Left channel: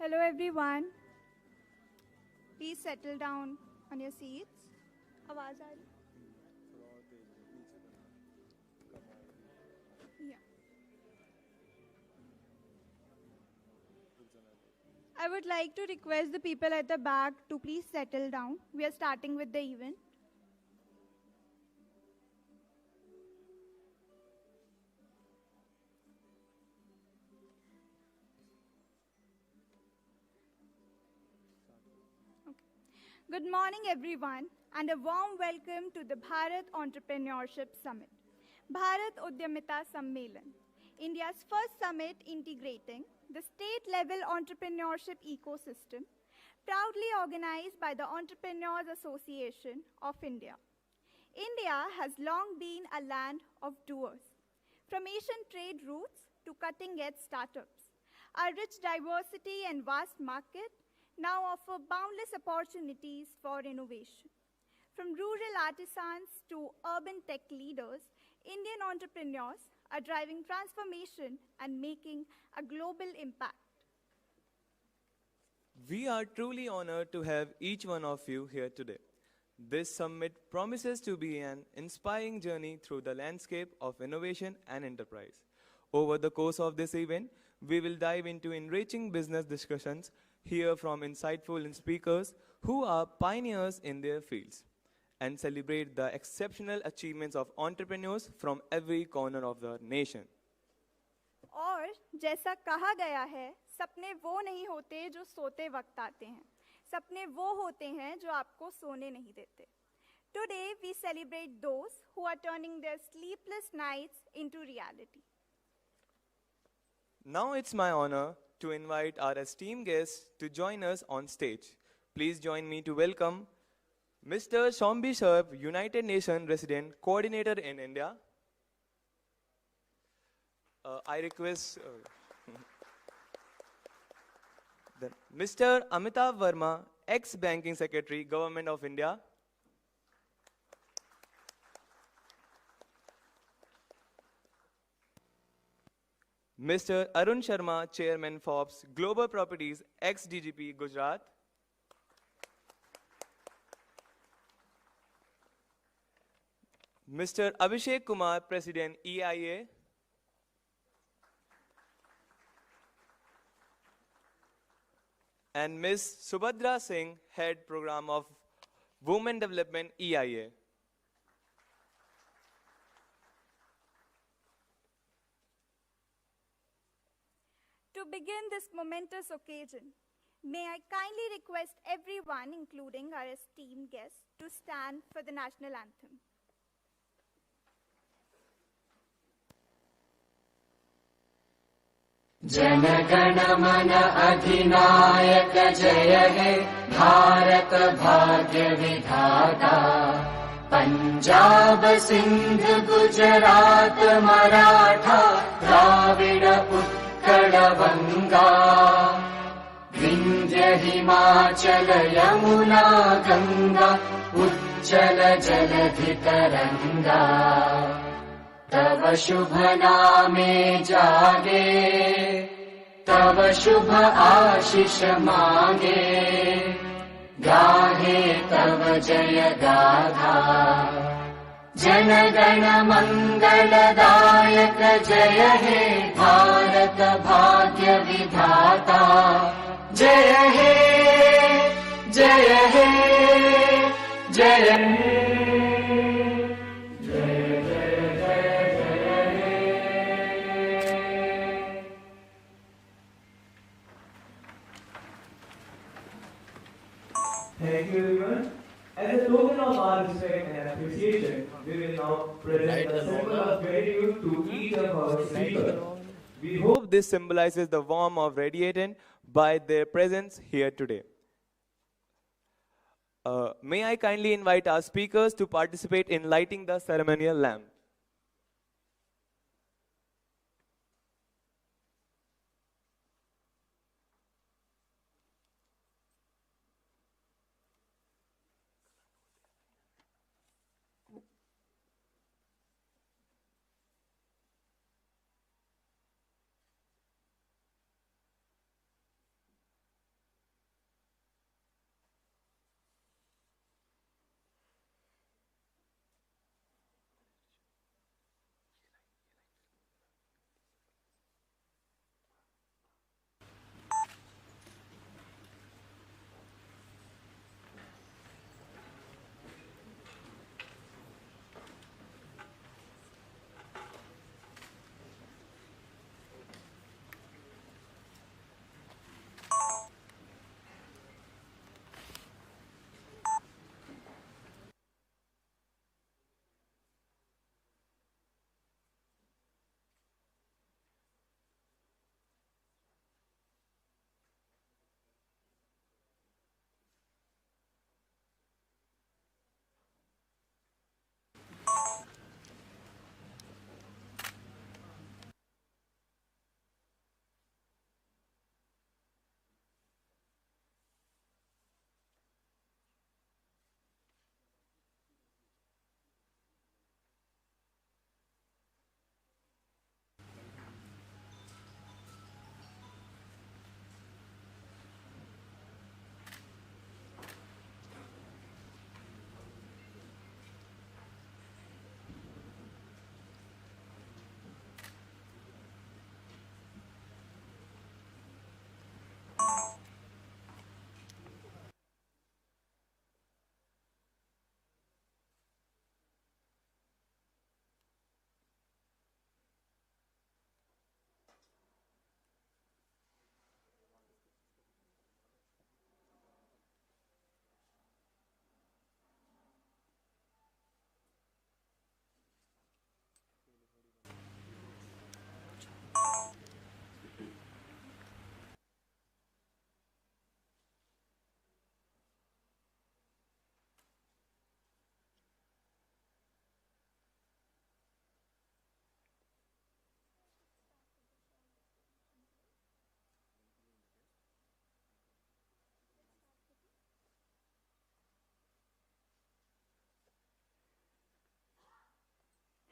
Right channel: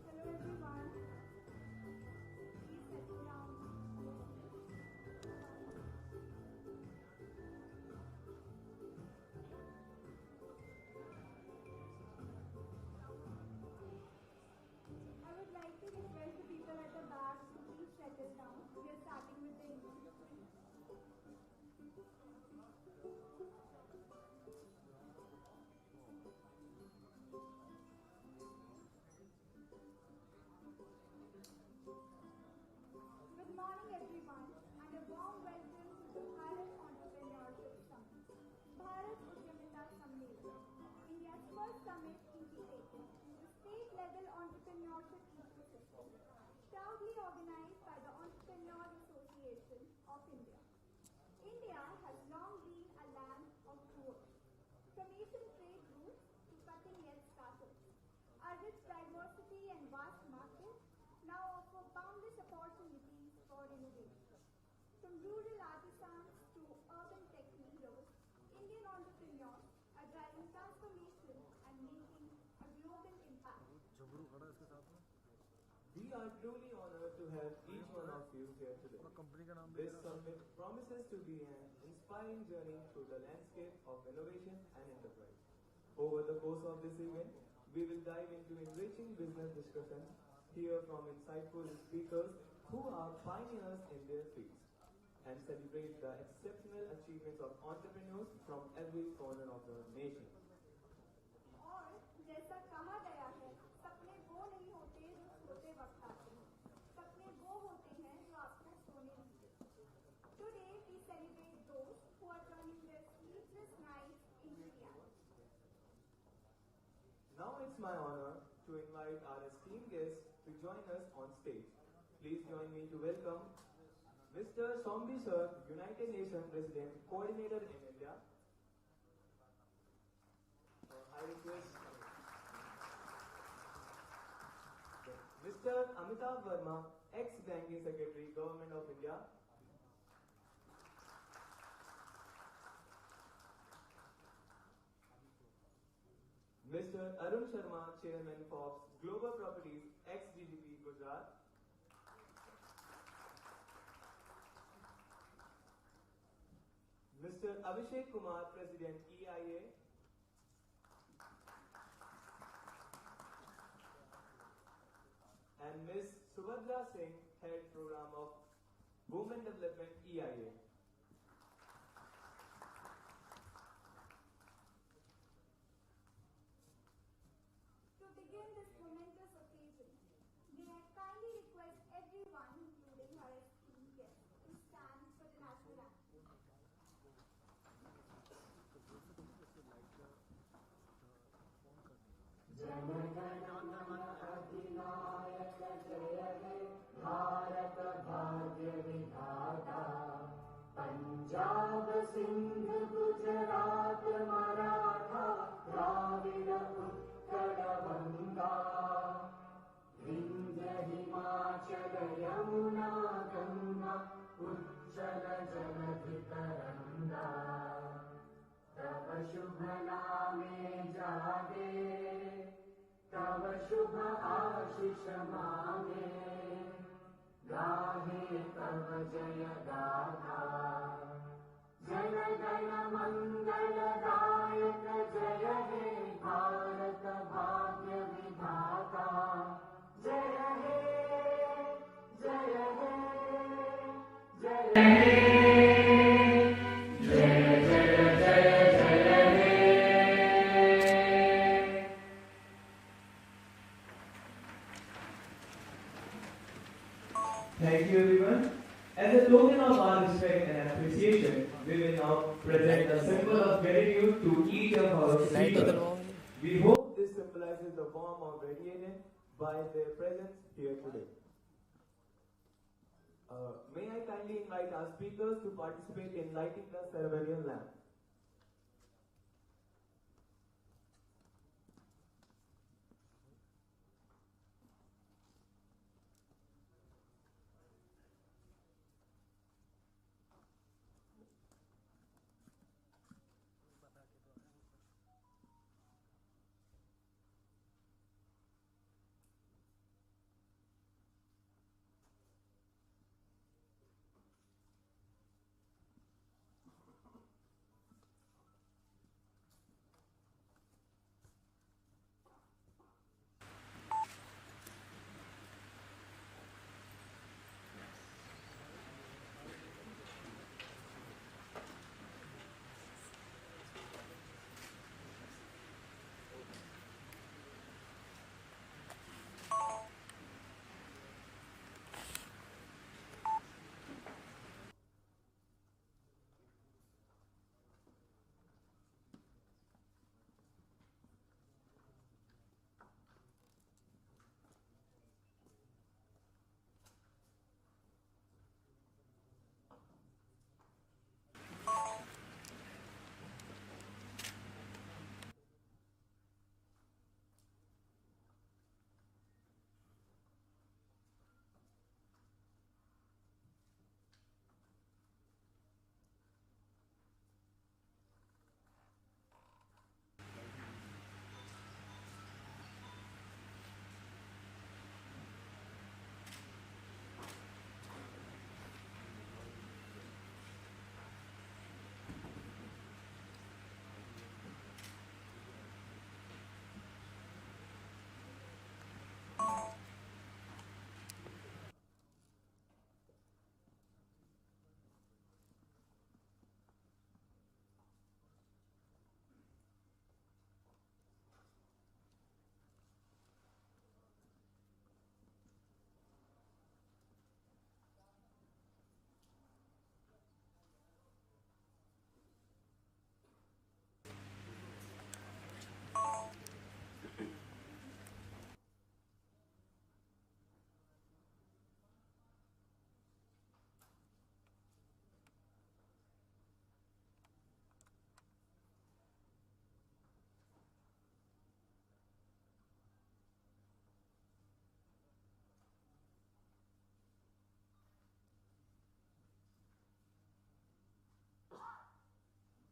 Hello everyone. Please settle down on your seats. आवाज आ रही? Yeah. I would like to request the people at the back to please settle down. We are starting with the event. Good morning, everyone, and a warm welcome to the Bharat Entrepreneurship Summit. Bharat Udyamita Sammelan, India's first summit integrating the state-level entrepreneurship ecosystem, proudly organized by the Entrepreneurs Association of India. India has long been a land of doers, from ancient trade routes to cutting-edge startups. Our rich diversity and vast market now offer boundless opportunities for innovation. From rural artisans to urban tech leaders, Indian entrepreneurs are driving transformation and making a global impact. We are truly honored to have each one of you here today. This summit promises to be an inspiring journey through the landscape of innovation and enterprise. Over the course of this event, we will dive into enriching business discussions, hear from insightful speakers who are pioneers in their fields, and celebrate the exceptional achievements of entrepreneurs from every corner of the nation. और जैसा कहा गया है, सपने वो नहीं होते जो सोते वक्त आते हैं, सपने वो होते हैं जो आपको सोने नहीं देते. Today we celebrate those who are turning their sleepless nights into reality. Now it's my honor to invite our esteemed guests to join us on stage. Please join me to welcome Mr. Shombi, United Nations Resident Coordinator in India. I request Mr. Amitav Verma, ex-Banking Secretary, Government of India. Mr. Arun Sharma, Chairman Forbes Global Properties, Ex-DGP, Gujarat. Mr. Abhishek Kumar, President, EIA. And Ms. Subadra Singh, Head Program of Women Development, EIA. To begin this momentous occasion, may I kindly request everyone, including our esteemed guests, to stand for the national anthem. Jana Gana मन अधिनायक जय हे भारत भाग्य विधाता पंजाब सिंध गुजरात मराठा द्राविड उत्कल गंगा विंध्य हिमाचल यमुना गंगा उज्जल जलधि तरंगा तव शुभ नामे जागे तव शुभ आशीष मांगे गाहे तव जय गाथा जन गण मंगलदायक जय हे भारत भाग्य विधाता जय हे जय हे जय हे Thank you everyone. As a token of our respect and appreciation, we will now present a symbol of gratitude to each of our speakers. We hope this symbolizes the warmth of radiating by their presence here today. May I kindly invite our speakers to participate in lighting the ceremonial lamp.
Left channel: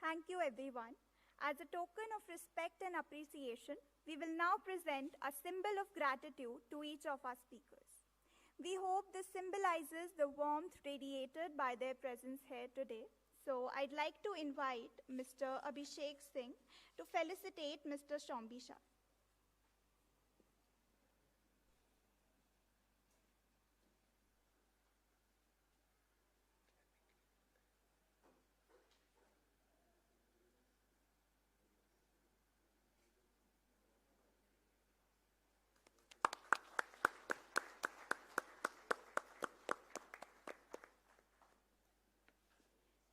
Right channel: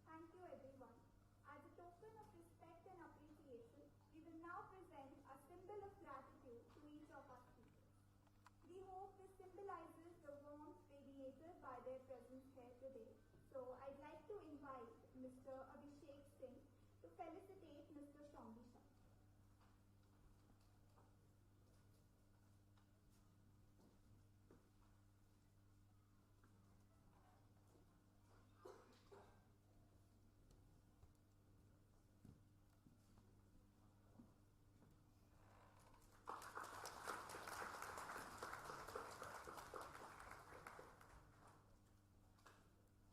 Thank you, everyone. As a token of respect and appreciation, we will now present a symbol of gratitude to each of our speakers. We hope this symbolizes the warmth radiated by their presence here today. So I'd like to invite Mr. Abhishek Singh to felicitate Mr. Shombi Shah.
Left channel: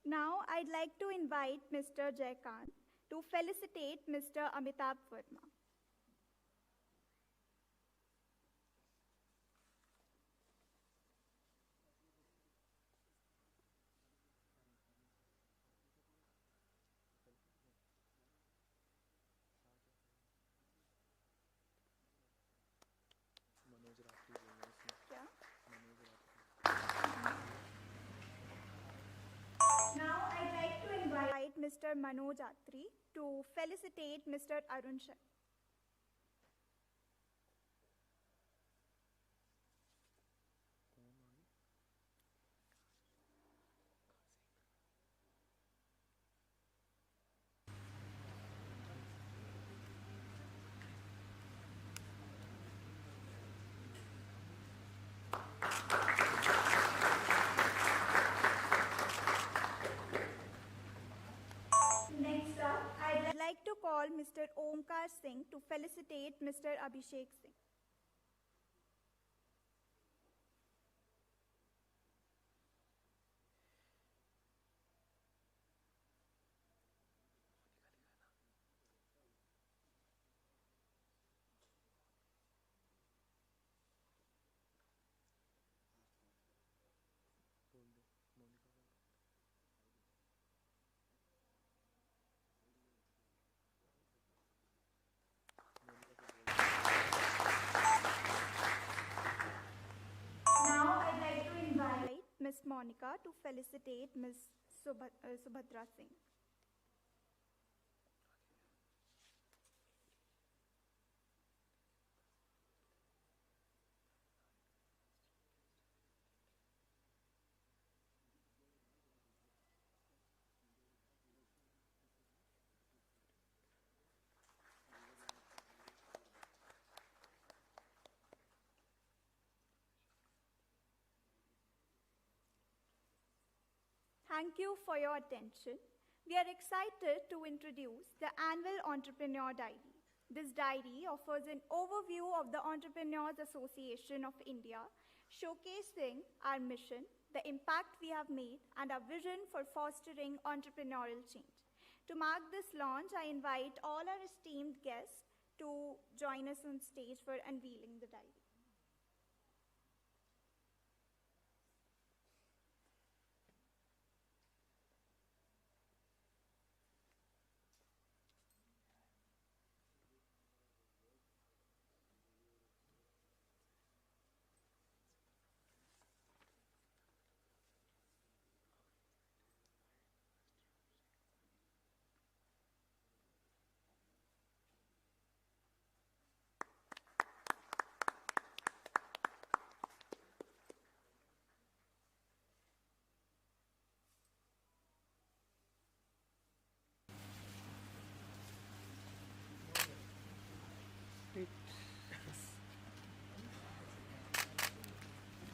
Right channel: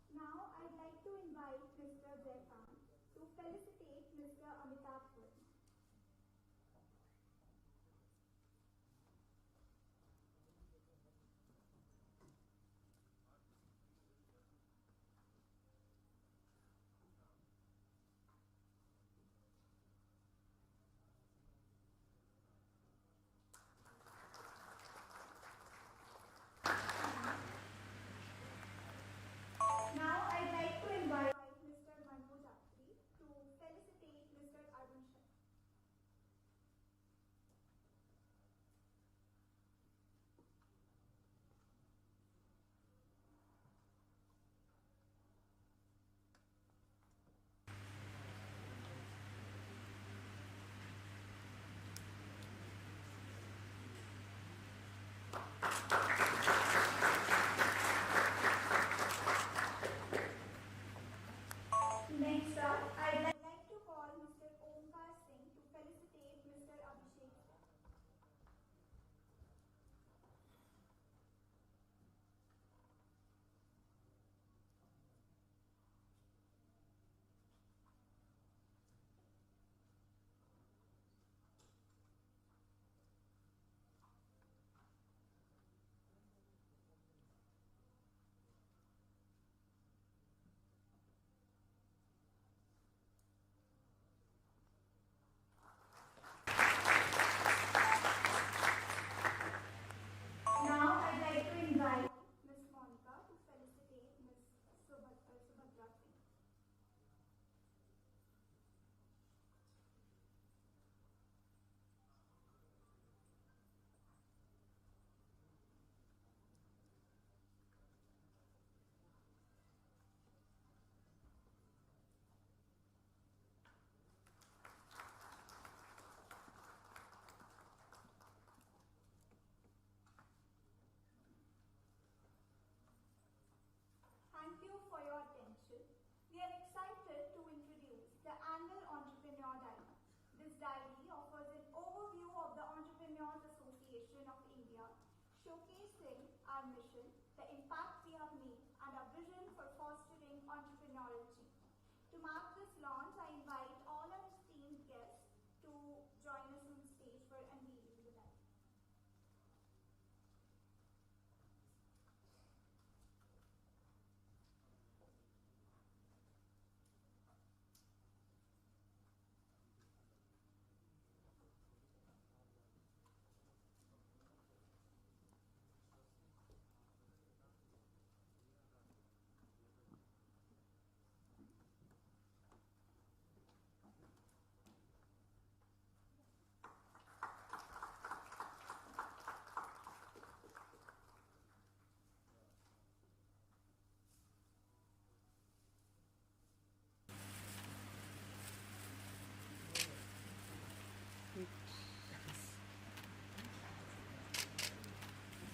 Now, I'd like to invite Mr. Jaikan to felicitate Mr. Amitav Verma. Now, I'd like to invite Mr. Manoj Atri to felicitate Mr. Arunachal. Next up, I'd like to call Mr. Omkar Singh to felicitate Mr. Abhishek Singh. Subadra Singh. Thank you for your attention. We are excited to introduce the annual Entrepreneur Diary. This diary offers an overview of the Entrepreneurs Association of India, showcasing our mission, the impact we have made, and our vision for fostering entrepreneurial change. To mark this launch, I invite all our esteemed guests to join us on stage for unveiling the diary.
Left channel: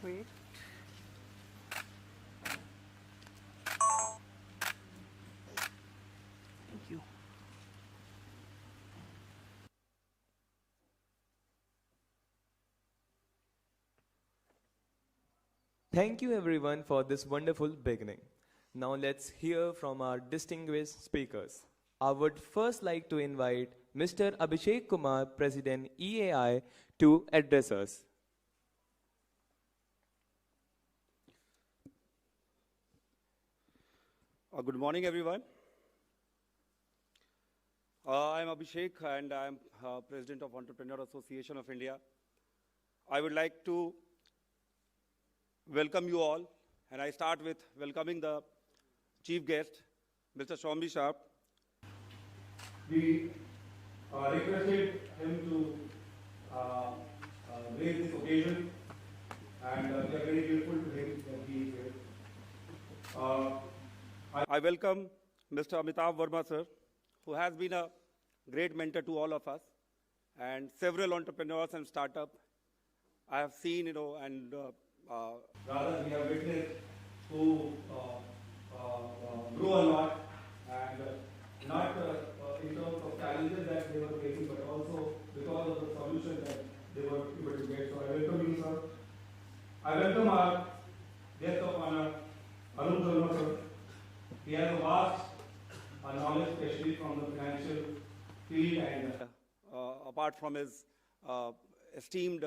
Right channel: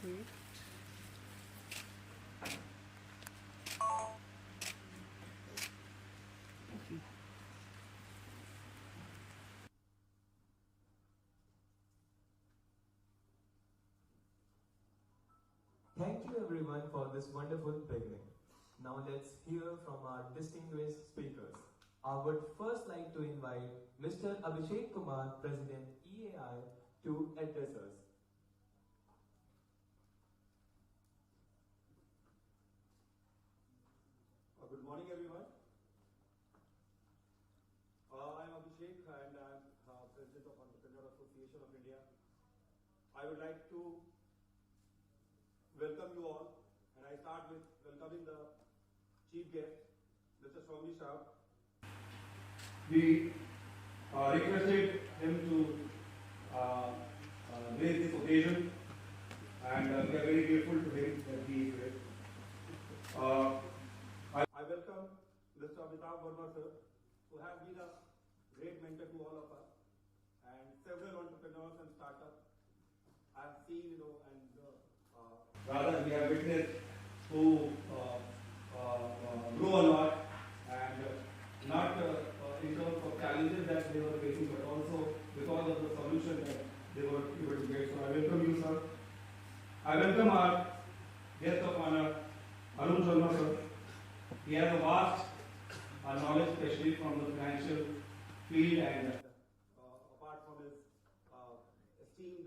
Wait. Thank you. Thank you everyone for this wonderful beginning. Now let's hear from our distinguished speakers. I would first like to invite Mr. Abhishek Kumar, President EAI, to address us. Good morning, everyone. I'm Abhishek, and I'm President of Entrepreneur Association of India. I would like to welcome you all, and I start with welcoming the chief guest, Mr. Shombi Shah. We requested him to raise this occasion, and we are very grateful to him that he is here. I welcome Mr. Amitav Verma, sir, who has been a great mentor to all of us, and several entrepreneurs and startups I have seen, and rather we have witnessed who grow a lot, and not in terms of challenges that they were facing, but also because of the solution that they were able to get. So I welcome you, sir. I welcome our guest of honor, Arun, sir. He has a vast knowledge, especially from the financial field, and apart from his esteemed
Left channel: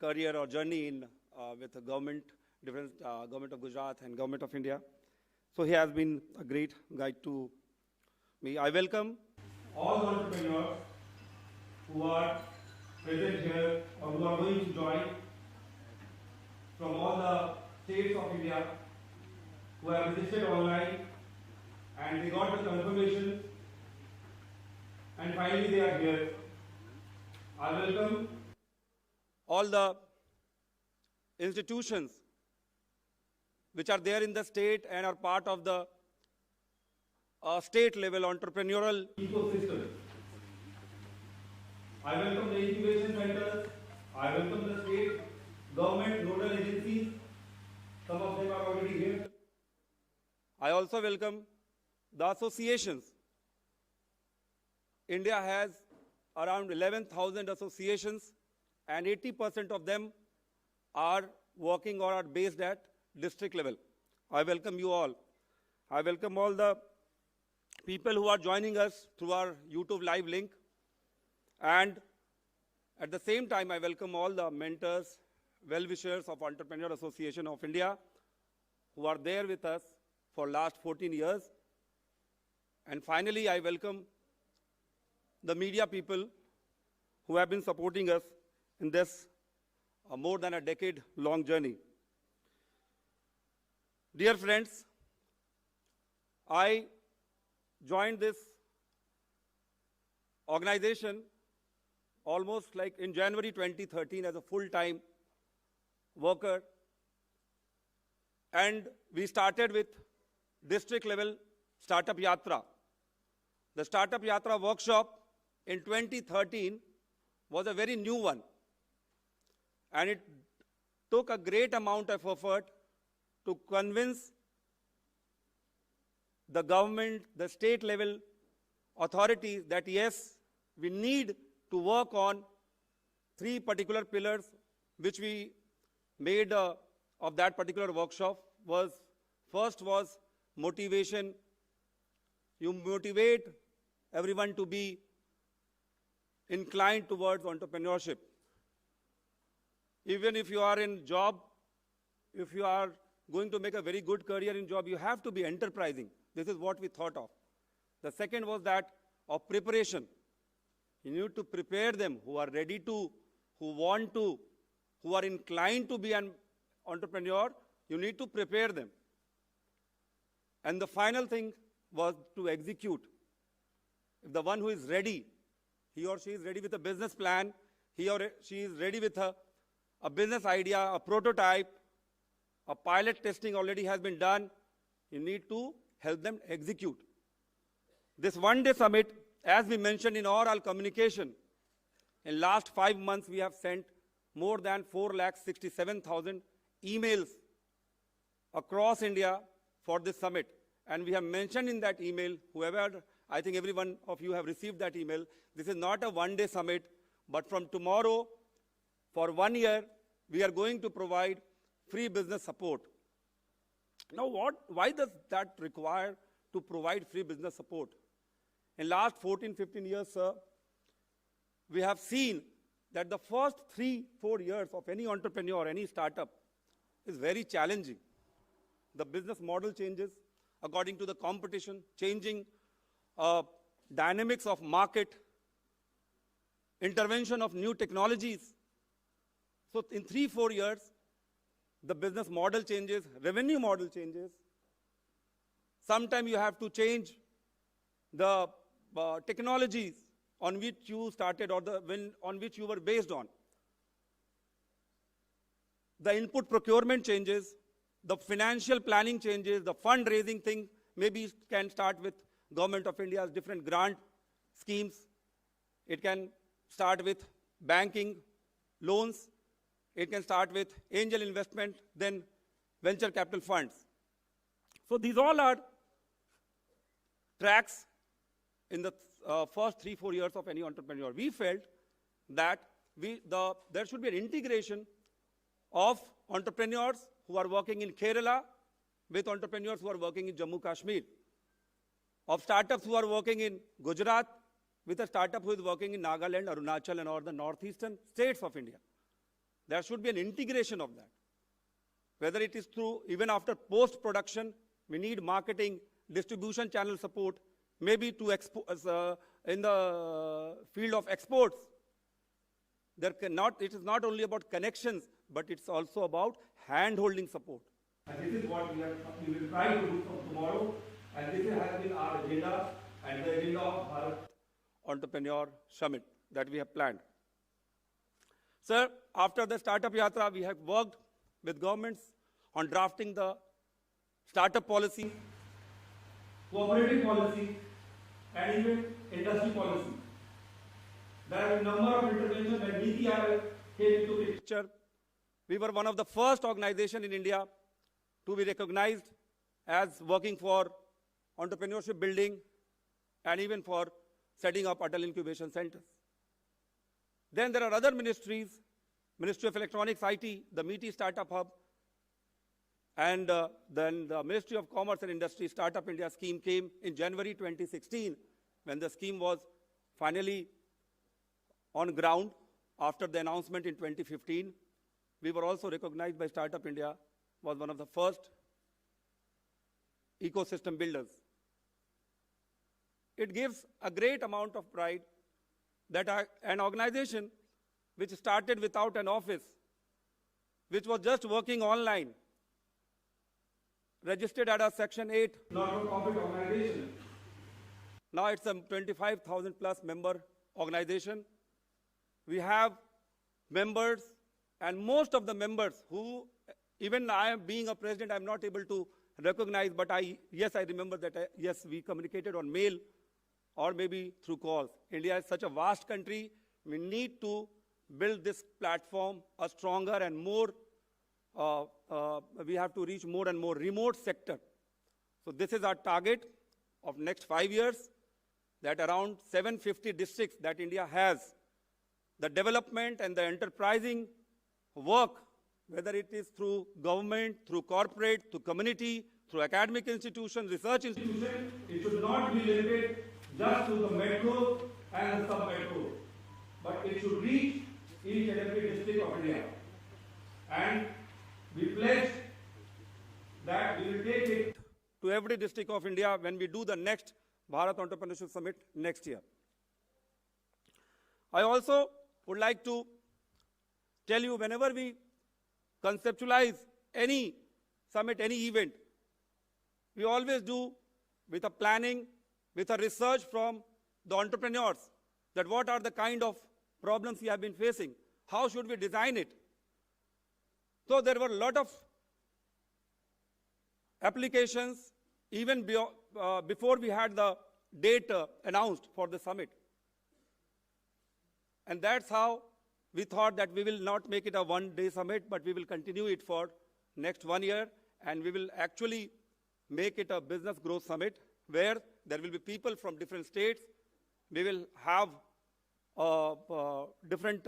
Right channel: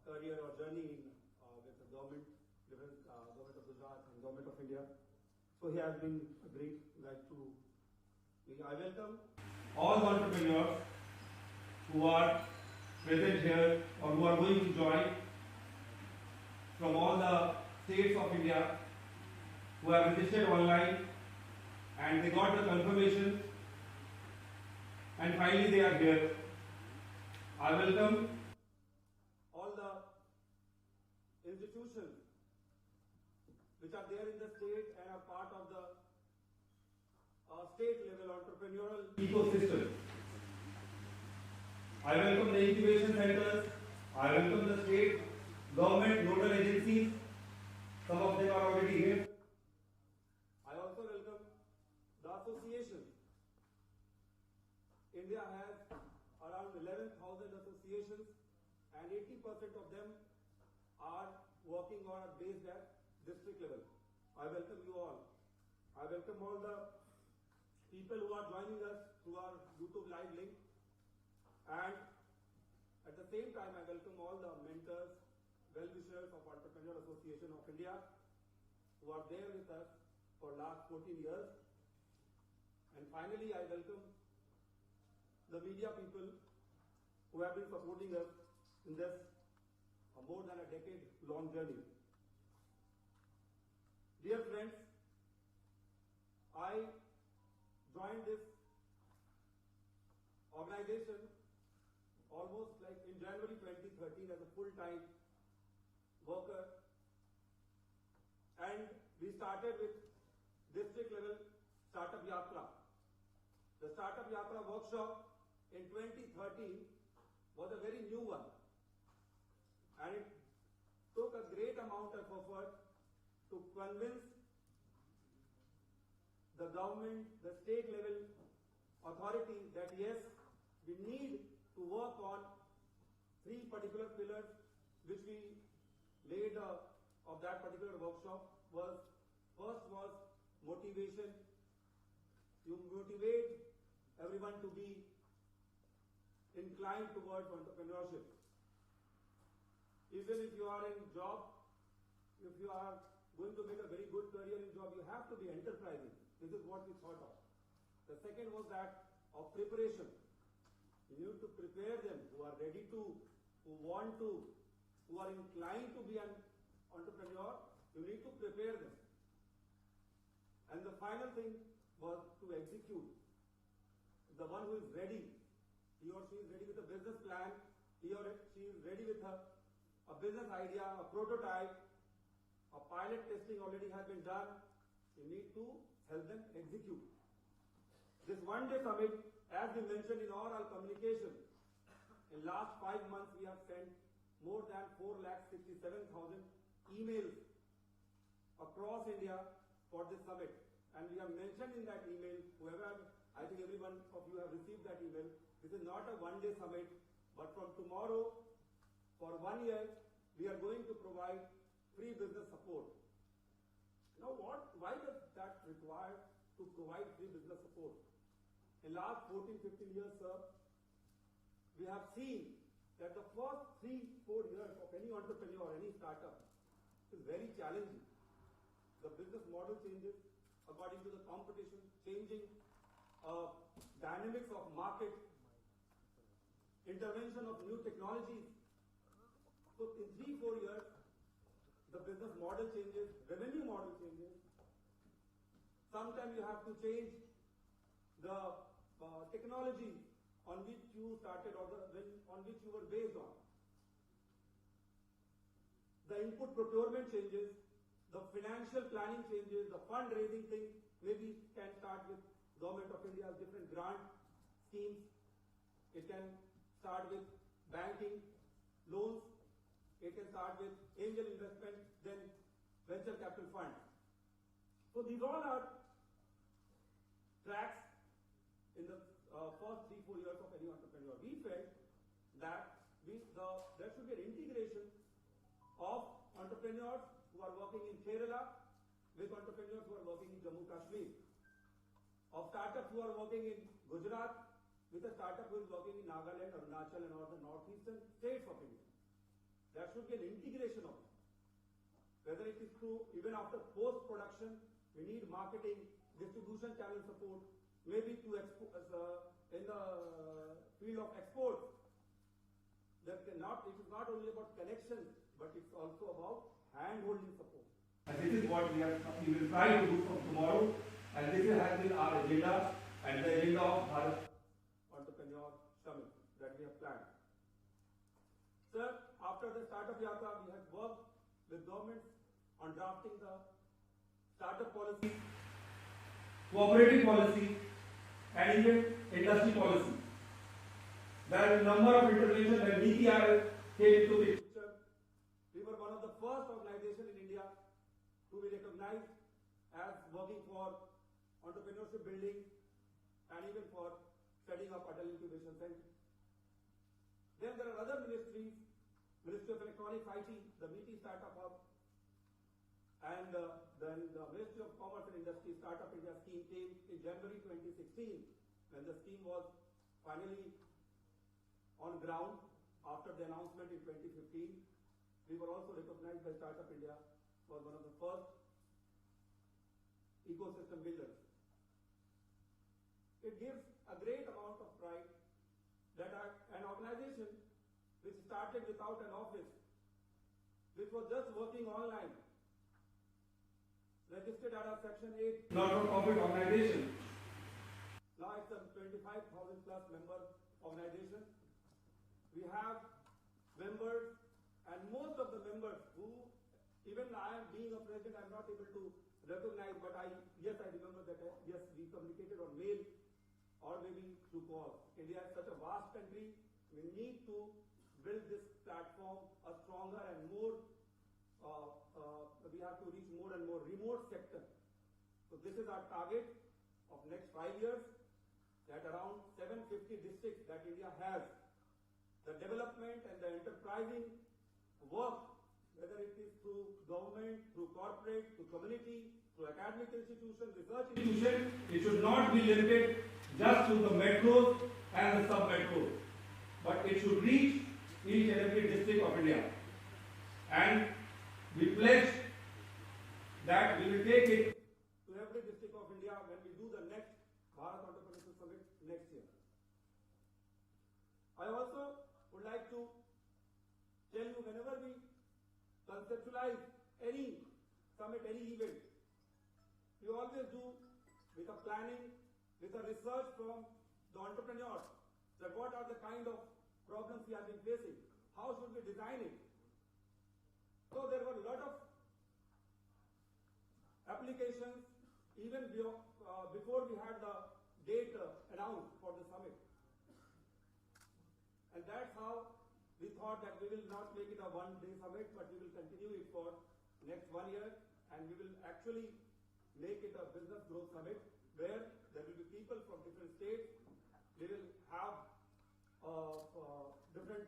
career or journey in with the government, different government of Gujarat and government of India. So he has been a great guide to me. I welcome all the entrepreneurs who are present here or who are going to join from all the states of India, who have registered online and they got the confirmation and finally they are here. I welcome all the institutions which are there in the state and are part of the state level entrepreneurial ecosystem. I welcome the incubation centers, I welcome the state government nodal agencies, some of them are already here. I also welcome the associations. India has around 11,000 associations, and 80% of them are working or are based at district level. I welcome you all. I welcome all the people who are joining us through our YouTube live link. And at the same time, I welcome all the mentors, well-wishers of Entrepreneur Association of India who are there with us for last 14 years. And finally, I welcome the media people who have been supporting us in this more than a decade-long journey. Dear friends, I joined this organization almost like in January 2013 as a full-time worker. And we started with district level Startup Yatra. The Startup Yatra workshop in 2013 was a very new one. And it took a great amount of effort to convince the government, the state level authorities that yes, we need to work on 3 particular pillars which we made of that particular workshop. First was motivation. You motivate everyone to be inclined towards entrepreneurship. Even if you are in job, if you are going to make a very good career in job, you have to be enterprising. This is what we thought of. The second was that of preparation. You need to prepare them who are ready to, who want to, who are inclined to be an entrepreneur. You need to prepare them. And the final thing was to execute. If the one who is ready, he or she is ready with a business plan, he or she is ready with a business idea, a prototype, a pilot testing already has been done, you need to help them execute. This one-day summit, as we mentioned in our communication, in last 5 months we have sent more than 4,67,000 emails across India for this summit. And we have mentioned in that email, whoever, I think every one of you have received that email, this is not a one-day summit, but from tomorrow, for 1 year, we are going to provide free business support. Now why does that require to provide free business support? In last 14, 15 years, sir, we have seen that the first 3-4 years of any entrepreneur, any startup, is very challenging. The business model changes according to the competition, changing dynamics of market, intervention of new technologies. So in 3-4 years, the business model changes, revenue model changes. Sometimes you have to change the technologies on which you started or on which you were based on. The input procurement changes, the financial planning changes, the fundraising thing maybe can start with Government of India's different grant schemes. It can start with banking, loans. It can start with angel investment, then venture capital funds. So these all are tracks in the first 3-4 years of any entrepreneur. We felt that there should be an integration of entrepreneurs who are working in Kerela with entrepreneurs who are working in Jammu Kashmir, of startups who are working in Gujarat with a startup who is working in Nagaland, Arunachal, and all the northeastern states of India. There should be an integration of that. Whether it is through, even after post-production, we need marketing, distribution channel support, maybe to in the field of exports. It is not only about connections, but it's also about hand-holding support. And this is what we will try to do from tomorrow. And this has been our agenda and the agenda of Bharat Entrepreneur Summit that we have planned. Sir, after the Startup Yatra, we have worked with governments on drafting the startup policy, cooperative policy, and even industry policy. There are a number of interventions that DTR came into the picture. We were one of the first organizations in India to be recognized as working for entrepreneurship building and even for setting up Atal Incubation Centers. Then there are other ministries, Ministry of Electronics, IT, the MeetY Startup Hub, and then the Ministry of Commerce and Industry Startup India scheme came in January 2016, when the scheme was finally on ground after the announcement in 2015. We were also recognized by Startup India, was one of the first ecosystem builders. It gives a great amount of pride that an organization which started without an office, which was just working online, registered at a Section 8. not-for-profit organization. Now it's a 25,000 plus member organization. We have members, and most of the members who, even I being a president, I'm not able to recognize, but yes, I remember that, yes, we communicated on mail or maybe through calls. India is such a vast country. We need to build this platform a stronger and more, we have to reach more and more remote sector. So this is our target of next 5 years, that around 750 districts that India has, the development and the enterprising work, whether it is through government, through corporate, through community, through academic institutions, research institutions. It should not be limited just to the metros and the sub-metros, but it should reach each and every district of India. And we pledge that we will take it to every district of India when we do the next Bharat Entrepreneurship Summit next year. I also would like to tell you, whenever we conceptualize any summit, any event, we always do with a planning, with a research from the entrepreneurs, that what are the kind of problems we have been facing, how should we design it. So there were a lot of applications even before we had the date announced for the summit. And that's how we thought that we will not make it a one-day summit, but we will continue it for next 1 year, and we will actually make it a business growth summit where there will be people from different states. We will have different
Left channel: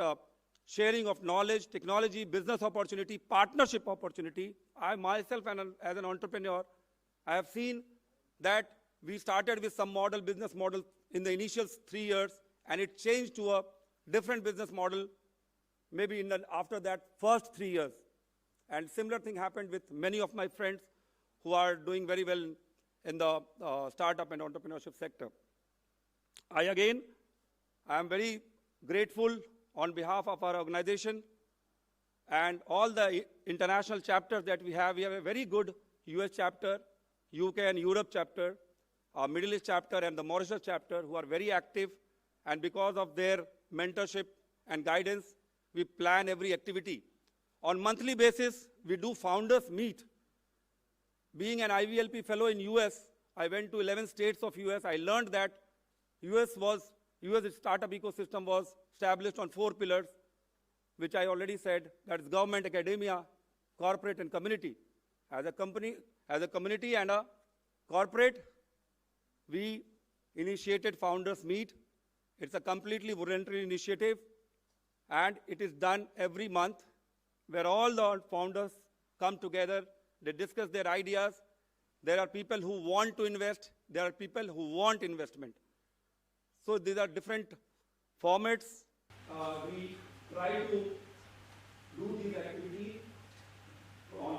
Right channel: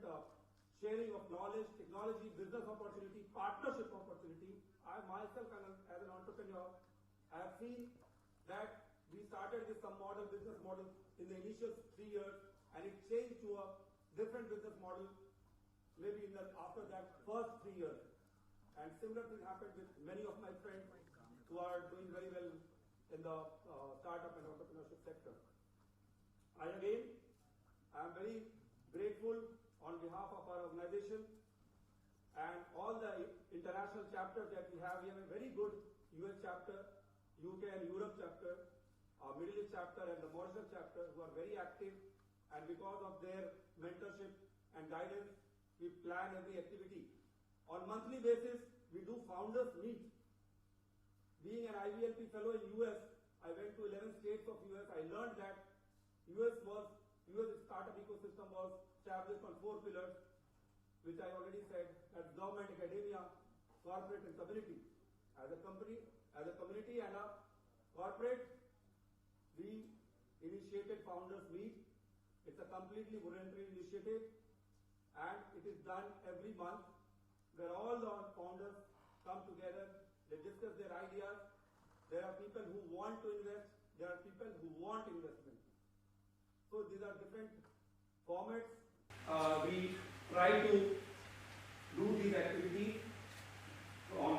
sharing of knowledge, technology, business opportunity, partnership opportunity. I myself, as an entrepreneur, I have seen that we started with some model, business model in the initial 3 years, and it changed to a different business model maybe after that first 3 years. And similar thing happened with many of my friends who are doing very well in the startup and entrepreneurship sector. I am very grateful on behalf of our organization and all the international chapters that we have. We have a very good US chapter, UK and Europe chapter, our Middle East chapter, and the Mauritius chapter, who are very active. And because of their mentorship and guidance, we plan every activity. On monthly basis, we do founders meet. Being an IVLP fellow in US, I went to 11 states of US. I learned that US startup ecosystem was established on 4 pillars, which I already said. That's government, academia, corporate, and community. As a community and a corporate, we initiated Founders Meet. It's a completely voluntary initiative, and it is done every month, where all the founders come together, they discuss their ideas. There are people who want to invest, there are people who want investment. So these are different formats. We try to do these activities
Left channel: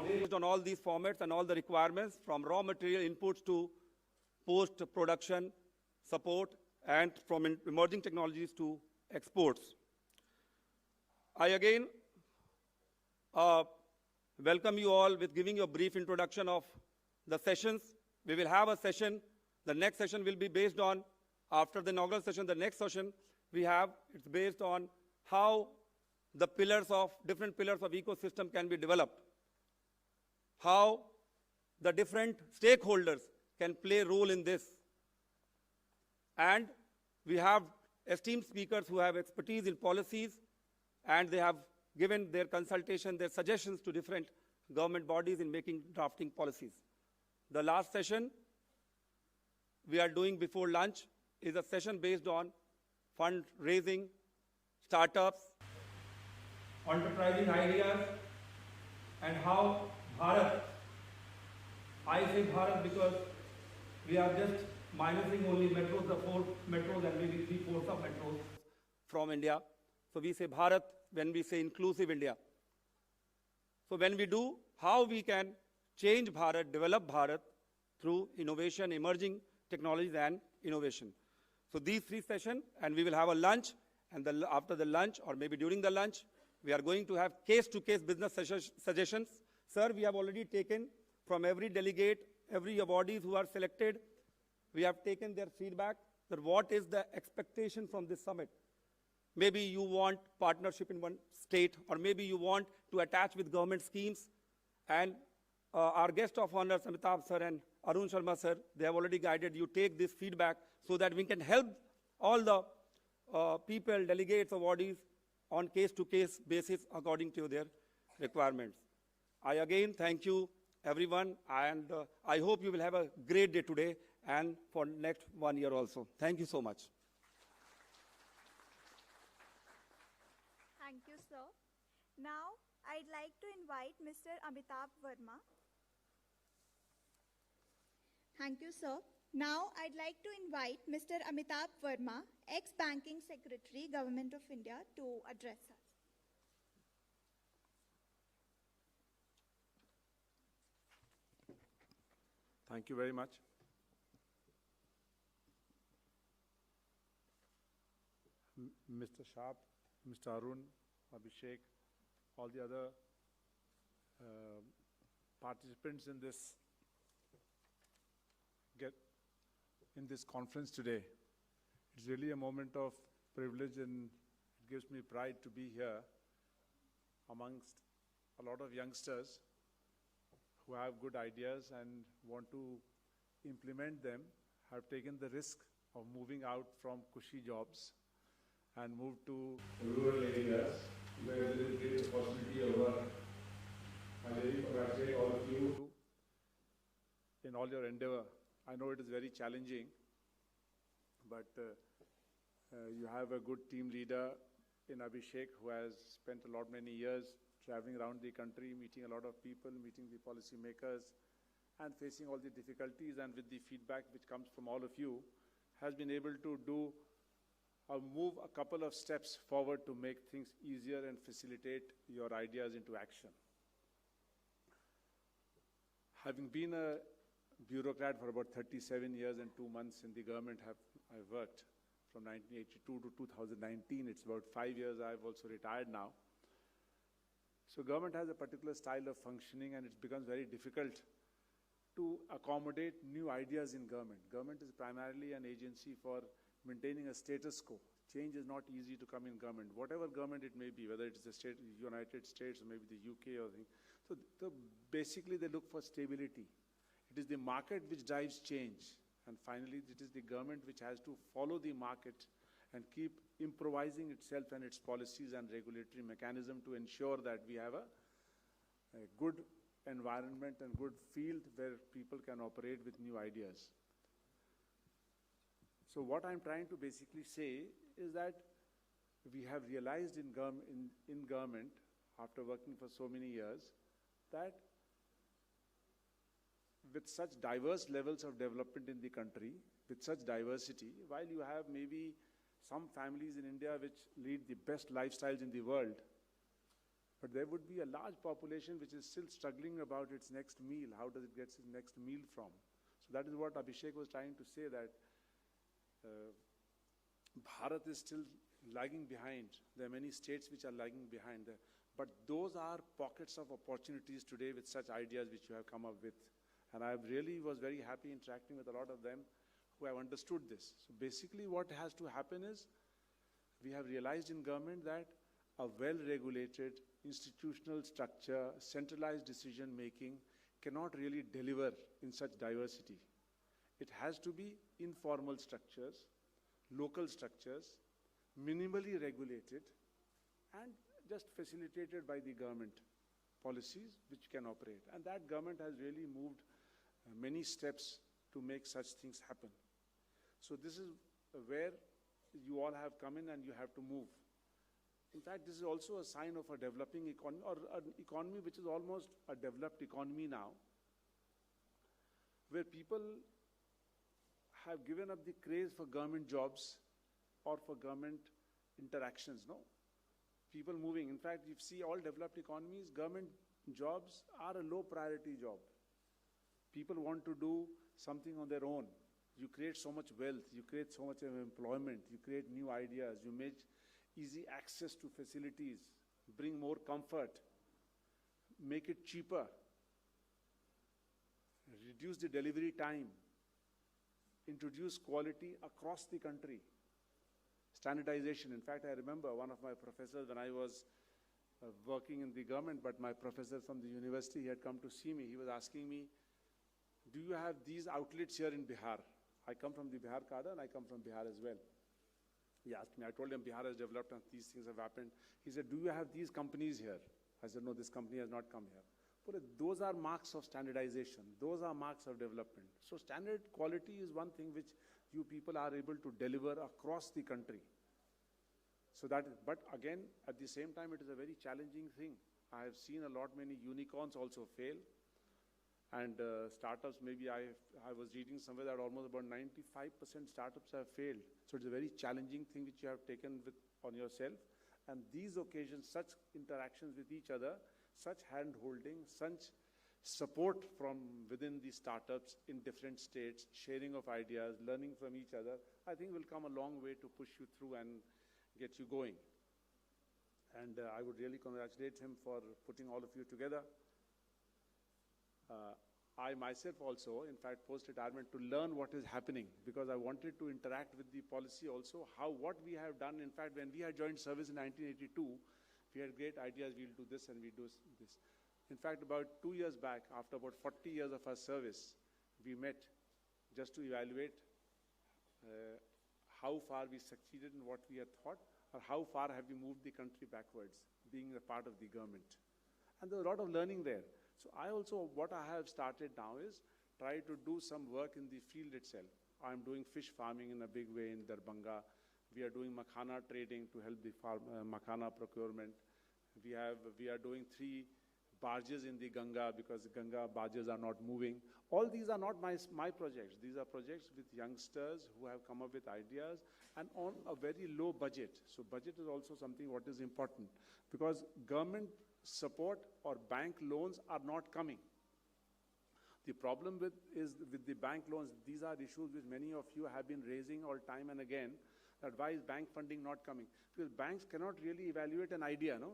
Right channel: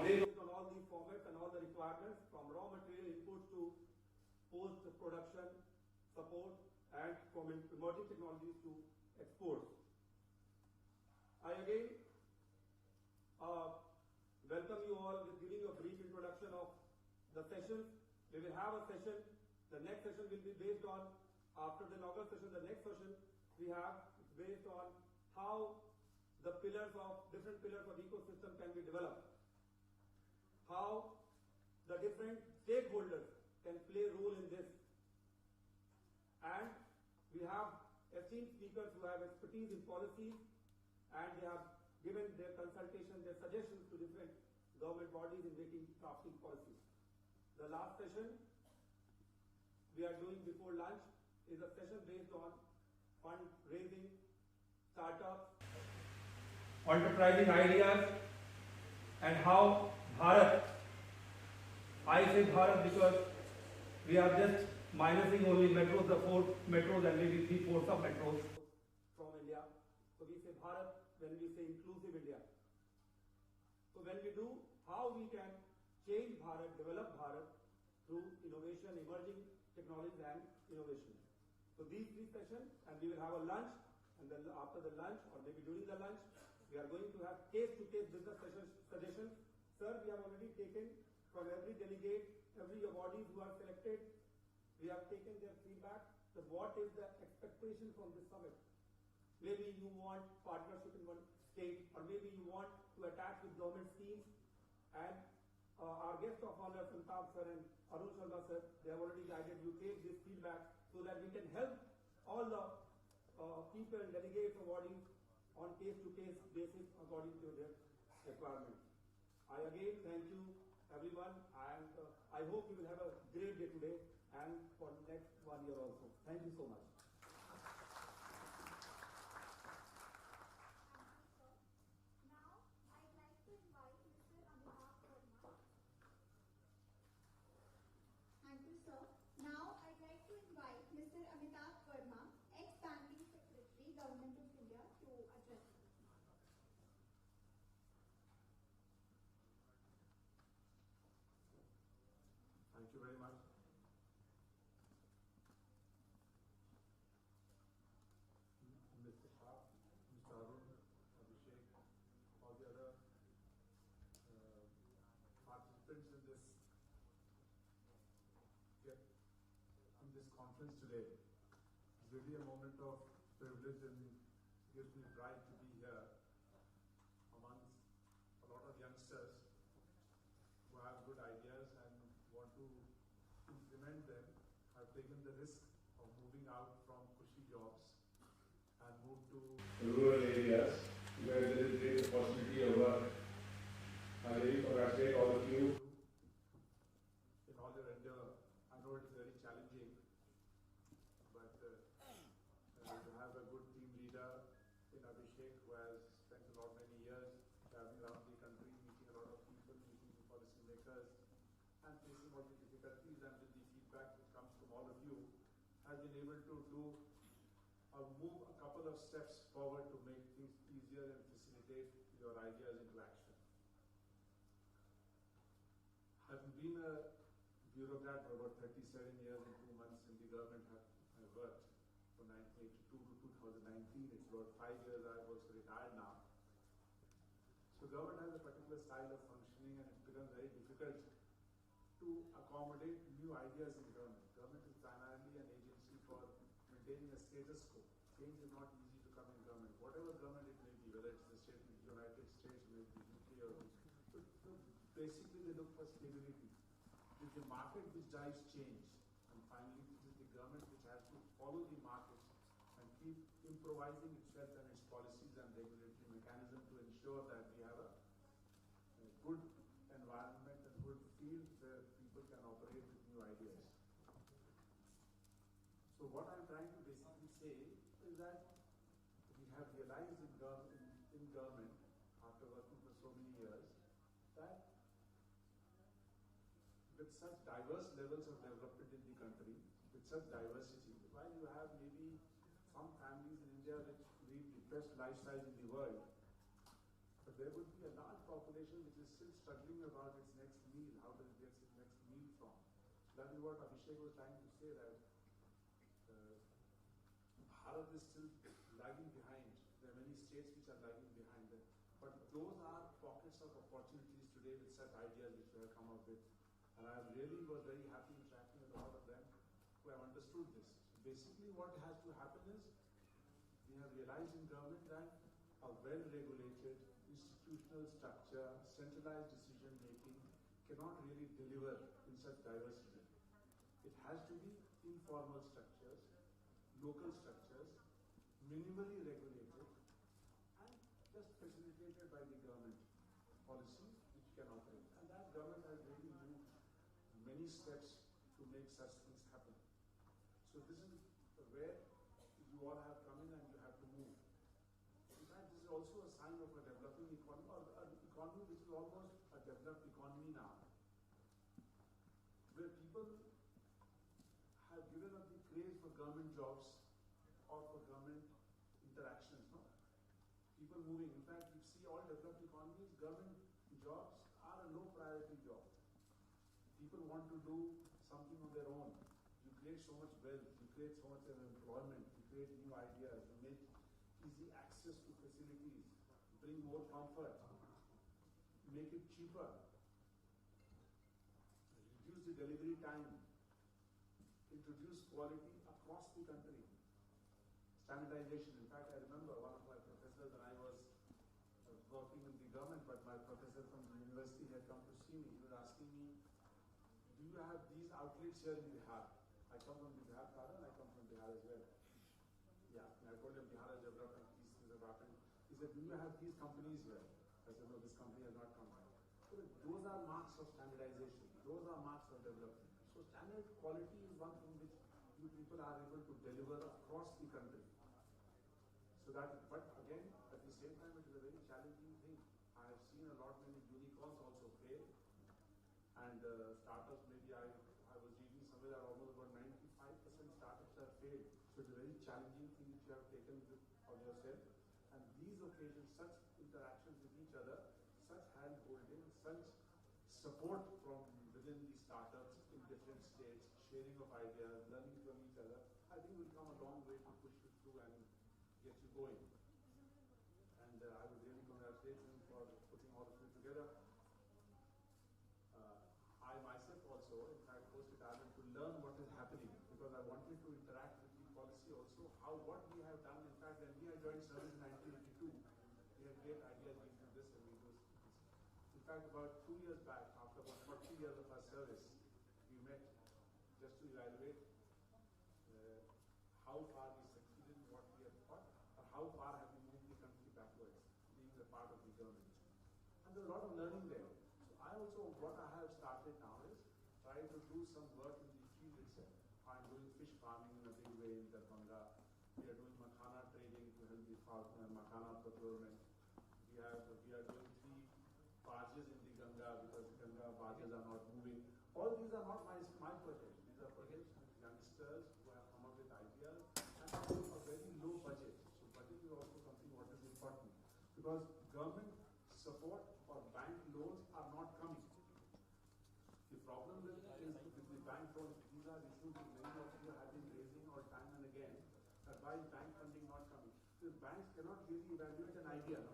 based on all these formats and all the requirements, from raw material inputs to post-production support, and from emerging technologies to exports. I again welcome you all with giving you a brief introduction of the sessions. We will have a session. The next session will be based on, after the inaugural session, the next session we have, it's based on how the different pillars of ecosystem can be developed, how the different stakeholders can play a role in this. And we have esteemed speakers who have expertise in policies, and they have given their consultation, their suggestions to different government bodies in drafting policies. The last session we are doing before lunch is a session based on fundraising, startups, enterprising ideas, and how Bharat, I say Bharat because we are just minusing only metros, the 4 metros and maybe 3/4 sub-metros from India. So we say Bharat when we say inclusive India. So when we do, how we can change Bharat, develop Bharat through innovation, emerging technologies and innovation. So these 3 sessions, and we will have a lunch, and after the lunch, or maybe during the lunch, we are going to have case-to-case business suggestions. Sir, we have already taken from every delegate, every awardees who are selected. We have taken their feedback that what is the expectation from this summit. Maybe you want partnership in one state, or maybe you want to attach with government schemes. And our guest of honor, Amitabh sir and Arun Sharma sir, they have already guided you. Take this feedback so that we can help all the people, delegates, awardees on case-to-case basis according to their requirements. I again thank you, everyone, and I hope you will have a great day today and for next 1 year also. Thank you so much. Thank you, sir. Now, I'd like to invite Mr. Amitav Verma. Thank you, sir. Now, I'd like to invite Mr. Amitabh Verma, ex-Banking Secretary, Government of India, to address us. Thank you very much. Mr. Shah, Mr. Arun, Abhishek, all the other participants in this conference today. It's really a moment of privilege, and it gives me pride to be here amongst a lot of youngsters who have good ideas and want to implement them, have taken the risk of moving out from cushy jobs and moved to rural areas where there is great opportunity of work. I really congratulate all of you in all your endeavor. I know it is very challenging, but you have a good team leader in Abhishek, who has spent many years traveling around the country, meeting a lot of people, meeting the policy makers, and facing all the difficulties, and with the feedback which comes from all of you, has been able to do or move a couple of steps forward to make things easier and facilitate your ideas into action. Having been a bureaucrat for about 37 years and 2 months in the government, I've worked from 1982 to 2019. It's about 5 years. I've also retired now. So government has a particular style of functioning, and it becomes very difficult to accommodate new ideas in government. Government is primarily an agency for maintaining a status quo. Change is not easy to come in government, whatever government it may be, whether it's the United States or maybe the UK or so basically they look for stability. It is the market which drives change, and finally it is the government which has to follow the market and keep improvising itself and its policies and regulatory mechanism to ensure that we have a good environment and good field where people can operate with new ideas. So what I'm trying to basically say is that we have realized in government, after working for so many years, that with such diverse levels of development in the country, with such diversity, while you have maybe some families in India which lead the best lifestyles in the world, but there would be a large population which is still struggling about its next meal. How does it get its next meal from? So that is what Abhishek was trying to say, that Bharat is still lagging behind. There are many states which are lagging behind. But those are pockets of opportunities today with such ideas which you have come up with. And I really was very happy interacting with a lot of them who have understood this. So basically what has to happen is, we have realized in government that a well-regulated institutional structure, centralized decision-making cannot really deliver in such diversity. It has to be informal structures, local structures, minimally regulated, and just facilitated by the government policies which can operate. And that government has really moved many steps to make such things happen. So this is where you all have come in and you have to move. In fact, this is also a sign of a developing economy, or an economy which is almost a developed economy now, where people have given up the craze for government jobs or for government interactions, no? People moving. In fact, you see all developed economies, government jobs are a low priority job. People want to do something on their own. You create so much wealth, you create so much employment, you create new ideas, you make easy access to facilities, bring more comfort, make it cheaper. reduce the delivery time, introduce quality across the country. Standardization. In fact, I remember one of my professors when I was working in the government, but my professor from the university, he had come to see me. He was asking me, do you have these outlets here in Bihar? I come from the Bihar cadre and I come from Bihar as well. He asked me, I told him Bihar has developed and these things have happened. He said, do you have these companies here? I said, no, this company has not come here. So those are marks of standardization. Those are marks of development. So standard quality is one thing which you people are able to deliver across the country. So that, but again, at the same time, it is a very challenging thing. I have seen a lot many unicorns also fail. And startups, maybe I was reading somewhere that almost about 95% startups have failed. So it's a very challenging thing which you have taken on yourself. And these occasions, such interactions with each other, such hand-holding, such support from within the startups in different states, sharing of ideas, learning from each other, I think will come a long way to push you through and get you going. And I would really congratulate him for putting all of you together. I myself also, in fact, post-retirement to learn what is happening because I wanted to interact with the policy also, what we have done. In fact, when we had joined service in 1982, we had great ideas, we'll do this and we'll do this. In fact, about 2 years back, after about 40 years of our service, we met just to evaluate how far we succeeded in what we had thought or how far have we moved the country backwards, being a part of the government. And there's a lot of learning there. So I also, what I have started now is try to do some work in the field itself. I'm doing fish farming in a big way in Darbhanga. We are doing makhana trading to help the makhana procurement. We are doing 3 barges in the Ganga because the Ganga barges are not moving. All these are not my projects. These are projects with youngsters who have come up with ideas and on a very low budget. So budget is also something what is important because government support or bank loans are not coming. The problem with the bank loans, these are issues that many of you have been raising all time and again, that why is bank funding not coming? Because banks cannot really evaluate an idea, no?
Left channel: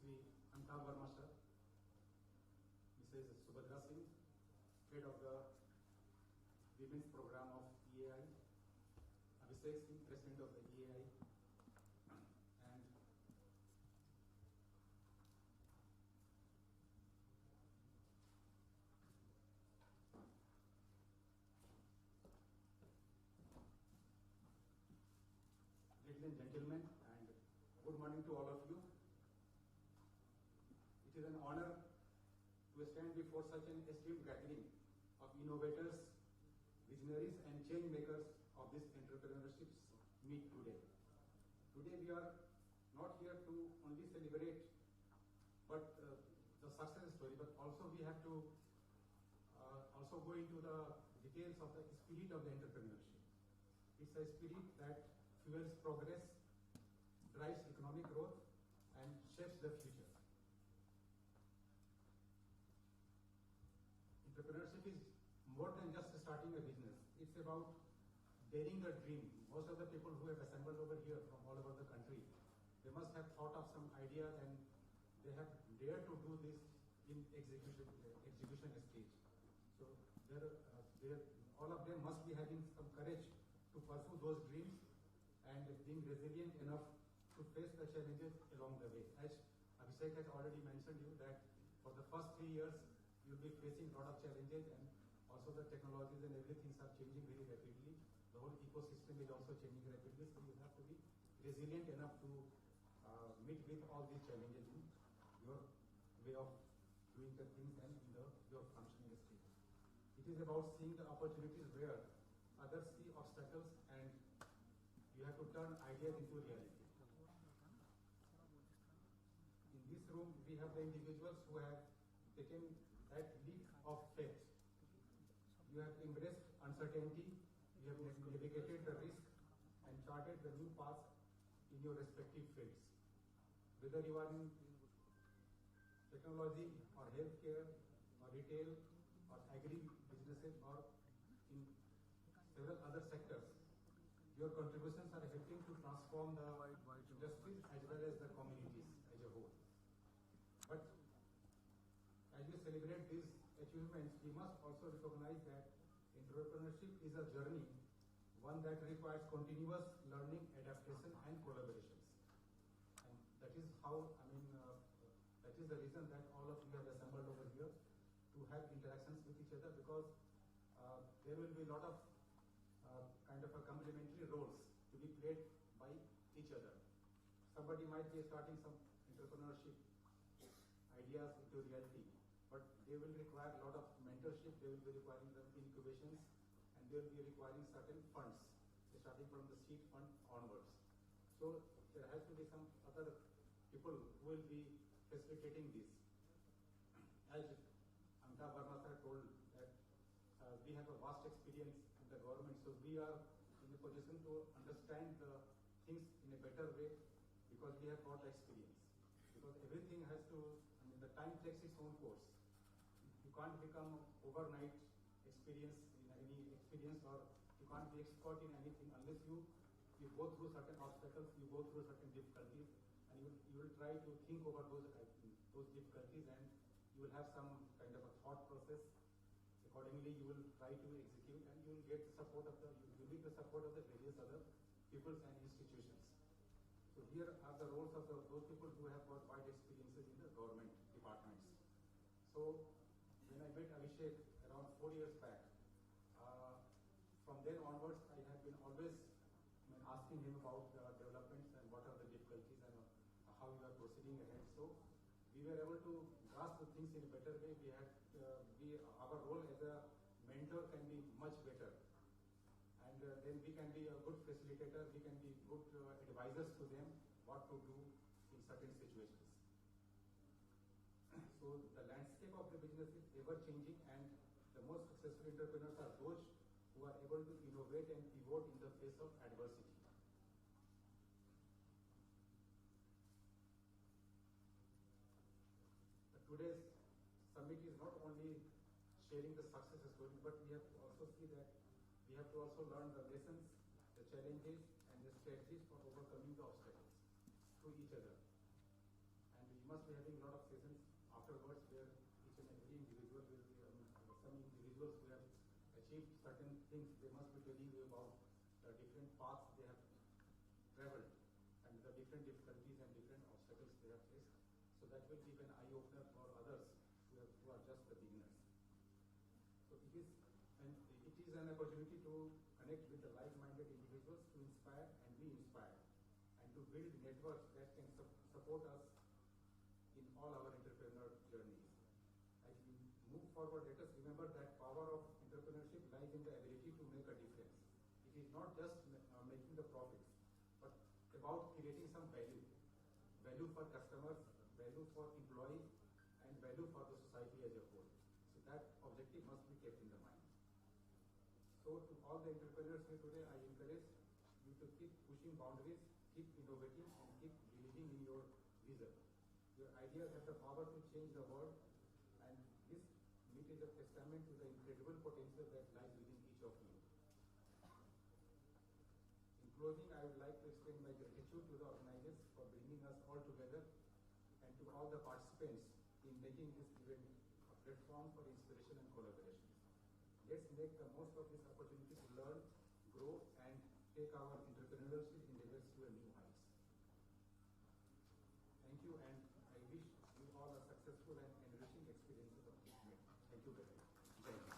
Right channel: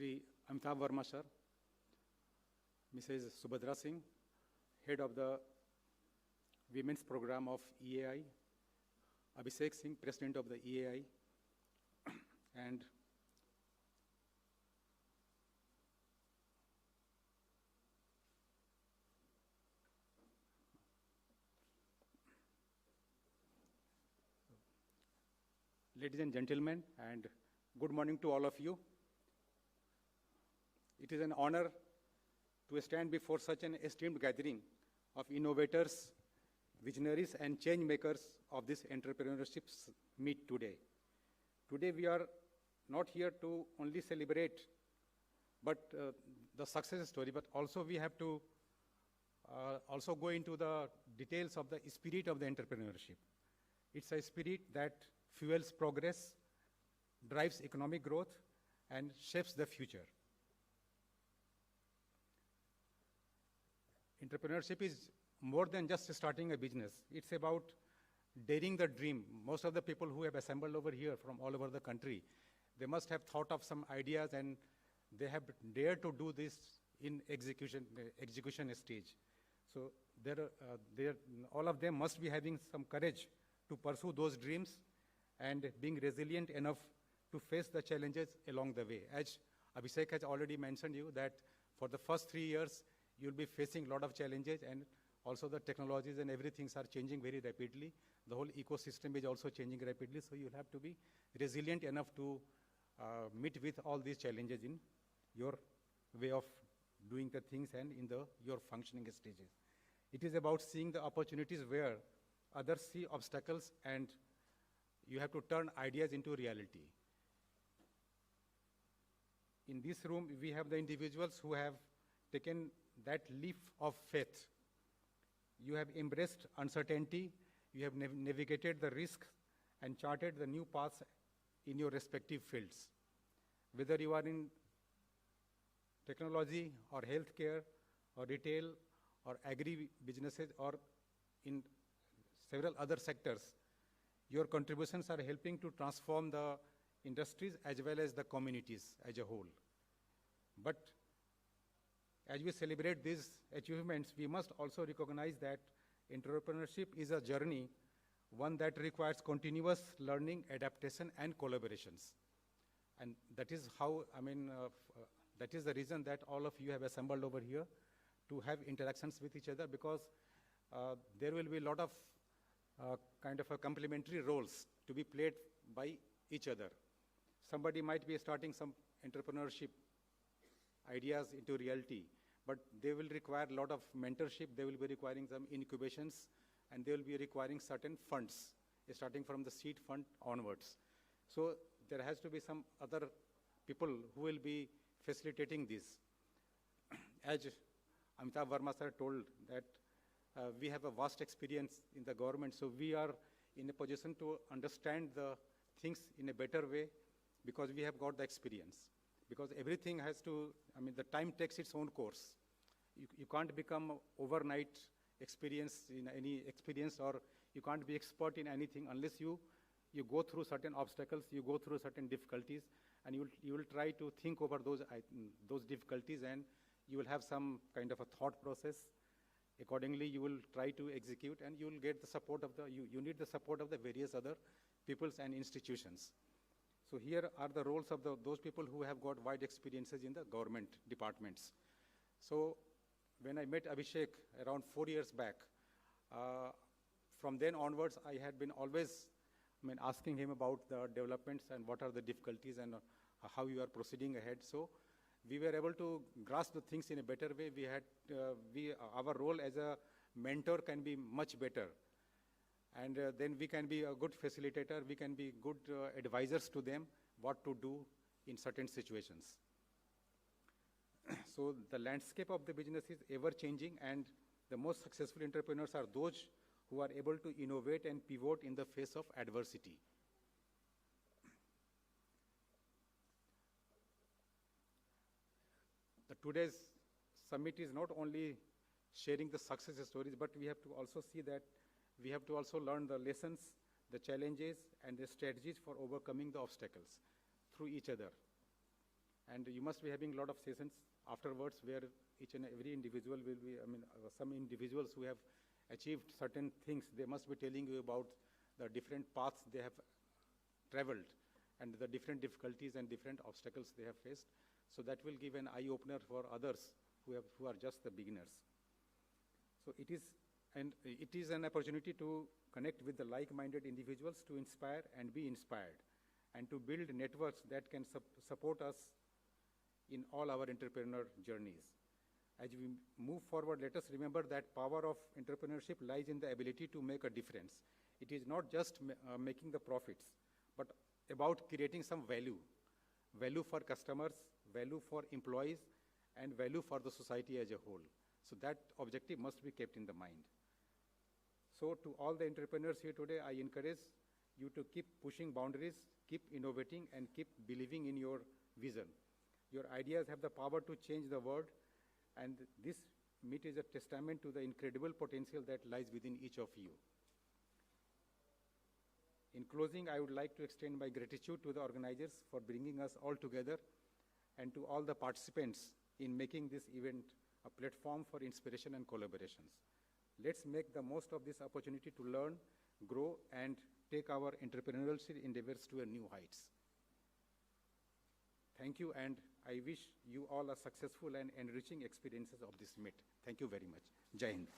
Shri Amitav Verma sir, Mrs. Subadra Singh, head of the Women's Program of EAI, Abhishek Singh, President of the EAI, and ladies and gentlemen, and good morning to all of you. It is an honor to stand before such an esteemed gathering of innovators, visionaries, and change makers of this entrepreneurship meet today. Today we are not here to only celebrate, but the success story, but also we have to also go into the details of the spirit of the entrepreneurship. It's a spirit that fuels progress, drives economic growth, and shapes the future. Entrepreneurship is more than just starting a business. It's about daring the dream. Most of the people who have assembled over here from all over the country, they must have thought of some ideas and they have dared to do this in execution stage. So all of them must be having some courage to pursue those dreams and being resilient enough to face the challenges along the way. As Abhishek has already mentioned you that for the first 3 years, you'll be facing a lot of challenges, and also the technologies and everything are changing very rapidly. The whole ecosystem is also changing rapidly, so you have to be resilient enough to meet with all these challenges in your way of doing the things and in your functioning stages. It is about seeing the opportunities where others see obstacles, and you have to turn ideas into reality. In this room, we have the individuals who have taken that leap of faith. You have embraced uncertainty, you have navigated the risk and charted the new paths in your respective fields. Whether you are in technology or healthcare or retail or agri-businesses or in several other sectors, your contributions are helping to transform the industries as well as the communities as a whole. But as we celebrate these achievements, we must also recognize that entrepreneurship is a journey, one that requires continuous learning, adaptation, and collaborations. And that is how, that is the reason that all of you have assembled over here to have interactions with each other, because there will be a lot of kind of a complementary roles to be played by each other. Somebody might be starting some entrepreneurship ideas into reality, but they will require a lot of mentorship, they will be requiring some incubations, and they will be requiring certain funds, starting from the seed fund onwards. So there has to be some other people who will be facilitating this. As Amitav Verma sir told that we have a vast experience in the government, so we are in a position to understand the things in a better way because we have got the experience. Because everything has to, the time takes its own course. You can't become overnight experience in any experience, or you can't be expert in anything unless you go through certain obstacles, you go through certain difficulties, and you will try to think over those difficulties, and you will have some kind of a thought process. Accordingly, you will try to execute, and you will get the support of you need the support of the various other peoples and institutions. So here are the roles of those people who have got wide experiences in the government departments. So when I met Abhishek around 4 years back, from then onwards, I had been always asking him about the developments and what are the difficulties and how you are proceeding ahead. So we were able to grasp the things in a better way. Our role as a mentor can be much better. And then we can be a good facilitator, we can be good advisors to them what to do in certain situations. So the landscape of the business is ever changing, and the most successful entrepreneurs are those who are able to innovate and pivot in the face of adversity. Today's summit is not only sharing the success stories, but we have to also see that we have to also learn the lessons, the challenges, and the strategies for overcoming the obstacles through each other. And you must be having a lot of sessions afterwards where each and every individual will be, some individuals who have achieved certain things, they must be telling you about the different paths they have traveled and the different difficulties and different obstacles they have faced. So that will give an eye-opener for others who are just the beginners. So it is an opportunity to connect with the like-minded individuals, to inspire and be inspired, and to build networks that can support us in all our entrepreneur journeys. As we move forward, let us remember that power of entrepreneurship lies in the ability to make a difference. It is not just making the profits, but about creating some value for customers, value for employees, and value for the society as a whole. So that objective must be kept in the mind. So to all the entrepreneurs here today, I encourage you to keep pushing boundaries, keep innovating, and keep believing in your vision. Your ideas have the power to change the world, and this meet is a testament to the incredible potential that lies within each of you. In closing, I would like to extend my gratitude to the organizers for bringing us all together and to all the participants in making this event a platform for inspiration and collaborations. Let's make the most of this opportunity to learn, grow, and take our entrepreneurial endeavors to a new heights. Thank you, and I wish you all a successful and enriching experiences of this meet. Thank you very much. Jai Hind.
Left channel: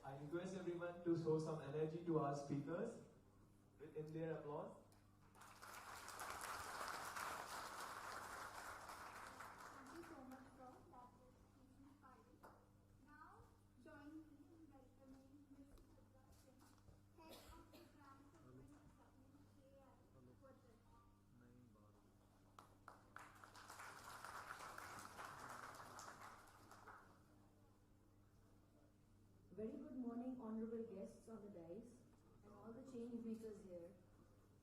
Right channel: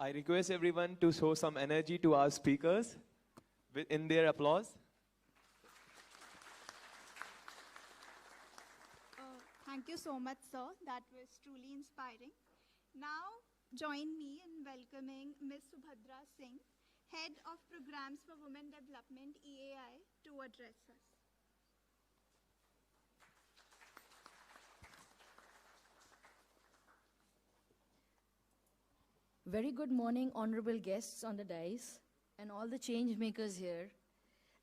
I request everyone to show some energy to our speakers in their applause. Thank you so much, sir. That was truly inspiring. Now, join me in welcoming Ms. Subadra Singh, Head of Programs for Women Development, EAI, to address us. Very good morning, honorable guests on the dais and all the change makers here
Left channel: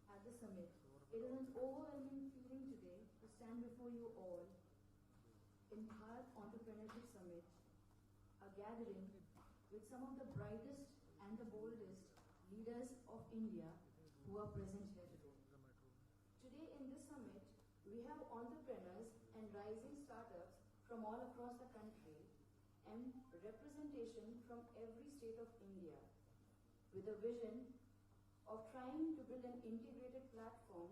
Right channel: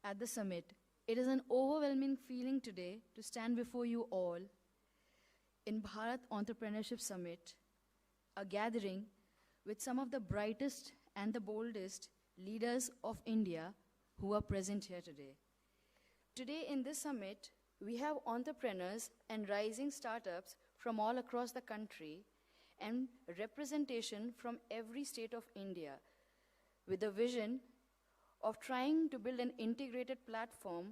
at the summit. It is an overwhelming feeling today to stand before you all in Bharat Entrepreneurship Summit, a gathering with some of the brightest and the boldest leaders of India who are present here today. Today in this summit, we have entrepreneurs and rising startups from all across the country and representation from every state of India with a vision of trying to build an integrated platform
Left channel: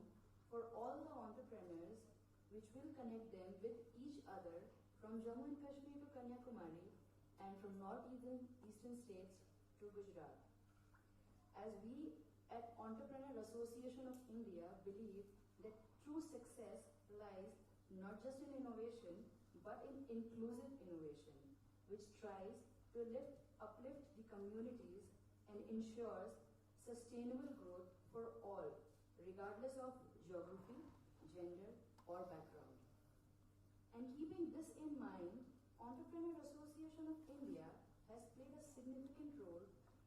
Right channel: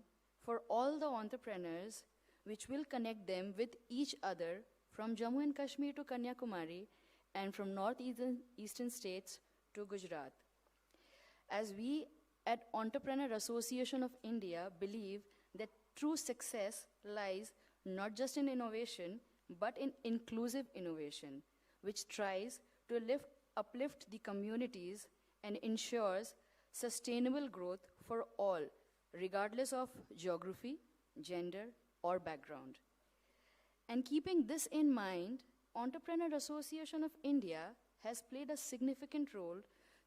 for all the entrepreneurs which will connect them with each other from Jammu and Kashmir to Kanyakumari and from northeastern states to Gujarat. As we at Entrepreneur Association of India believe that true success lies not just in innovation but in inclusive innovation, which tries to uplift the communities and ensures sustainable growth for all, regardless of geography, gender, or background. And keeping this in mind, Entrepreneur Association of India has played a significant role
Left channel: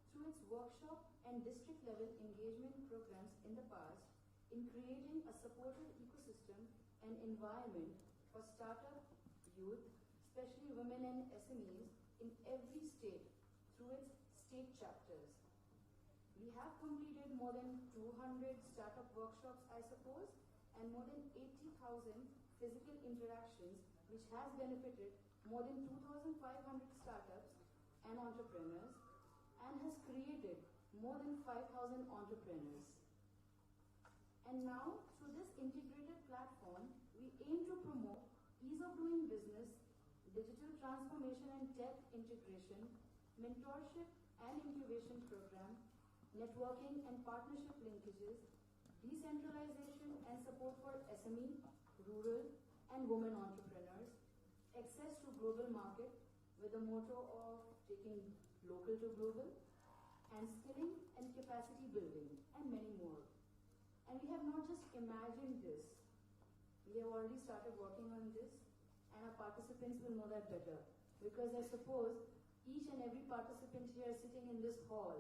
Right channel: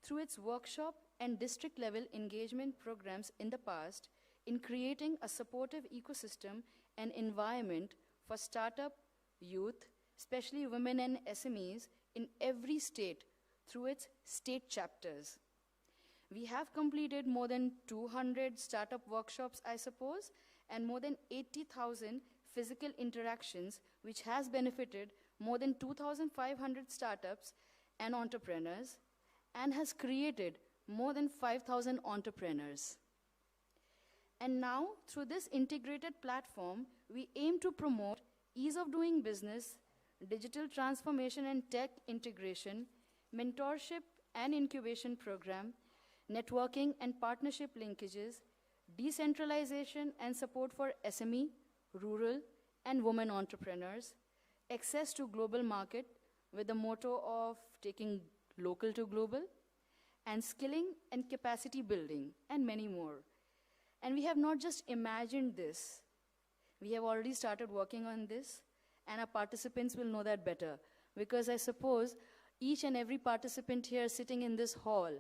through its workshop and district-level engagement programs in the past in creating a supportive ecosystem and environment for startup, youth, especially women and SMEs in every state through its state chapters. We have completed more than 200 startup workshops, I suppose, and more than 80,000 physical interactions, which has benefited more than 2,500 startups and entrepreneurs, and has created more than 5,000 entrepreneurs. And now, through this integrated platform, we aim to promote ease of doing business, digital transformation and tech integration, mentorship and incubation program, networking and partnership linkages, decentralization and support for SME, rural, and women entrepreneurs, access to global market with the motto of taking local to global, and skilling and capacity building, and many more. And we have not just imagined this. We have already started working on this, and our participants will know that better, because I suppose each and every participant here sitting in this hall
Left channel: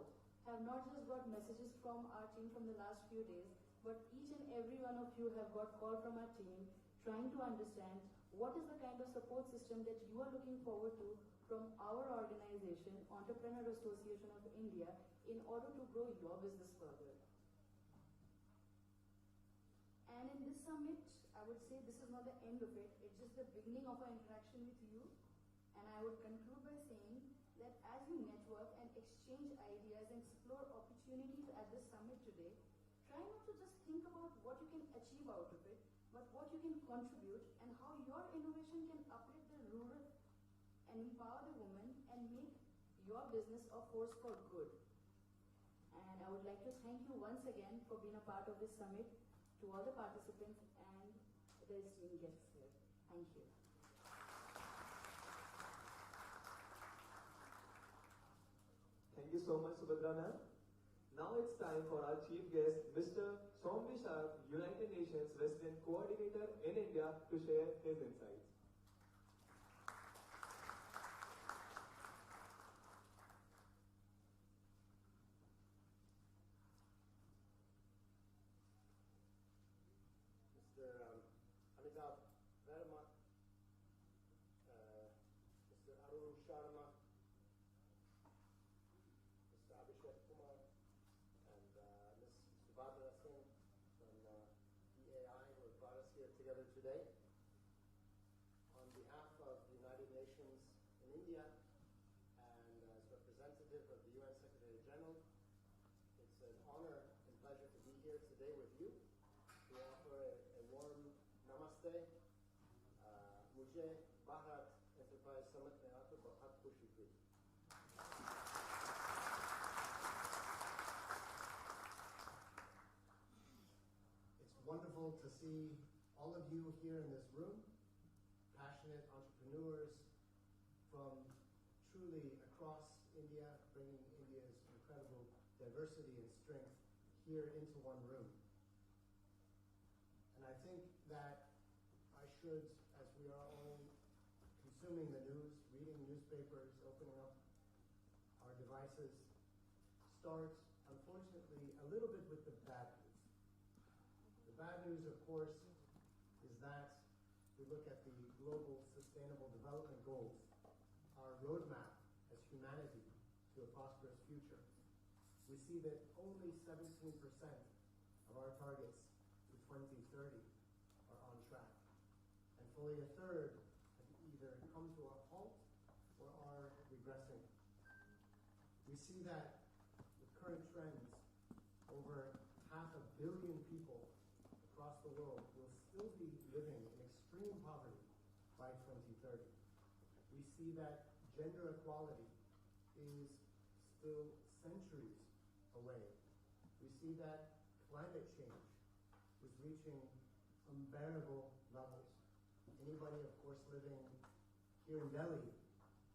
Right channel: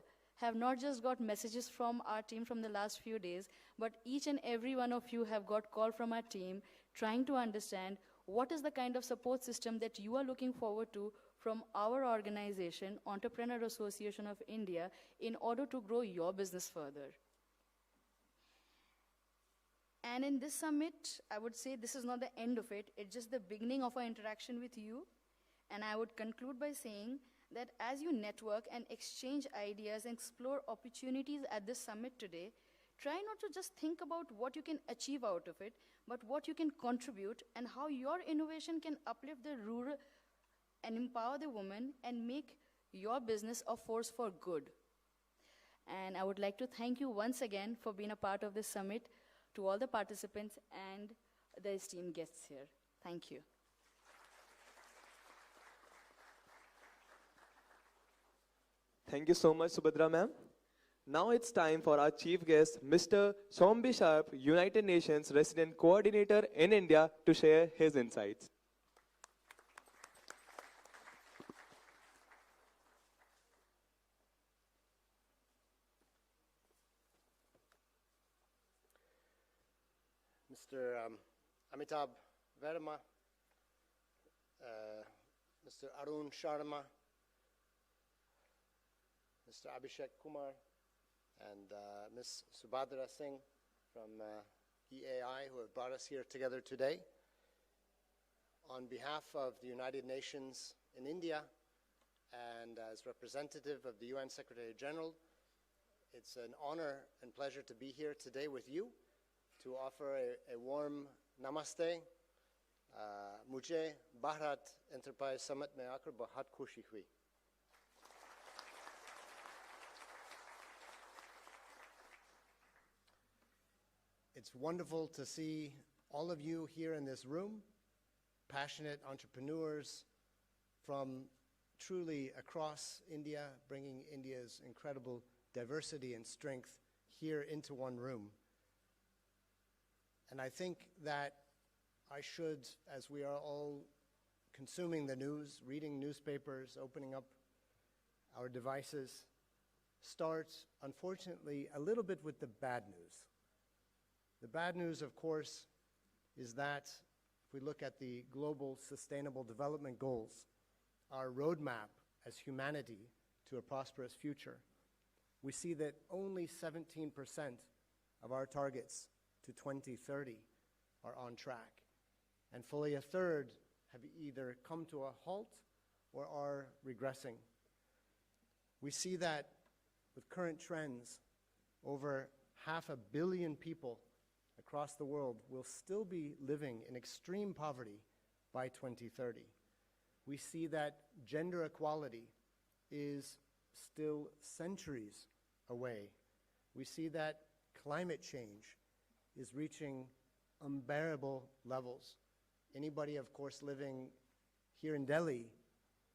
have not just got messages from our team from the last few days, but each and every one of you have got call from our team trying to understand what is the kind of support system that you are looking forward to from our organization, Entrepreneur Association of India, in order to grow your business further. And in this summit, I would say this is not the end of it, it's just the beginning of our interaction with you. And I would conclude by saying that as you network and exchange ideas and explore opportunities at this summit today, try not to just think about what you can achieve out of it, but what you can contribute and how your innovation can uplift the rural and empower the woman and make your business a force for good. And I would like to thank you once again for being a part of this summit, to all the participants and the esteemed guests here. Thank you. Thank you so much, Subadra ma'am. Now it's time for our chief guest, Mr. Shombi, United Nations Resident Coordinator in India, to share his insights. Mr. Amitav Verma, Mr. Arun Sharma, Mr. Abhishek Kumar, and Ms. Subadra Singh from EAI, who have brought us here together today. On behalf of the United Nations in India and as representative of the UN Secretary General, it's an honor and pleasure to be here today with you to offer a warm namaste. Mujhe BHARAT Enterprise Summit mein aakar bahut khushi hui. It's wonderful to see all of you here in this room, passionate entrepreneurs from truly across India, bringing India's incredible diversity and strength here into one room. And I think that I should, as we are all consuming the news, reading newspapers, opening up our devices, start, unfortunately, a little bit with the bad news. The bad news, of course, is that if we look at the Global Sustainable Development Goals, our roadmap as humanity to a prosperous future, we see that only 17% of our targets to 2030 are on track. And fully a third have either come to a halt or are regressing. We see that with current trends, over 500 million people across the world will still be living in extreme poverty by 2030. We see that gender equality is still centuries away. We see that climate change is reaching unbearable levels. Anybody, of course, living here in Delhi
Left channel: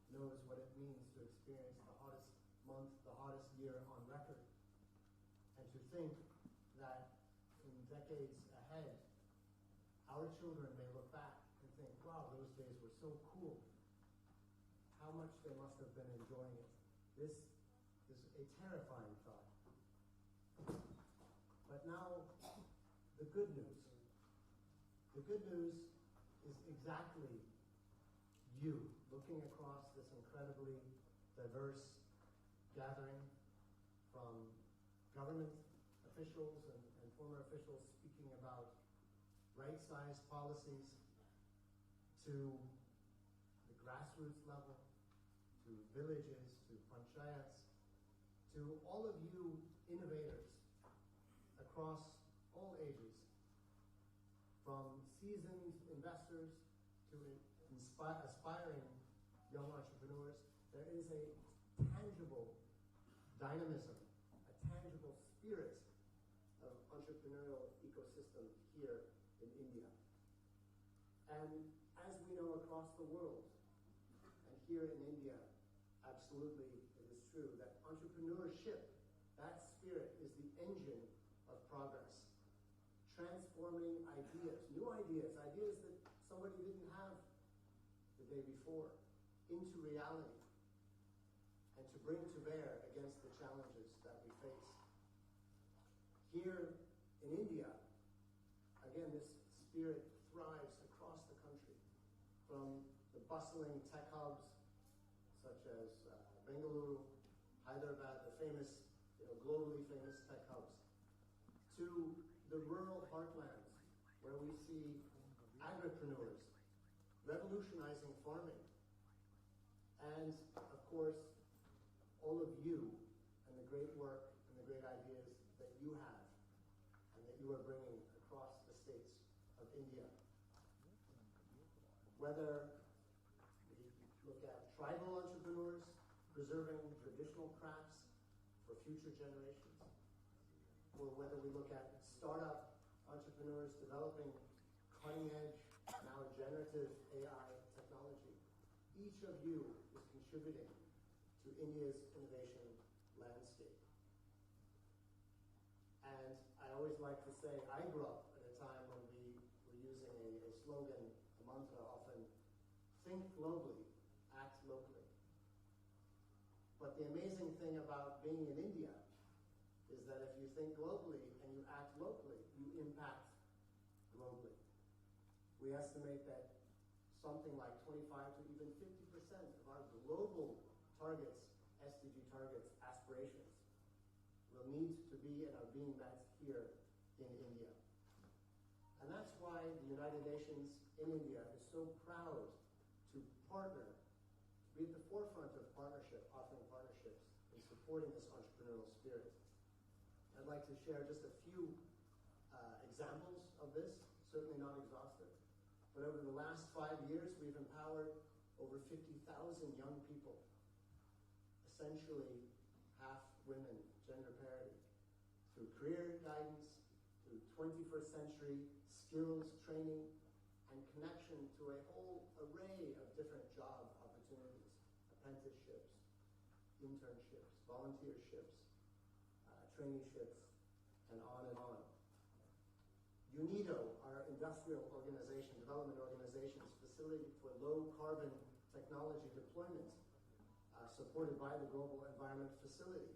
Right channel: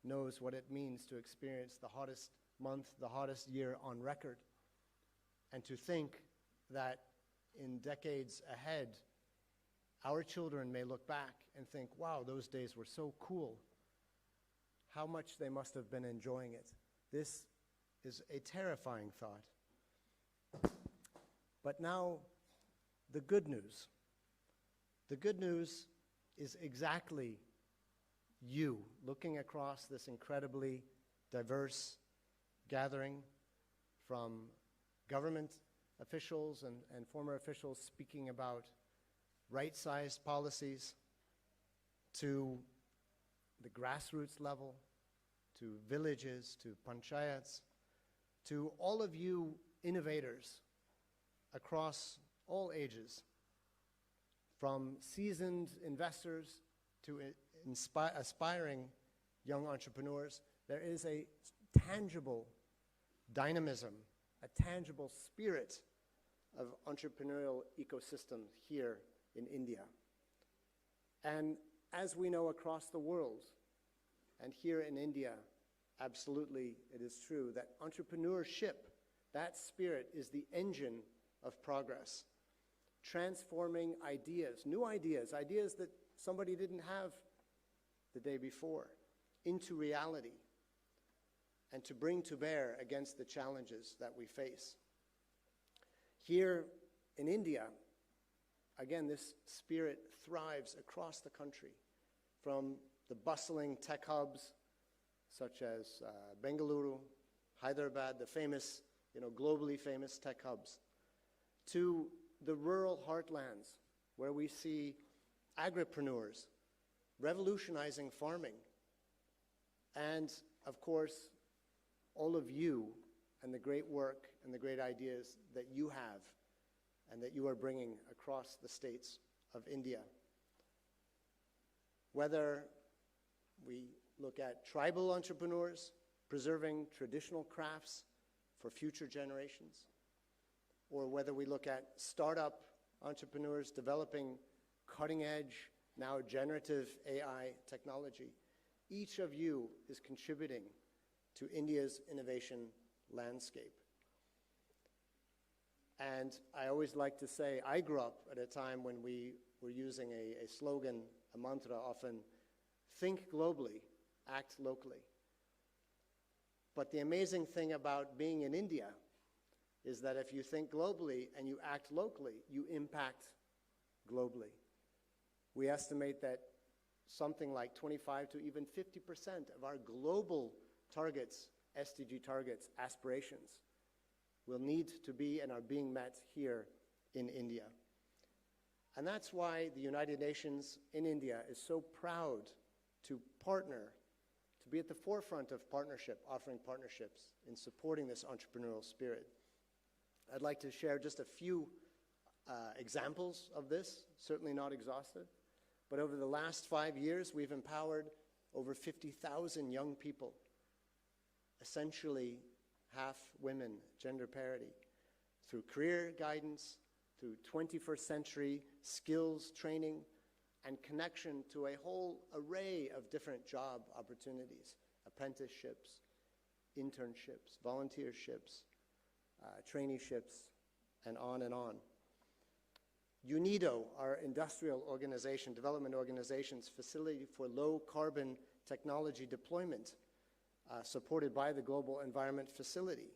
knows what it means to experience the hottest month, the hottest year on record. And to think that in decades ahead, our children may look back and think, wow, those days were so cool. How much they must have been enjoying it. This is a terrifying thought. But now, the good news. The good news is exactly you looking across this incredibly diverse gathering, from government officials and former officials speaking about right-sized policies, to the grassroots level, to villages, to panchayats, to all of you innovators across all ages, from seasoned investors to aspiring young entrepreneurs. There is a tangible dynamism, a tangible spirit of entrepreneurial ecosystem here in India. And as we know across the world, and here in India, absolutely it is true that entrepreneurship, that spirit, is the engine of progress. Transforming ideas, new ideas, ideas that somebody didn't have the day before, into reality, and to bring to bear against the challenges that we face. Here in India, again, this spirit thrives across the country, from the bustling tech hubs such as Bengaluru, Hyderabad, the famous, globally famous tech hubs, to the rural heartlands where we see agripreneurs revolutionizing farming, and of course, all of you and the great work and the great ideas that you have and that you are bringing across the states of India. Whether we look at tribal entrepreneurs preserving traditional crafts for future generations, or whether we look at startup entrepreneurs developing cutting-edge, now generative AI technology, each of you is contributing to India's innovation landscape. And I always like to say, I grew up at a time when we were using a slogan, a mantra often, think globally, act locally. But the amazing thing about being in India is that if you think globally and you act locally, you impact globally. We estimate that something like 25 to even 50% of our global targets, SDG targets, aspirations, will need to be and are being met here in India. And that's why the United Nations in India is so proud to partner, to be at the forefront of partnership, offering partnerships in supporting this entrepreneurial spirit. I'd like to share just a few examples of this, certainly not exhaustive, but over the last 5 years, we've empowered over 50,000 young people, essentially half women, gender parity, through career guidance, through 21st century skills training, and connection to a whole array of different job opportunities, apprenticeships, internships, volunteerships, traineeships, and on and on. UNIDO, our industrial organization, development organization's facility for low carbon technology deployment, supported by the Global Environment Facility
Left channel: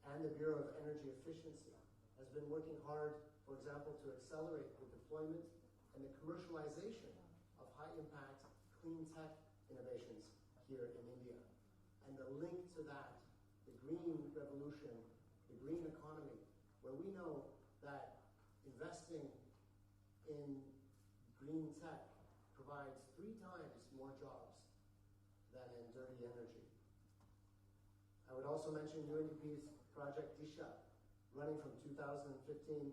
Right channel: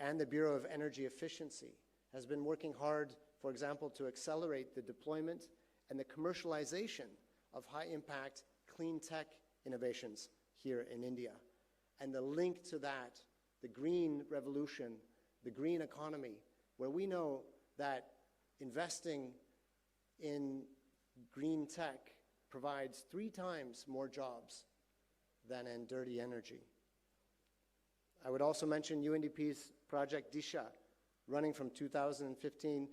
and the Bureau of Energy Efficiency, has been working hard, for example, to accelerate the deployment and the commercialization of high-impact clean tech innovations here in India. And the link to that, the green revolution, the green economy, where we know that investing in green tech provides 3 times more jobs than in dirty energy. I would also mention UNDP's Project Disha, running from 2015,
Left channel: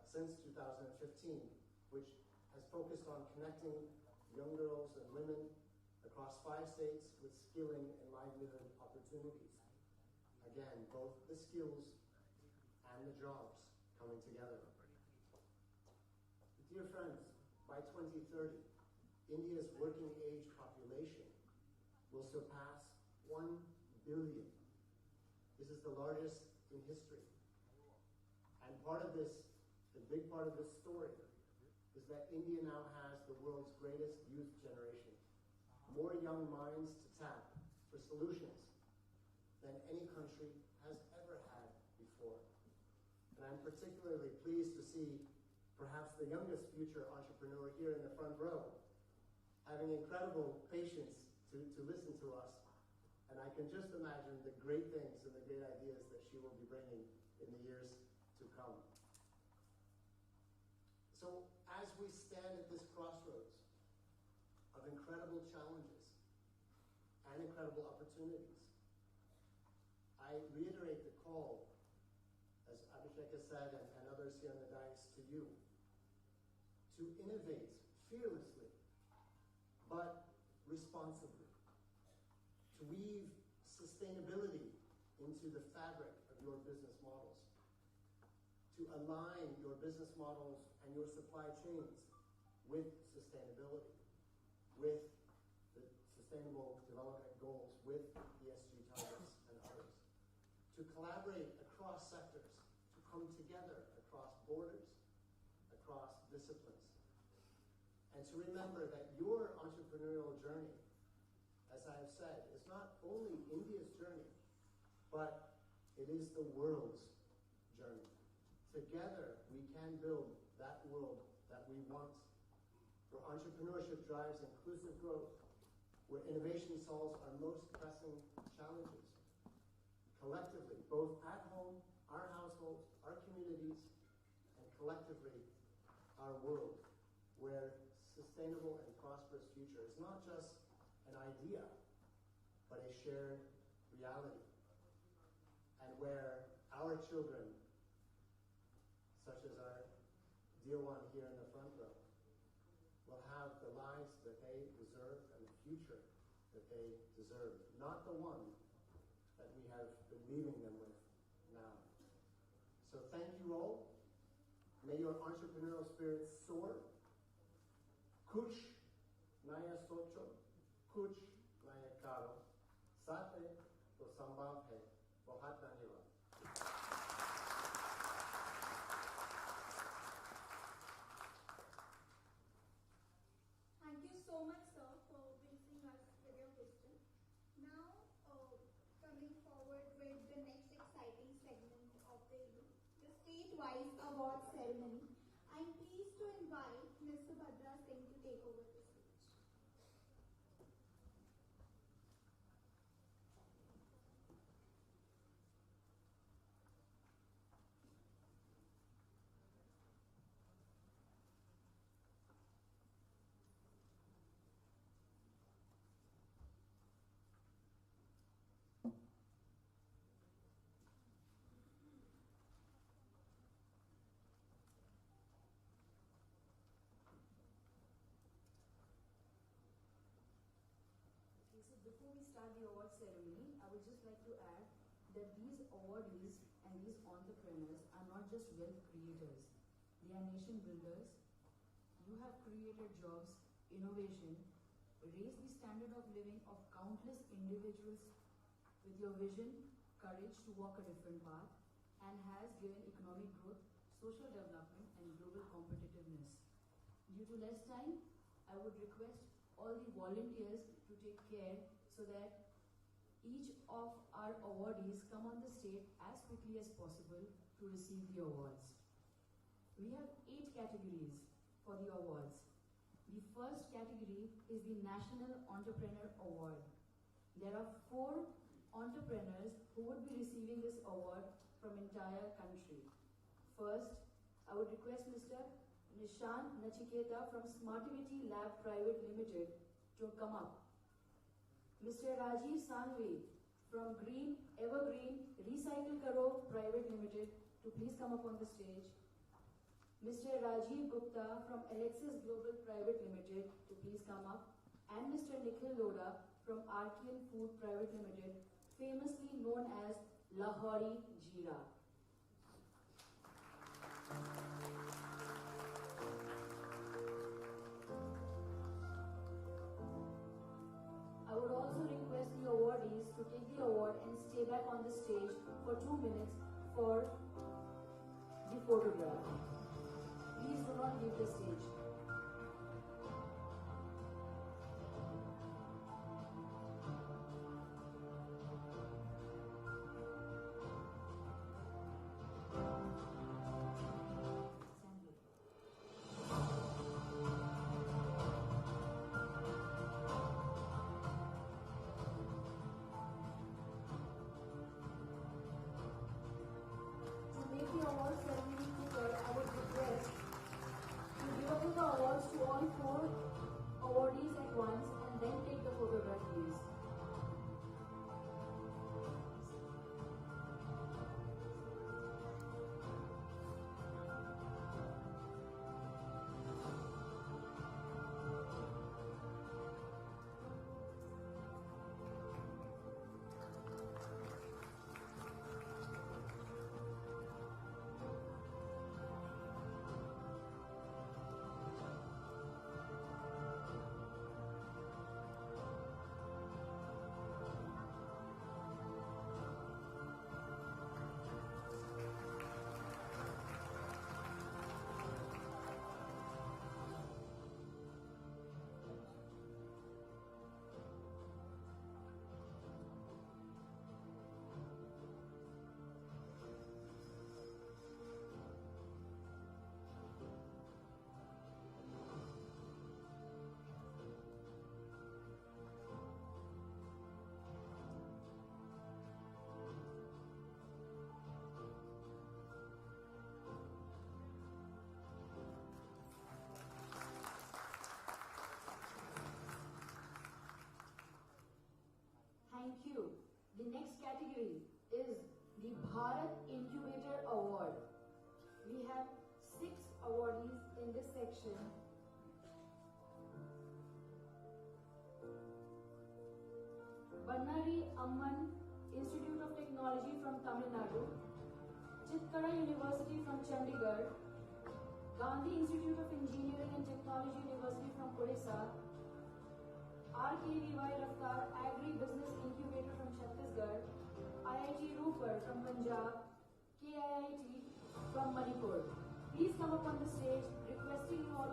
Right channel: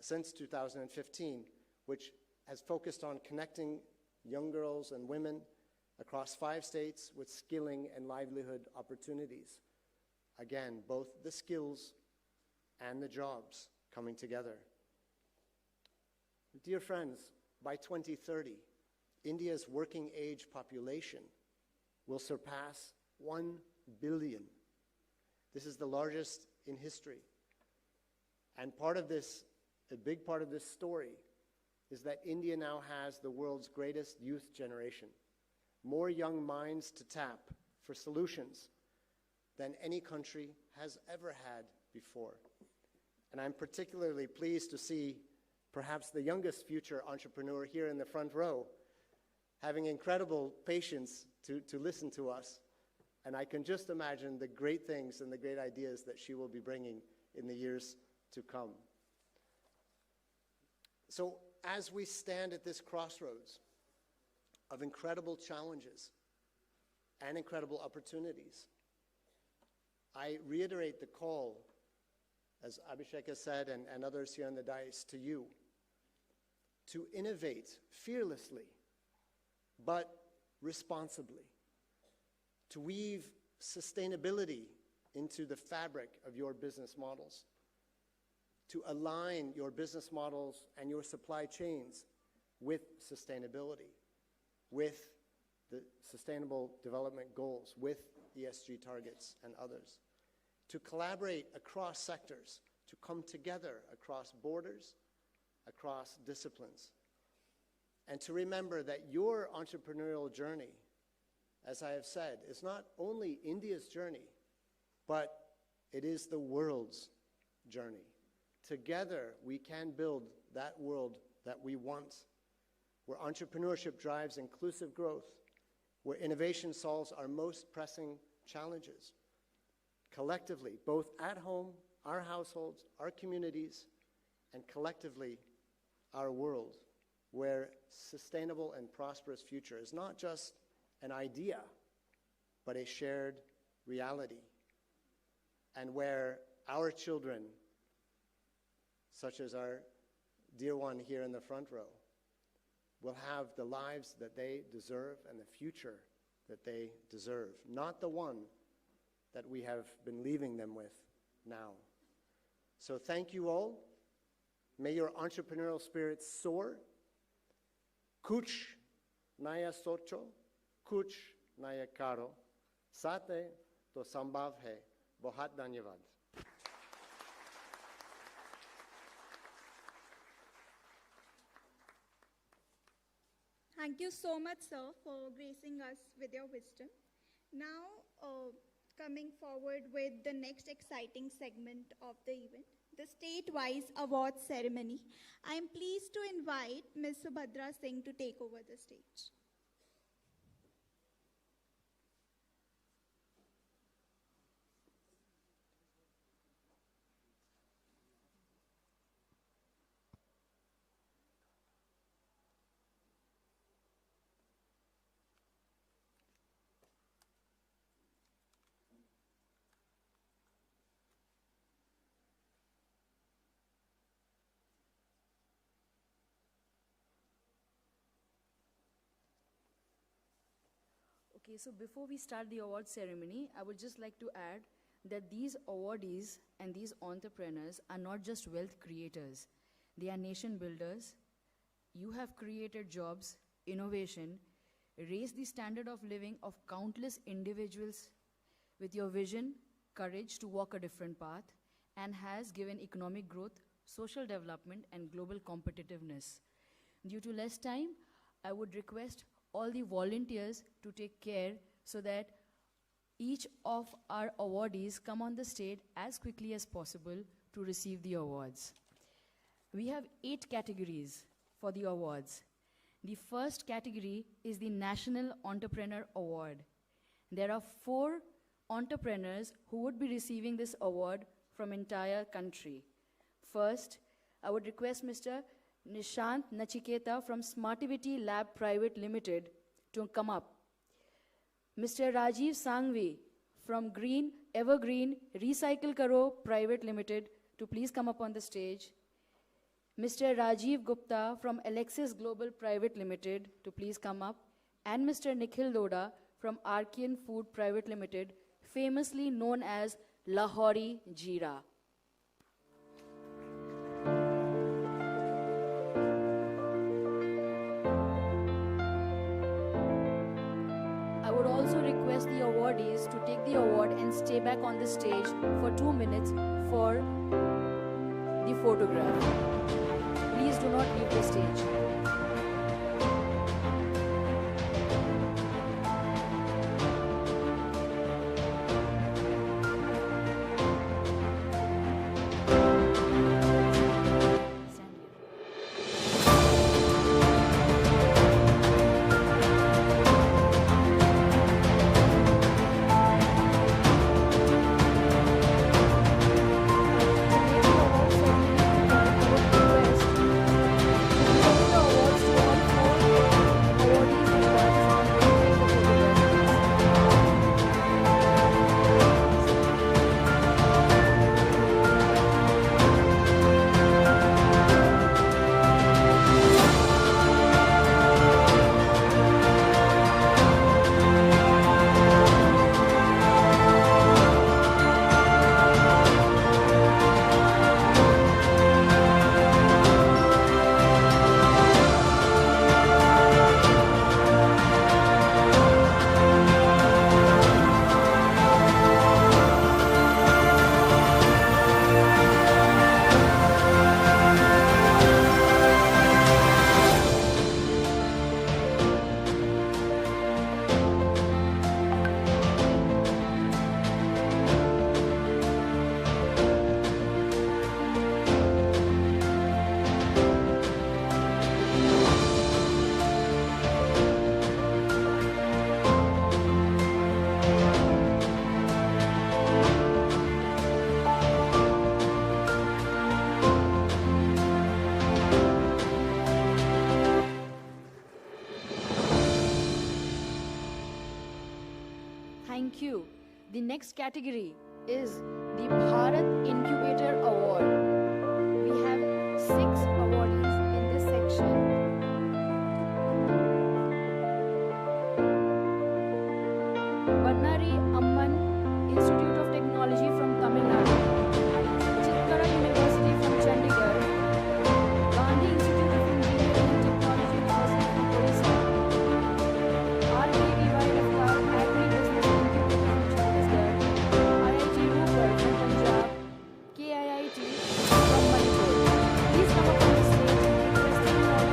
since 2015, which has focused on connecting young girls and women across 5 states with skilling and livelihood opportunities. Again, both the skills and the jobs coming together. Dear friends, by 2030, India's working age population will surpass 1 billion. This is the largest in history. And part of this, a big part of this story, is that India now has the world's greatest youth generation. More young minds to tap for solutions than any country has ever had before. And I'm particularly pleased to see perhaps the youngest future entrepreneur here in the front row having incredible patience to listen to us. And I can just imagine the great things and the great ideas that she will be bringing in the years to come. So as we stand at this crossroads of incredible challenges and incredible opportunities, I reiterate the call, as Abhishek has said and others here on the dais, to you, to innovate fearlessly, but responsibly, to weave sustainability into the fabric of your business models, to align your business models and your supply chains with sustainability, with the Sustainable Development Goals, with ESG targets and others, to collaborate across sectors, to come together across borders, across disciplines, and to remember that your entrepreneurial journey, as I have said, is not only India's journey, but it is the world's journey. Together, we can build that world that we want, where entrepreneurship drives inclusive growth, where innovation solves our most pressing challenges. Collectively, both at home, our households, our communities, and collectively, our world, where sustainable and prosperous future is not just an idea, but a shared reality, and where our children, such as our dear one here in the front row, will have the lives that they deserve and the future that they deserve, not the one that we have been leaving them with now. So thank you all. May your entrepreneurial spirit soar. Kuch naya socho, kuch naya karo. Sate to sambhav hai. Bahut dhanyavad. Thank you so much, sir, for gracing us with your wisdom. Now, coming forward with the next exciting segment of the event, the state-wise awards ceremony. I am pleased to invite Ms. Subadra Singh to take over the stage. Okay, so before we start the award ceremony, I would just like to add that these awardees and these entrepreneurs are not just wealth creators. They are nation builders. You have created jobs, innovation, raised the standard of living of countless individuals with your vision, courage to walk a different path, and has given economic growth, social development, and global competitiveness. Due to less time, I would request all the volunteers to take care so that each of our awardees come on the stage as quickly as possible to receive the awards. We have 8 categories for the awards. The first category is the National Entrepreneur Award. There are 4 entrepreneurs who would be receiving this award from entire country. First, I would request Mr. Nishant Nachiketa from Smartivity Lab Private Limited to come up. Mr. Rajiv Sangvi from Green Evergreen Recycle Karo Private Limited to please come up on the stage. Mr. Rajiv Gupta from Alexis Global Private Limited to please come up. And Mr. Nikhil Loda from Archean Food Private Limited, famously known as Lahori Jeera. I would also request the awardees to take the award and stay back on the stage for 2 minutes for the photograph. Please do not leave the stage. Thank you. The next category is the Bharat Incubator Award. We have 6 awardees in this section. Bannari Amman Institute of Technology from Tamil Nadu, Chitkara University from Chandigarh, Gandhi Institute of Engineering and Technology from Odisha, RKVY Raftar Agri-Business Incubator from Chhattisgarh, IIT Roopur from Punjab, KIIT from Manipur. Please come up on the stage and requesting all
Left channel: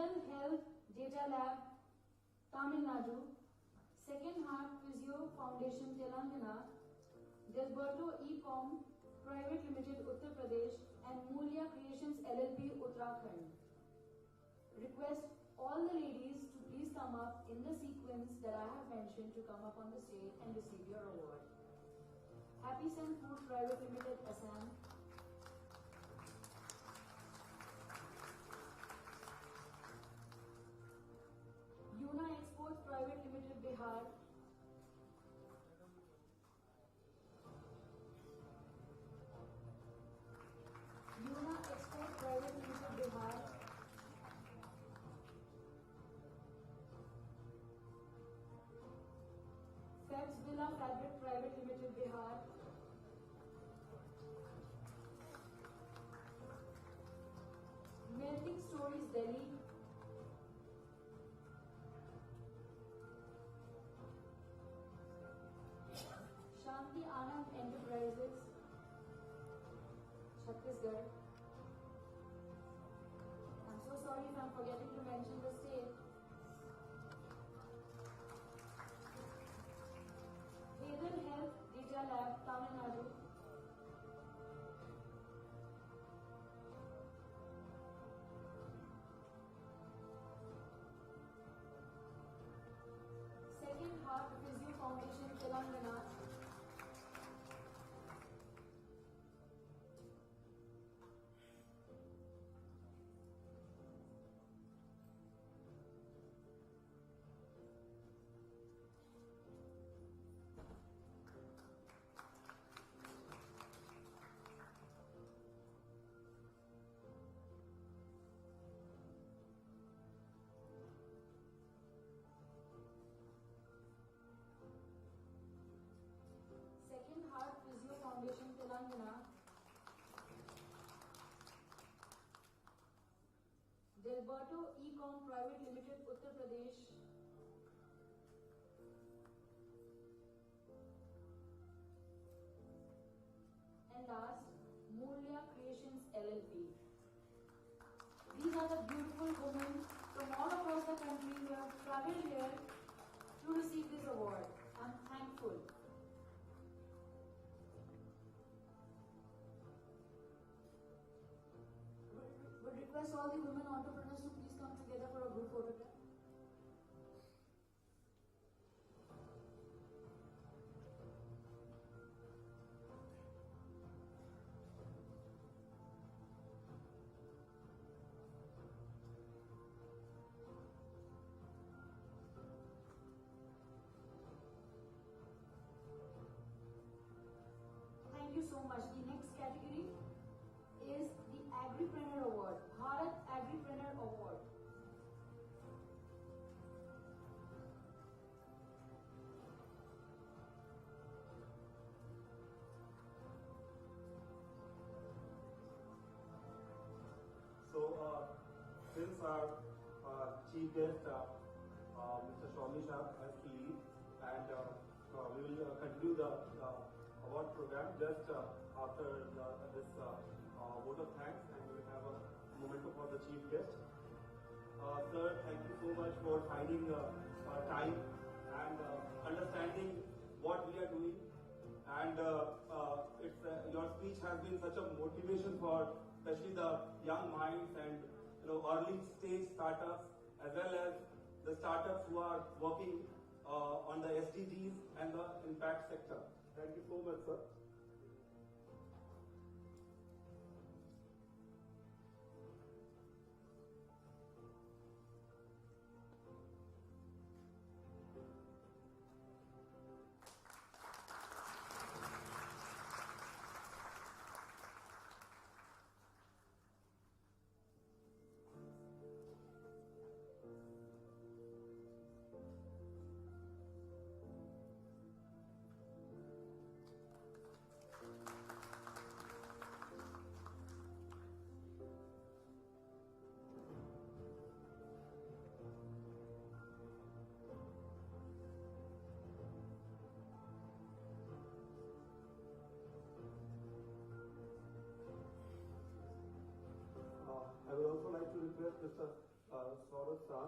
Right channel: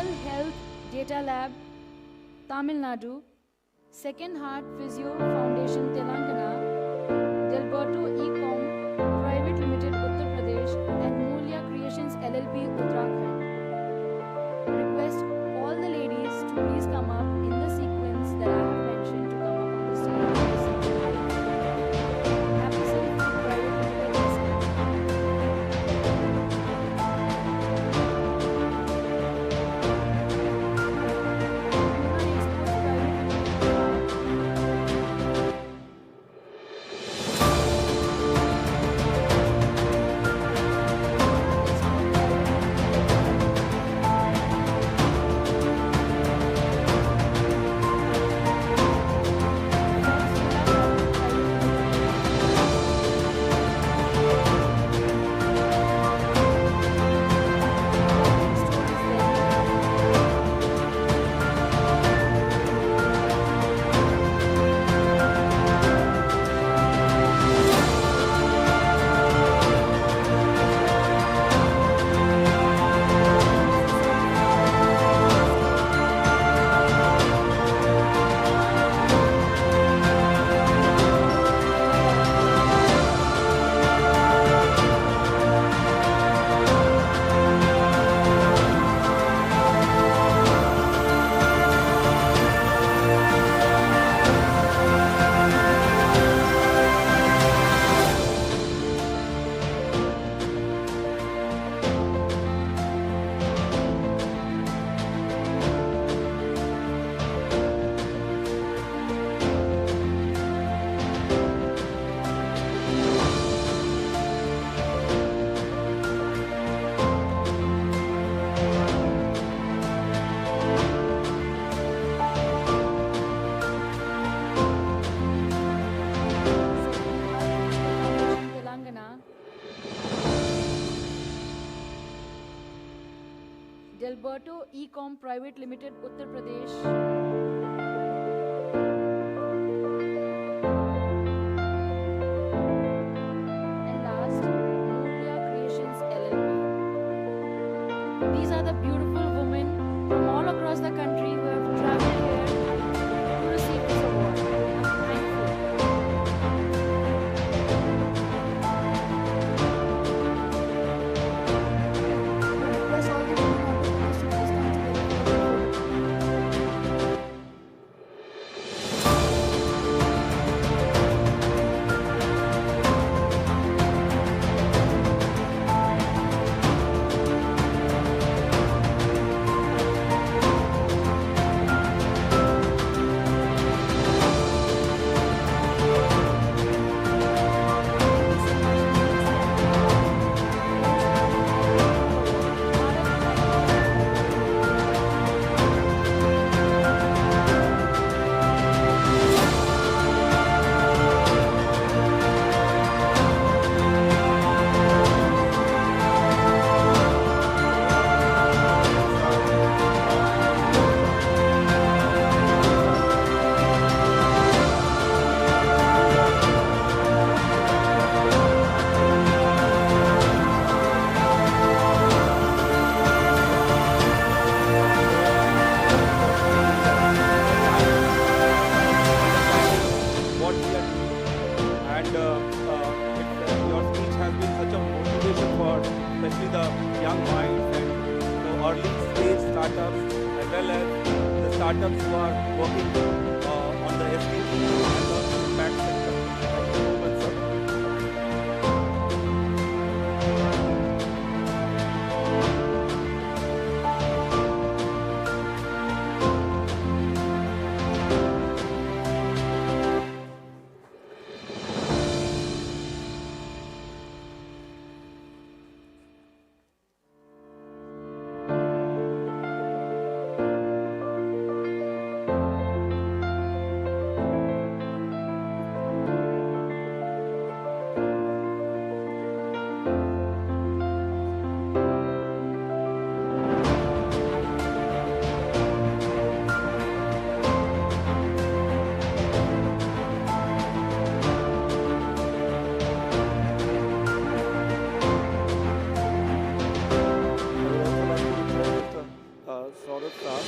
Rural Health Data Lab, Tamil Nadu, Second Heart Physio Foundation, Telangana, Delberto Ecom Private Limited, Uttar Pradesh, and Mulya Creations LLP, Uttarakhand. Request all the ladies to please come up in the sequence that I have mentioned to come up on the stage. Happy City Food Private Limited, Delberto Ecom Private Limited, Uttar Pradesh. And last, Mulya Creations LLP. These are the beautiful women from all across the country who have traveled here to receive this award. I'm thankful. Request all the women of the class to please come together for the photo. what we are doing. And your speech has been such a motivation for especially the young minds and early stage startups as well as the startups who are working on the SDG and the impact sector. Thank you so much, sir. Saurav Shah.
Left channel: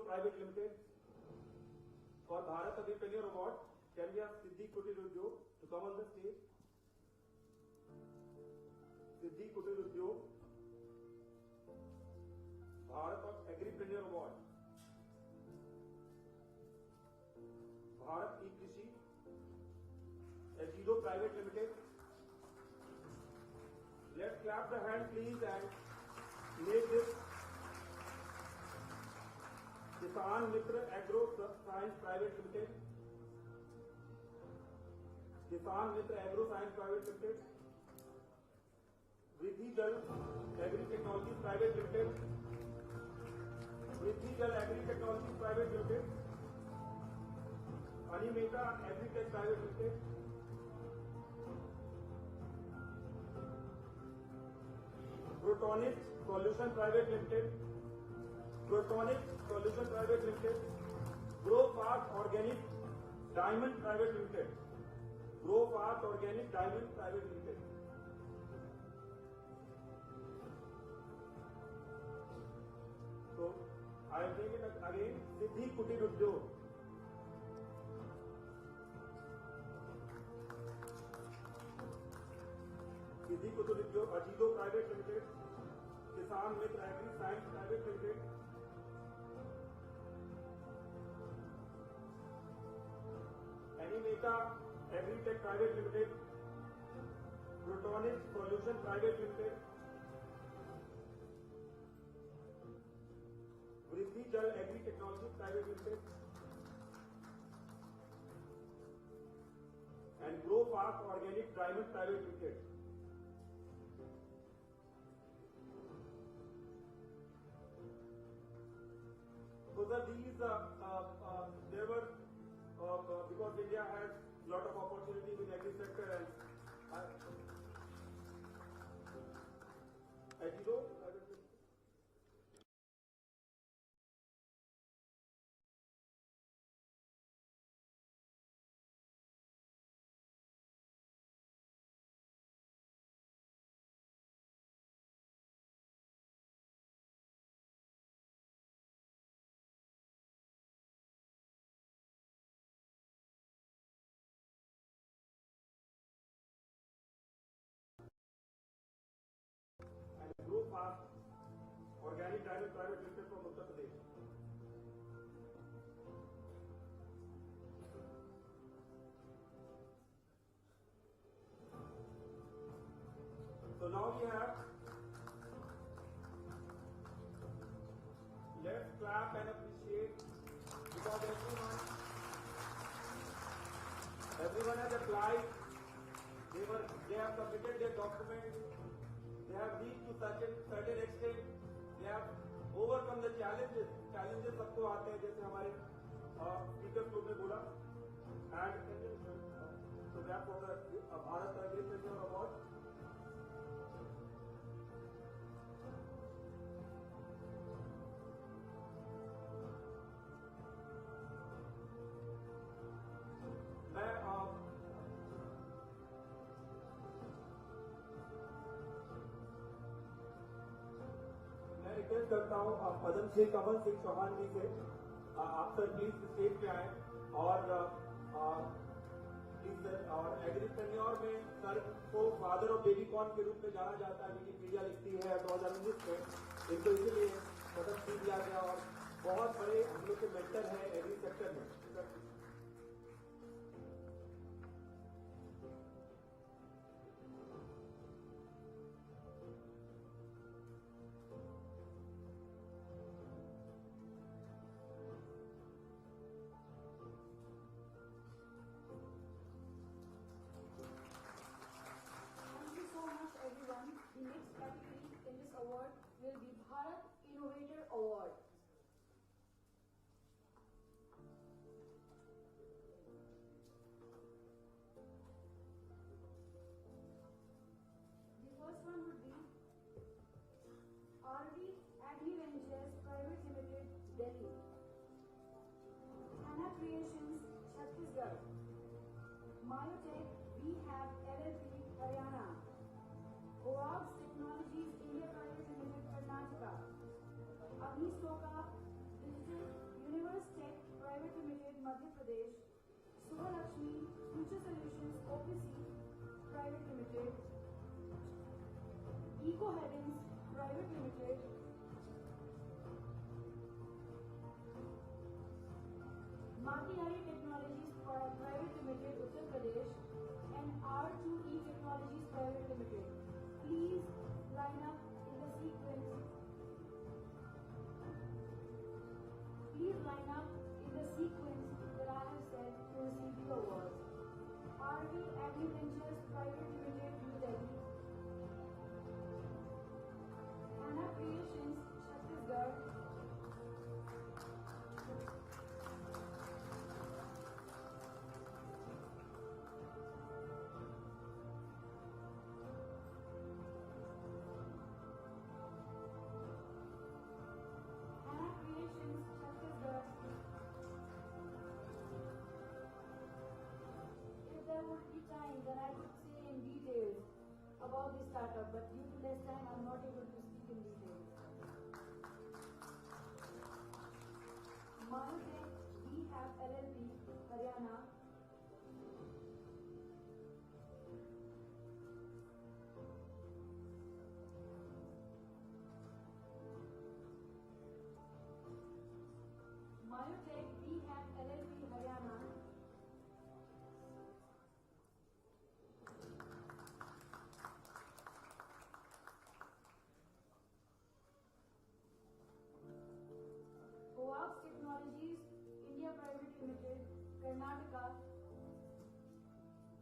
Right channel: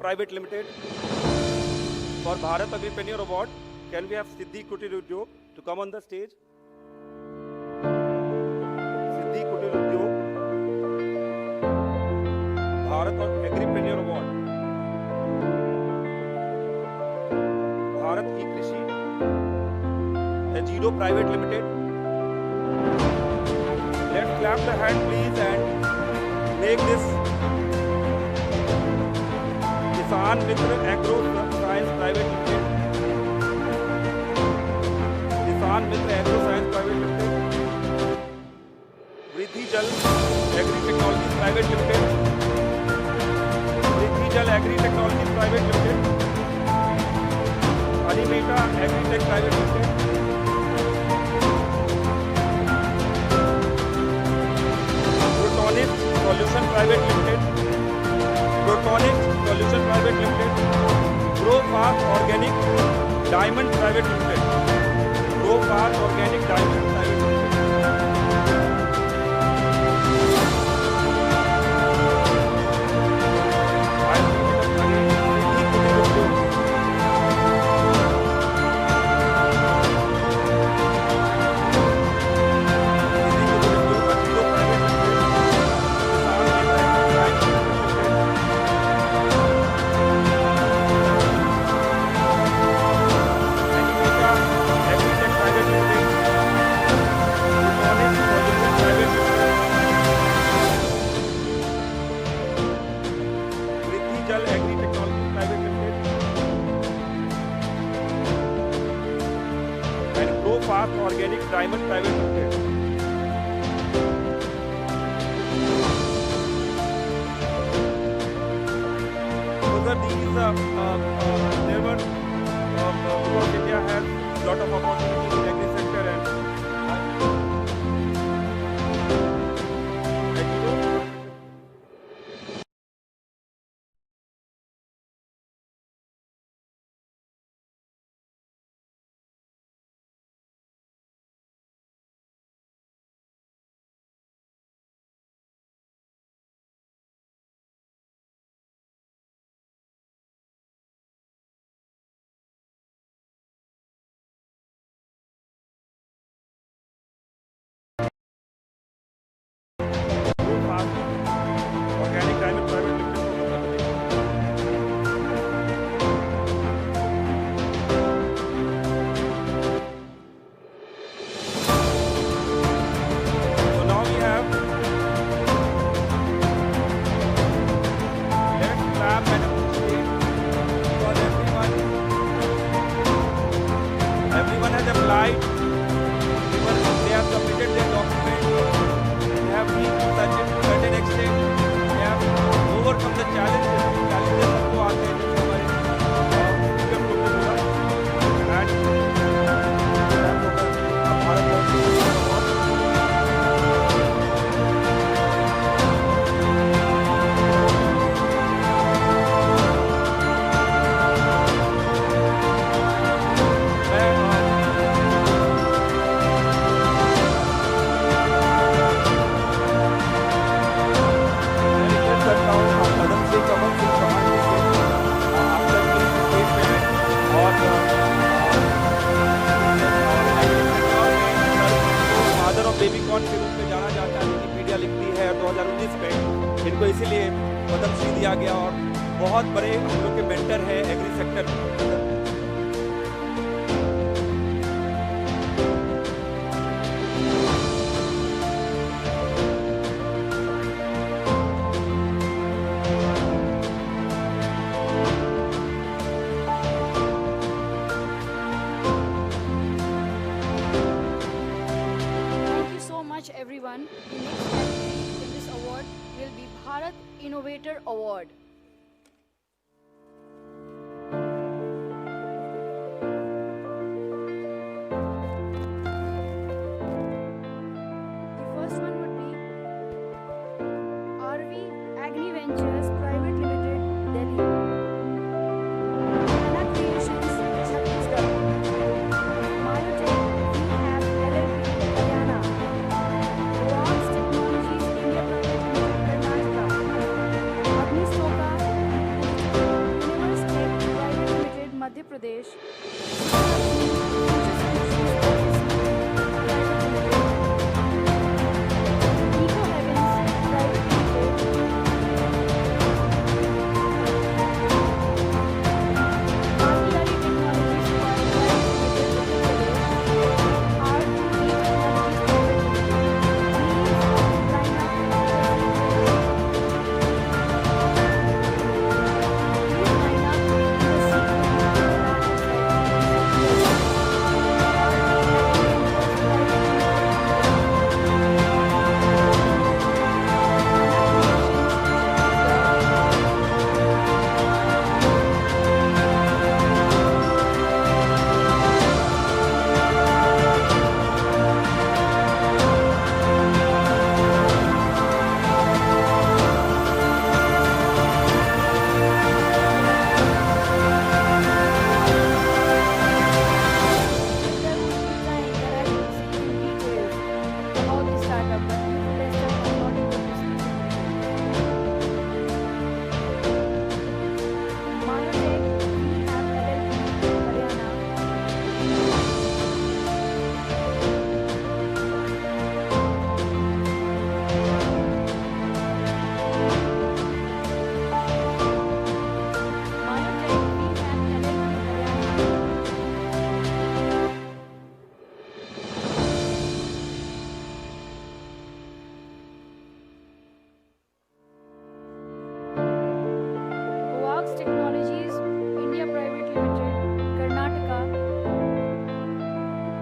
Private Limited. For Bharat Entrepreneur Award, can we have Siddhi Kutir Udyog to come on the stage? Siddhi Kutir Udyog, Bharat Agripreneur Award, Bharat E-Krishi, Ajido Private Limited. Let's clap the hand please and make this Kisan Mitra Agro Science Private Limited. Kisan Mitra Agro Science Private Limited. Vriddhi Jal Agri Technologies Private Limited. Vriddhi Jal Agri Technologies Private Limited. Animeta Agritech Private Limited. Protonic Solution Private Limited. Protonic Solution Private Limited, Grow Fast Organic Diamond Private Limited, Grow Fast Organic Diamond Private Limited. Organic Diamond Private Limited. So sir, these there were because India has lot of opportunities in agri sector and किया गया और बहुत बड़े हम लोग के mentor हैं agree sector में। Everyone, the next category in this award will be Bharat Innovator Award. The first one would be RV Agni Ventures Private Limited, Delhi. Anna Creations, Chhattisgarh. Myotech Rehab LLP, Haryana. Forbes Technologies India Private Limited, Karnataka. Agnistoka Universe Tech Private Limited, Madhya Pradesh. Eco Heavens Private Limited. Artillery Technologies Private Limited, Art Technologies India Private Limited, Karnataka. Agnistoka Digital Universe Tech Private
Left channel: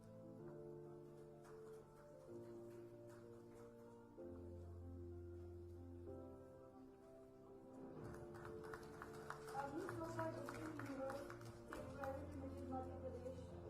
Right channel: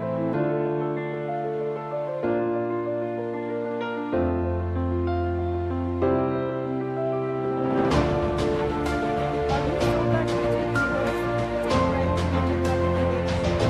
Limited, Madhya Pradesh.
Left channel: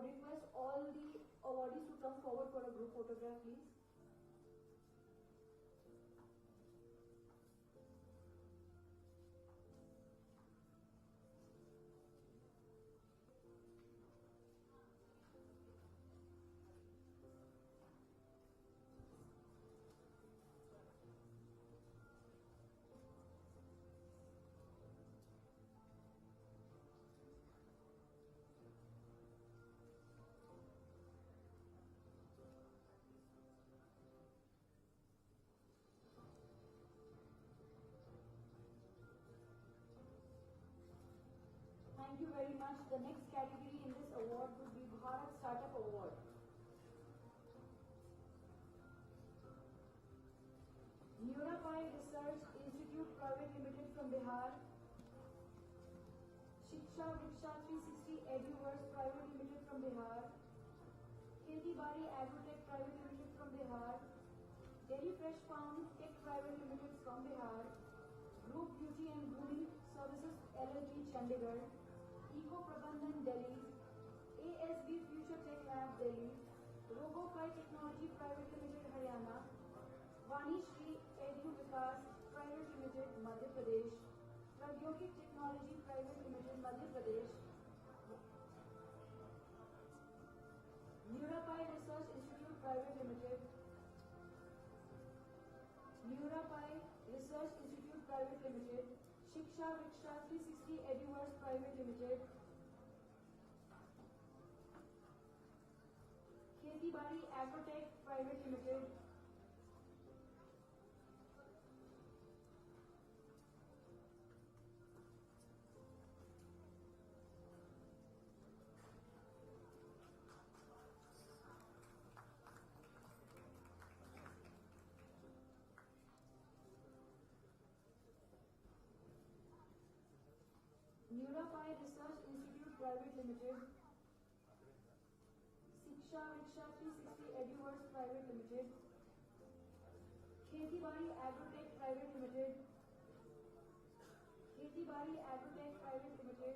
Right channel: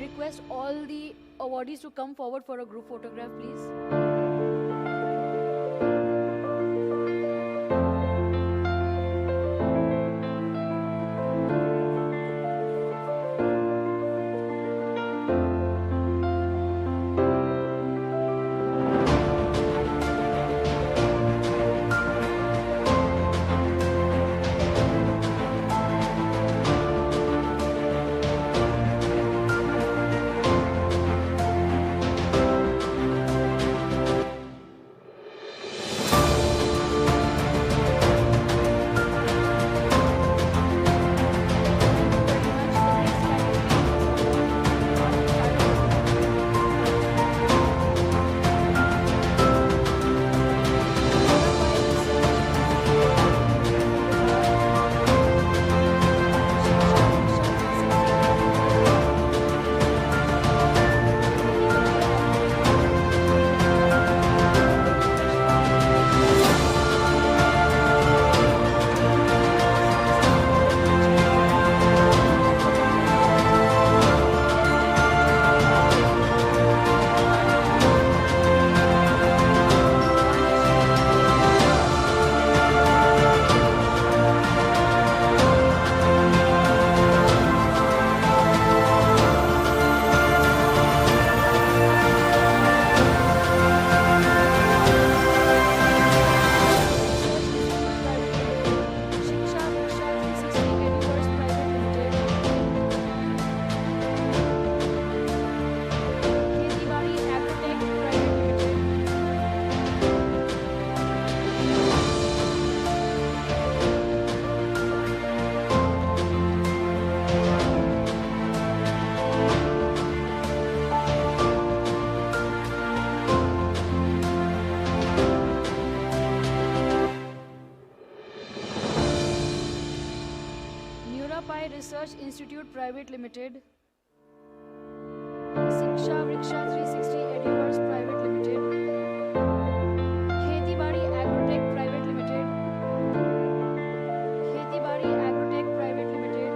request all the awardees to come forward for a group photograph, please. Sai Research Institute Private Limited, Shiksha Vriksha 360 Eduverse Private Limited, Kheti Badi Agrotech Private Limited, Kheti Badi Agrotech Private Limited,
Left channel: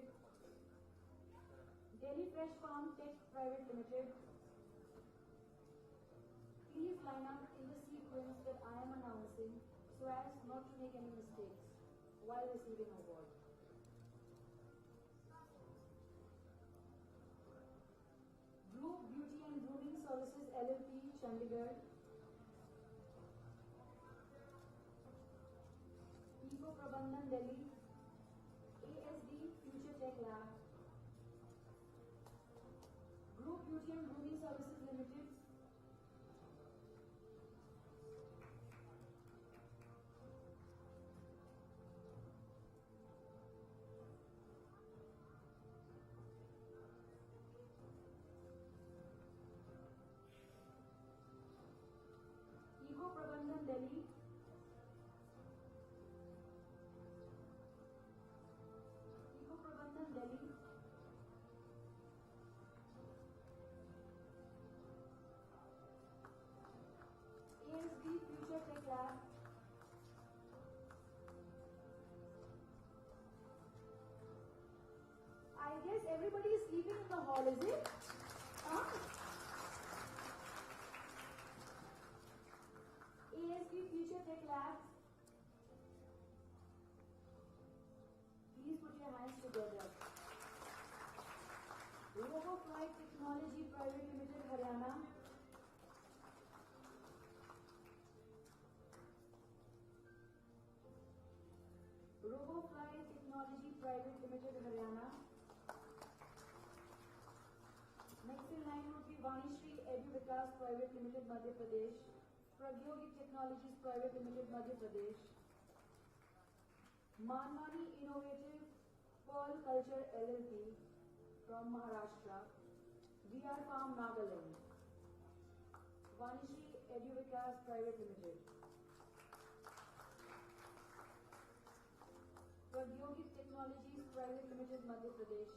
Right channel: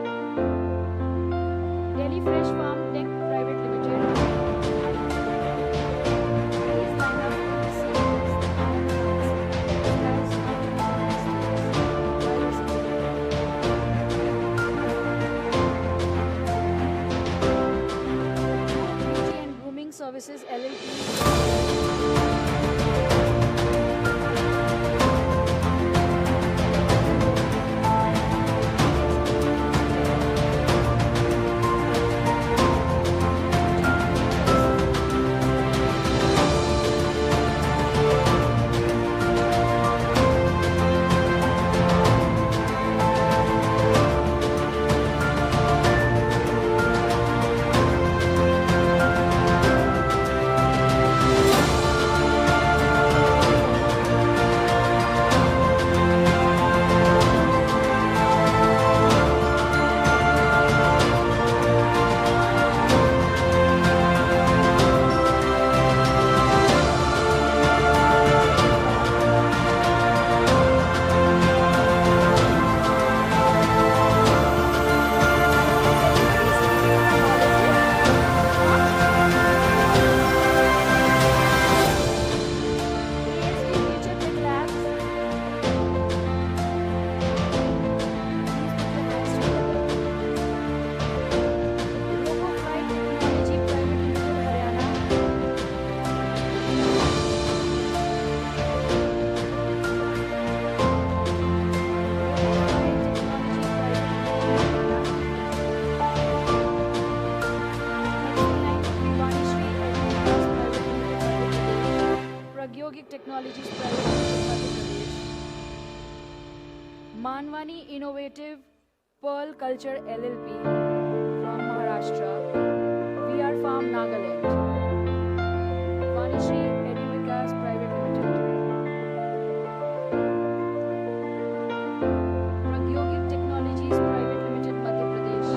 Delhi Fresh Farm Tech Private Limited. Please line up in the sequence that I am announcing as Beauty and Grooming Services LLP. Technologies Private Limited, Madhya Pradesh. Manwani Innovative Pearl Culture LLP from Maharashtra. VR Farm Nagaland. Vanishri Eduvikas Private Limited. Pragyogik Technologies Private Limited, Madhya Pradesh.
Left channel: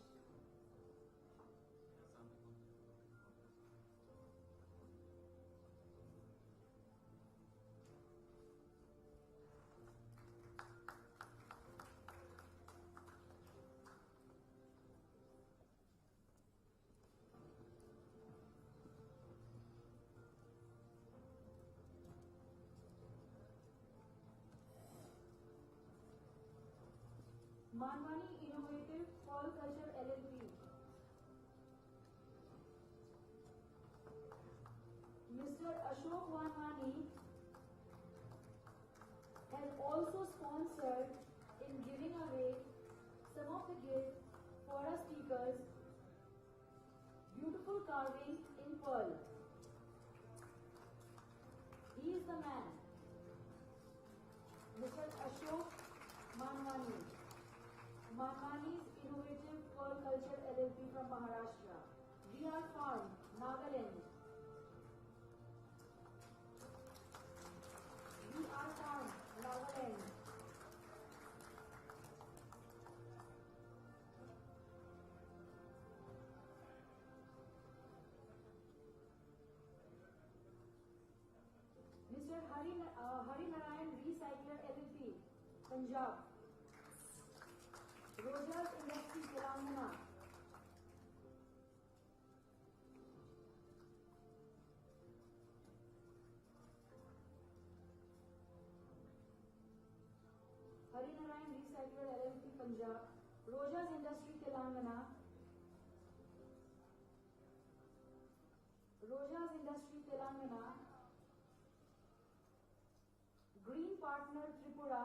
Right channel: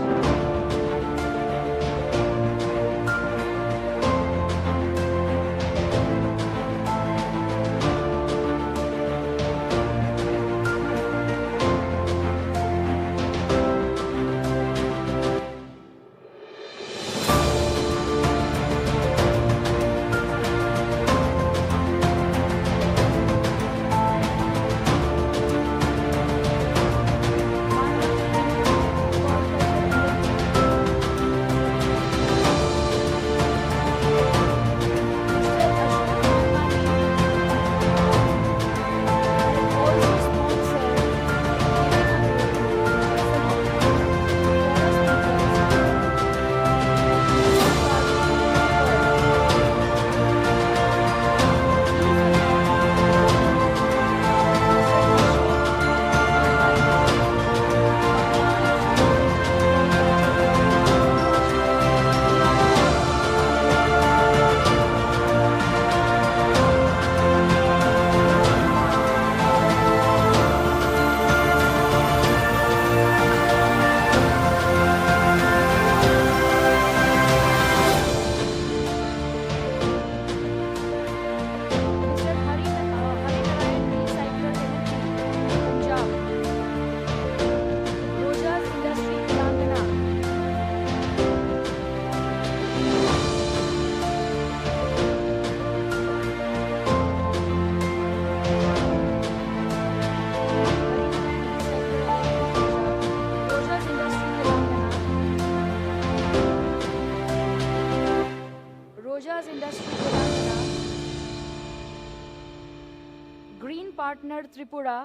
Partner Tripura,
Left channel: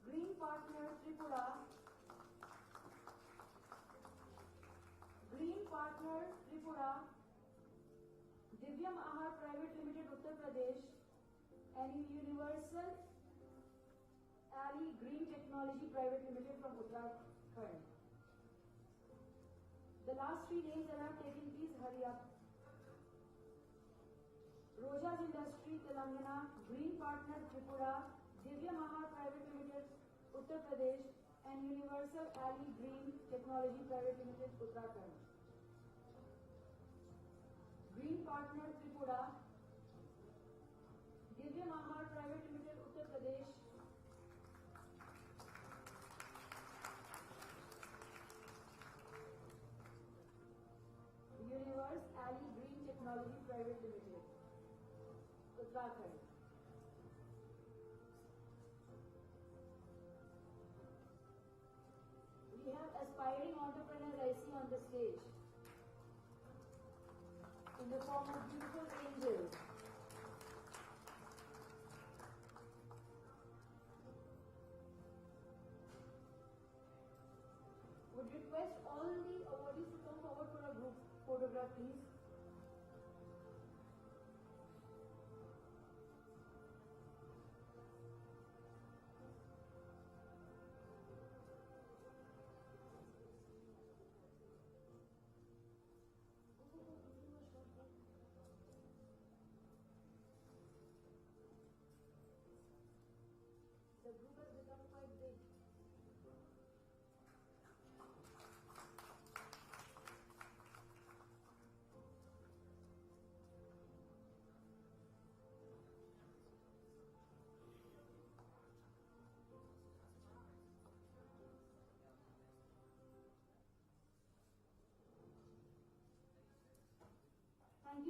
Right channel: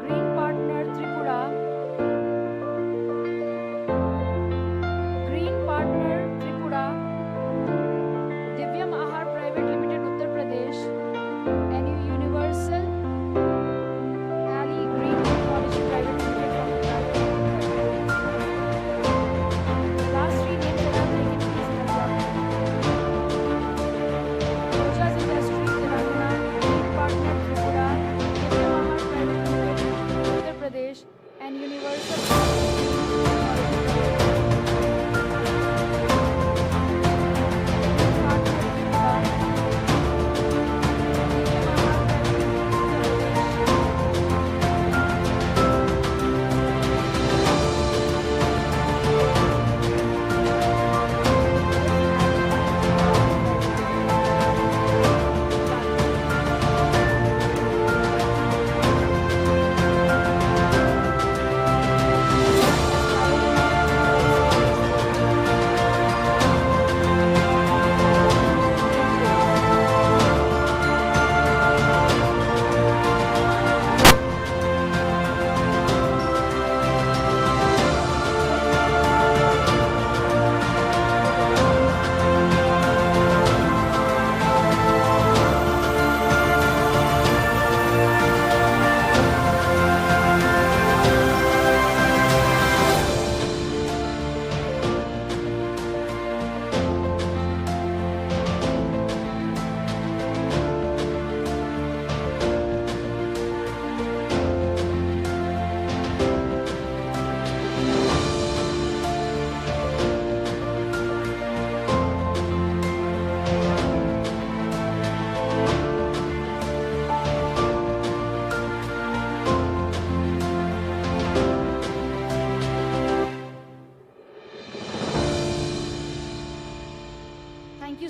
Green Partner Tripura, Green Partner Tripura, Divyam Ahar Private Limited, Uttar Pradesh, and Universal Ali Green Technology Private Limited from Uttar Pradesh. The last three names that I've taken, please note down. Roja's Industries, Telangana, Green Partner Tripura, Divyam Ahar Private Limited, Uttar Pradesh, and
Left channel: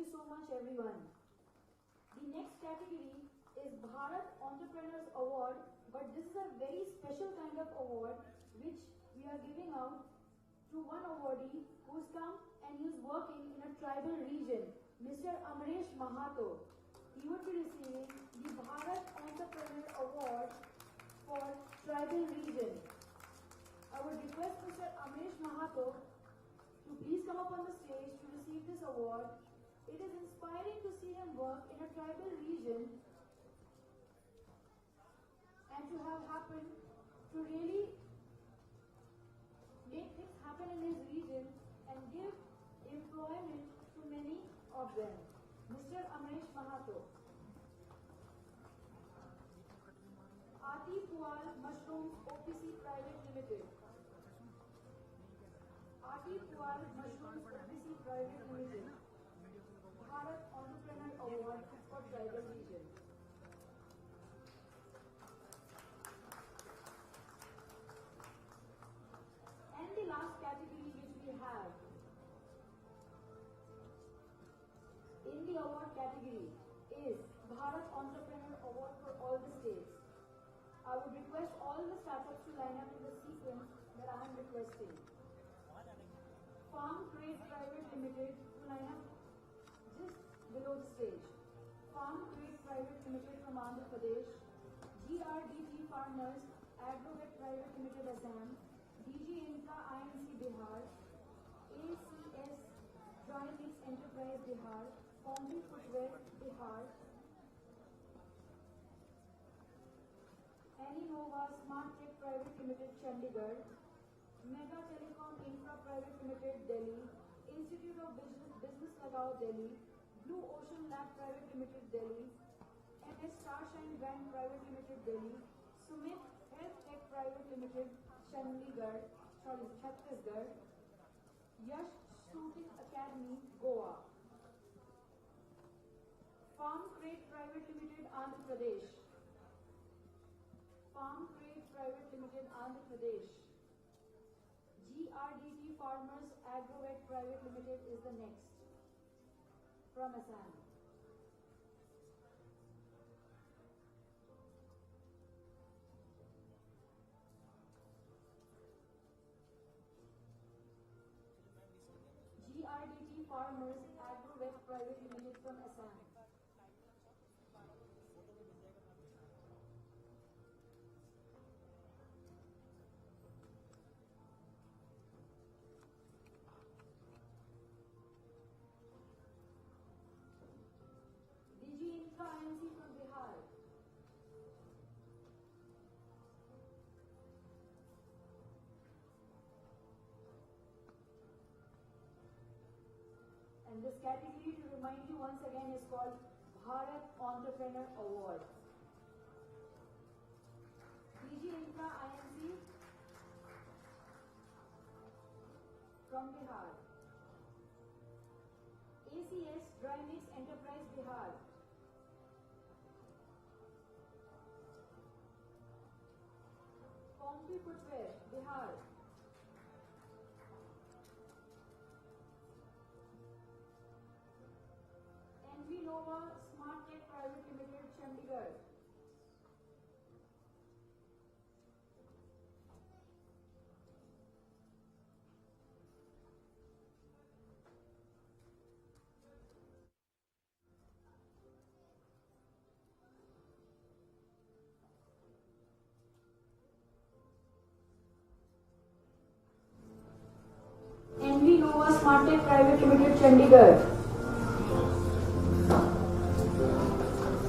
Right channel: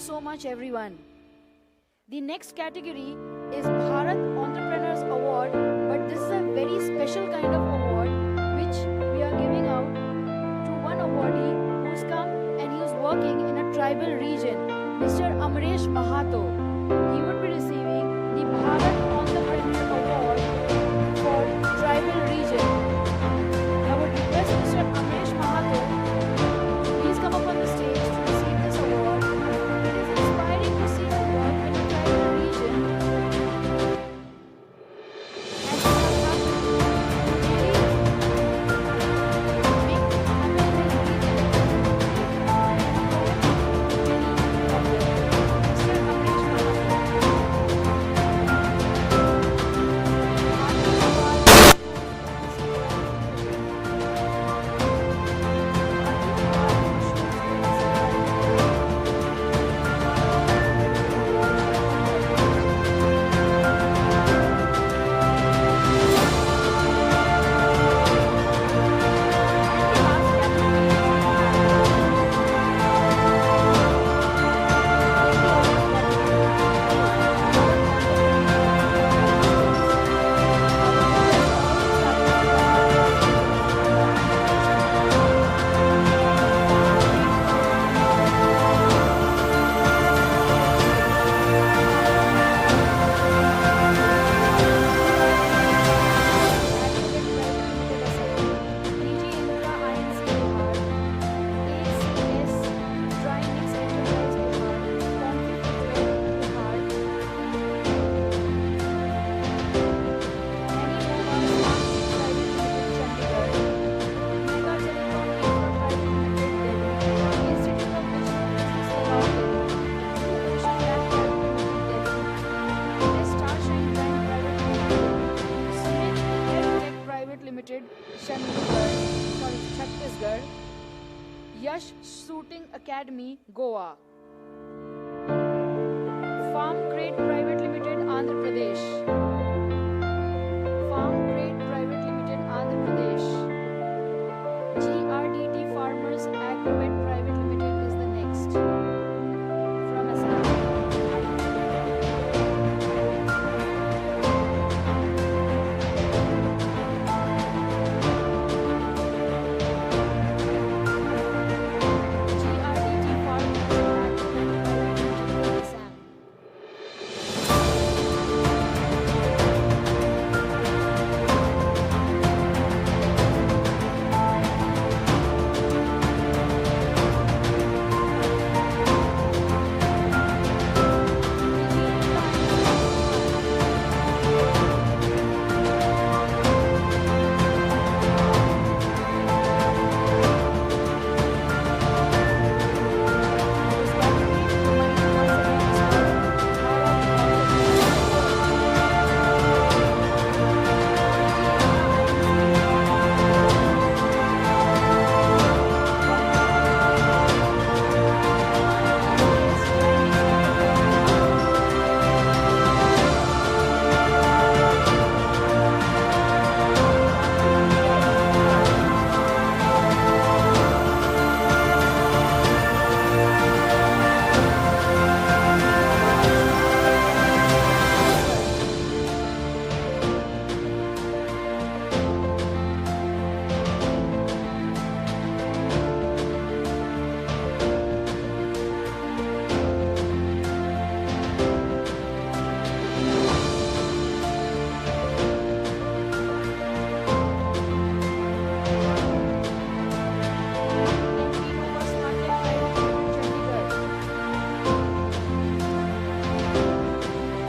so much, everyone. The next category is Bharat Entrepreneurs Award, but this is a very special kind of award which we are giving out to one awardee who's come and he's working in a tribal region, Mr. Amresh Mahato. He would be receiving the Bharat Entrepreneur Award for tribal region. I would request Mr. Amresh Mahato to please come up on the stage to receive this award. It is inspiring to see him work in a tribal region. As he has happened to really make amazing region. Mr. Amresh Chhattisgarh, Yash Shooting Academy, Goa, Farm Crate Private Limited, Andhra Pradesh, Farm Crate Private Limited, Andhra Pradesh, GRDT Farmers Agrovet Private Limited is the next from Assam.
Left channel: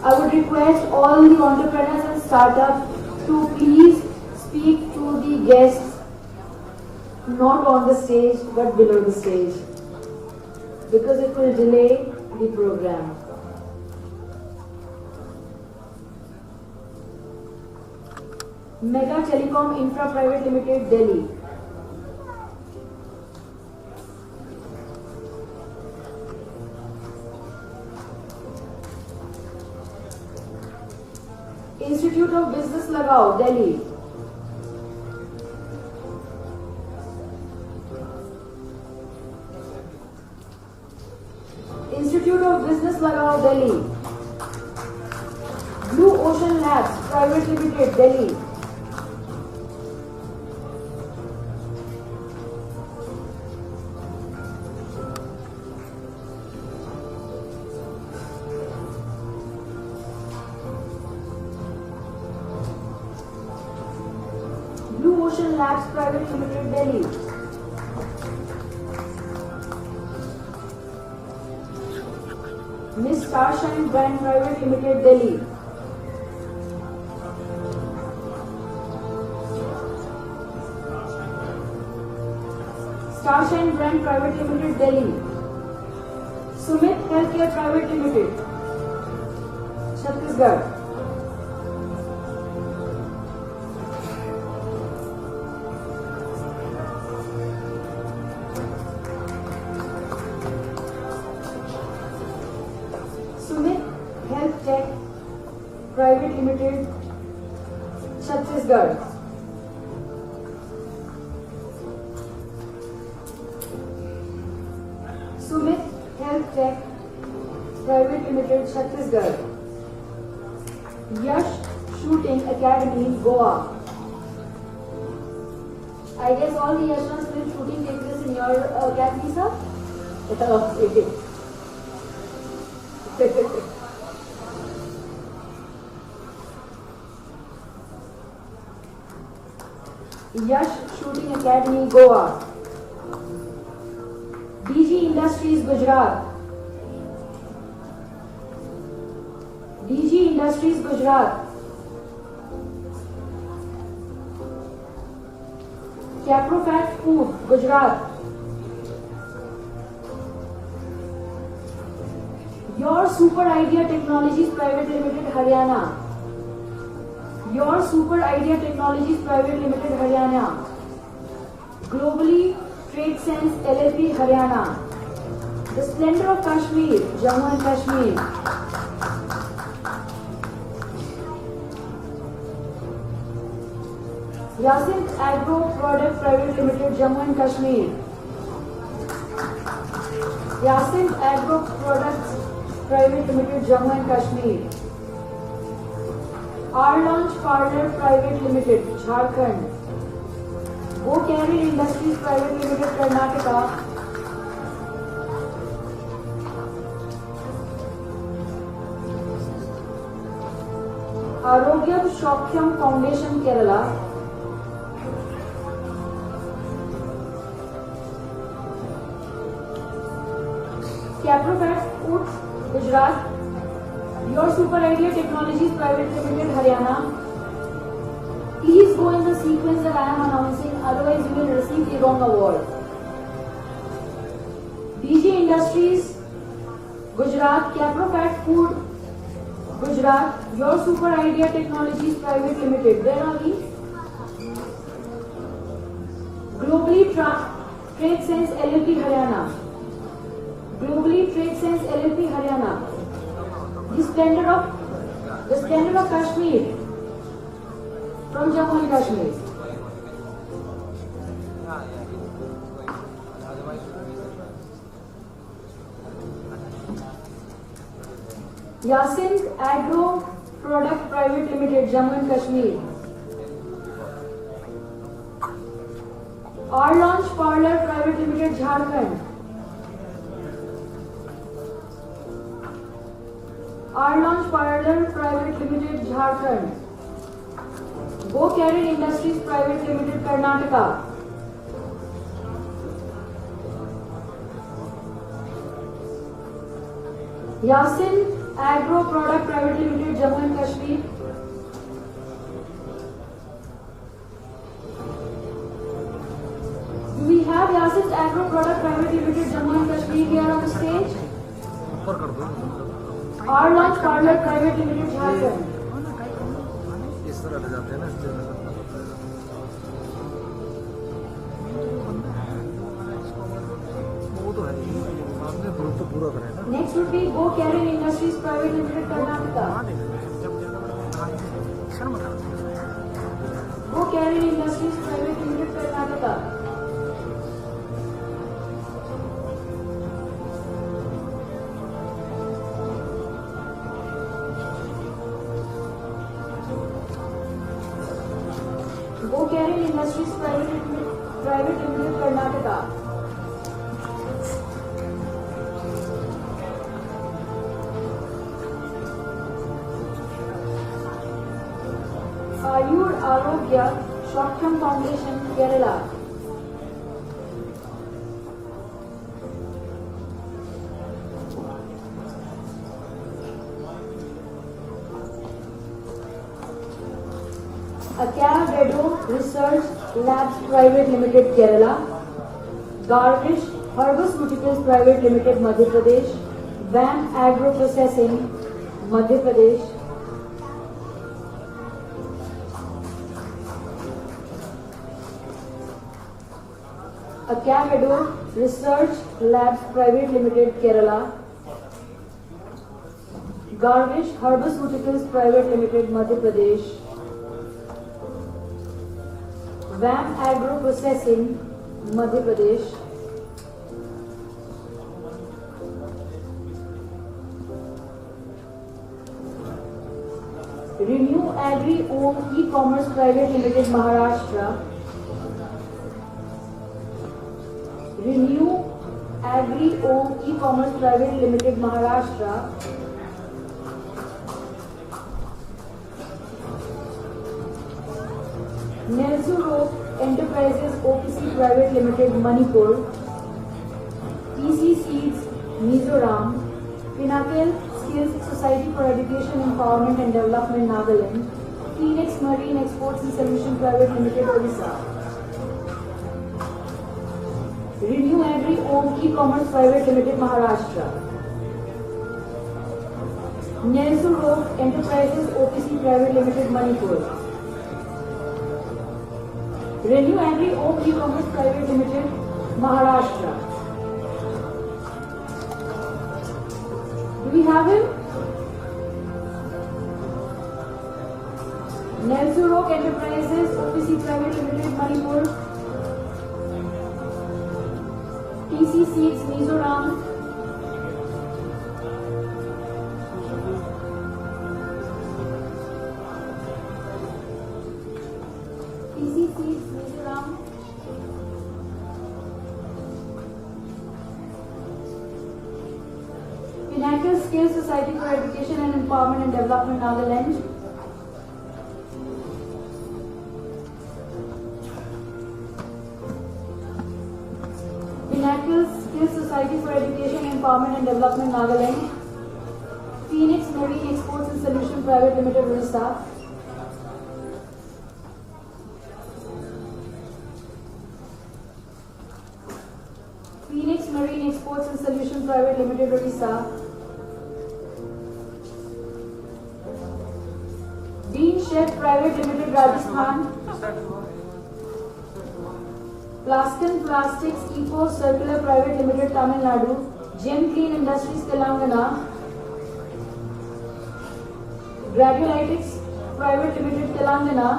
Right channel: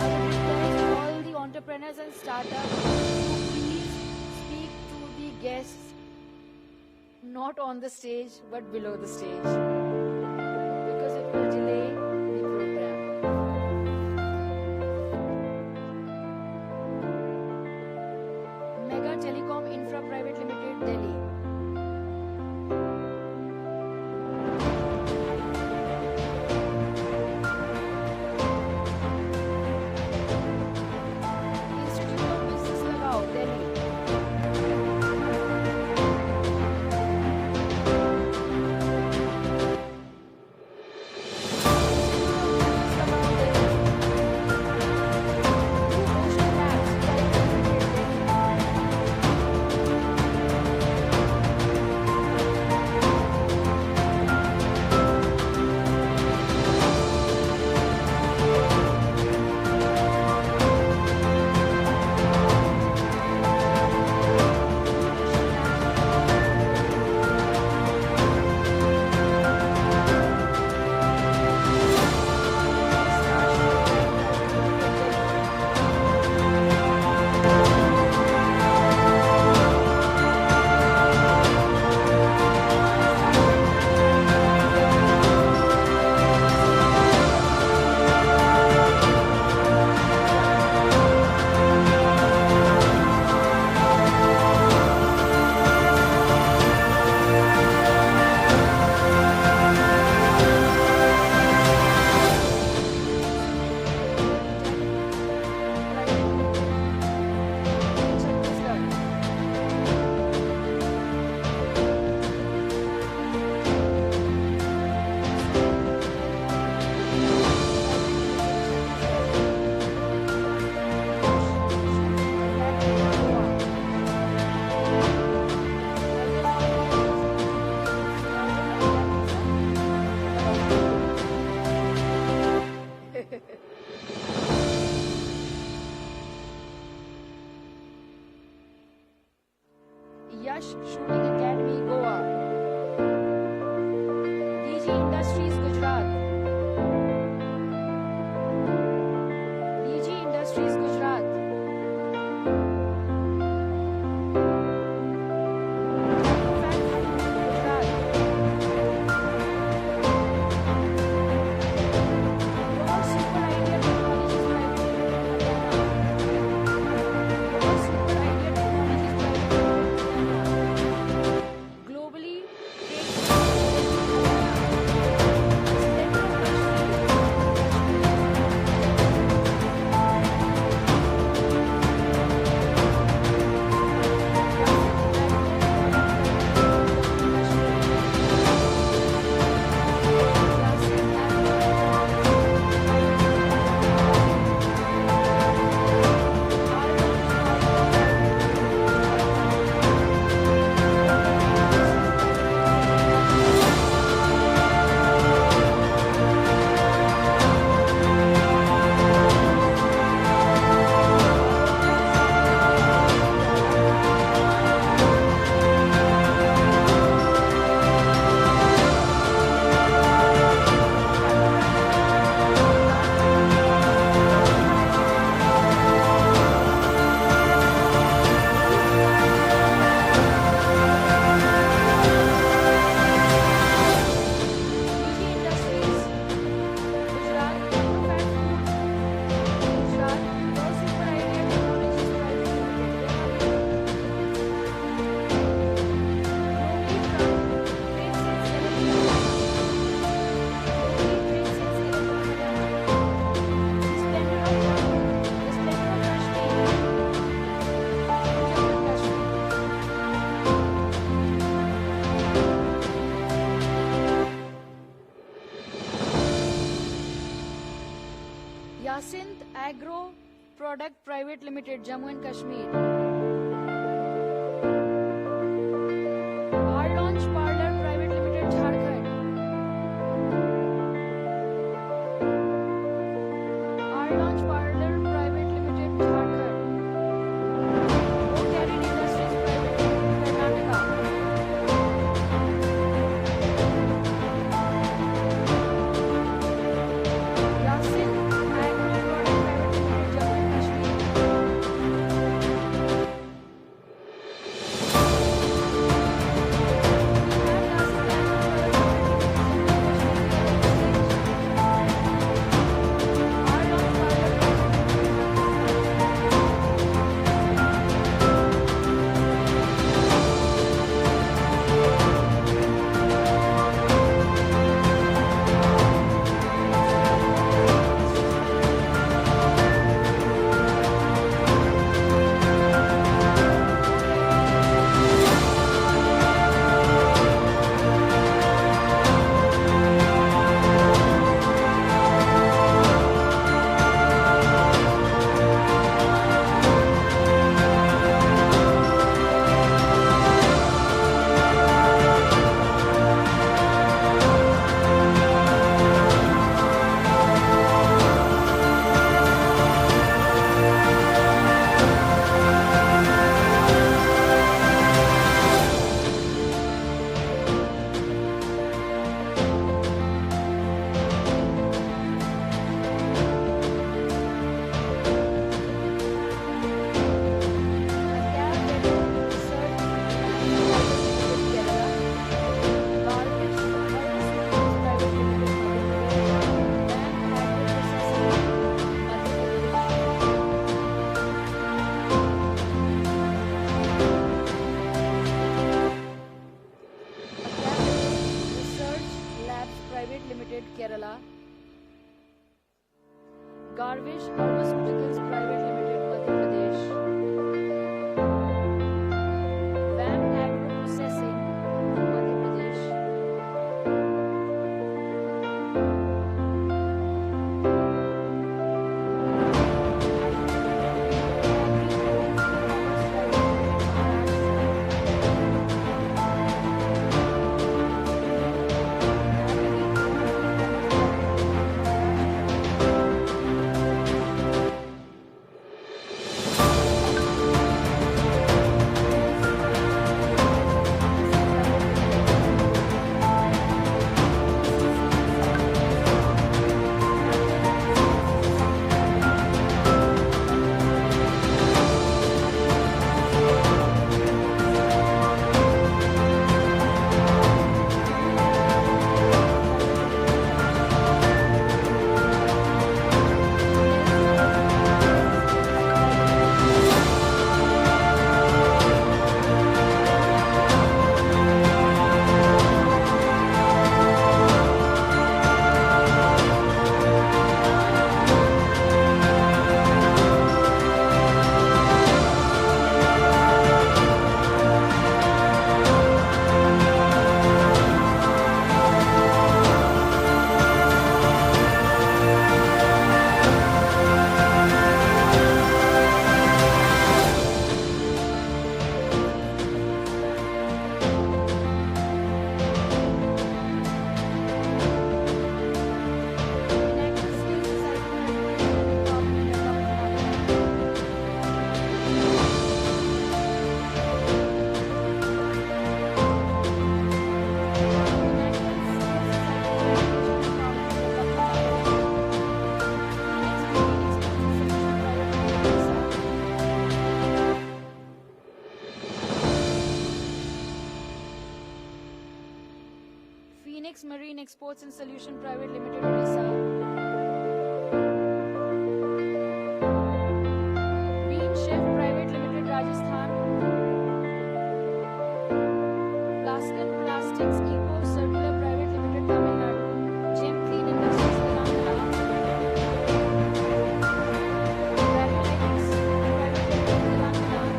I would request all the entrepreneurs and startups to please speak to the guests, not on the stage but below the stage, because it will delay the program. Mega Telecom Infra Private Limited, Delhi. Institute of Business Lagao, Delhi. Institute of Delhi. Blue Ocean Labs Private Limited, Delhi. Miss Shombi Private Limited, Delhi. Yash Shooting Academy, Goa. DG Industries, Gujarat. DG Industries, Gujarat. Caprofac Food, Gujarat. Your Super Idea Technologies Private Limited, Haryana. Your Super Idea Technologies Private Limited, Haryana. Globally Trade Sales LLC, Haryana. Esteemed of Kashmir, Jammu and Kashmir. Rasim Agro Product Private Limited, Jammu and Kashmir. Rasim Agro Product Private Limited, Jammu and Kashmir. Arun Private Limited, Jharkhand. Voluntary Industries Private Limited, Karnataka. Arun Short-Term Foundation, Kerela. Capital Gujarat. Super Idea Technologies Private Limited, Haryana. Please go and see the other award. DG Industries, Gujarat, Caprofac Food, Gujarat, Super Idea Technologies Private Limited, Delhi. Globally Trade Sales LLC, Haryana. Globally Trade Sales LLC, Haryana. The Standard of Kashmir from Jammu and Kashmir. Yasin Agro Product Private Limited, Jammu and Kashmir. Launch Parlor Private Limited, Jharkhand. Launch Parlor Private Limited, Jharkhand. Voluntary Industries Private Limited, Karnataka. Yasin Agro Product Private Limited, Jammu and Kashmir. We have Yasin Agro Product Private Limited, Jammu and Kashmir here on the stage. Launch Parlor Private Limited, Jharkhand. Next will be Voluntary Industries Private Limited, Maharashtra, Tamil Nadu, Kerala. Research Labs Private Limited, Kerala. Garvish Pharmaceuticals Private Limited, Madhya Pradesh. VAM Agro Processing, Madhya Pradesh. Research Labs Private Limited, Kerala. Garvish Pharmaceuticals Private Limited, Madhya Pradesh. VAM Agro Processing, Madhya Pradesh. Renew Agri E-Commerce Private Limited, Maharashtra. Renew Agri E-Commerce Private Limited, Maharashtra. Private Limited, Manipur. ECCs, Mizoram. United States Society for Education, Empowerment and Development, Nagaland. CS Marine Exports and Solutions Private Limited, Odisha. Renew Agri E-Commerce Private Limited, Maharashtra. Enterprises OPC Private Limited, Manipur. Renew Agri E-Commerce Private Limited, Maharashtra. We have it. United States Society for Education and Empowerment and Development, Nagaland. United States Society for Education and Empowerment and Development, Nagaland. Phoenix Marine Exports and Solutions Private Limited, Odisha. Phoenix Marine Exports and Solutions Private Limited, Odisha. Green Shed Private Limited, Rajasthan. Plastic Plastics Eco Circular Private Limited, Tamil Nadu. GMT Industries, Telangana. Granulitis Private Limited, Telangana.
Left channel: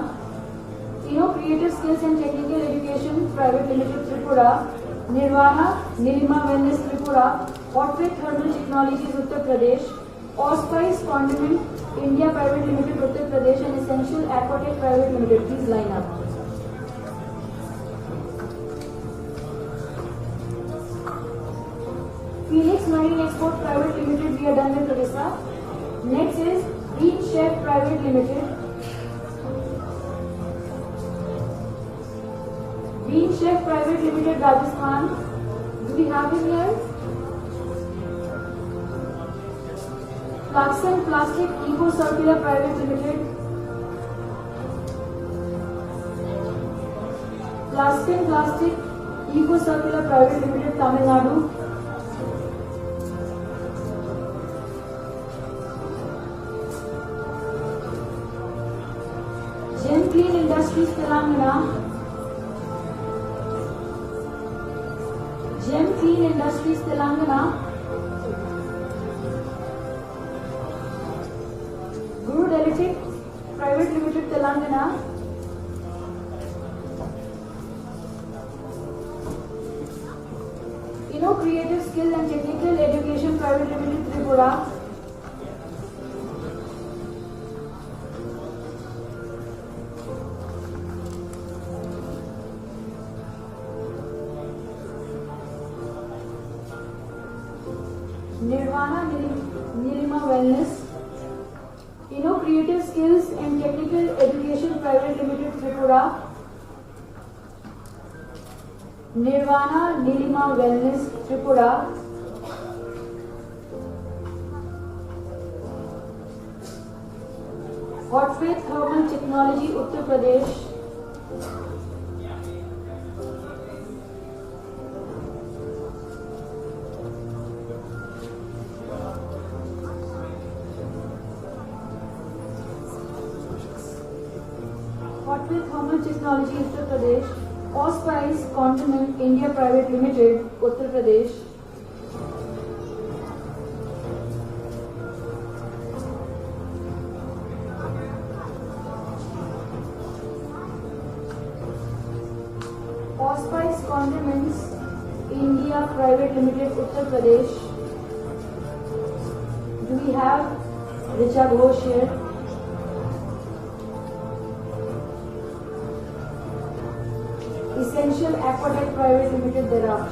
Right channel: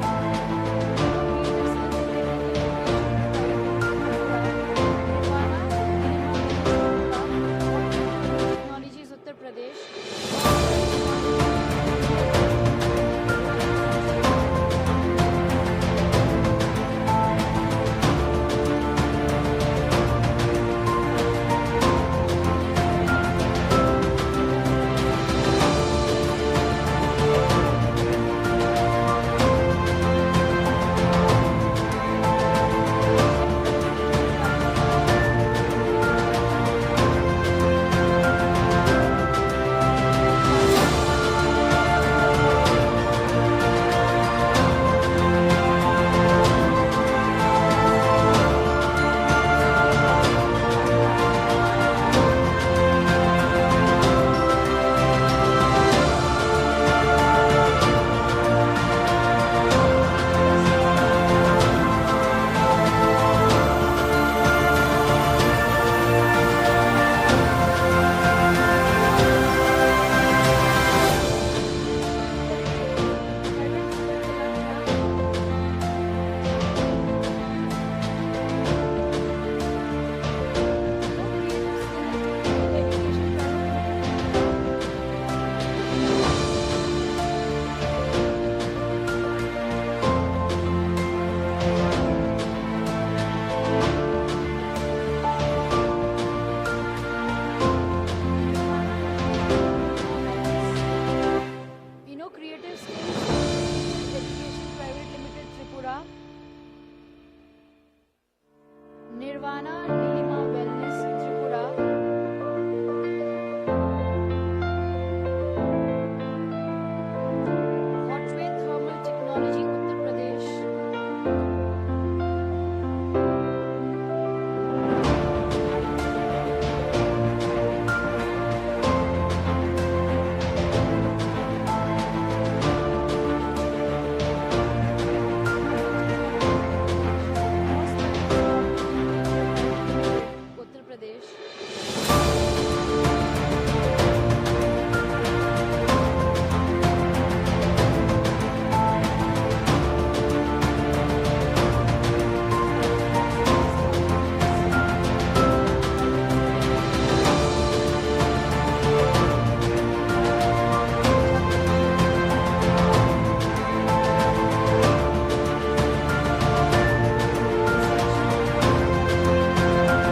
Creative Skills and Technical Education Private Limited, Tripura. Nirvana Nirma Mendes, Tripura. Optic Produce Technologies, Uttar Pradesh. Oscars Content India Private Limited, Uttar Pradesh. Essential Aquatic Private Limited, Telangana. Phoenix Marine Export Private Limited, Gujarat, Odisha. Next is Green Shed Private Limited. Green Shed Private Limited, Rajasthan. We have it here. Nirvana Nirma Wellness Tripura, Orphan Urban Technology Uttar Pradesh, Uttar Pradesh, Phosphorus Components India Private Limited, Uttar Pradesh. We have Gujarat, Essential Aquatic Private Limited, Gujarat.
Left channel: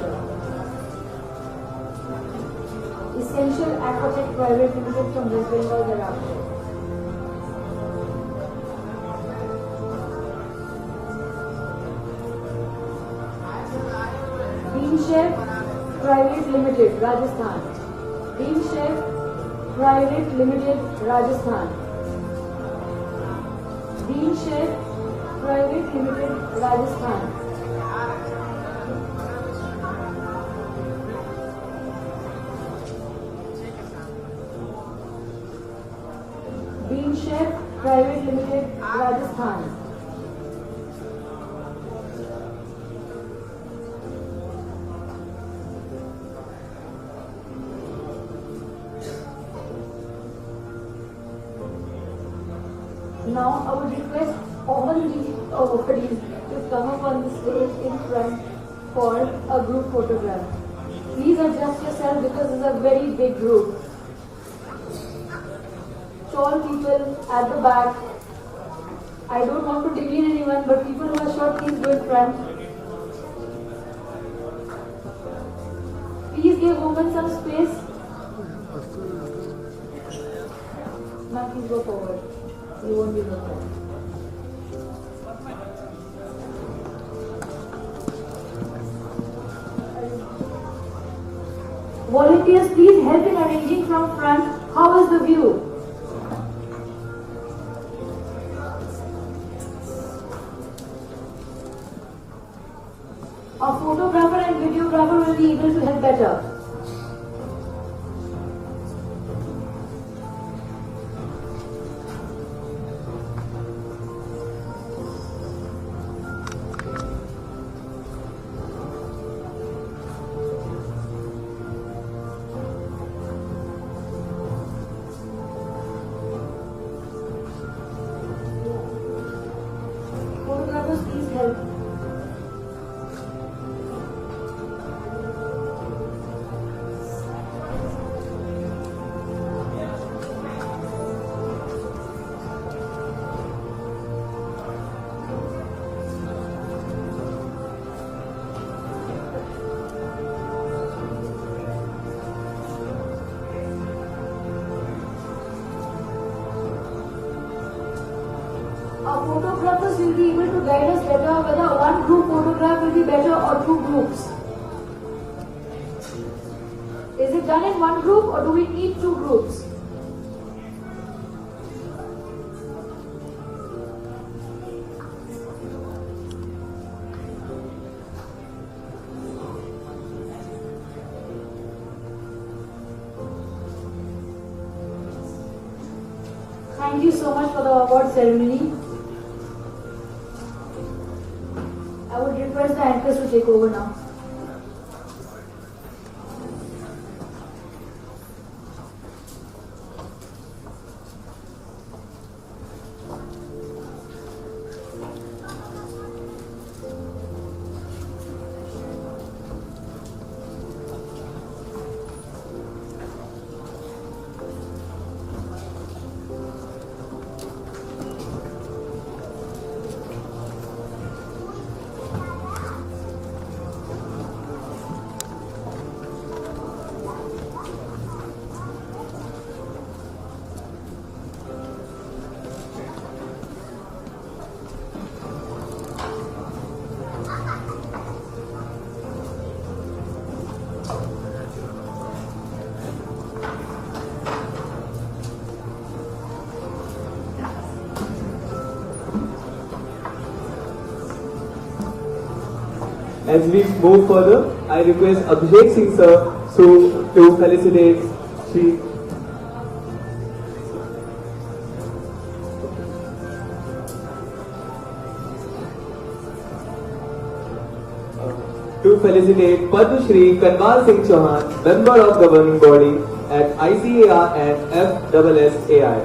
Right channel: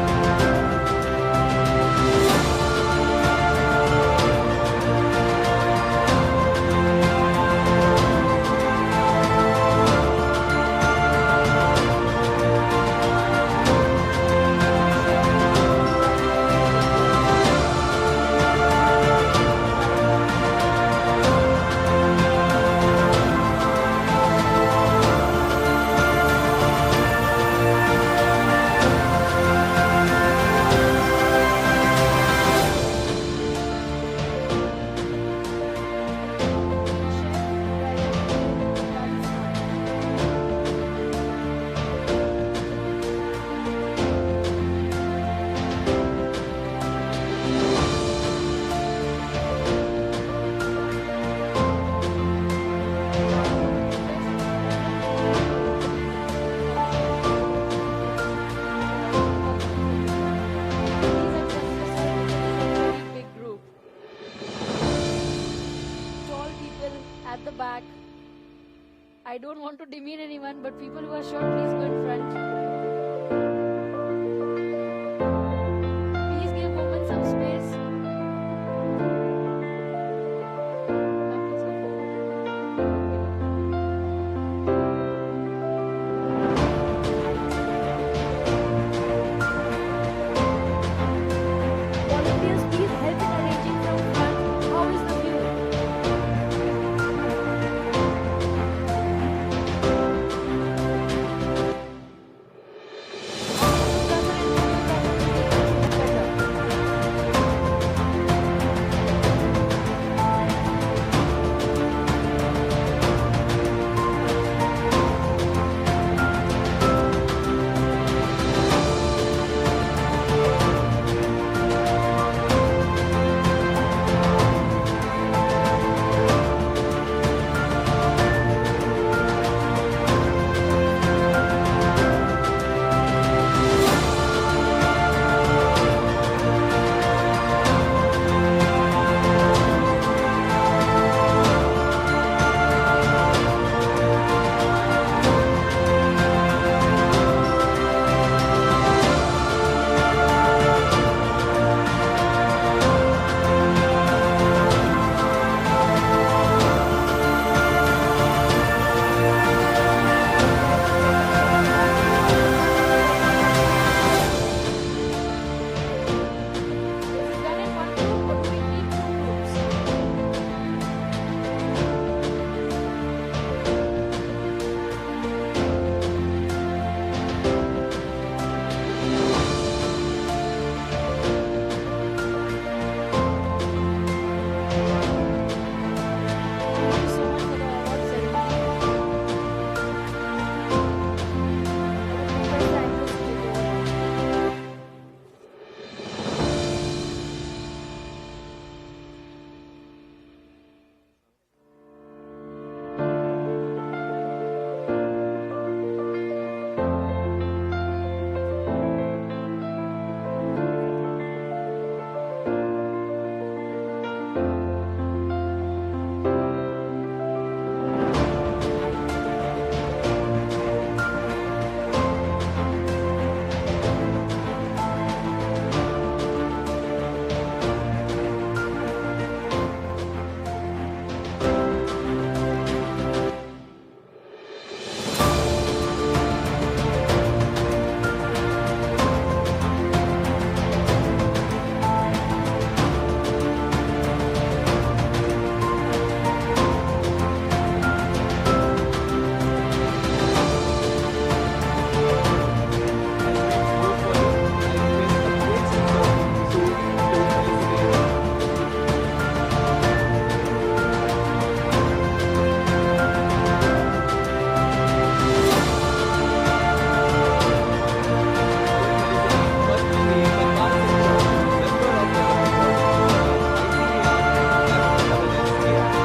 At the back, I don't want to demean anyone, but people who are short, please do it, friend. Please give women some space. Now please go forward. You won't be able to. Volunteers, please help in arranging from front. How is the view? Thank you so much for the award ceremony. I will request the actors to take over now. As we move further, I request Abhishek Kumar sir to felicitate the Padmashree Kanwal Chauhan, member of governing body at ICAR and FSSAI.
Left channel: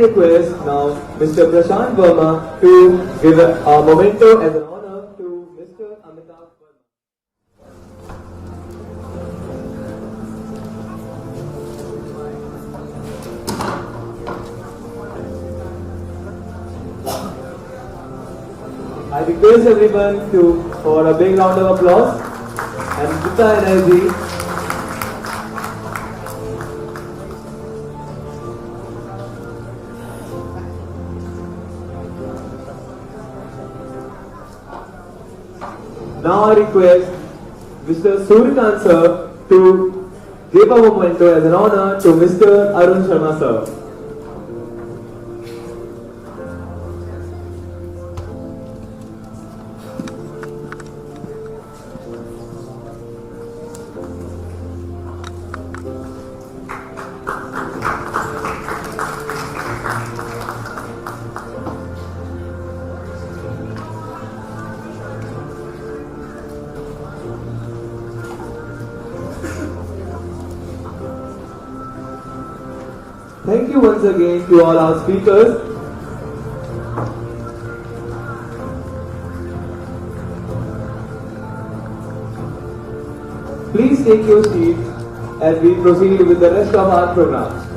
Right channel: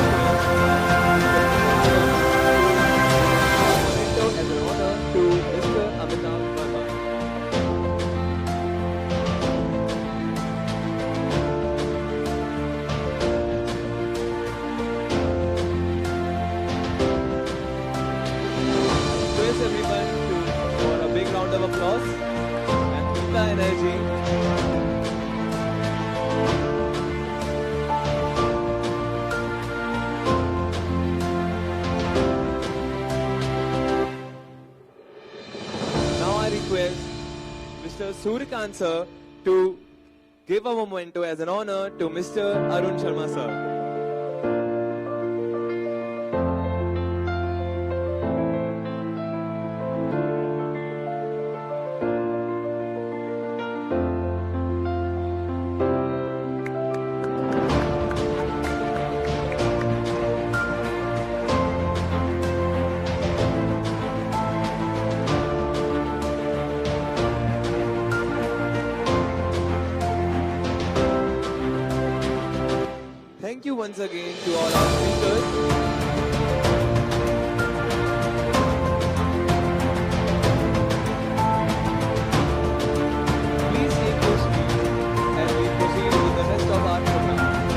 Request now Mr. Abhishek Verma to give a memento as a honor to Mr. Amitav Verma. I request everyone for a big round of applause and put the energy. Now I request Mr. Suryan sir to give a memento as an honor to Mr. Arun sir. Thank you once again to all our speakers. Please take your seats as we proceed with the rest of our program.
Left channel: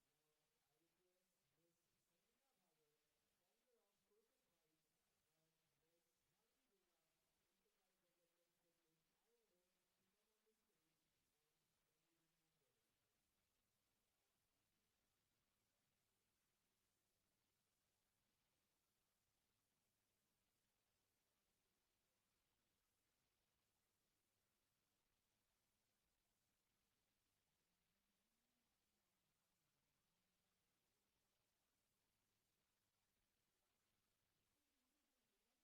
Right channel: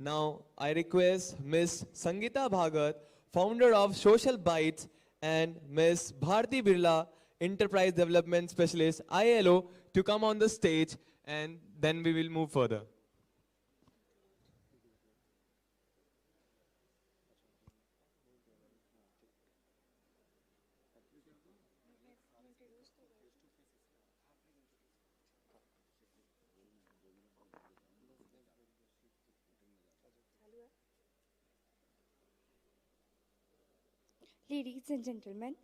Now I request Ms. Sangeeta Bhagat, founder of Social Bytes, and Ms. Bharti Birla, Enterprise Development Specialist, ILO, to come on the stage, and then we will move further. Ladies and gentlemen,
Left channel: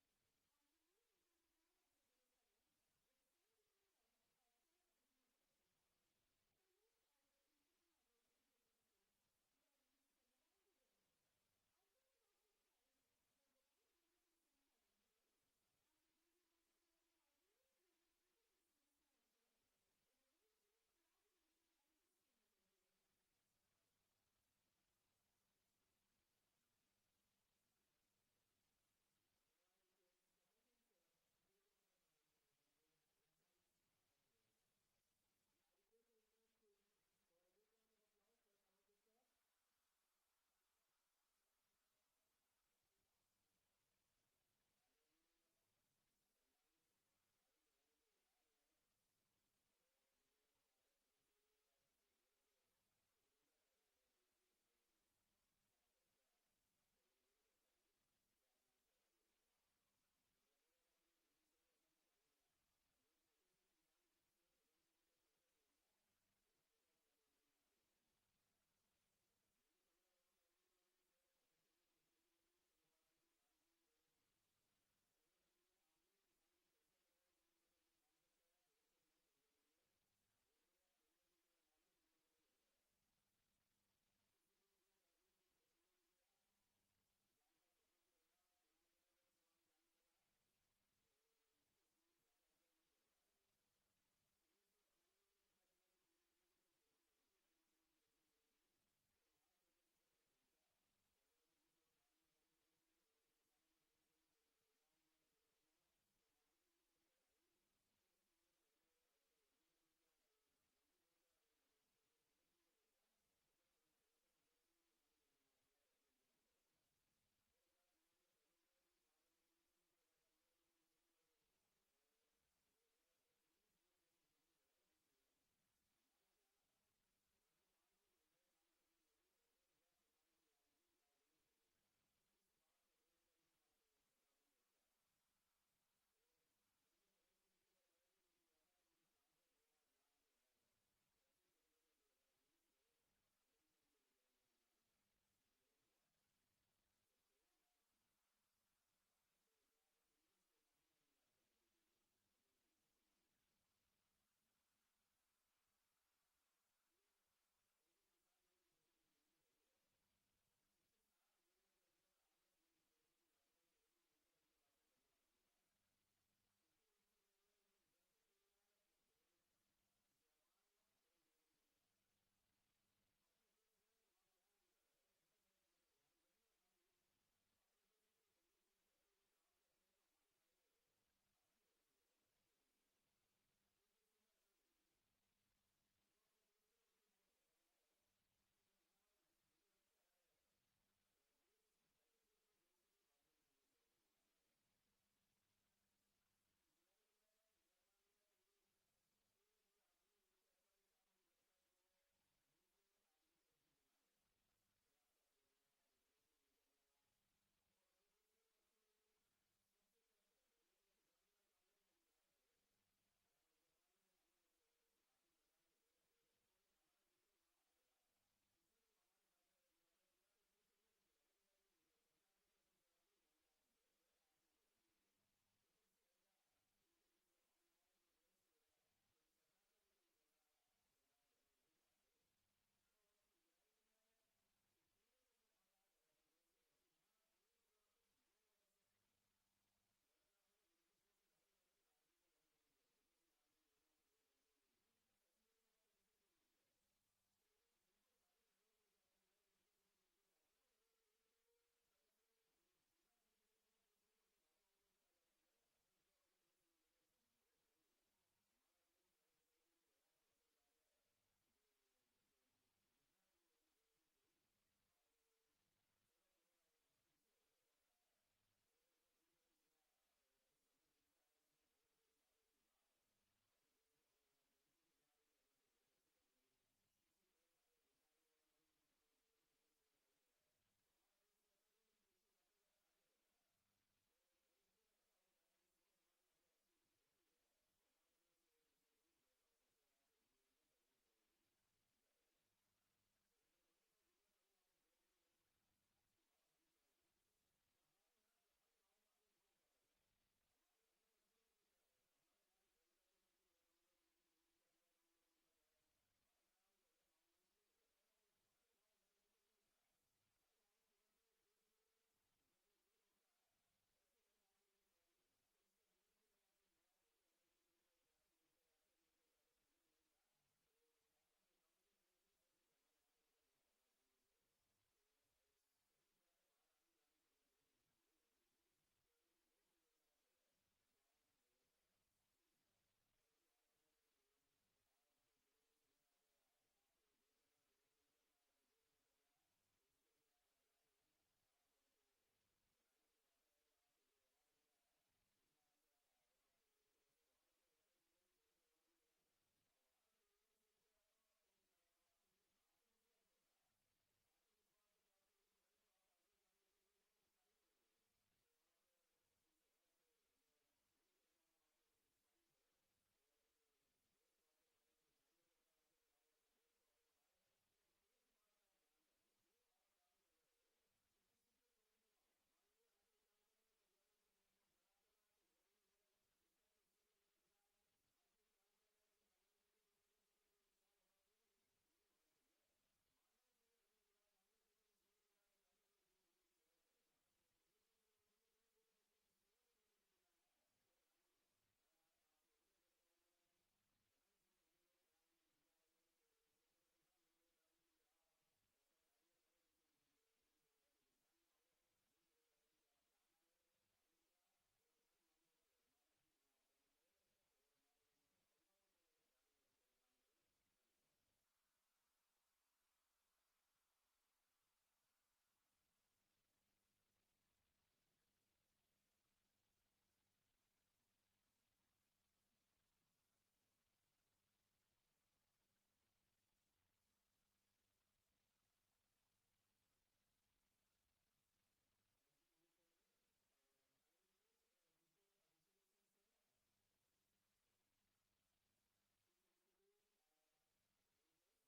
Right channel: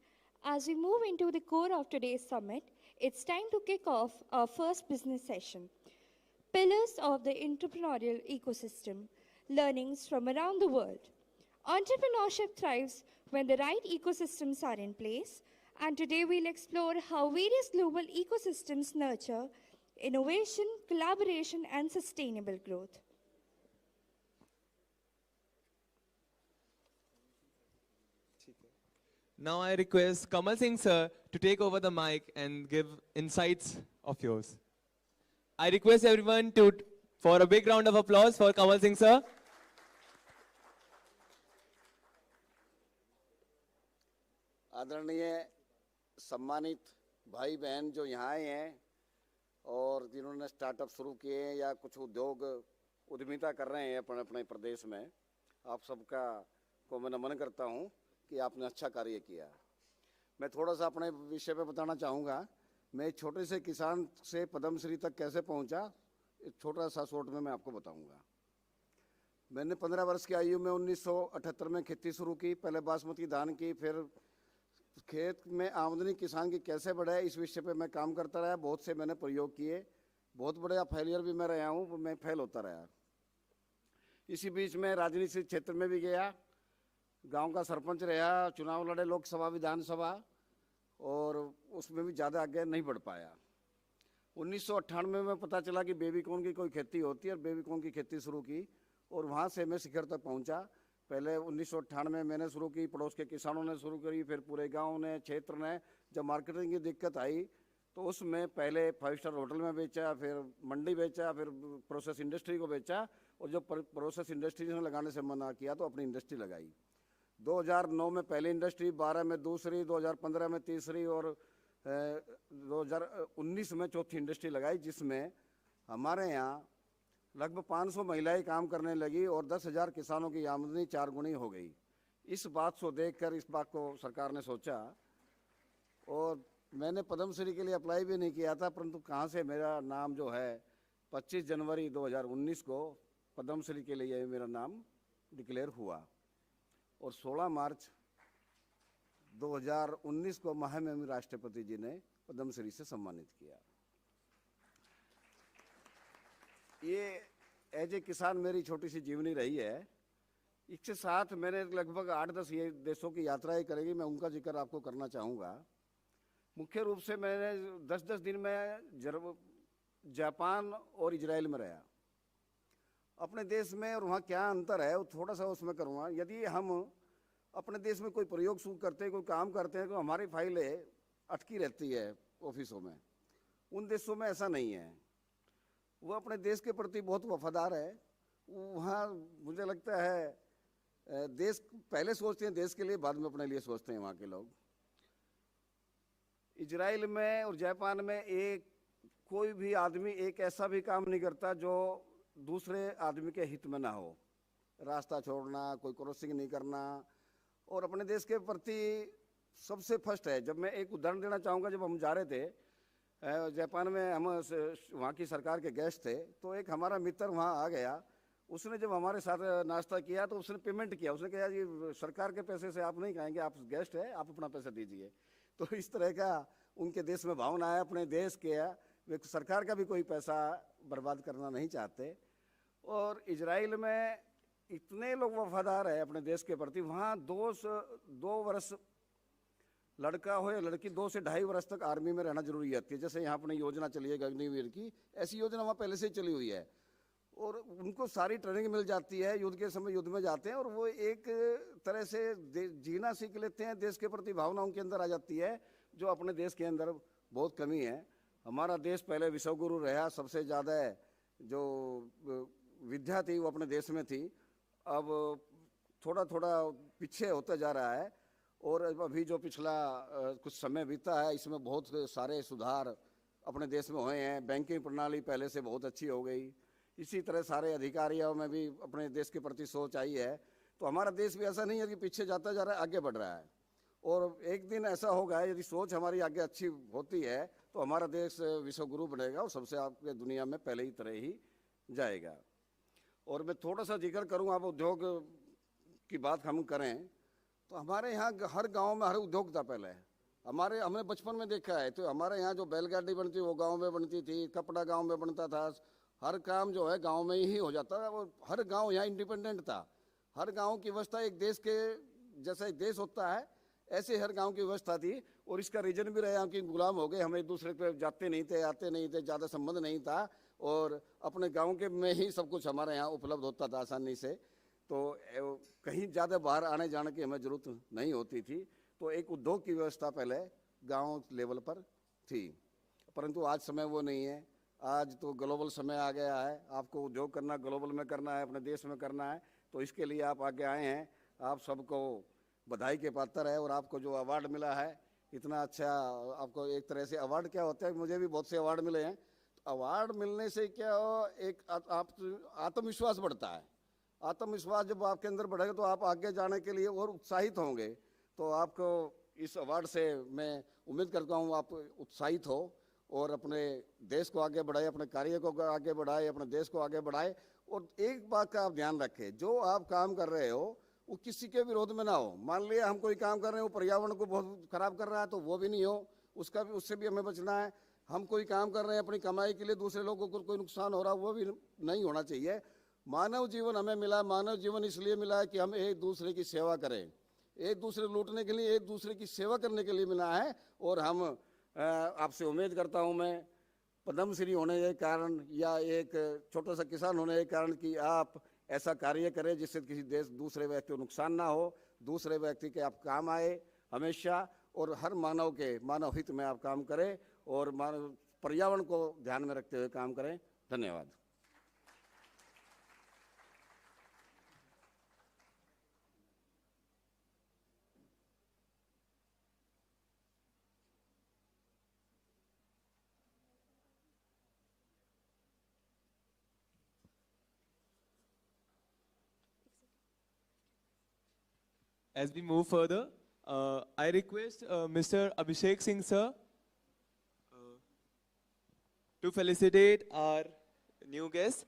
as we move into the core of today's summit, it's time to kick off our first business session. Pillars of the entrepreneurial ecosystem, learnings from around the world. Entrepreneurship thrives when the right ecosystems are in place, and today we'll explore how various global ecosystems nurture innovation, collaboration, and sustainable growth. Now I request Kamal Singh sir to take over the mic and give insights of yours. I request everyone for a big round of applause for Kamal Singh sir. आदरणीय सम्मानित भाई बहन जो यहाँ आए हैं और जिन्होंने स्टार्टअप शुरू किए हैं या कुछ उद्योग उद्यमिता कर रहे हैं अपने अपने प्रदेश में, आप सबका को मैं नमन करता हूँ कि आपने अच्छा कार्य किया। मैं थोड़ा सा अपने विषय पे बताना चाहूँगा। मैं एक छोटे से किसान से पद्मश्री तक कैसे पहुँचा, एक छोटा सा शॉर्ट में मैं आपको बताऊँगा। मैंने 15 वर्ष की आयु में 1978 में खेती शुरू की, पहले बासमती धान की, फिर खेत में आमदनी किसान की कैसे बढ़े इस विषय पे मैं काम करता रहा। बहुत से मैंने प्रयोग किए, बहुत बड़ा फेलियर भी मैं रहा हूँ, मैं फेल होता रहा। इसी बीच में राजनीतिक क्षेत्र में भी गया, गांव का सरपंच रहा, चुनाव लड़े लोकसभा विधानसभा, और उसमें भी ज़्यादा आगे नहीं बढ़ पाया। 1998 में पता चला कि बेबीकॉर्न की कोई खेती होती है और बेबीकॉर्न की खेती शुरू की और वहाँ से मैं शिखर तक पहुँचा। पहले 1998 में मैंने शुरू की, पड़ोस के किसानों ने शुरू करी, फिर पूरे गांव ने, क्षेत्र ने। जब मार्केटिंग की दिक्कत आई तो उसमें पहले 5 स्टार होटल में बेचा, फिर मंडी बेचा, फिर प्रोसेस इंडस्ट्री को बेचा, और जब प्रोसेस इंडस्ट्री ने लगाने से मना किया तो अपनी इंडस्ट्री लगाई। 2009 में पहली इंडस्ट्री, 12 में दूसरी, 2015 में तीसरी और 2019 में चौथी इंडस्ट्री लगाई, जिसमें हमारे यहाँ लगभग 500 महिलाएं काम करने लगी और 10,000 किसानों की आमदनी 4 गुनी हो गई। इस बात को देखकर इस बात को सरकार ने सोचा, और मैंने पद्मश्री के लिए अप्लाई भी नहीं किया था, परंतु कहाँ से मेरा नाम जो है 25 जनवरी 2019 को पद्मश्री के लिए मेरा नाम डिक्लेयर हुआ, और 16 मार्च 2019 को महामहिम राष्ट्रपति जी ने पद्मश्री से सम्मानित किया। ये एज ए किसान मेरी छोटी सी जीवनी रही है। इसके साथ मैंने लगभग 8-10 ये देशों की यात्राएं करेगी, मैं उनका जिक्र आपको करना चाहूँगा। मुख्य रूप से मैंने 10-10 दिन में जापान और इजराइल में रहा। अपने देश में और वहाँ क्या अंतर है वो थोड़ा सा उसमें करूँगा। यदि हम अपने देश में कोई प्रयोग शुरू करते हैं, कोई काम करते हैं, तो हमारी फाइलें अटकी रहती है ऑफिसों में। उन देशों में ऐसा नहीं है, वो अपने देश के प्रति बहुत वफादार है। वहाँ मुझे लगता है देश पहले सोचते हैं देश के लिए, बाद में अपने लिए सोचते हैं वहाँ के लोग। इजराइल में और जापान में कोई भी आदमी एक ऐसा भी काम नहीं करता जो दूसरे आदमी के हित में ना हो। रास्ता छोड़ना, कोई क्रॉसिंग नहीं करना, और अपने देश के प्रति सबसे फर्स्ट है। जब मैं एक उदाहरण देना चाहूँगा, जब हम जा रहे थे जापान में, हम वहाँ की सरकार के गेस्ट थे, तो एक हमारा मित्र वहाँ आ गया। उसने जब हमारे साथ नाश्ता किया तो उसने पेमेंट किया। उसने कहा जी सरकार के पैसे से आप नहीं खाएंगे, आप गेस्ट है, आप अपना पैसा दीजिए। तो इस तरह का उनके देश में भावना है, अपने देश के वे सरकार का भी कोई पैसा बर्बाद करना नहीं चाहते। और इजराइल में इतने लोग वफादार है अपने देश के प्रति। वहाँ 2 वर्ष लड़का हो या लड़की, 2 से 2.5 वर्ष तक आर्मी में रहना जरूरी है। जैसे यहाँ अपनी योजना चली है अग्निवीर की, ऐसी योजना वहाँ पहले से ही चली हुई है, और उनको सारी ट्रेनिंग मिल जाती है। युद्ध के समय युद्ध में जाते हैं और वो एक तरह से जीना सीख लेते हैं। देश के प्रति भावना उनके अंदर आ जाती है, जो अपने देश के अंदर बहुत कमी है। हमारा देश पहले विश्वगुरु रहा, सबसे ज़्यादा जो विद्या थी वो अपने देश में थी, अब थोड़ा थोड़ा पीछे होता जा रहा है। और अभी जो पिछला कुछ समय बीता है इसमें बहुत सारे सुधार अपने देश में हुए हैं। बैंकिंग प्रणाली पहले से बहुत अच्छी हो गई, इसी तरह सारे अधिकारियों में भी अपने देश के प्रति सोच आई है। तो हमारा देश भी ऐसा नहीं है कि पीछे जाता जा रहा है, आगे बढ़ रहा है। और एक दिन ऐसा होगा यदि सोच हमारी आगे अच्छी होती है तो हमारा देश विश्व गुरु बनेगा और सबसे आपके दुनिया में पहले ही तरह ही जाएगा। और मैं थोड़ा सा जिक्र करूँ, आप उद्योग की बात हम करें तो हमारे यहाँ हर गांव में हर उद्योग था पहले। हमने बचपन में देखा है, तो हमारे यहाँ जो बैलगाड़ी बनती वो गांव में बनती थी, कपड़ा गांव में बनता था, हर काम जो है गांव में ही हो जाता था। वो हर गांव यहाँ इंडिपेंडेंट था। हर गांव की व्यवस्था एक देश के जैसा एक देश होता है ऐसे हर गांव की व्यवस्था थी। और इसका रीजन भी रहा कि गुलाम हो गए, हम एक दूसरे पे जाते नहीं थे, आते नहीं थे, ज़्यादा संबंध नहीं था और अपने गांव के में ही सब कुछ हमारे यहाँ उपलब्ध होता था आसानी से। तो कहीं ज़्यादा बाहर आने जाने की हमें ज़रूरत नहीं होती थी। तो एक उद्योग की व्यवस्था पहले गांव लेवल पर थी, परंतु आज समय वो नहीं है। आज तो ग्लोबल समय आ गया है, आपको उद्योग करना ग्लोबल में करना है, अपने देश में करना है। तो इसके लिए आप आगे आए हैं, आप सबको बधाई के पात्र है। और आपको जो अवार्ड मिला है इतना अच्छा, आपको एक तरह से अवार्ड क्या होता है, मुझे भी बहुत से अवार्ड मिले हैं। तो अवार्ड मिलने से क्या हो, एक आप आत्मविश्वास बढ़ता है। आत्मविश्वास जब आपके अंदर बढ़ेगा तो आप आगे जाने के लिए और उत्साहित होंगे। तो आपको इस अवार्ड से मैं उम्मीद करता हूँ आप उत्साहित हो और अपने देश को आगे बढ़ाए, अपने कार्य को आगे बढ़ाए, अपने देश को आगे बढ़ाए। और एक बात का आप ध्यान रखें, जो आप काम कर रहे हो वो किसी के विरोध में ना हो। मान लिया हम कोई काम कर रहे हैं वो पर्यावरण को बहुत खराब कर रहा है तो वो भी नहीं हो, उससे भी हमें बचना है। हम कोई काम कर रहे हैं अपनी कमाई के लिए, दूसरे लोगों को कोई नुकसान हो रहा है वो भी नहीं होना चाहिए। मानव जीवन हमें मिला, मानव जीवन इसलिए मिला है कि हम एक दूसरे की सेवा करें, एक दूसरे लूटने के लिए, एक दूसरे की सेवा करने के लिए मिला है। और हम आपसे उम्मीद करता हूं मैं पद्मश्री होने के कारण या एक छोटा सा किसान होने के कारण कि आप ऐसा कार्य करें जिससे किसी दूसरे व्यक्ति को नुकसान ना हो, दूसरे व्यक्ति के आप काम आए हमेशा। और हर मानव के मानव हित में आप काम करें और पर्यावरण को ध्यान में रखते हुए काम करें। धन्यवाद। As we move further, I request Mr. Abhishek Singh sir to felicitate our new guests,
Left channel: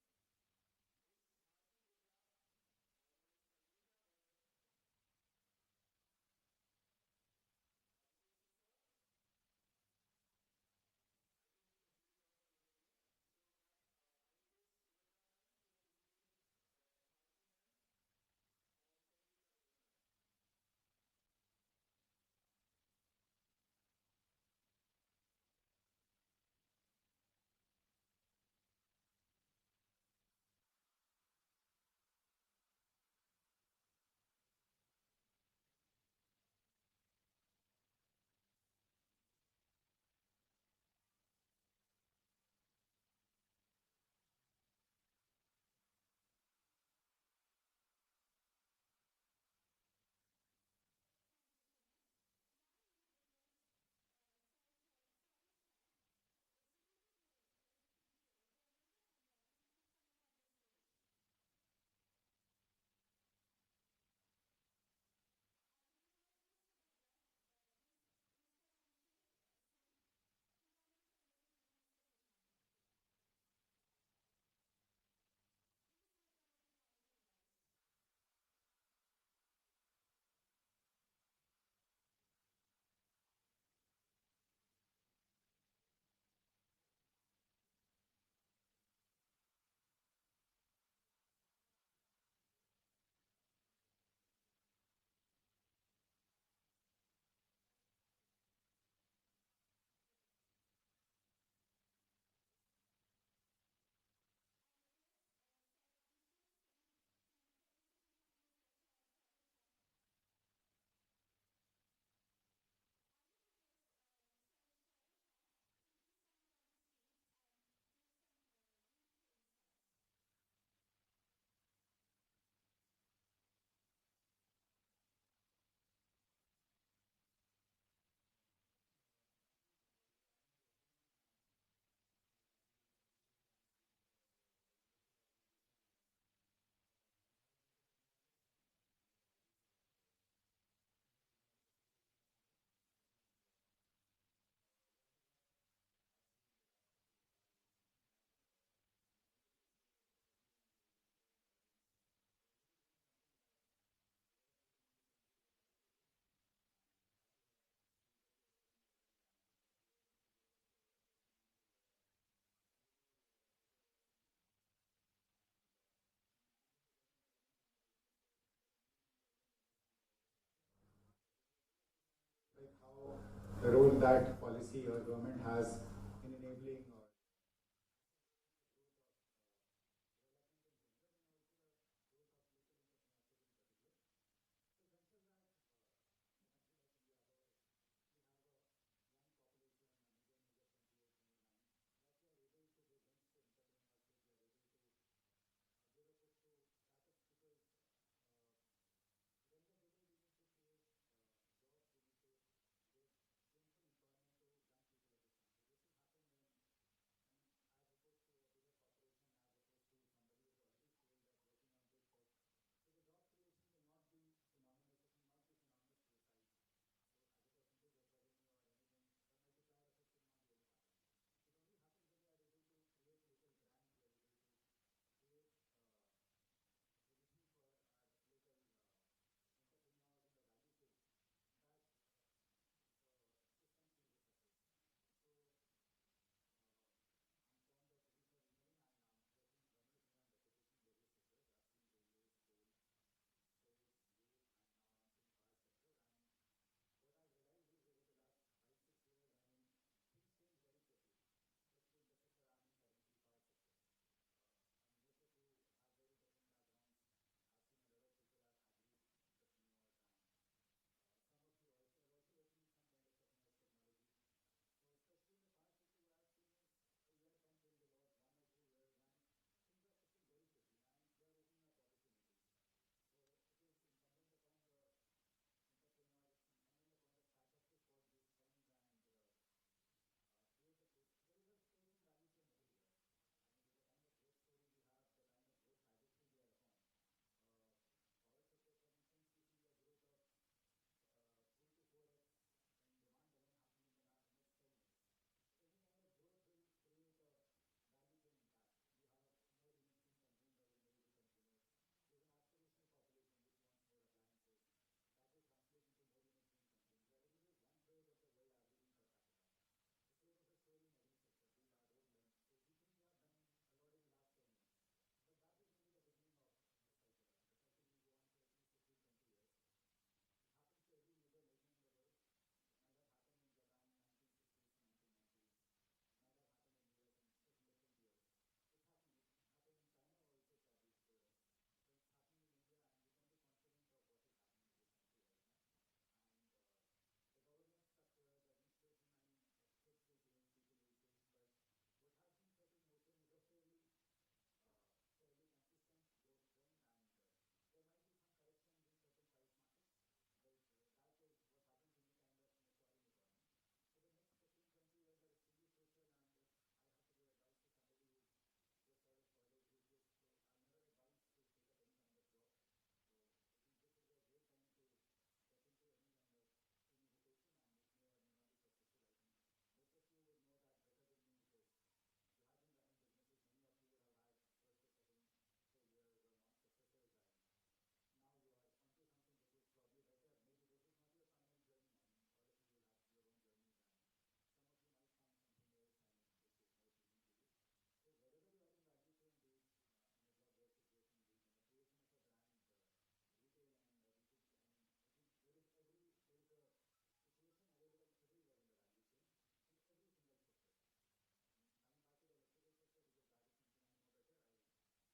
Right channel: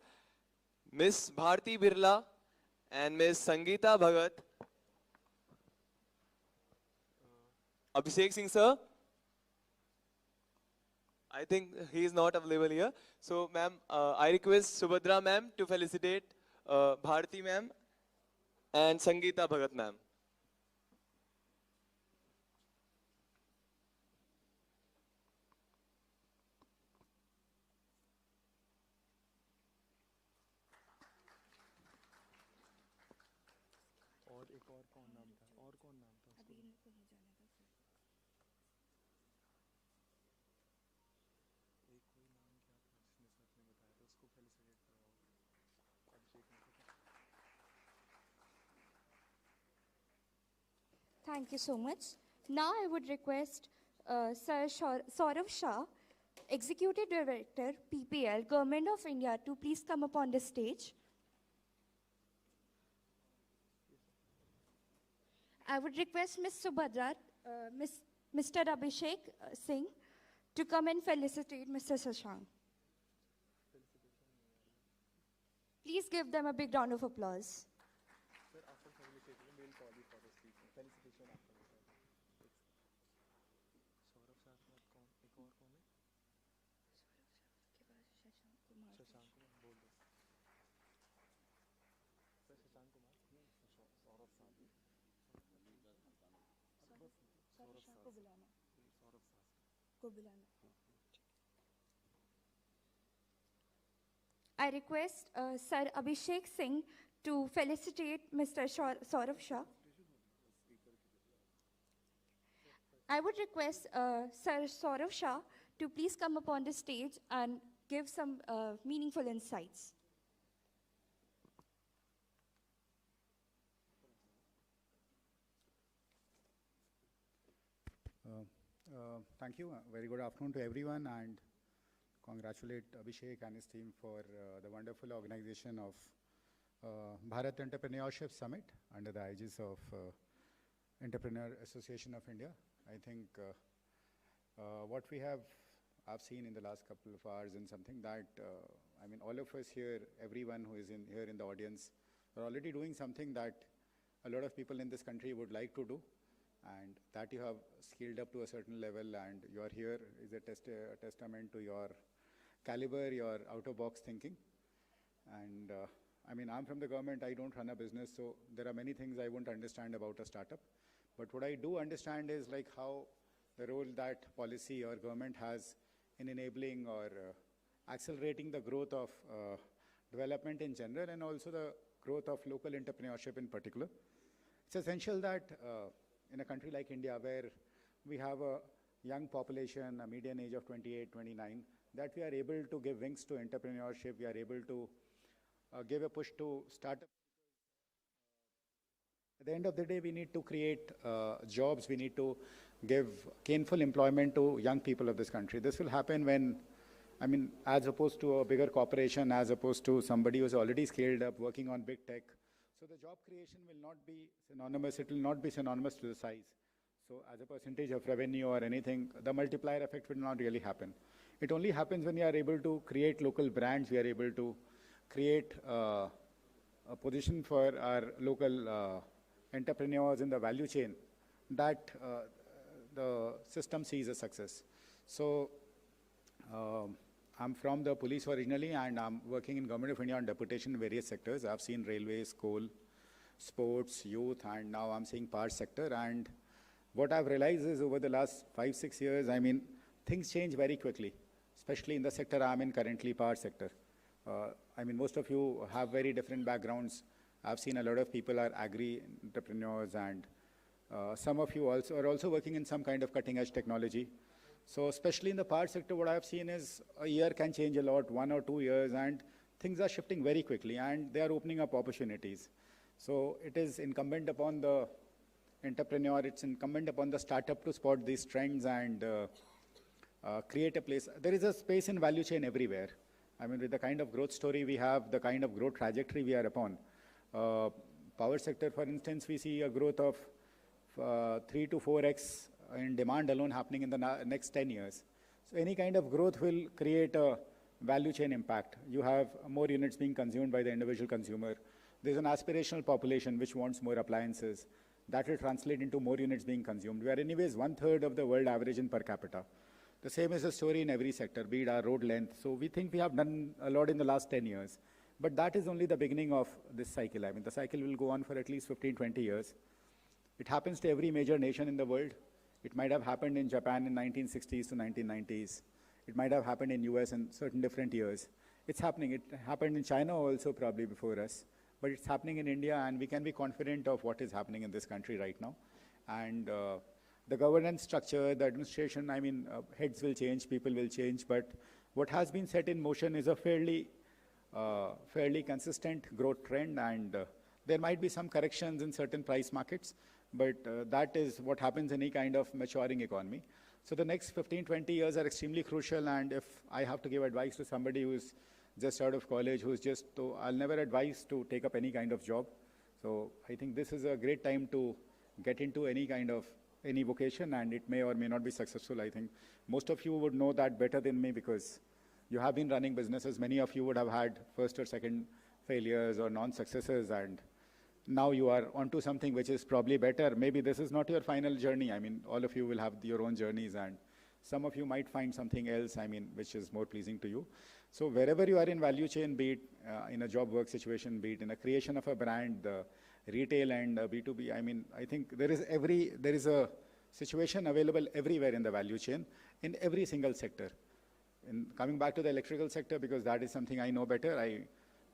Miss Bharti Birla and Miss Sangeeta Bhagat. Abhishek Singh sir, I think he is not available here. So ma'am, I request Subadra ma'am to felicitate Bharti ma'am and Sangeeta Bhagat ma'am. Thank you so much. Now I would request Sir Saurav Shah, Executive Director, PPL, Government of India, to please come up on the stage. I would request Ms. Subadra, Mr. Abhishek Singh to come and felicitate Mr. Shashank. Please give them a big round of applause. I request Sir Abhishek Singh to felicitate Mr. Saurav Shah. I would request Sir Saurav Shah to please come up on the stage and give some meaningful insights. Thank you. Very good afternoon to everyone, and congratulate Abhishek and his team for the wonderful organization of Bharat Entrepreneurship Summit under the aegis of Entrepreneur Association of India. I think what I've seen in the last couple of hours and something that, I mean, all of us here, everyone who is here in the audience, are already doing something that a lot of people in this country would like to do, and that you have scaled up to a certain level, and you are here is a testament to your caliber, your out-of-box thinking. And I mean, I'm from the government, I don't run a business, so there are many things I won't understand about a startup. But what I do understand is like how the role that policy or government has in enabling or accelerating the growth of development in general, and also the growth of local entrepreneurship in particular. It's essential that in a country like India, where we have a young population, a median age of 28, 29, that we are able to give wings to entrepreneurship, we are able to give a push to startup. At the end of the day, we need to create jobs, we need to give gainful employment to young people of this country. This will happen when, I mean, as opposed to a bigger corporation, as opposed to somebody who's already scaled up, working on big tech. So the job creation will not be synonymous, it will not be synonymous to the size. So as a percentage of revenue or anything, the multiplier effect will not really happen. It only happens when we are able to create local brands, we are able to create a position for our local entrepreneurs in the value chain, that the system sees a success. So I'm from the police originally, and I'm working in Government of India on deputation in various sectors. I've seen railways, coal, sports, youth, and now I'm seeing power sector. And what I've realized is over the last 5-6 years, I mean, things change very quickly, especially in the sector I'm in currently, power sector. I mean, most of you have very different backgrounds. I've seen a lot of people are agri entrepreneurs, and some of you also are also working in some kind of cutting edge technology. So especially in the power sector, what I've seen is a year can change a lot, 1 or 2 years, and things are shifting very quickly, and they are opening up opportunities. So it is incumbent upon the entrepreneur, it's incumbent upon the startup to spot these trends and create a place. There is a space in value chain everywhere. I mean, with the kind of growth story we have, the kind of growth trajectory we are upon. Power sector, for instance, we see a growth of 3 to 4x in demand alone happening in the next 10 years. So any kind of growth will create a value chain impact. You have more units being consumed by the individual consumer. There's an aspirational population which wants more appliances. That will translate into more units being consumed. We are anyways 1/3 of the world average in per capita. The same is the story in every sector, be it our road length. So we think we have done a lot in the last 10 years. But that is only the beginning of this cycle. I mean, the cycle will go on for at least 15, 20 years. It happens to every major nation in the world. It might have happened in Japan in 1960s to 1990s. It might have happened in US in certain different years. It's happening. It happened in China also probably before us. But it's happening in India, and we can be confident of what is happening in this country right now. And the governance structure, the administration, I mean, heads will change, people will change, but what has been set in motion is a fairly consistent growth trend, and there might be some corrections in certain price markets, but that is what happens in any kind of maturing economy. So the next 15, 20 years are extremely crucial, and if I have to give advice to somebody who's just out of college, I'll never advise to take up any kind of job. So I think this is a great time to get into any vocation, and it may or may not be successful. I think most of you would know that better than me because you have been running businesses. Many of you would have had first or second failures or non-successes, and now you are onto something which is probably better. Maybe this is not your final journey. I mean, all of you will have your own journeys, and some of you might find something else, I mean, which is more pleasing to you. So wherever you are in value chain, be it in a job work situation, be it in a creation of a brand, retail and B2B, I mean, I think there is a situation available everywhere in the value chain, in every single sector. In coming back to the electrical sector, because that is something I know better,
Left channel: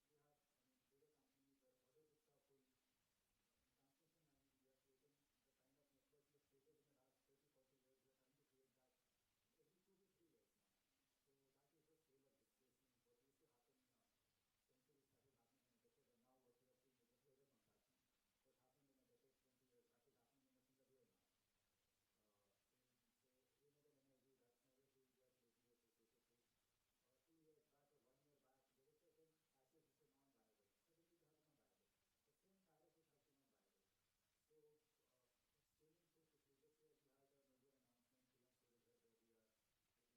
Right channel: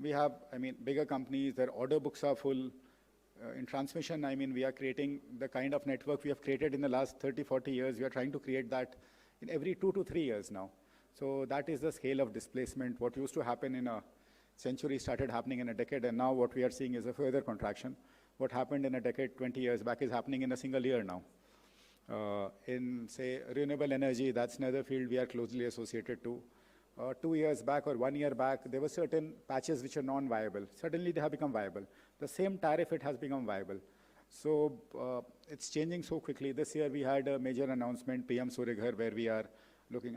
we have, I mean, bigger companies, their order books are full. In transmission, I mean, we are creating the kind of network we have created in the last 30, 40 years. We are trying to create that in every 2 to 3 years now. So that is the scale of displacement. What used to happen in a century started happening in a decade, and now what we are seeing is a further contraction. What happened in a decade, 20 years back is happening in a single year now. In, say, renewable energy, that's another field we are closely associated to. 2 years back or 1 year back, there were certain patches which are non-viable. Suddenly they have become viable. The same tariff, it has become viable. So it's changing so quickly. This year we had a major announcement, PM Surya Ghar, where we are looking,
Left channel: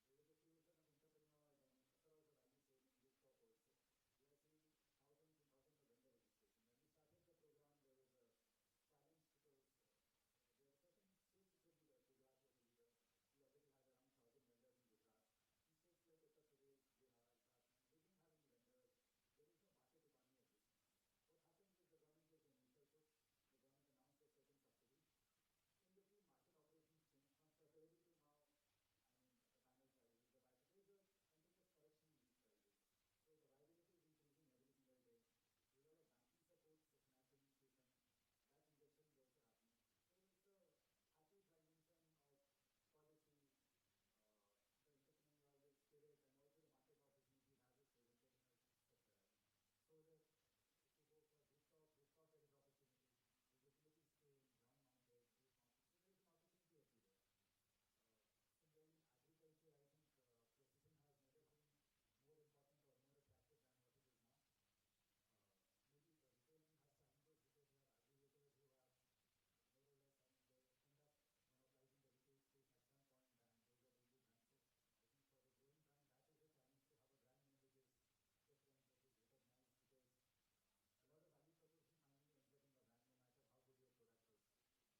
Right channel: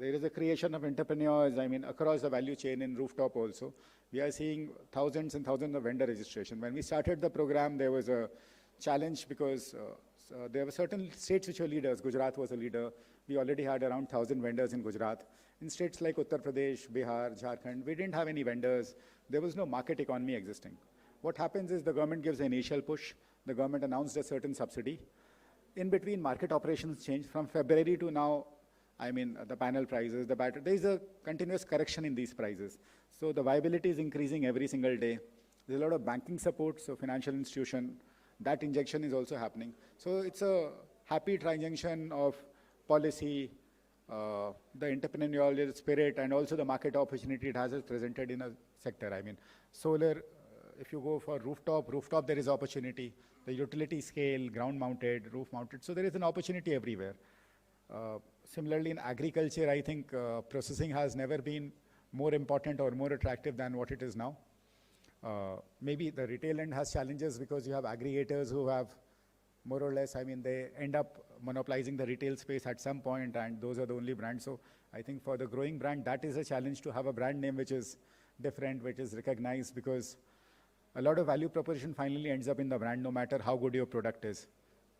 there is a creation of entrepreneurs, across the value chain in rooftop also. We are seeing thousands and thousands of vendor registration. When we started the program, there was a challenge because there were certain states which were leaders. Gujarat was a leader. We already had around 1,000 vendors in Gujarat. In states like Uttar Pradesh, Bihar, Jharkhand, we didn't have any vendors. There was no market economy existing. What happens is the government gives an initial push. The government announced a certain subsidy. In between, market operations changed. From February to now, the panel prices, the battery, there is a continuous correction in these prices. So the viability is increasing every single day. There's a lot of banking support, so financial institution, that injection is also happening. So it's a happy triangle of policy, the entrepreneurial spirit, and also the market opportunity it has presented in a sector. Solar, if you go for rooftop there is opportunity. The utility scale, ground mounted, roof mounted, so there is an opportunity everywhere. Similarly, in agriculture, I think processing has never been more important or more attractive than what it is now. Maybe the retail end has challenges because you have aggregators who have more or less, they end up monopolizing the retail space at some point, and those are the only brands. So I think for the growing brand, that is a challenge to have a brand name which is different, which is recognized, because a lot of value proposition finally ends up in the brand, no matter how good your product is.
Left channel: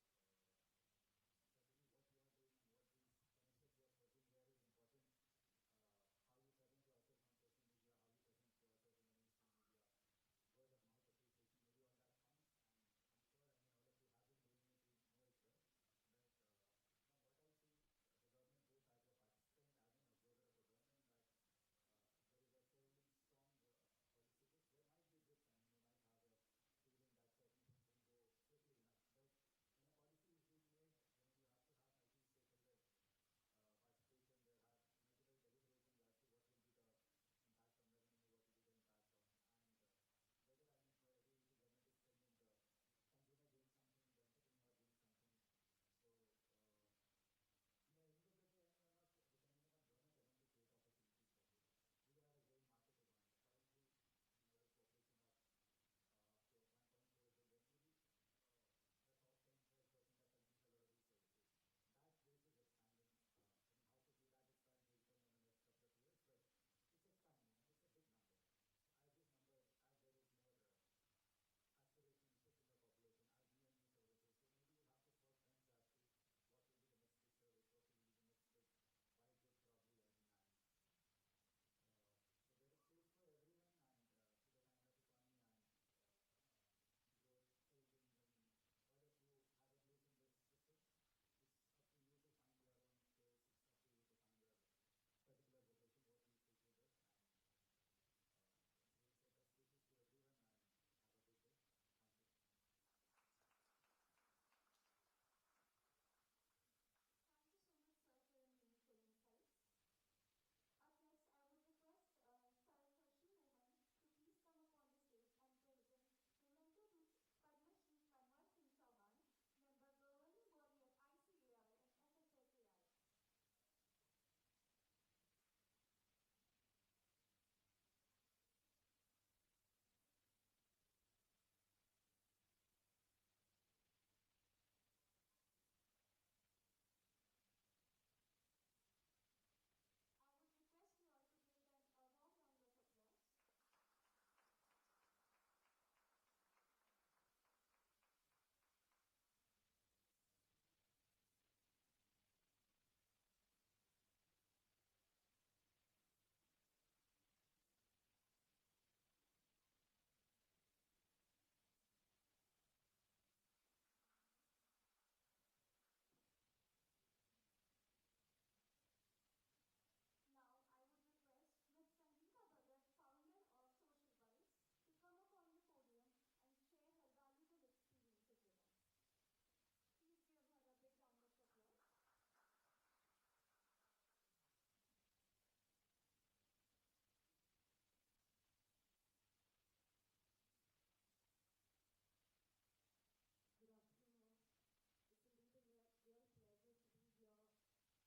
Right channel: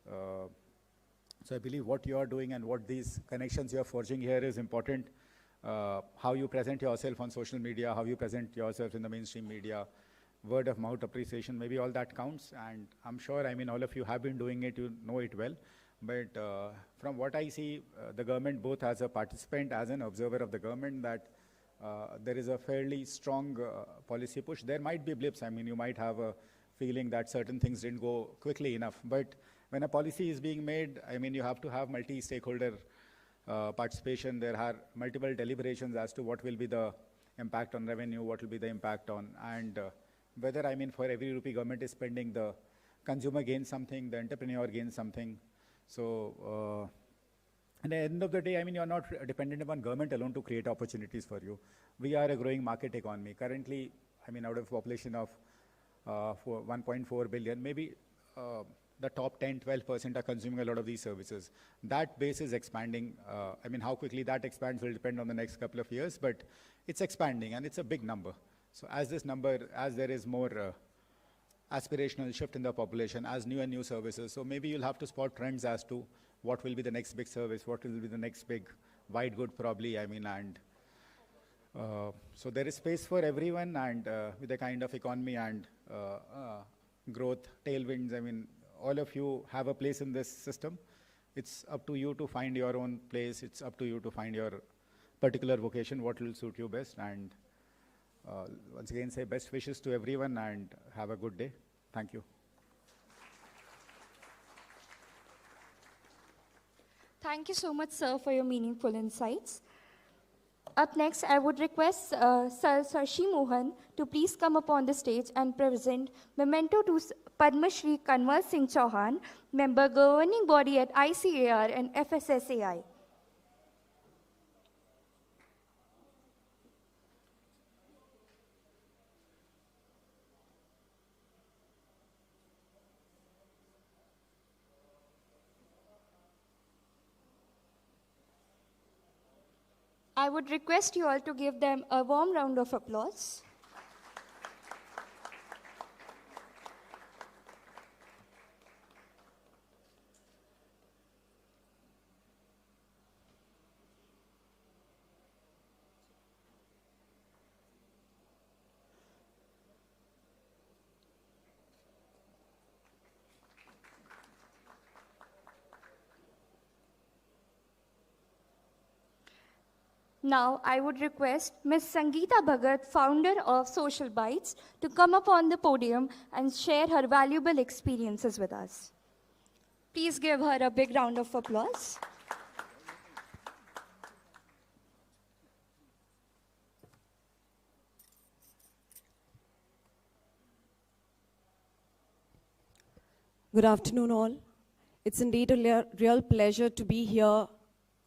So I believe what you are doing and what these connections you are forging here is important. How you present yourself on social media, how you present yourself in the mainstream media, word of mouth appreciation, maybe all that counts. And I'm sure, all of you have been doing it, you know it well. But from what I see, the government, both as a participant, as an observer of the government, that there is a fairly strong policy push. There might be blips. You might have a feeling that certain things didn't go quickly enough. But when a policy is being made, you have to have multi-stakeholder participation. There are multiple deliberations as to what will be the impact on revenue, what will be the impact on, and whether, for every rupee government is spending, the consumer gains something, the entrepreneur gains something. So at the end of the day, you're not dependent upon government alone to create opportunities for you. We are a growing market economy. Currently, out of a population of 1.4 billion, maybe the top 10, 12% are consuming a lot of these services. That base is expanding. How quickly that expands will depend on the next couple of years, but it's expanding and it's a big number. So as this number, as there is more aspirational shift in the population, as new and new services, so maybe you'll have to spot trends as to what will be the next big service, what will be the next big wide good probably, so there is space for everyone, and with the kind of economy and growth, tailwinds, all of you have a place in this system. It's up to you to find your own place. It's up to you to find your particular vocation, what will suit you best. And once again, say best wishes to everyone and have a good day. Thank you. Thank you so much, sir, for your meaningful insights. Up next, I would request Sir Sarshi Mohan to please come upon the stage and present memento to Padmashree Kanwal Singh Chauhan, member governing body at ICAR and FSSAI. I would request you all to give them a warm round of applause. Now, I would request Ms. Sangeeta Bhagat, founder of Social Bytes, to come up on the podium and share her valuable experiences with us. Please give her a big round of applause. Good afternoon, all. It's indeed a real pleasure to be here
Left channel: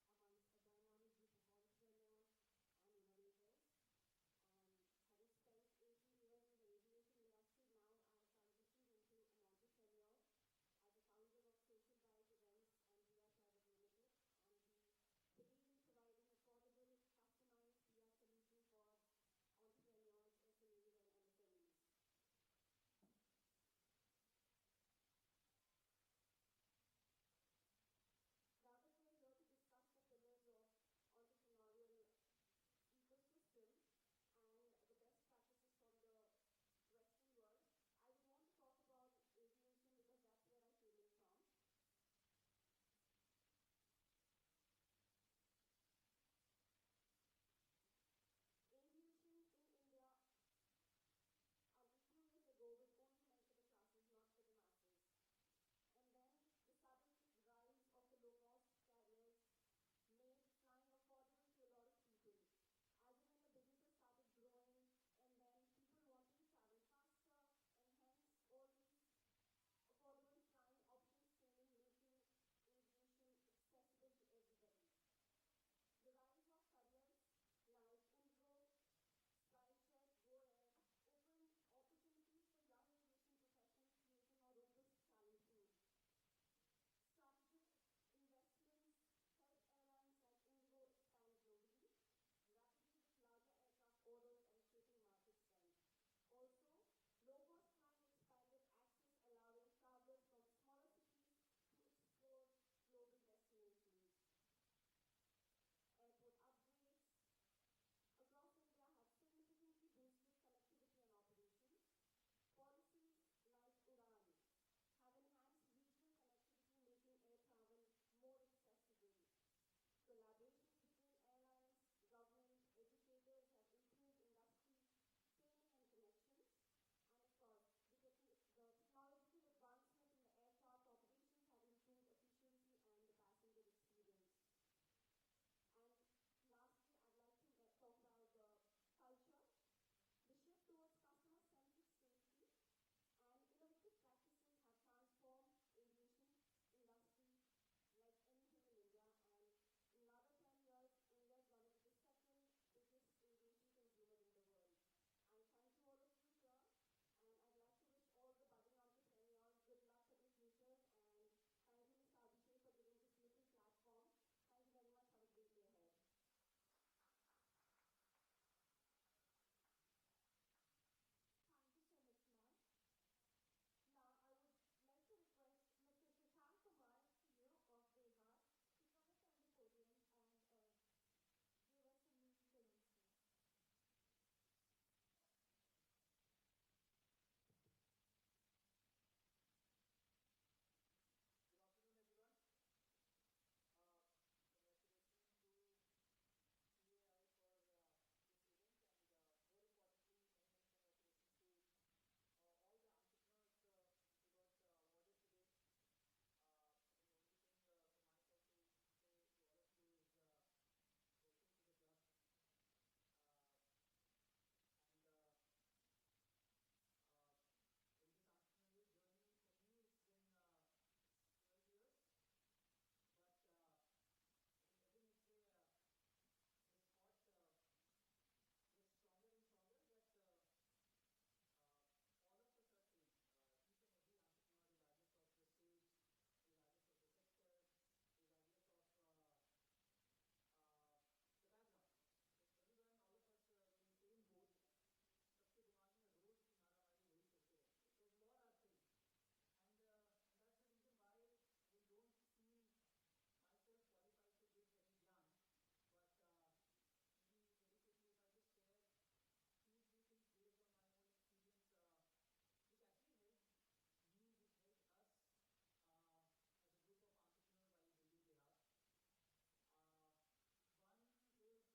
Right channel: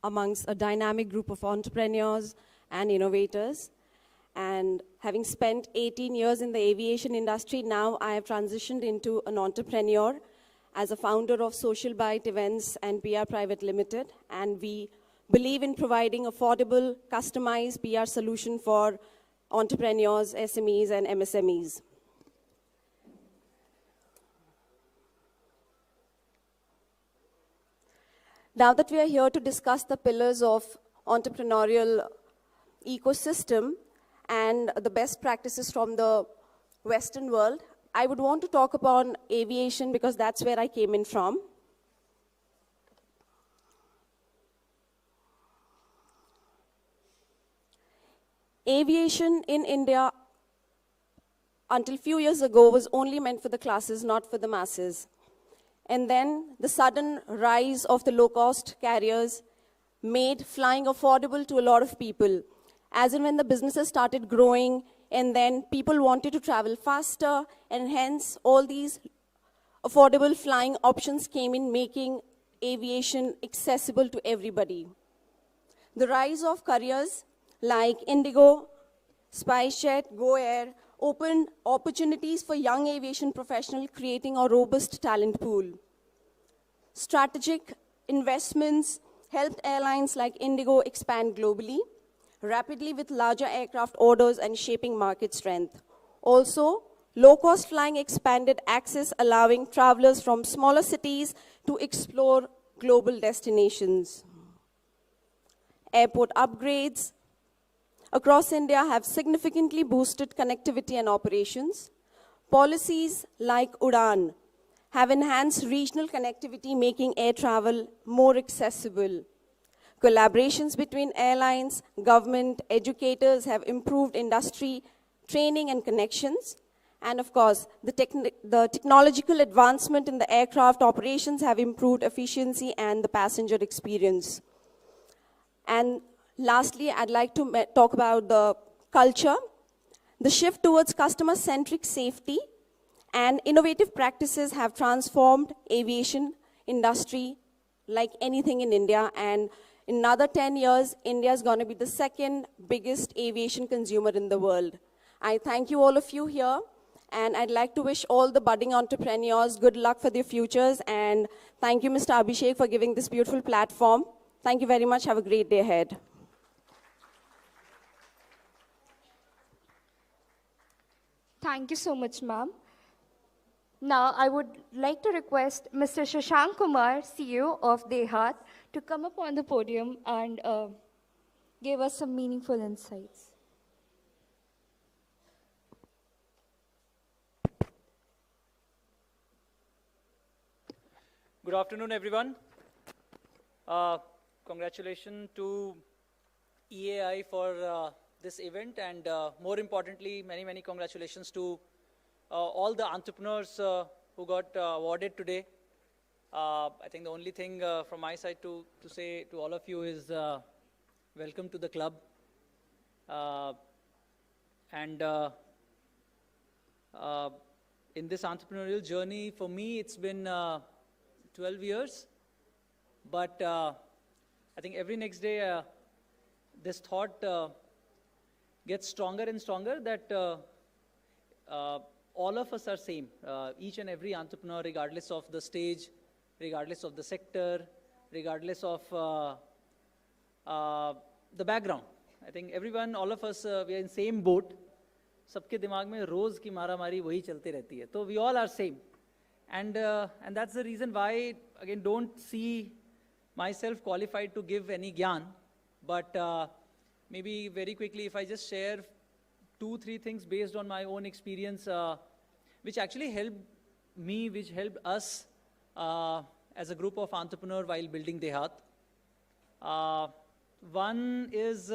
amongst a dynamic group of entrepreneurs and innovators. And having spent 18 years in the aviation industry, now I have transitioned into an entrepreneur as a founder of Social Byte Events and PR Private Limited. And we believe in providing affordable, customized PR solution for entrepreneurs, SMEs, and MSMEs. Now that we are here to discuss the pillars of entrepreneurial ecosystem and the best practices from the Western world, I would want to talk about aviation because that's where I came in from. Aviation in India, until few years ago, was only meant for the classes, not for the masses. And then the sudden rise of the low-cost carriers made flying affordable to a lot of people. As in when the businesses started growing, and then people wanted to travel faster, and hence all these affordable flying options came in, making aviation accessible to everybody. The rise of carriers like Indigo, SpiceJet, Go Air opened opportunities for young aviation professionals, creating a robust talent pool. Strategic investments helped airlines like Indigo expand globally, rapidly with larger aircraft orders and shaping market strength. Also, low-cost flying expanded access, allowing travelers from smaller cities to explore global destinations. Airport upgrades across India have significantly boosted connectivity and operations. Policies like UDAN have enhanced regional connectivity, making air travel more accessible. Collaborations between airlines, government, educators have improved industry training and connections. And of course, the technological advancement in the aircraft operations have improved efficiency and the passenger experience. And lastly, I'd like to talk about the culture. The shift towards customer-centric safety and innovative practices have transformed aviation industry like anything in India. And in another 10 years, India is going to be the second biggest aviation consumer in the world. I thank you all of you here. And I'd like to wish all the budding entrepreneurs good luck for their futures. And thank you, Mr. Abhishek, for giving this beautiful platform. Thank you very much. Have a great day ahead. Thank you so much, ma'am. Now, I would like to request Mr. Shashank Kumar, CEO of BHARAT, to come up on the podium and give us some meaningful insights. Good afternoon, everyone. Congratulations to EAI for this event, and more importantly, many, many congratulations to all the entrepreneurs who got awarded today. I think the only thing from my side to say to all of you is welcome to the club. In this entrepreneurial journey, for me, it's been 12 years. But I think every next day, this thought gets stronger and stronger that all of us are same. Each and every entrepreneur, regardless of the stage, regardless of the sector, regardless of the background. I think everyone, all of us, we are in same boat. सबके दिमाग में रोज की मारामारी वही चलती रहती है. So we all are same. And that's the reason why, again, don't see myself qualified to give any gyan. But maybe very quickly, if I just share 2-3 things based on my own experience, which actually helped me, which helped us as a group of entrepreneurs while building BHARAT. One is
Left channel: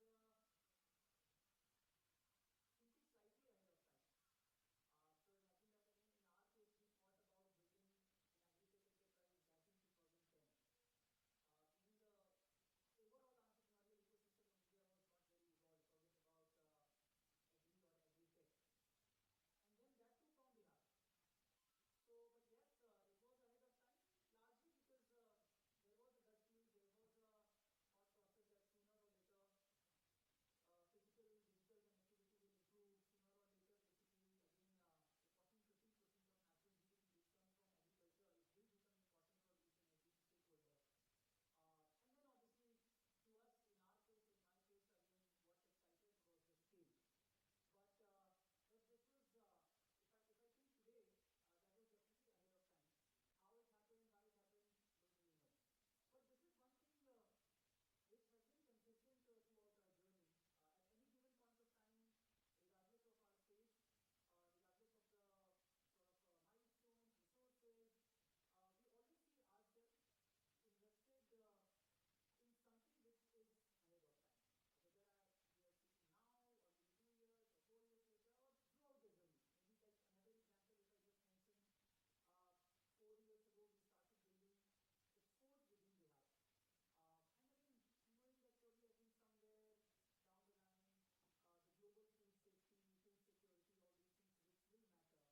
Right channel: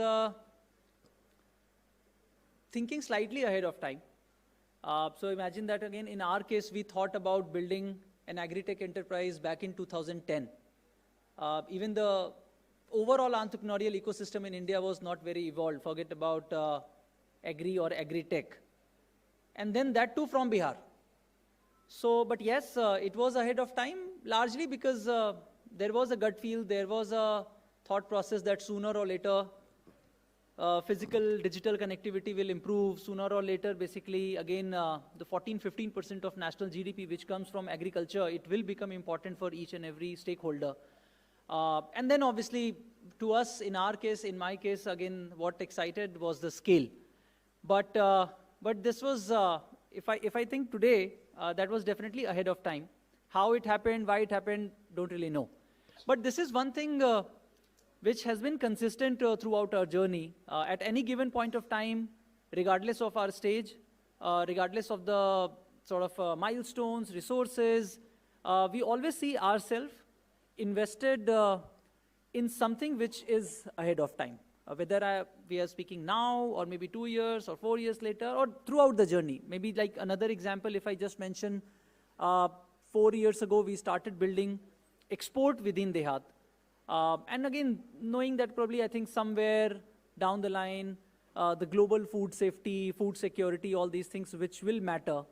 thinking slightly ahead of time. So imagine that again, in our case, we thought about building an agri-tech enterprise back in 2010. Even the overall entrepreneurial ecosystem in India was not very evolved. Forget about agri or agri-tech. And then that too from Bihar. So, but yes, it was ahead of time. largely because there was a gut feel, there was a thought process that sooner or later physical digital connectivity will improve. Sooner or later, basically, again, the 14-15% of national GDP which comes from agriculture, it will become important for each and every stakeholder. And then obviously, to us, in our case, in my case, again, what excited was the scale. But this was, if I think today, that was definitely ahead of time. How it happened, why it happened, don't really know. But this is one thing which has been consistent throughout our journey. At any given point of time, regardless of our stage, regardless of the sort of milestones, resources, we always see ourselves invested in something which is ahead of time. Whether we are speaking now, or maybe 2 years, or 4 years later, or throughout the journey. Maybe like another example, if I just mention, 4 years ago, we started building export within Dehat. And again, knowing that probably I think somewhere down the line, the global food safety, food security, all these things which will matter.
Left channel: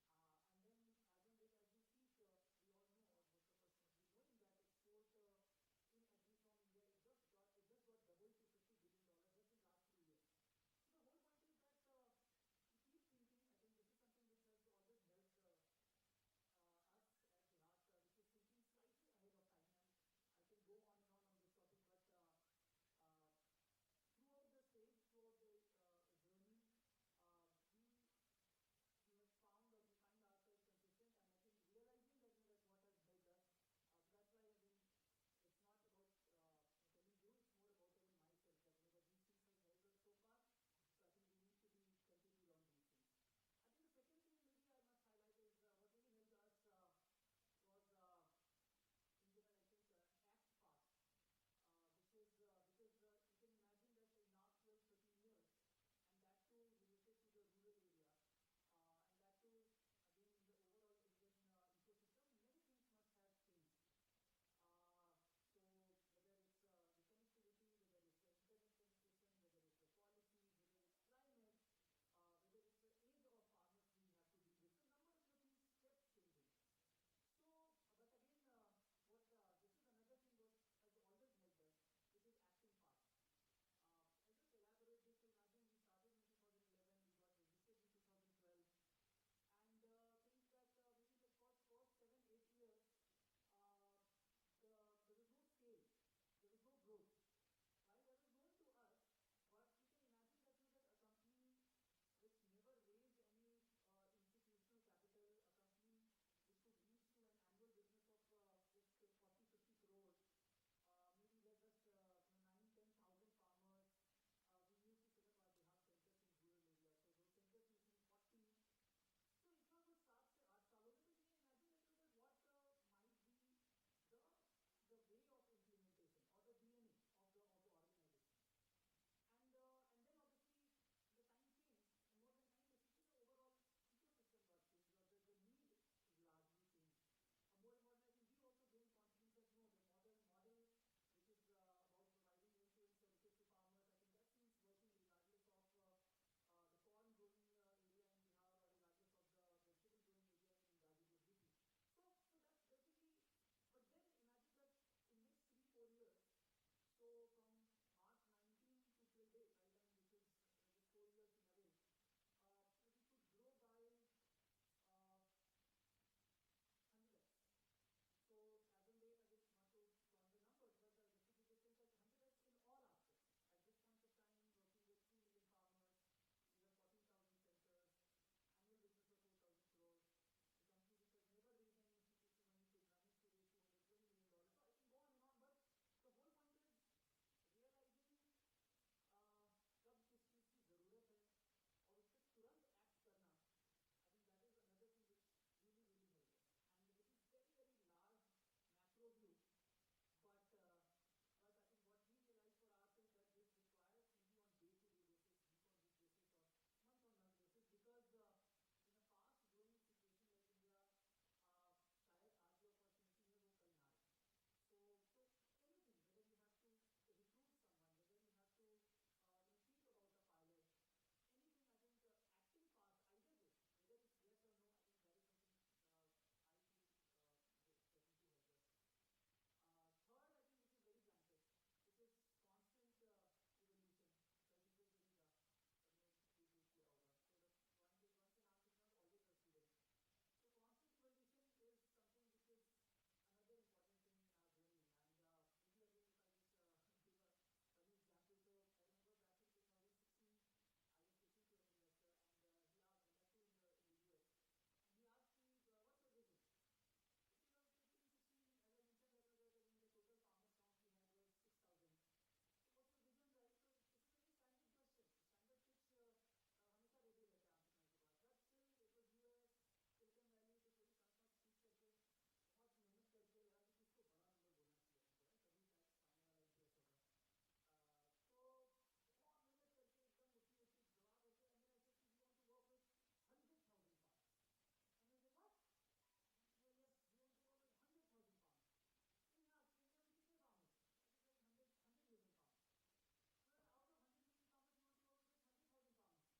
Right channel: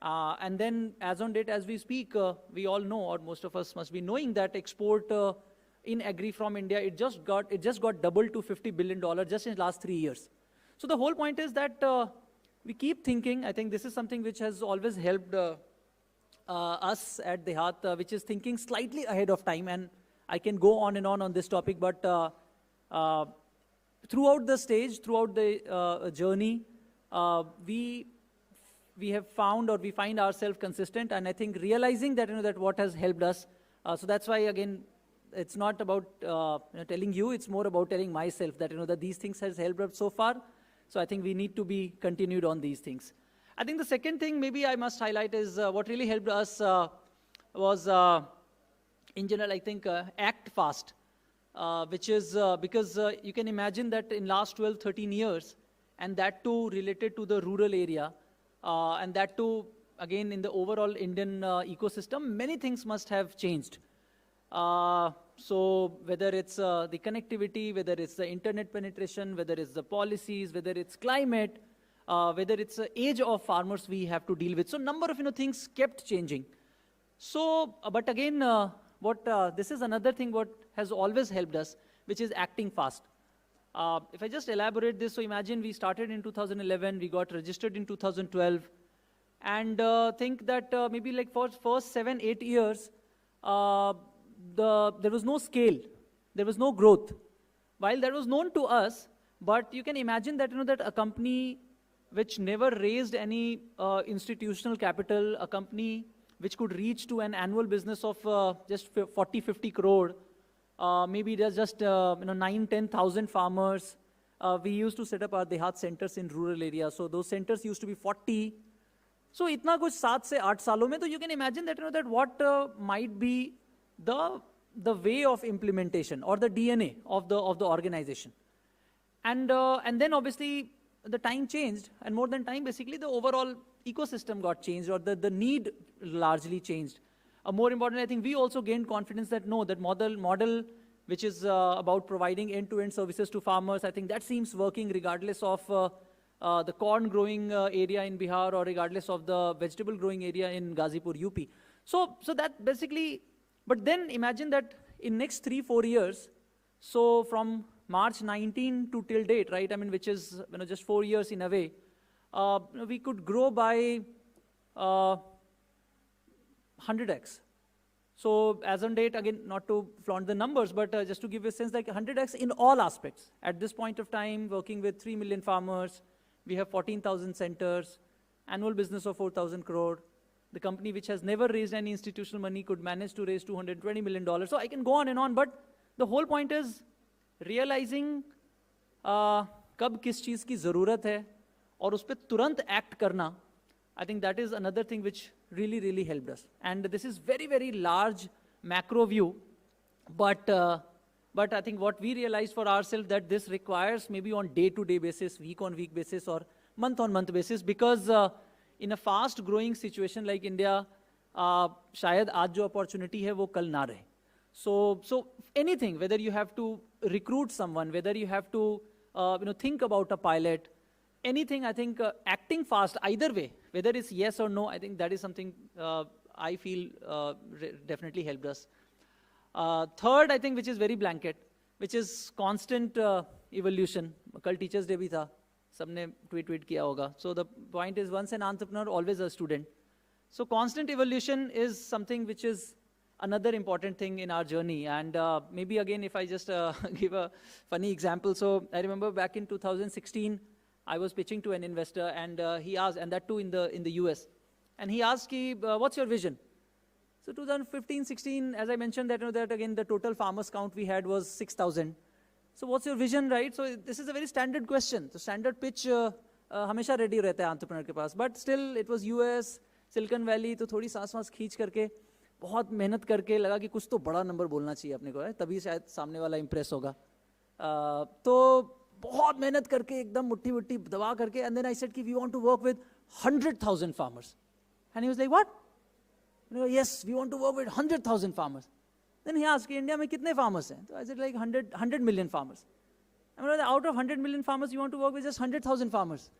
And then as on date, as we speak, we all know, or most of us must be knowing that export in agri from India, it just got doubled to $50 billion just in the last 3 years. So the whole point is that we keep thinking. I think this is something which has always helped us at Dehat, which is thinking slightly ahead of time. And I can go on and on this topic, but throughout the stage, throughout the journey, we have found, or we find ourselves consistent, and I think realizing that, that what has helped us. So that's why, again, it's not about telling you, it's more about telling myself that, that these things has helped us so far. So I think we need to be continued on these things. I think the second thing maybe I must highlight is what really helped us was, in general, I think, act fast, which is because you can imagine that in last 12, 13 years, and that too related to the rural area, and that too, again, in the overall Indian ecosystem, many things must have changed. So whether it's the connectivity, whether it's the internet penetration, whether it's the policies, whether it's climate, whether it's the age of farmers we have to deal with. So number of things kept changing. So, but again, this is another thing what has always helped us, which is acting fast. If I just elaborate this, so imagine we started in 2011, we got registered in 2012, and think that maybe like for first 7-8 years, there was no scale, there was no growth. While that was known to us, but you can imagine that, that a company which never raised any institutional capital, a company which could reach to an annual business of just 40-50 crore, maybe there's just 9,000-10,000 farmers. We used to set up our Dehat centers in rural areas, so those centers used to be 40. So itna kuch 7 se 8 salon mein, so you can imagine that, that what might be the way of implementation or the DNA of the organization. And then obviously the time changed, and more than time, basically the overall ecosystem got changed, or the need largely changed. More important, I think we also gained confidence that no, that model which is about providing end-to-end services to farmers, I think that seems working regardless of the corn growing area in Bihar, or regardless of the vegetable growing area in Ghazipur, UP. So that basically, but then imagine that in next 3-4 years, so from March 19 to till date, right? I mean, which is just 4 years in a way, we could grow by 100x. So as on date, again, not to flaunt the numbers, but just to give you a sense, like 100x in all aspects. At this point of time, working with 3 million farmers, we have 14,000 centers, annual business of 4,000 crore. The company which has never raised any institutional money could manage to raise $220 million. So I can go on and on, but the whole point is realizing कब किस चीज़ की ज़रूरत है और उस पर तुरंत act करना. I think that is another thing which really helped us. And this is very large macro view, but I think what we realized for ourselves that this requires maybe on day-to-day basis, week-on-week basis, or month-on-month basis, because in a fast-growing situation like India, शायद आज जो opportunity है वो कल ना रहे. So anything, whether you have to recruit someone, whether you have to think about a pilot, anything, I think acting fast either way, whether it's yes or no, I think that is something I feel definitely helped us. Third, I think, which is very blanket, which is constant evolution. Kal Teachers Day bhi tha. Sabne tweet kiya hoga. So the point is, once an entrepreneur, always a student. So constant evolution is something which is another important thing in our journey. And maybe again, if I just give a funny example. So I remember back in 2016, I was pitching to an investor, and he asked, and that too in the US. And he asked, what's your vision? So 2015-16, as I mentioned, that again, the total farmers count we had was 6,000. So what's your vision, right? So this is a very standard question. The standard pitch हमेशा ready रहता है entrepreneur के पास. But still, it was US, Silicon Valley, तो थोड़ी सांस खींच करके, बहुत मेहनत करके लगा कि कुछ तो बड़ा नंबर बोलना चाहिए अपने को, तभी शायद सामने वाला impress होगा. तो बहुत मेहनत करके एकदम मुट्ठी दबा करके, and then I said कि we want to work with 100,000 farmers. And he was like, what? And I go, yes, we want to work with 100,000 farmers. Then he asked, India में कितने farmers हैं? So I said like 100 million farmers. I mean, out of 100 million farmers, you want to work with just 100,000 farmers.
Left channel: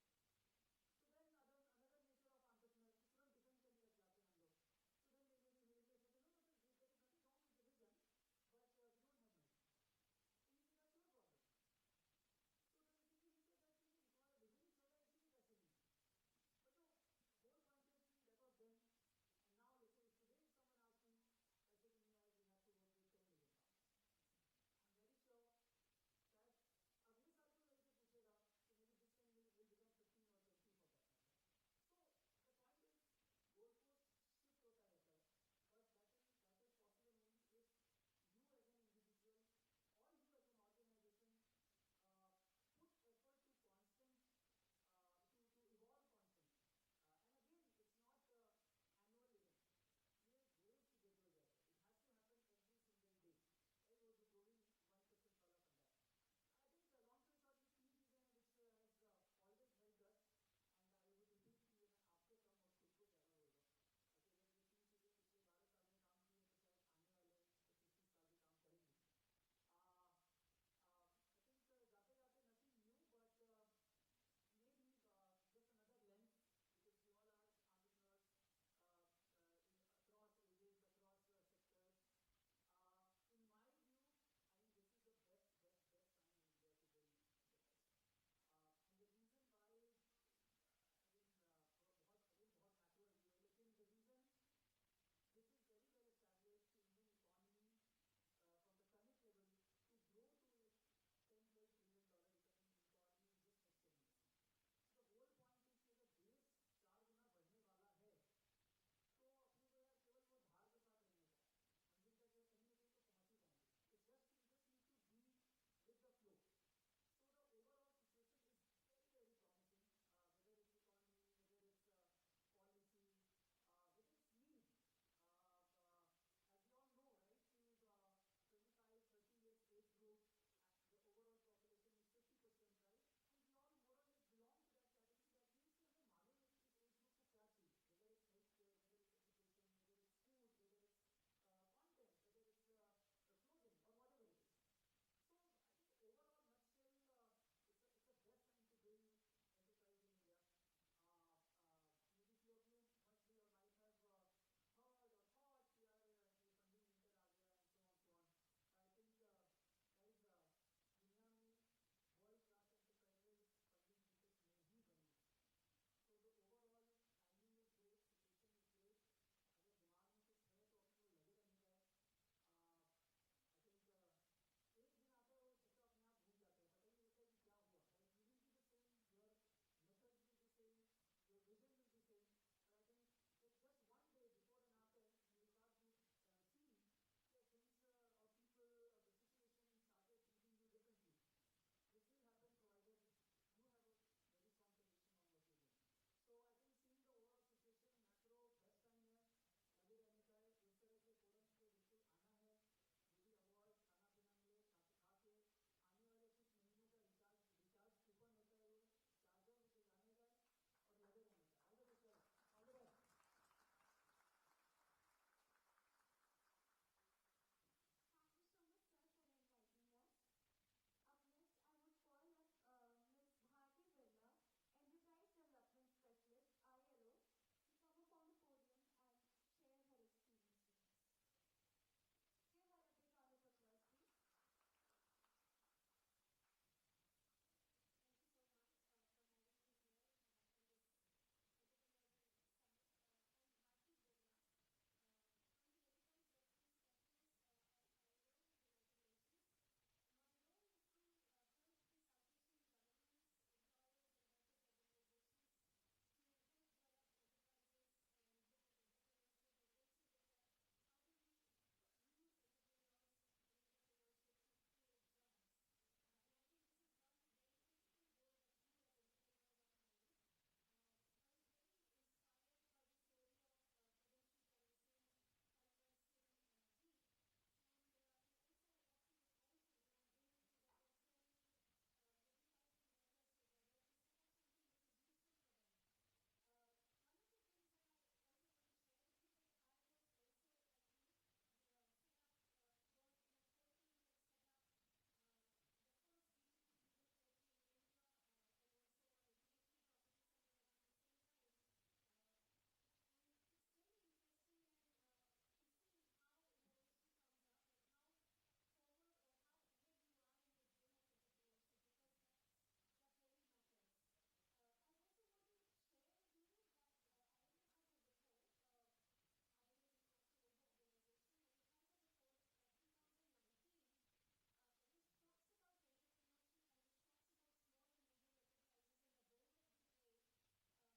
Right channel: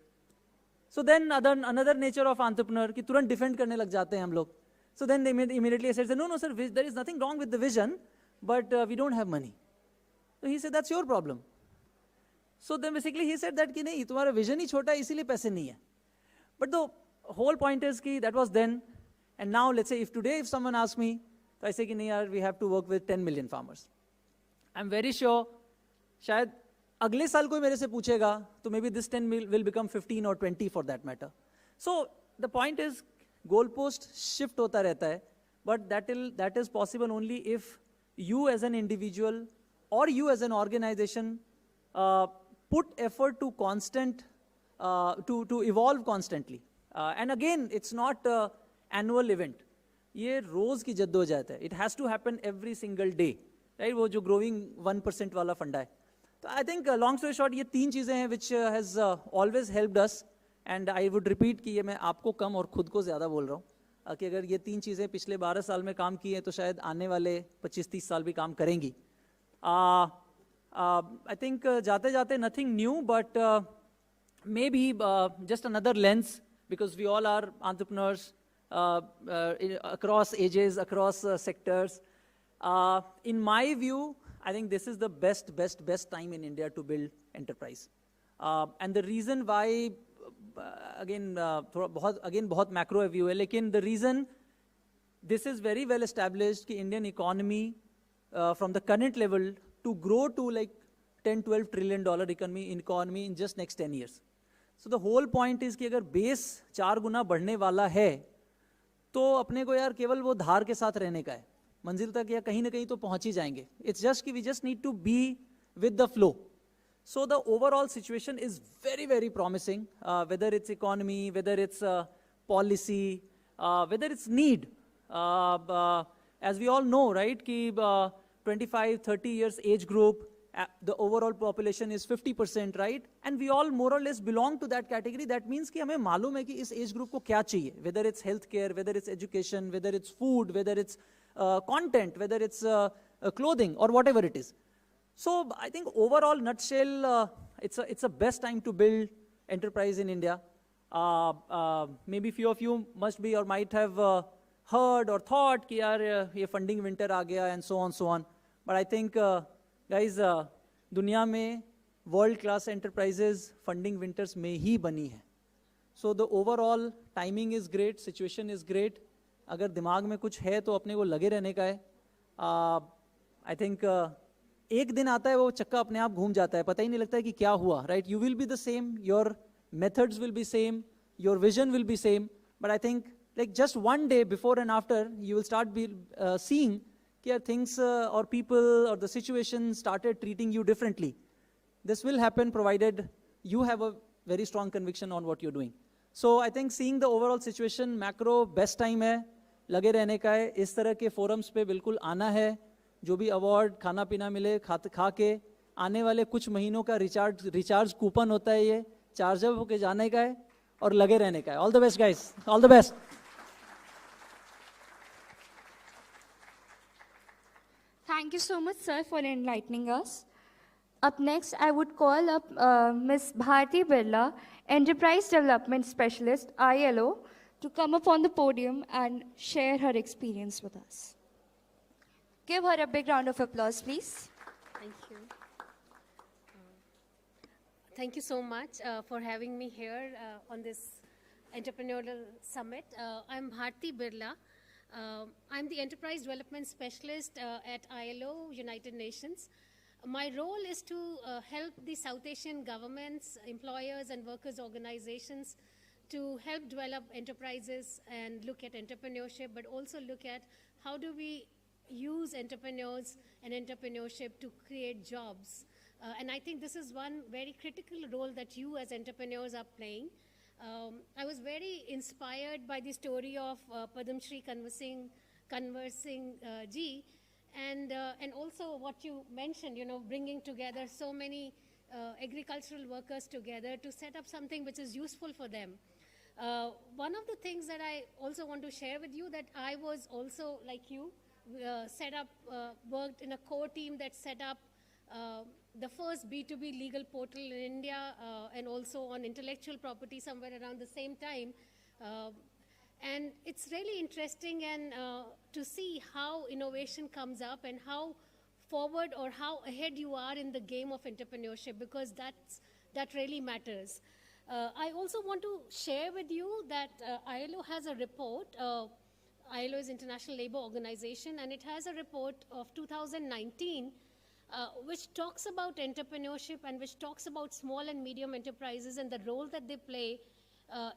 So then another nature of entrepreneur कि तुरंत defend करने लग जाते हैं हम लोग. So then they immediately said, no, sir, there is nothing wrong with the vision, but we don't have money. So he said, that's your problem. So then basically he said that कि नहीं, तुम्हारा vision ही छोटा है, इसीलिए पैसे नहीं है. But the whole point is कि that was then, and now let's say if someone asks me, तो I say कि नहीं यार, we have to work with 10 million farmers. I'm very sure, शायद अगले साल कोई मेरे से पूछेगा, तो maybe this 10 will become 15 or 20 for that matter. So the point is, goalpost shift होता रहता है, but that is possible only if you as an individual or you as an organization put effort to to evolve constantly. And again, it's not an annual event. ये रोज की जद्दोजहद है. It has to happen every single day, right? वो जो growing 1% वाला फंडा है. तो I think long story short, ये तीन चीजें हैं which has always helped us. And I would repeat कि ये मैं आपको कम और खुद को ज़्यादा बोल रहा हूँ कि अगर ये तीन चीज़ें पिछले 12 साल में काम की हैं तो शायद आने वाले 25-30 साल भी काम करेंगी. I think जाते जाते nothing new, but maybe just another lens, because we all are entrepreneurs across ages, across sectors. In my view, I think this is the best time in India to build enterprise. And the reason why, again बहुत macro view है, लेकिन the reason this is very well established कि Indian economy from the current level to grow to like $10-12 trillion economy in just next 10 years. So the whole point is कि अगर base 4 गुना बढ़ने वाला है तो अपने को यार केवल वो धार के साथ रहने का है, मंजिल तक या कहीं ना कहीं तो पहुंच ही जाएंगे. It's just कि we just need to be with the flow. So the overall situation is very promising, whether it's economy, whether it's policy, whether it's need. As we all know, right, कि 25-30 years age group, the overall population is 50%, right? And we all more or less belong to that category. That means कि हमें मालूम है कि इस age group को क्या चाहिए, whether it's healthcare, whether it's education, whether it's food, whether it's content, whether it's clothing or whatever it is. So I think overall nutshell, it's a best time to build enterprise in India. Maybe few of you must be or might have heard or thought कि यार ये funding winter आ गया and so on. But I think guys, दुनिया में world class enterprises funding winters में ही बनी है. So the overall timing is great, situation is great. अगर दिमाग में कुछ है तो अपने को लगे रहने का है. I think एक दिन आता है वो चक्का अपने आप घूम जाता है, पता ही नहीं लगता है कि क्या हुआ, right? You will be the same, your methods will be same, your vision will be same, but I think like just one day before and after, you will start seeing that things or people or the situation started treating you differently. This will happen provided you have a very strong conviction on what you're doing. So I think seeing the overall situation, macro best time है, लगे रहने का है, इस तरह के forums पे बिल्कुल आना है, जो भी अवार्ड खाना पीना मिले खा के आने वाले कुछ महीनों का रिचार्ज कूपन होता है, ये चार्ज अप होके जाने का है और लगे रहने का है. All the best guys, all the best. Thank you so much, sir, for enlightening us. Up next, I would call up Ms. Bharti Birla, Enterprise Development Specialist, ILO, to come up on the podium and share her experience with us. Give her a big round of applause, please. Thank you. Thank you so much for having me here on this entrepreneurial summit. I'm Bharti Birla. I'm the Enterprise Development Specialist at ILO, United Nations. My role is to help the South Asian governments, employers, and workers' organizations to help develop enterprises and look at entrepreneurship, but also look at how do we use entrepreneurs and entrepreneurship to create jobs. And I think this is one very critical role that you as entrepreneurs are playing. I was very inspired by the story of Padmashree Kanwal ji, and also what you mentioned, bringing together so many agricultural workers together to set up something which is useful for them. One of the things that I also want to share with you that I was also, like you, worked in a core team that set up the first B2B legal portal in India and also on intellectual property somewhere around the same time. And it's really interesting and to see how innovation comes up and how forward or how ahead you are in the game of entrepreneurship, because that really matters. I also want to share with you that ILO has a report. ILO is International Labour Organization, and it has a report of 2019 which talks about entrepreneurship and which talks about small and medium enterprises and the role that they play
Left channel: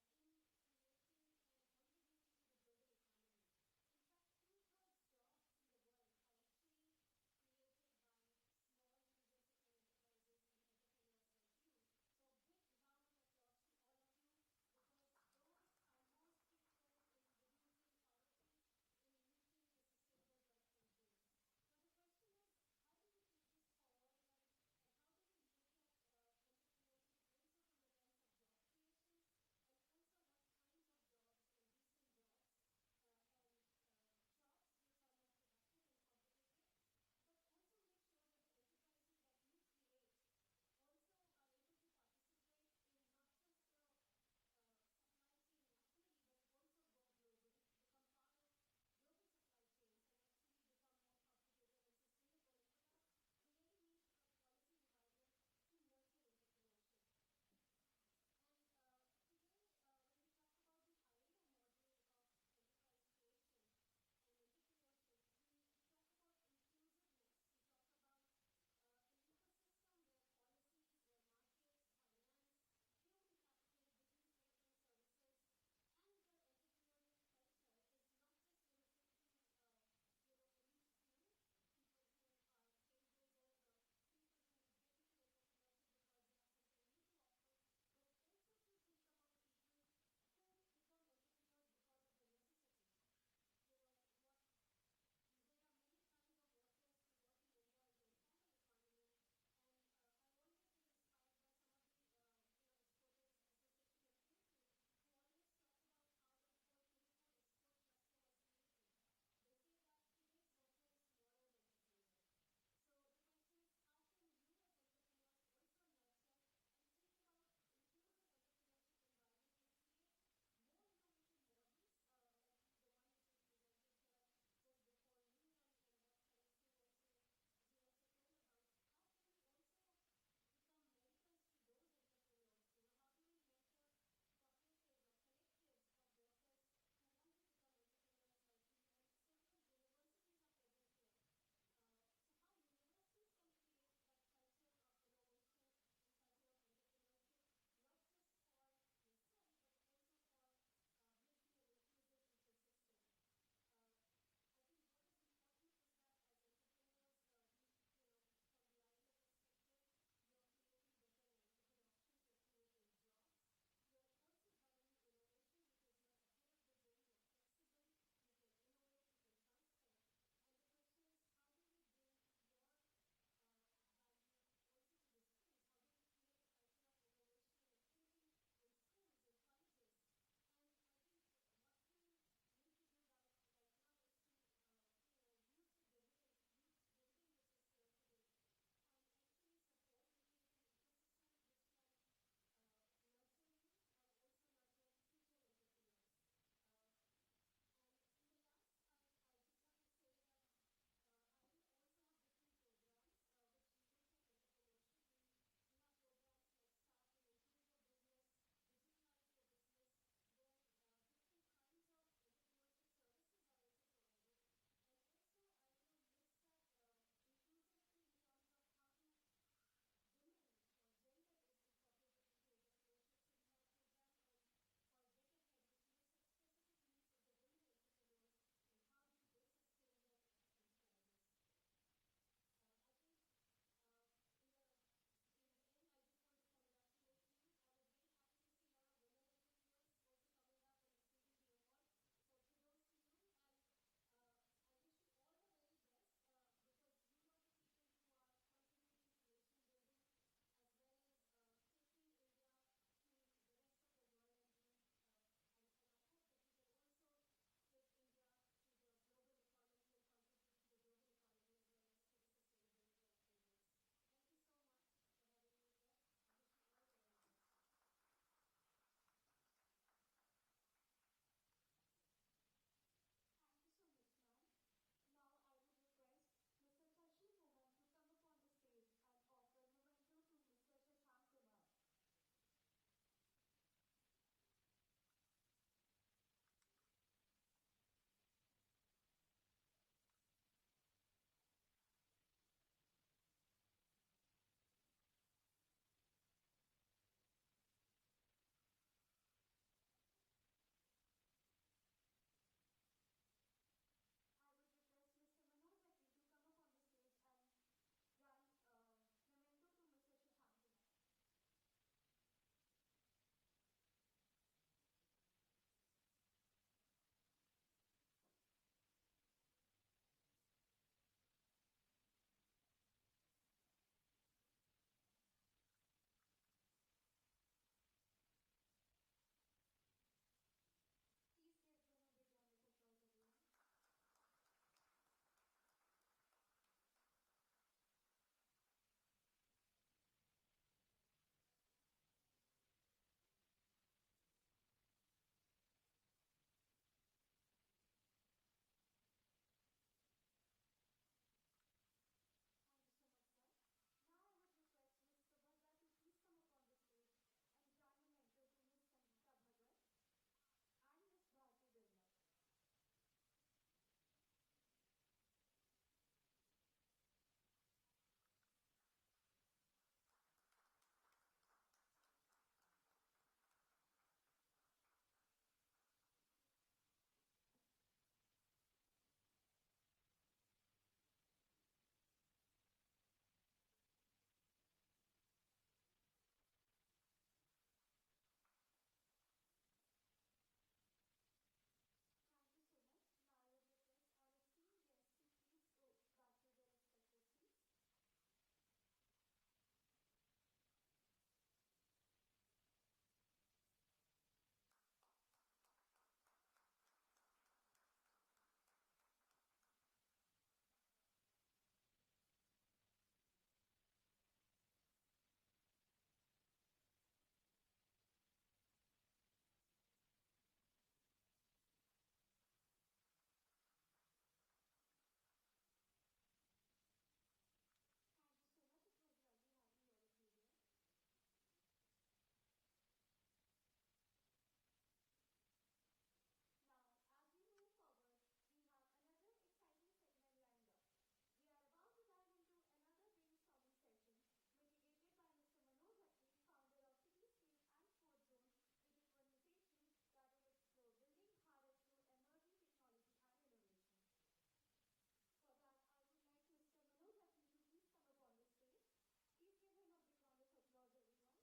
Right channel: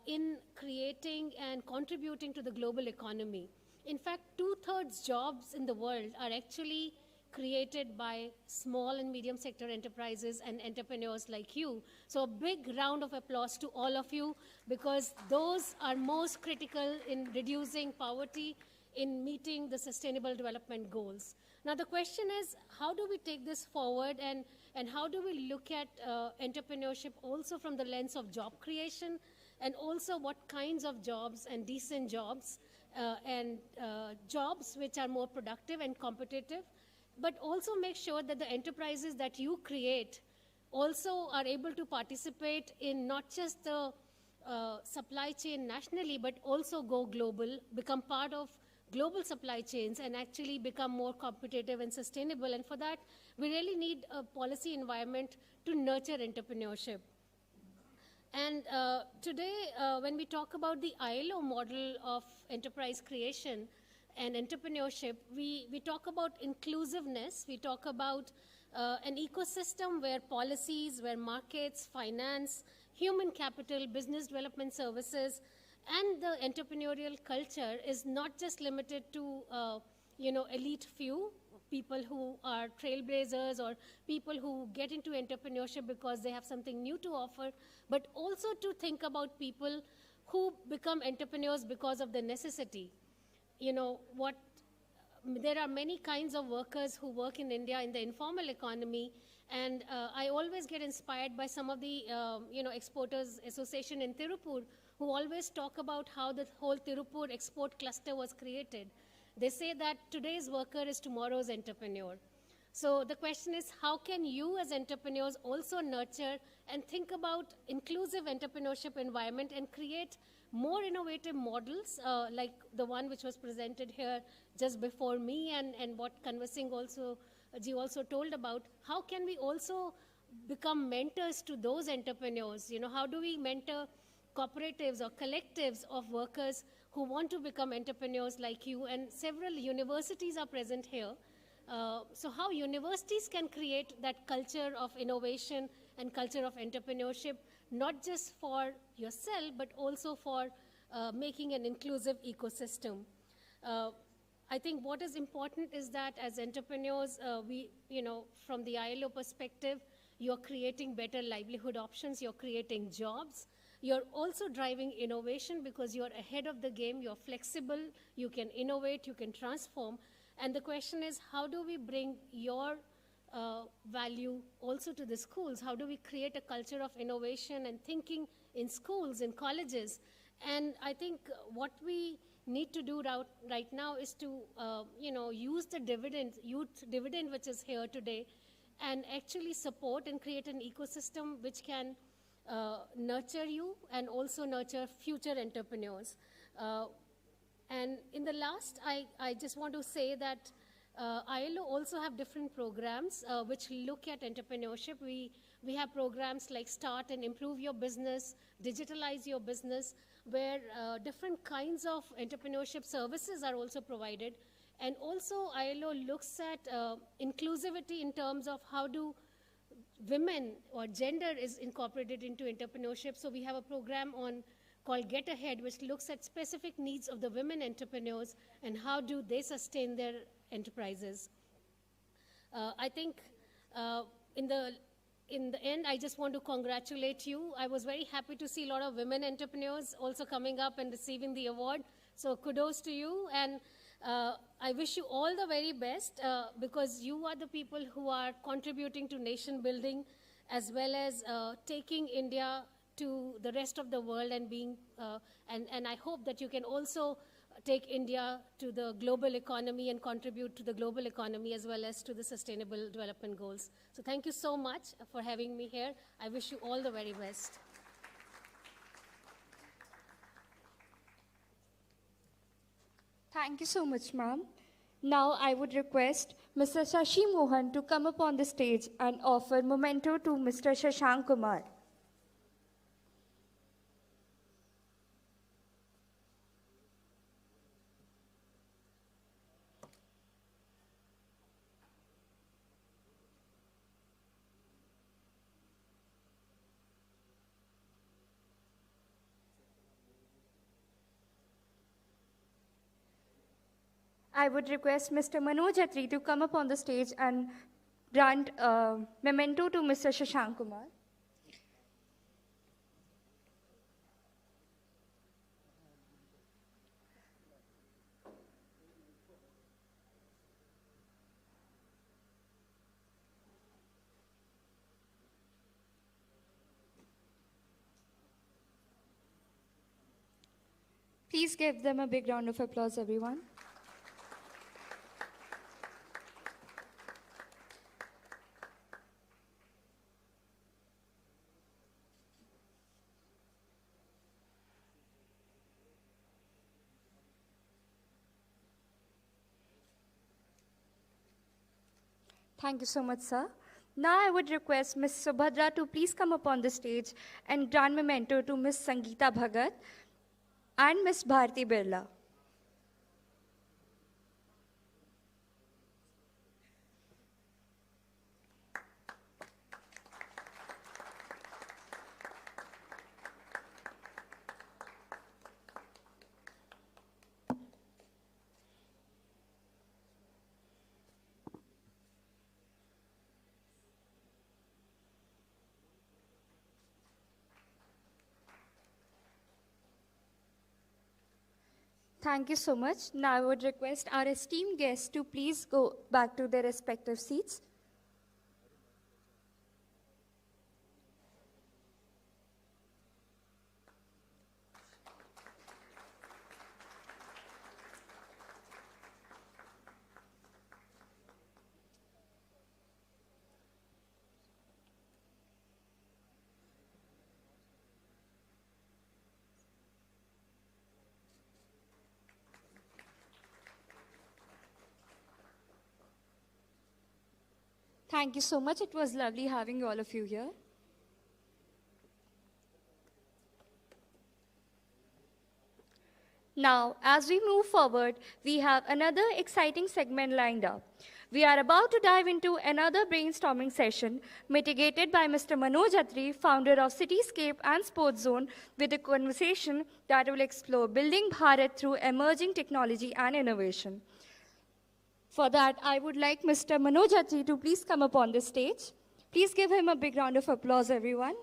in creating and contributing to the global economy. In fact, 2/3 jobs in the world are actually created by small and medium sector enterprises and entrepreneurs like you. So a big round of applause to all of you, because those are most critical in reducing poverty, in meeting the Sustainable Development Goals. Now the question is, how do we take this forward, and how do we look at entrepreneurship also from the lens of job creation, and also what kinds of jobs and decent jobs and jobs which are more productive and competitive, but also make sure that the enterprises that you create also are able to participate in not just the supply chain nationally, but also go global, become part of global supply chains and actually become more competitive and sustainable. And for that, we really need a policy environment to nurture entrepreneurship. And today, when we talk about the ILO model of enterprise creation and entrepreneurship, we talk about inclusiveness, we talk about an ecosystem where policies, where markets, finance, human capital, business development services, and the entrepreneurial culture is not just limited to, elite few, people who are trailblazers or people who get into entrepreneurship because they have something new to offer, but also to think about people who become entrepreneurs because of the necessity. There are many kinds of workers who work in India in the informal economy, and I always get inspired by some of the, Exporters Association in Tirupur, who always talk about how the whole Tirupur export cluster was created. They say that today's worker is tomorrow's entrepreneur. So the question is, how can you as entrepreneurs also nurture and think about inclusive entrepreneurship environment and create more innovative models like the one which was presented here just before me, and what Kanwal Singh also told about. How can we also become mentors to those entrepreneurs? How do we mentor cooperatives or collectives of workers who want to become entrepreneurs like you? And several universities are present here. So how universities can create that culture of innovation and culture of entrepreneurship, not just for yourself, but also for making an inclusive ecosystem. I think what is important is that as entrepreneurs, from the ILO perspective, you're creating better livelihood options, you're creating jobs, you're also driving innovation because you're ahead of the game, you're flexible, you can innovate, you can transform. And the question is, how do we bring your value also to the schools? How do we create a culture of innovation and thinking in schools, in colleges? And I think what we need to do right now is to, use the youth dividend which is here today, and actually support and create an ecosystem which can nurture you and also nurture future entrepreneurs. And in the last, I just want to say that ILO also have different programs which look at entrepreneurship. We have programs like Start and Improve Your Business, Digitalize Your Business, where different kinds of entrepreneurship services are also provided. And also ILO looks at inclusivity in terms of how do women or gender is incorporated into entrepreneurship. So we have a program called Get Ahead, which looks at specific needs of the women entrepreneurs and how do they sustain their enterprises. I think in the end, I just want to congratulate you. I was very happy to see a lot of women entrepreneurs also coming up and receiving the award. So kudos to you. And I wish you all the very best because you are the people who are contributing to nation building as well as taking India to the rest of the world and being, and I hope that you can also take India to the global economy and contribute to the global economy as well as to the sustainable development goals. So thank you so much for having me here. I wish you all the very best. Thank you so much, ma'am. Now I would request Mr. Shashi Mohan to come up on the stage and offer memento to Mr. Shashank Kumar. I would request Mr. Manoj Atri to come up on the stage and grant a memento to Mr. Shashank Kumar. Please give them a big round of applause, everyone. Thank you so much, sir. Now I would request Ms. Subhadra to please come up on the stage and grant memento to Ms. Sangeeta Bhagat and Ms. Bharti Birla. Thank you so much. Now I would request our esteemed guests to please go back to their respective seats. Thank you so much. It was lovely having all of you here. Now, as we move forward, we have another exciting segment lined up. We are about to dive into another brainstorming session mitigated by Mr. Manoj Atri, founder of Cityscape and Sports Zone, with a conversation that will explore building Bharat through emerging technology and innovation. For that, I would like Mr. Manoj Atri to please come up on the stage. Please give him a big round of applause, everyone.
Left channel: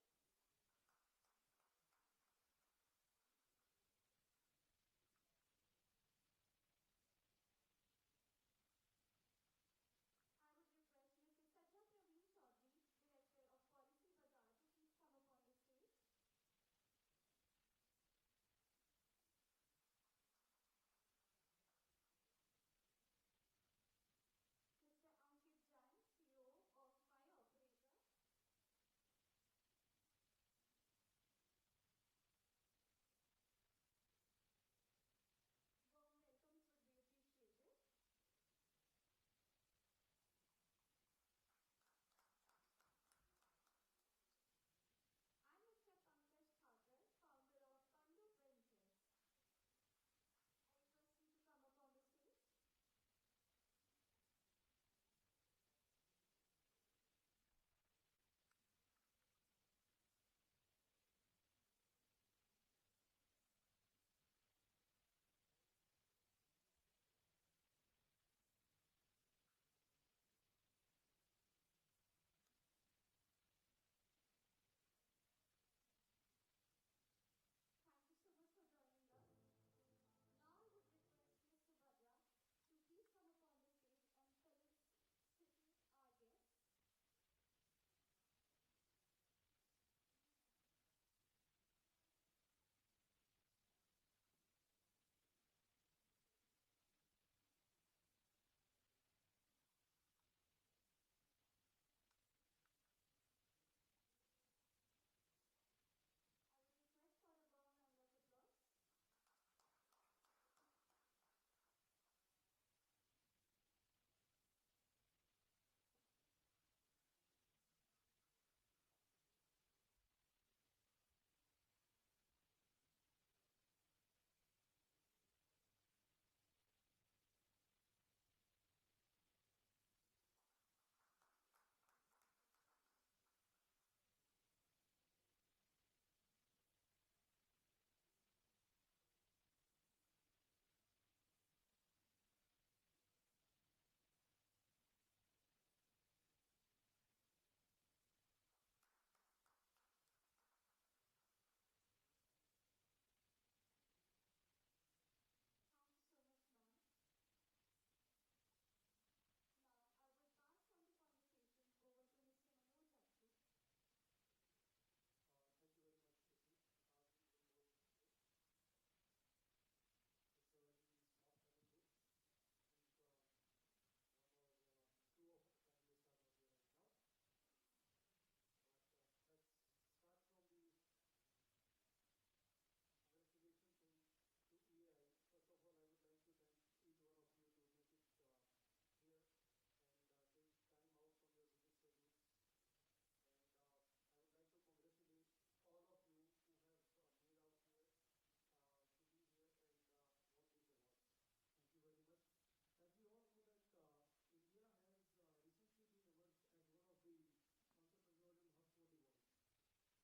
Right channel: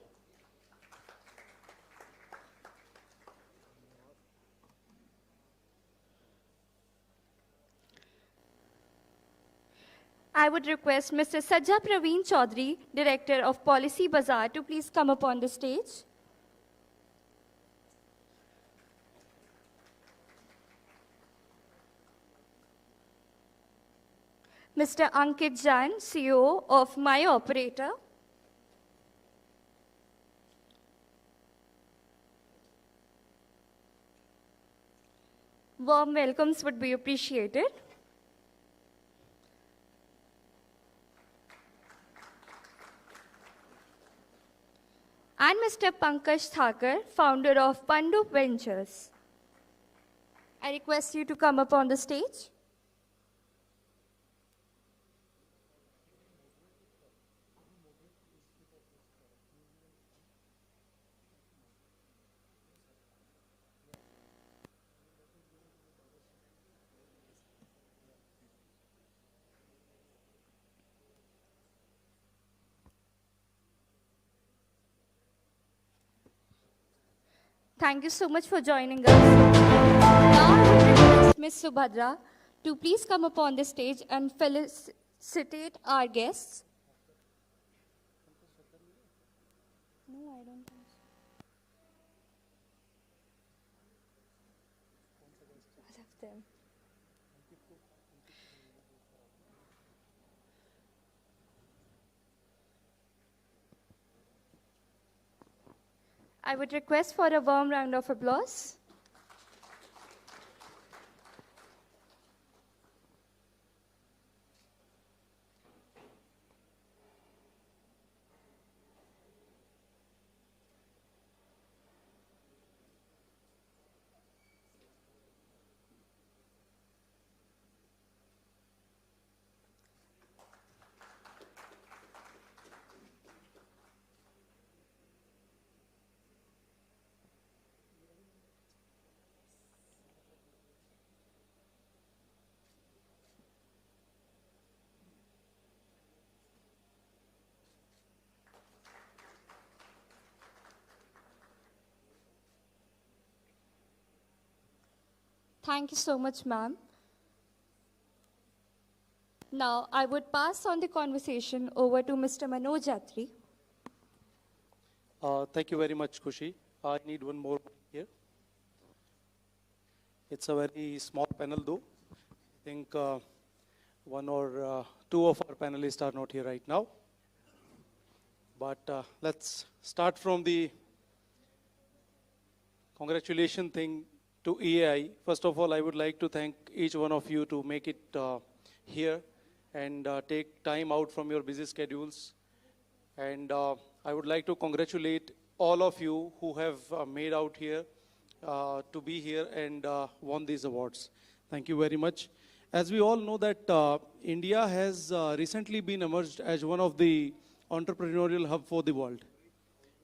I would request Mr. Sajja Praveen Chaudhary, Director of Policy Bazaar, to please come up on the stage. Mr. Ankit Jain, CEO of My Operator. Warm welcomes would be appreciated. And Mr. Pankaj Thakur, founder of Pandu Ventures. I request you to come up on the stage. Thank you so much for joining us. Now I would request Ms. Subadra to please come up on the stage and felicitate our guests. No, I don't think so. All of them. I would request for a warm round of applause. Thank you so much, ma'am. Now, I would pass on the conversation over to Mr. Manoj Jatri. Thank you very much, Kushi. I need one more here. It's a very small panel, though. I think one or two of our panelists are not here right now. But let's start from the congratulation thing to EAI. First of all, I would like to thank each one of you to make it here and take time out from your busy schedules. And I would like to congratulate all of you who have made out here to be here and won these awards. Thank you very much. As we all know that India has recently been emerged as one of the entrepreneurial hub for the world.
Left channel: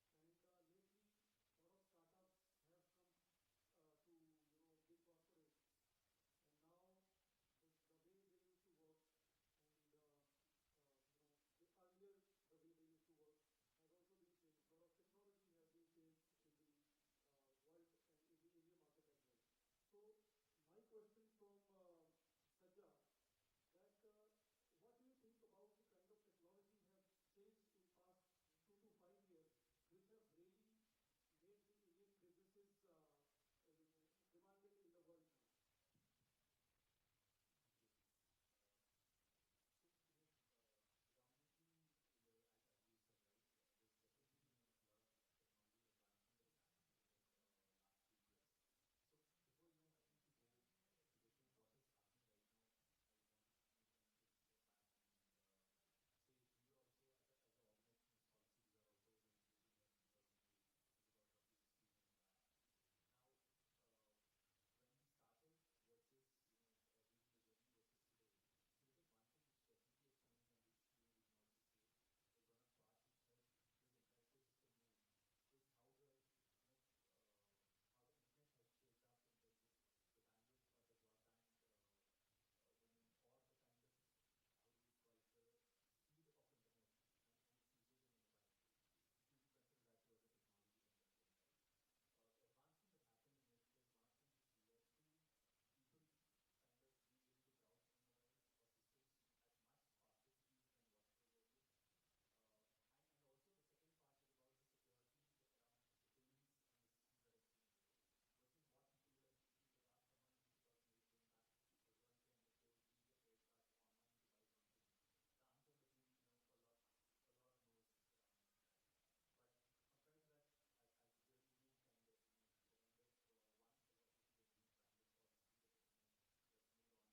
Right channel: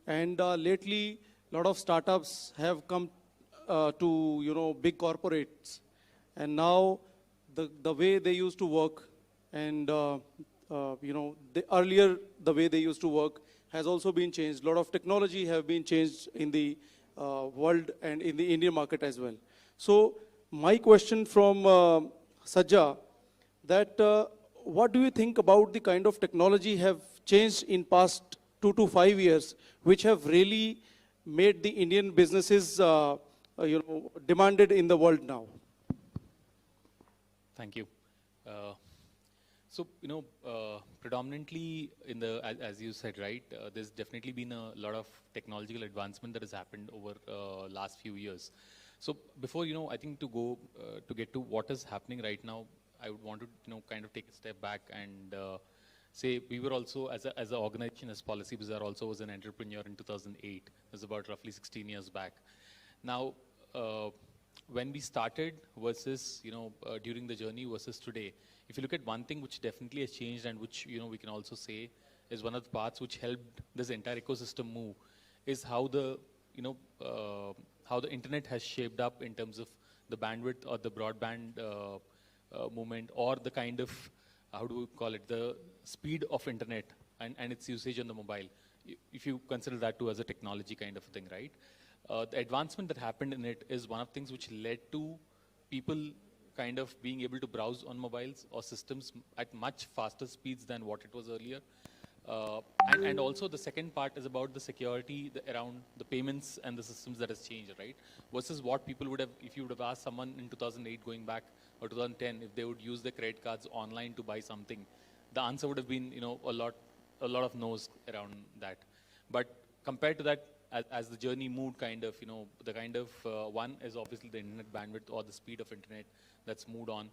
And lately, a lot of startups have come to big corporates, and now the way they used to work and earlier the way they used to work has also been changed. A lot of technology have been changed in the world and in the Indian market as well. So my question from Sajja, that what do you think about the kind of technology have changed in past 2 to 5 years, which have really made the Indian businesses demanded in the world now? Thank you. Predominantly in the, as you said, right, there's definitely been a lot of technological advancement that has happened over last few years. So before, I think to go, to get to what is happening right now, I would want to, kind of take a step back and say we were also, as an organization, as Policy Bazaar also was an entrepreneur in 2008. It was about roughly 16 years back. Now, when we started versus, during the journey versus today, if you look at one thing which definitely has changed and which, we can also say is one of the parts which helped this entire ecosystem move is how the, how the internet has shaped up in terms of the bandwidth or the broadband movement, or the kind of, how do we call it, the speed of internet and its usage on the mobile, if you consider that too as a technology kind of a thing, right? The advancement that happened in it is one of the things which led to people kind of being able to browse on mobiles or systems at much faster speeds than what it was earlier. And also the second part is about the security around the payments and the systems that has changed, right? Versus what people would have, if you would have asked someone in 2008 going back, or 2010, if they would use their credit cards online to buy something, the answer would have been, a lot of no's around that. But compared to that, as the journey moved kind of, the kind of, one is obviously the internet bandwidth or the speed of internet that's moved on.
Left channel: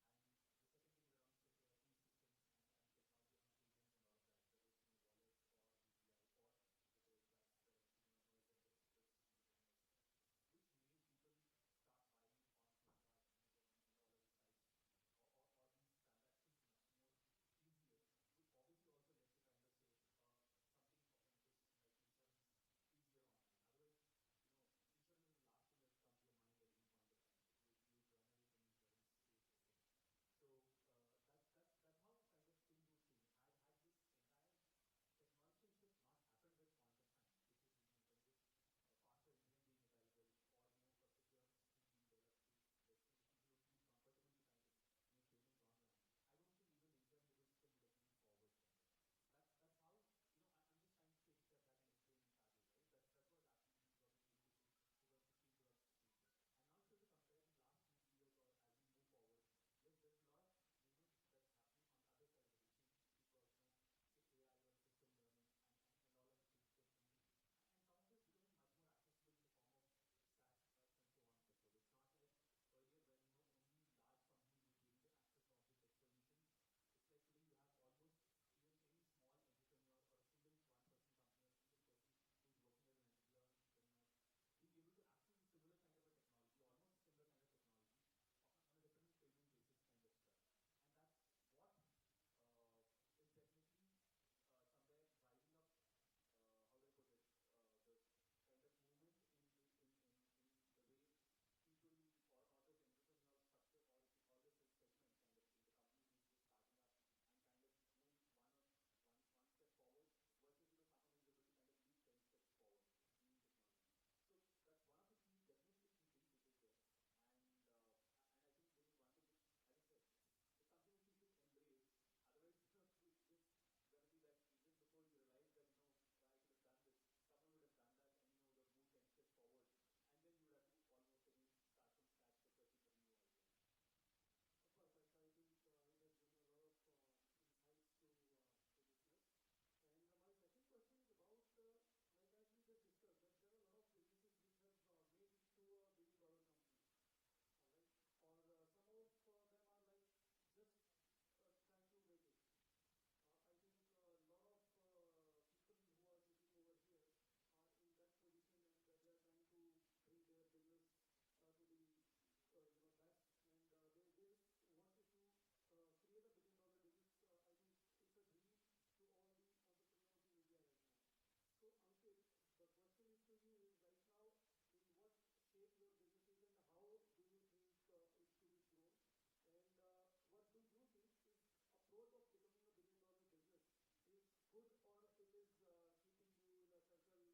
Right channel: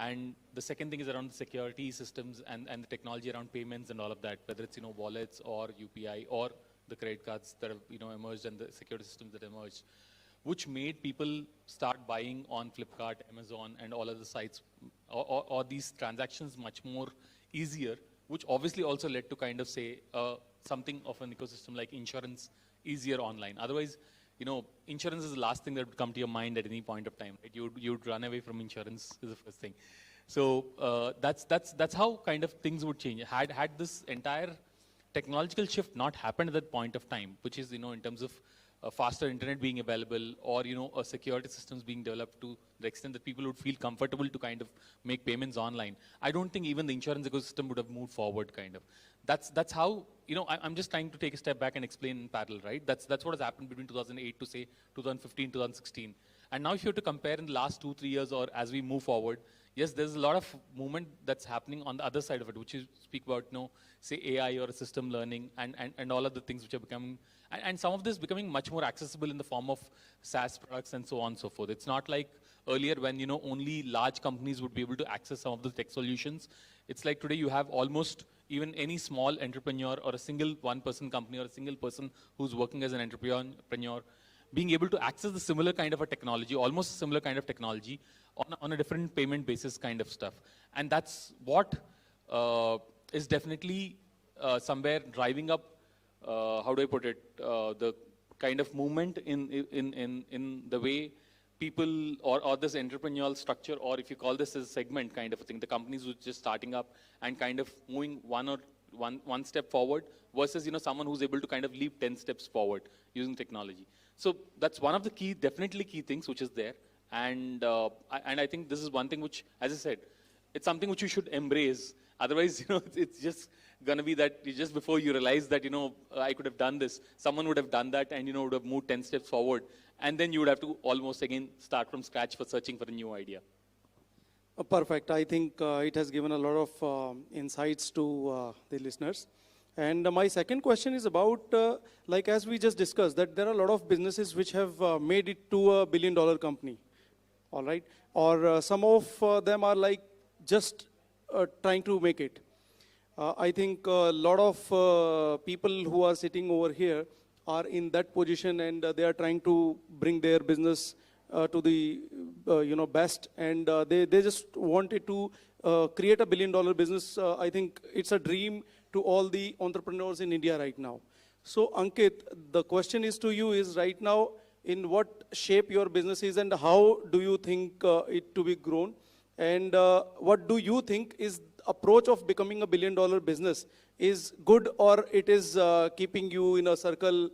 And the second thing is around the security systems and the technology around payments and all of that, whether it's, wallets or UPI or the credit cards that have, emerged and the security systems that emerged, which made people start buying on Flipkart, Amazon, and all other sites, or these transactions much more easier, which obviously also led to kind of say something of an ecosystem like insurance easier online. Otherwise, insurance is the last thing that would come to your mind at any point of time. Right? You'd run away from insurance is the first thing. So that's how kind of things would change. Had this entire technological shift not happened at that point of time, which is, in terms of faster internet being available, or security systems being developed to the extent that people would feel comfortable to kind of make payments online, I don't think even the insurance ecosystem would have moved forward. Kind of. That's how, I'm just trying to take a step back and explain in parallel, right? That's what has happened between 2008 to say 2015, 2016. And now if you have to compare in the last 2-3 years or as we move forward, yes, there's a lot of movement that's happening on the other side of it, which you speak about, say AI or system learning and all of the things which are becoming, and some of this becoming much more accessible in the form of SaaS products and so on and so forth. It's not like earlier when, only large companies would be able to access some of the tech solutions. It's like today you have almost even any small entrepreneur or a single one-person company or a single person who's working as an entrepreneur being able to access the similar kind of a technology, almost similar kind of technology on a different payment basis kind of stuff. And that's what is definitely somewhere driving up, how do I put it, the kind of movement in the way people or this entrepreneurial structure, or if you call this as a segment kind of a thing, the companies who are just starting up and kind of moving one step forward versus, someone who's able to kind of leap 10 steps forward using technology. So that's one of the definitely key things which is there. And I think this is one thing which, as I said, it's something which you should embrace. Otherwise, it's just going to be that just before you realize that, I could have done this, someone would have done that and, would have moved 10 steps forward. And then you would have to almost again start from scratch for searching for a new idea. Perfect. I think it has given a lot of insights to the listeners. And my second question is about, like as we just discussed, that there are a lot of businesses which have made it to $1 billion company, all right? Or some of them are like just trying to make it. I think a lot of people who are sitting over here are in that position, and they are trying to bring their business to the best, and they just wanted to create a $1 billion business. I think it's a dream to all the entrepreneurs in India right now. So Ankit, the question is to you is right now, in what shape your business is and how do you think it to be grown? And what do you think is approach of becoming a $1 billion business is good, or it is keeping you in a circle,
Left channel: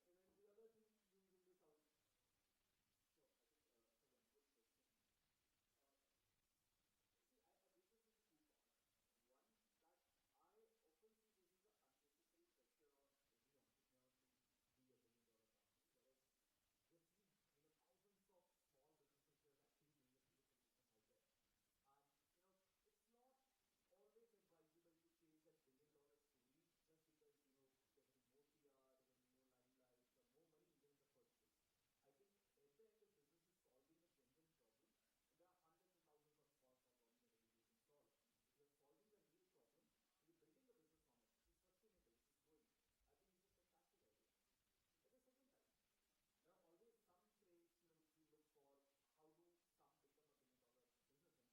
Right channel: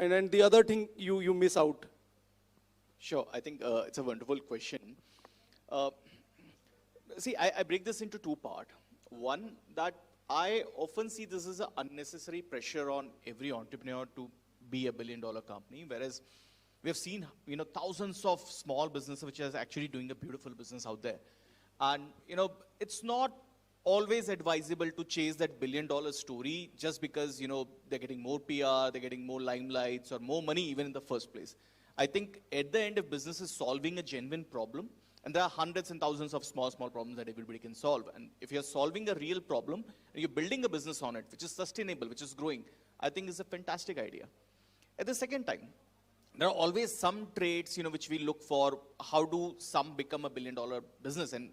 and the other thing you miss out? Sure, I think it's a wonderful question. See, I break this into two parts. One, that I often see this as an unnecessary pressure on every entrepreneur to be a $1 billion company, whereas we have seen, thousands of small businesses which are actually doing a beautiful business out there. And, it's not always advisable to chase that $1 billion story just because, they're getting more PR, they're getting more limelights or more money even in the first place. I think at the end, if business is solving a genuine problem, and there are hundreds and thousands of small problems that everybody can solve. And if you're solving a real problem, and you're building a business on it, which is sustainable, which is growing, I think is a fantastic idea. At the second time, there are always some traits, which we look for. How do some become a $1 billion business? And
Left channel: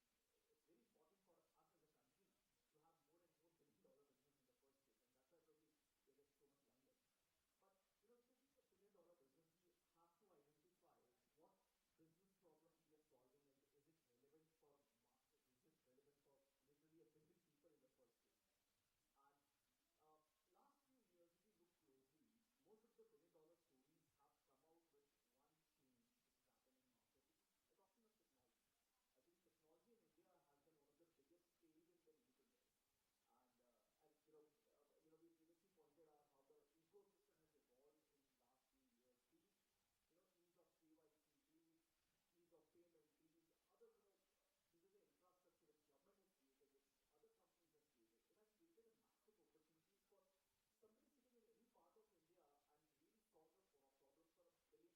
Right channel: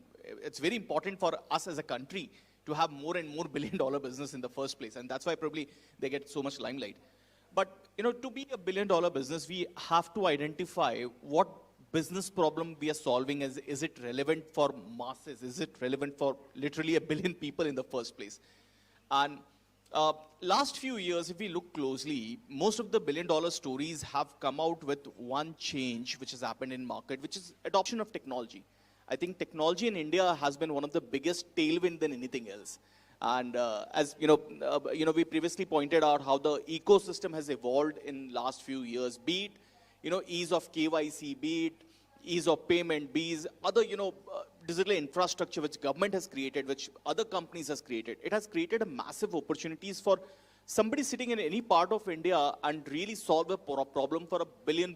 it's very important for us as a country to have more and more $1 billion business in the first place. And that's why probably they get so much limelight. But, to be a $1 billion business, we have to identify what business problem we are solving. Is it relevant for masses? Is it relevant for literally 1 billion people in the first place? And last few years, if we look closely, most of the $1 billion stories have come out with one change which has happened in market, which is adoption of technology. I think technology in India has been one of the biggest tailwind than anything else. And as we previously pointed out how the ecosystem has evolved in last few years, be it, ease of KYC, be it ease of payment, be it other, digital infrastructure which government has created, which other companies has created, it has created a massive opportunities for somebody sitting in any part of India and really solve a problem for a billion,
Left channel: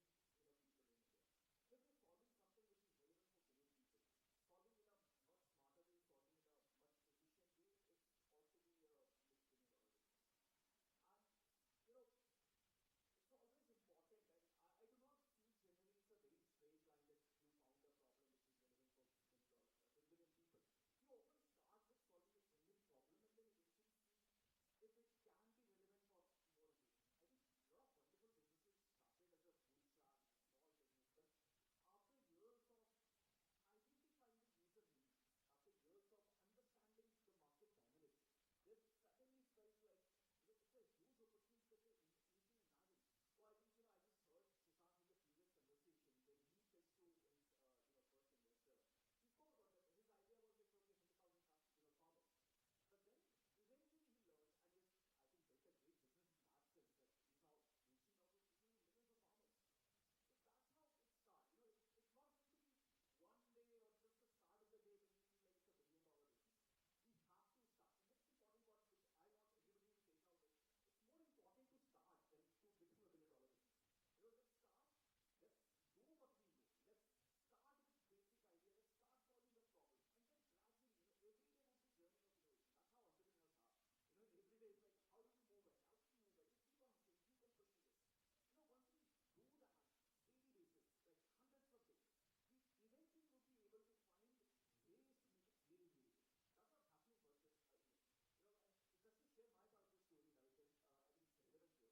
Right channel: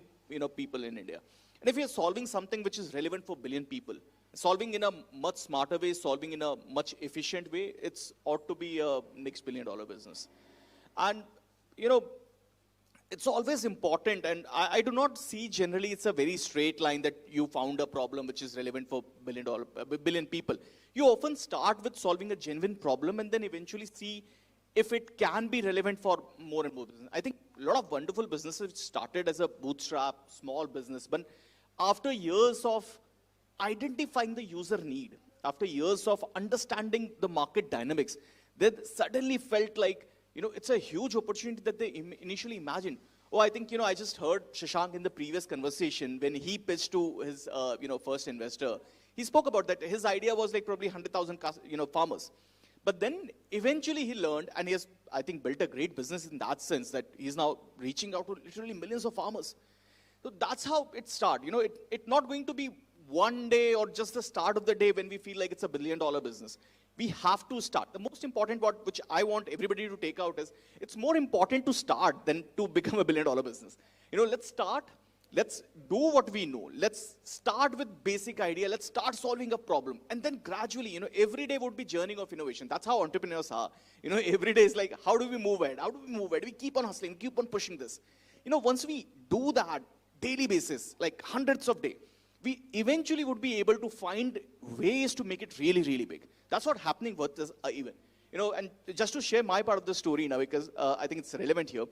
people in India. And if you're solving something which is relevant for billion people, solving in a much smarter way, solving in a much efficient way, it's ought to be a next billion-dollar business. And, it's always important, and I do not see generally it's a very straight line that you found a problem which is relevant for billion people. You often start with solving a genuine problem and then eventually see if it can be relevant for more and more business. I think a lot of wonderful businesses started as a bootstrap, small business, but after years of identifying the user need, after years of understanding the market dynamics, they suddenly felt like, it's a huge opportunity that they initially imagined. Oh, I think, I just heard Shashank in the previous conversation when he pitched to his, first investor. He spoke about that. His idea was like probably 100,000, farmers. But then eventually he learned, and he has, I think, built a great business in that sense that he's now reaching out to literally millions of farmers. So that's how it started. It's not going to be one day or just the start of the day when we feel like it's a billion-dollar business. We have to start. The most important part, which I want everybody to take out is, it's more important to start than to become a billion-dollar business. Let's start. Let's do what we know. Let's start with basic idea. Let's start solving a problem. And then gradually, every day would be journey of innovation. That's how entrepreneurs are. Every day is like, how do we move ahead? How do we move ahead? We keep on hustling, keep on pushing this. Once we do that daily basis, like hundreds of days, we eventually would be able to find ways to make it really, really big. That's what's happening with this event. And just to share my part of the story now, because I think it's relevant here.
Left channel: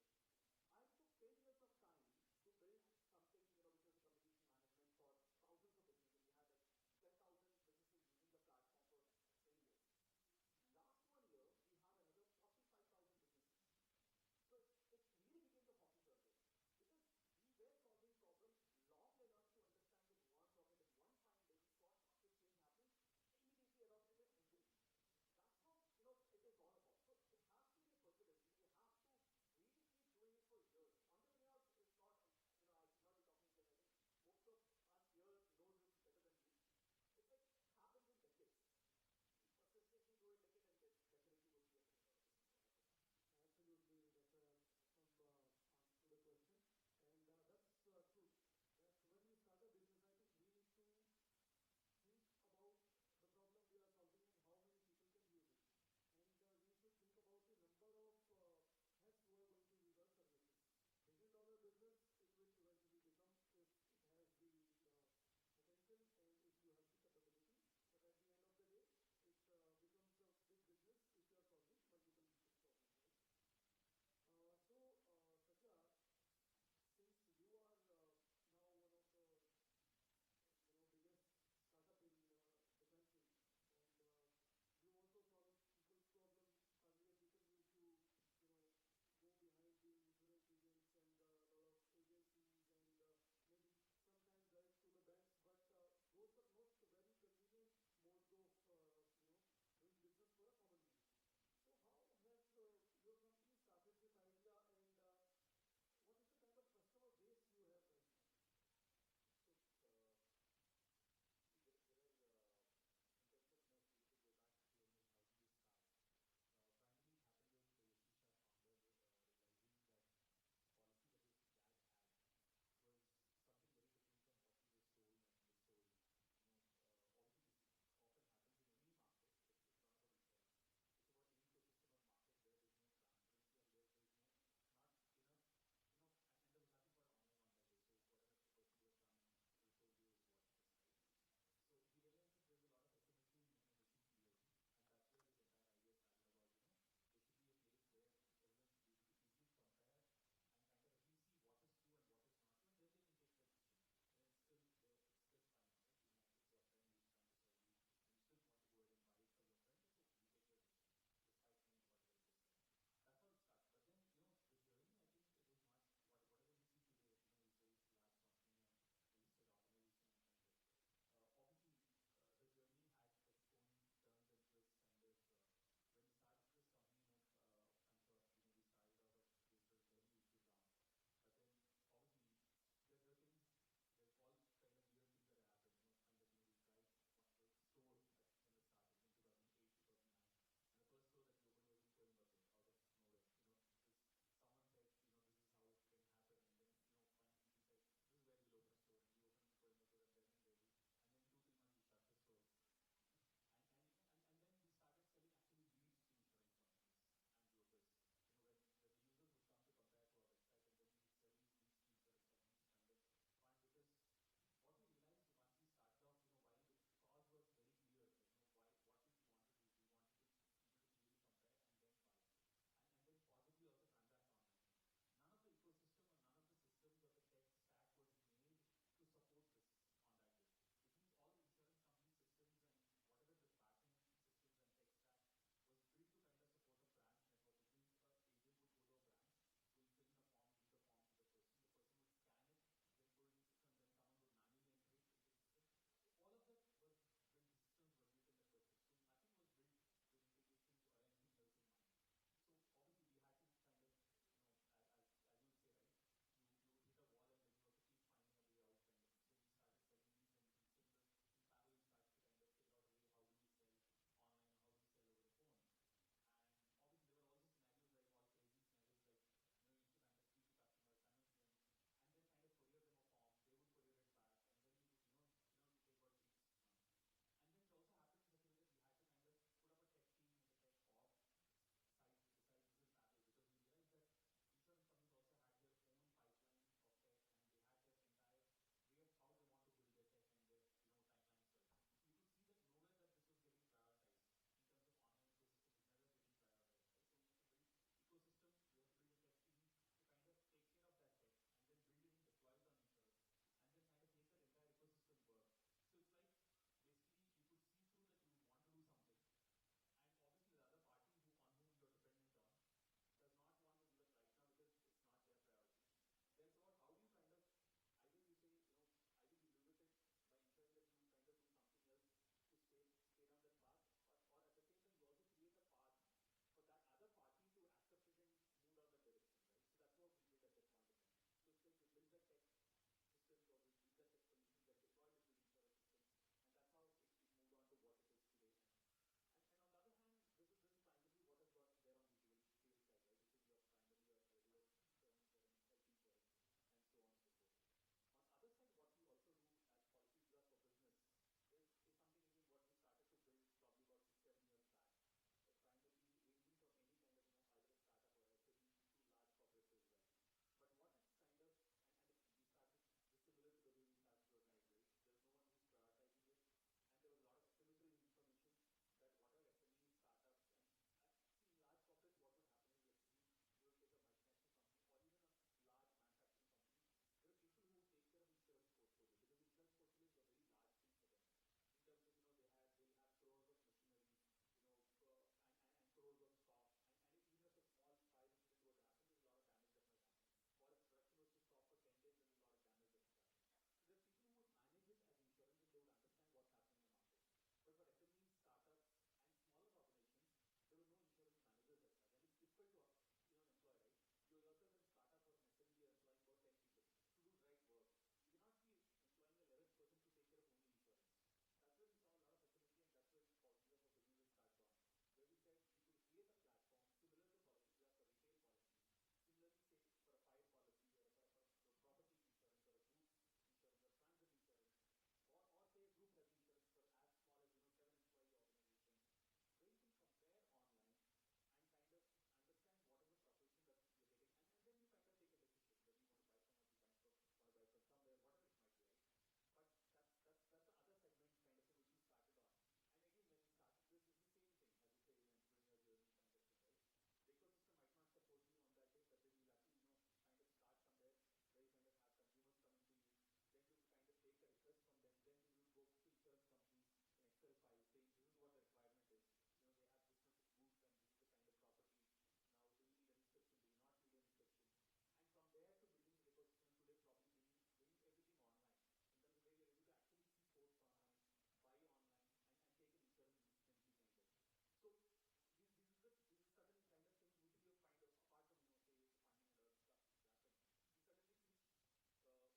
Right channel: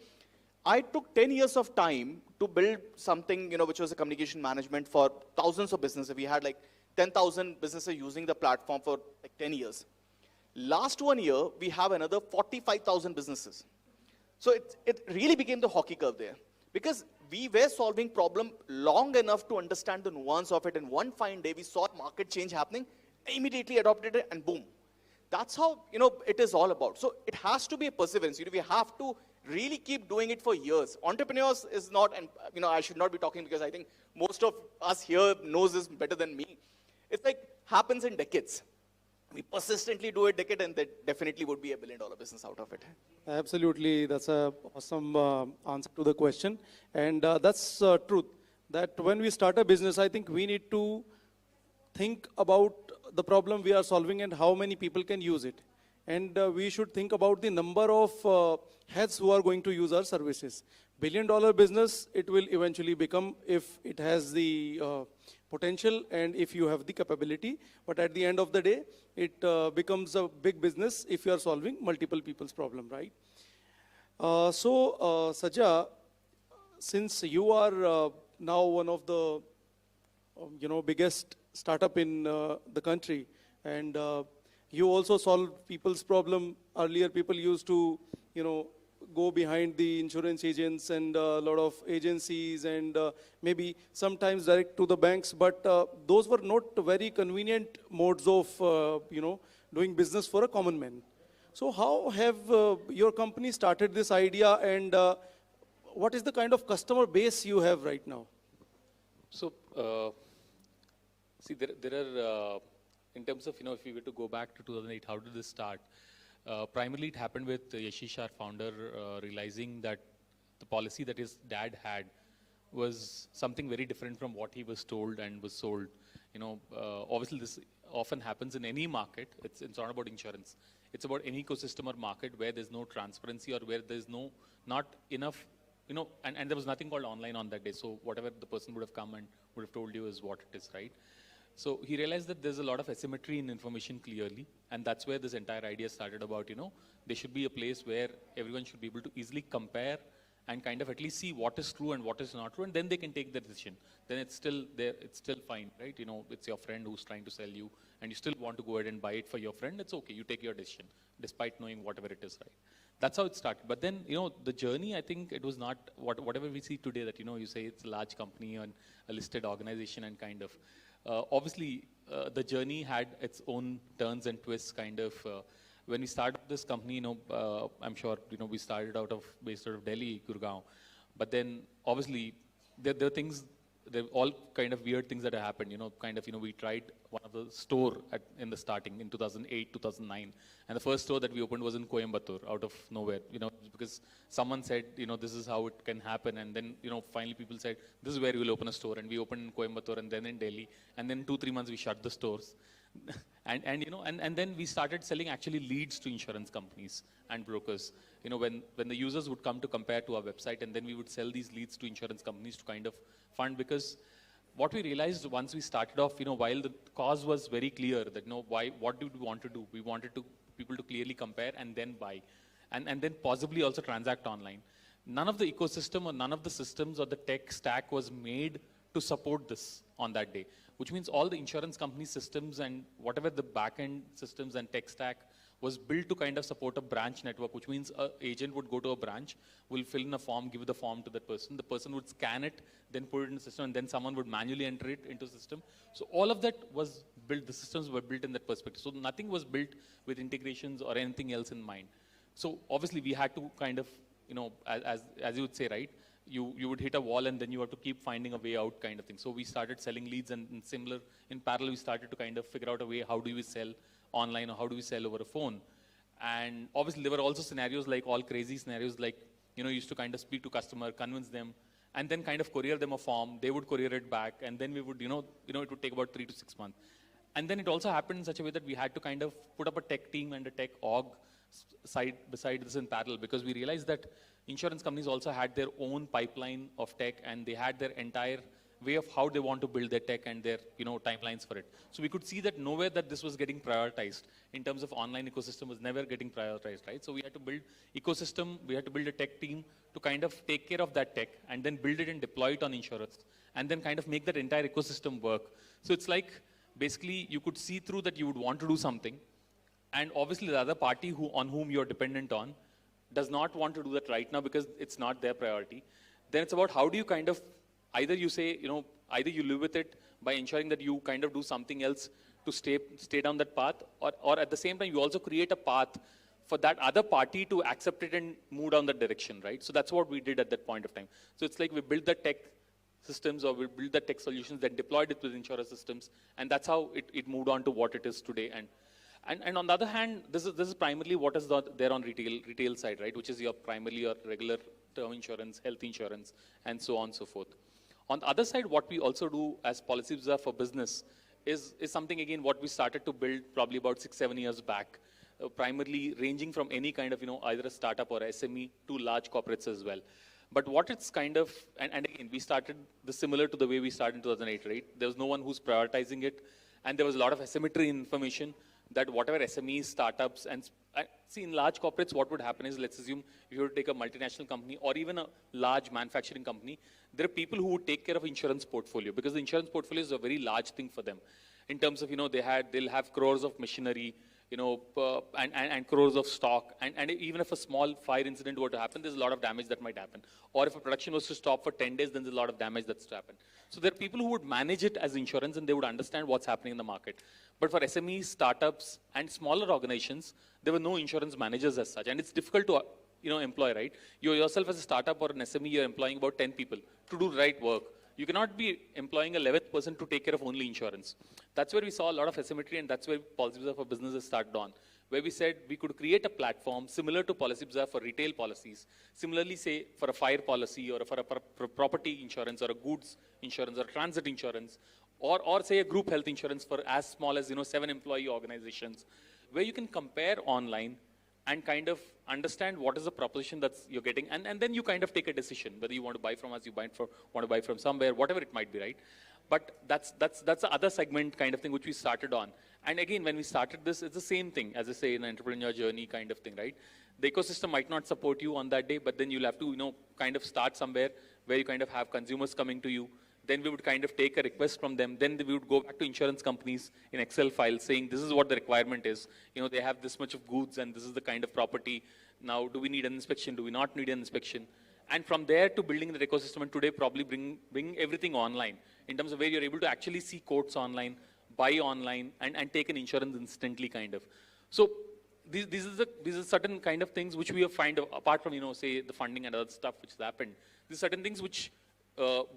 I took 10 years of time to build something, which was a communication management for thousands of businesses. We had like 10,000 businesses using the platform for like 10 years. Last 1 year, we have another 45,000 businesses. So it really became the hockey curve there. Because we were solving problem long enough to understand the nuance of it. And one fine day, we saw market change happening, immediately adopted it, and boom. That's how, it is all about. So it has to be a perseverance. We have to really keep doing it for years. Entrepreneurs is not, and I should not be talking because I think most of us here knows this better than me. It's like happens in decades. We persistently do a decade and that definitely would be a billion-dollar business out of it. Absolutely, that's an awesome answer to the question. And that's truth, that when we start a business, I think we need to think about the problem we are solving and how many people can use it. And we should think about the number of heads who are going to use our services. Billion-dollar business, it will eventually become if it has the potential and if you have the capability. But at the end of the day, it becomes a big business if you are solving multiple people's problem, right? Saja, since you are now one of the biggest startup in the country, and you also solve people's problem. Earlier, people used to, go behind the insurance agents and a lot of agencies and maybe sometimes direct to the banks, but those were not very convenient modes of, doing business for a common man. So how have your company started this idea, and what is the kind of customer base you have right now? So, see, there are, in terms of, if we were to go back to 2008, how did this start? Primarily, it happened with Yashish, our founder, realizing that the policy that his dad had was something very different from what he was told and was sold. Obviously, this often happens in any market. It's not about insurance. It's about any ecosystem or market where there's no transparency or where there's not enough, and there was nothing called online on that day. So whatever the person would have come and would have told you is what it is, right? So he realized that there's a lot of asymmetry in information clearly, and that's where this entire idea started about, there should be a place where everyone should be able to easily compare and kind of at least see what is true and what is not true, and then they can take the decision. Then it's still there, it's still fine, right? It's your friend who's trying to sell you, and you still want to go ahead and buy it for your friend, it's okay, you take your decision, despite knowing whatever it is, right? That's how it started. But then, the journey, I think it was not whatever we see today that, you say it's a large company and a listed organization and kind of, obviously, the journey had its own turns and twists, kind of. When we started this company, I'm sure, we started based out of Delhi, Gurgaon. But then, obviously, there are things there are all kind of weird things that have happened, we tried one of the store in the starting in 2008, 2009, and the first store that we opened was in Coimbatore, out of nowhere, because someone said, this is how it can happen, and then, finally people said, this is where we will open a store, and we opened in Coimbatore and then in Delhi, and then 2-3 months we shut the stores. and then we started selling actually leads to insurance companies and brokers. When the users would come to compare to our website, and then we would sell these leads to insurance companies to kind of fund, because what we realized once we started off, while the cause was very clear that, what did we want to do? We wanted people to clearly compare and then buy, and then possibly also transact online. None of the ecosystem or none of the systems or the tech stack was made to support this on that day, which means all the insurance company systems and whatever the back-end systems and tech stack was built to kind of support a branch network, which means an agent would go to a branch, will fill in a form, give the form to that person. The person would scan it, then put it in the system, and then someone would manually enter it into the system. So all of that was built, the systems were built in that perspective. So nothing was built with integrations or anything else in mind. So obviously we had to kind of, as you would say, right, you would hit a wall and then you have to keep finding a way out kind of thing. So we started selling leads, and similar, in parallel, we started to kind of figure out a way, how do we sell online or how do we sell over a phone? And obviously there were also scenarios like all crazy scenarios, like, used to kind of speak to customer, convince them, and then kind of courier them a form. They would courier it back, and then we would, it would take about 3 to 6 months. And then it also happened in such a way that we had to kind of put up a tech team and a tech org side beside this in parallel, because we realized that insurance companies also had their own pipeline of tech, and they had their entire way of how they want to build their tech and their timelines for it. So we could see that nowhere that this was getting prioritized in terms of online ecosystem was never getting prioritized, right? So we had to build ecosystem, we had to build a tech team to kind of take care of that tech and then build it and deploy it on insurance, and then kind of make that entire ecosystem work. So it's like, basically you could see through that you would want to do something, and obviously the other party on whom you're dependent on does not want to do that right now because it's not their priority. Then it's about how do you kind of, either you say, either you live with it by ensuring that you kind of do something else to stay down that path, or at the same time, you also create a path for that other party to accept it and move down that direction, right? So that's what we did at that point of time. So it's like we built the tech systems, or we built the tech solutions, then deployed it with insurance systems, and that's how it moved on to what it is today. And on the other hand, this is primarily what is there on retail side, right? Which is primarily your regular term insurance, health insurance, and so on and so forth. On the other side, what we also do as Policy Bazaar for business is something, again, what we started to build probably about 6-7 years back, primarily ranging from any kind of, either a startup or a SME to large corporates as well. But what it's kind of, and again, we started this similar to the way we started in 2008, right? There was no one who's prioritizing it, and there was a lot of asymmetry in information that whatever SMEs, startups, and see, in large corporates, what would happen is, let's assume if you were to take a multinational company or even a large manufacturing company, there are people who would take care of insurance portfolio, because the insurance portfolio is a very large thing for them in terms of, they'll have crores of machinery, and crores of stock, and even if a small fire incident were to happen, there's a lot of damage that might happen. Or if a production was to stop for 10 days, then there's a lot of damage that's to happen. So there are people who would manage it as insurance, and they would understand what's happening in the market. But for SMEs, startups, and smaller organizations, there were no insurance managers as such, and it's difficult to employ, right? You yourself as a startup or an SME, you're employing about 10 people to do the right work. You cannot be employing a 11th person to take care of only insurance. That's where we saw a lot of asymmetry, and that's where Policy Bazaar for businesses started on, where we said we could create a platform similar to Policy Bazaar for retail policies, similarly, say, for a fire policy or for a property insurance or a goods insurance or a transit insurance, or say a group health insurance for as small as 7 employee organizations, where you can compare online and kind of understand what is the proposition that you're getting, and then you kind of take a decision whether you want to buy from us, want to buy from somewhere, whatever it might be, right? But that's the other segment kind of thing which we started on. And again, when we started this, it's the same thing, as I say, in an entrepreneur journey kind of thing, right? The ecosystem might not support you on that day, but then you'll have to, kind of start somewhere where you kind of have consumers coming to you. Then we would kind of take a request from them. Then we would go back to insurance companies in Excel files saying, this is what the requirement is. They have this much of goods and this is the kind of property. Now, do we need an inspection? Do we not need an inspection? And from there to building the ecosystem, and today probably bring everything online in terms of where you're able to actually see quotes online, buy online, and take an insurance instantly kind of. So these are certain kind of things which we have find, apart from, say, the funding and other stuff which has happened. These are certain things which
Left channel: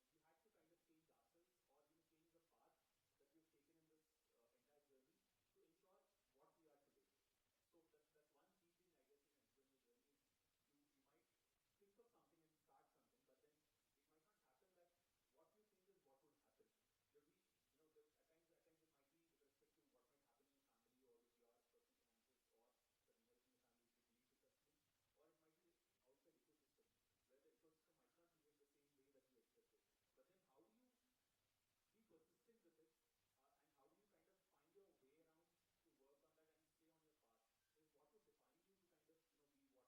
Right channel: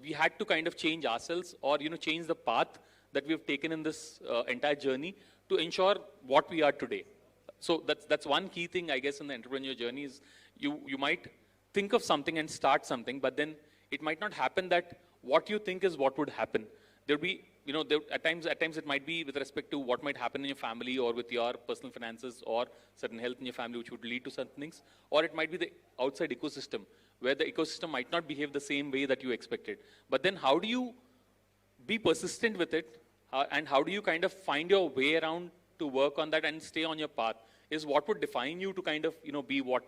we had to kind of change ourselves or, change the path that we've taken in this entire journey to ensure what we are today. So that's one key thing, I guess, in the entrepreneur journey is you might think of something and start something, but then it might not happen that what you think is what would happen. There'll be, at times it might be with respect to what might happen in your family or with your personal finances or certain health in your family, which would lead to certain things. Or it might be the outside ecosystem, where the ecosystem might not behave the same way that you expected. But then how do you be persistent with it? And how do you kind of find your way around to work on that and stay on your path is what would define you to kind of, be what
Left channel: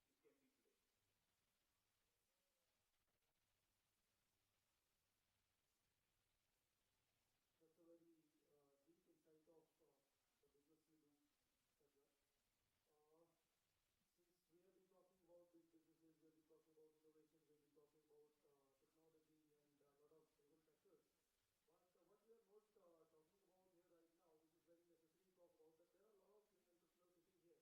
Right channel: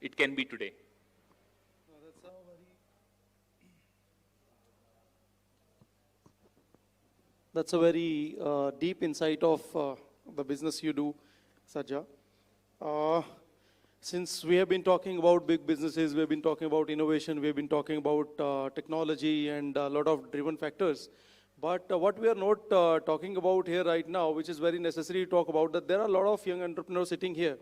it can be today. That's a very deep insight of the business you do, Sajja. Since we have been talking about big businesses, we have been talking about innovation, we have been talking about technology and a lot of driven factors. But what we are not talking about here right now, which is very necessary to talk about, that there are a lot of young entrepreneurs sitting here.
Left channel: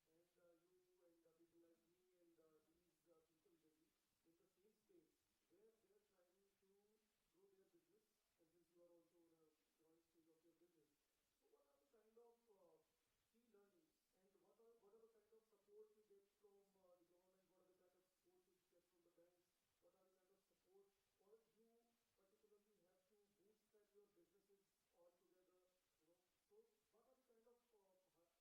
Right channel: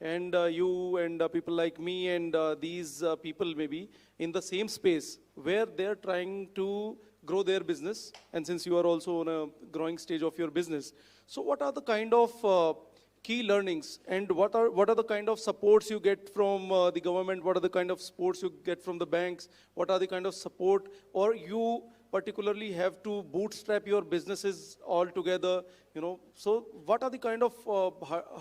And you and people like me and these people maybe in the same space where they're trying to grow their business. And since you are also on a growing stage of your business, so what are the kind of key learnings and what are the kind of supports you get from the government? What are the kind of supports you get from the banks? What are the kind of support, or you particularly have to bootstrap your businesses all together, so what are the kind of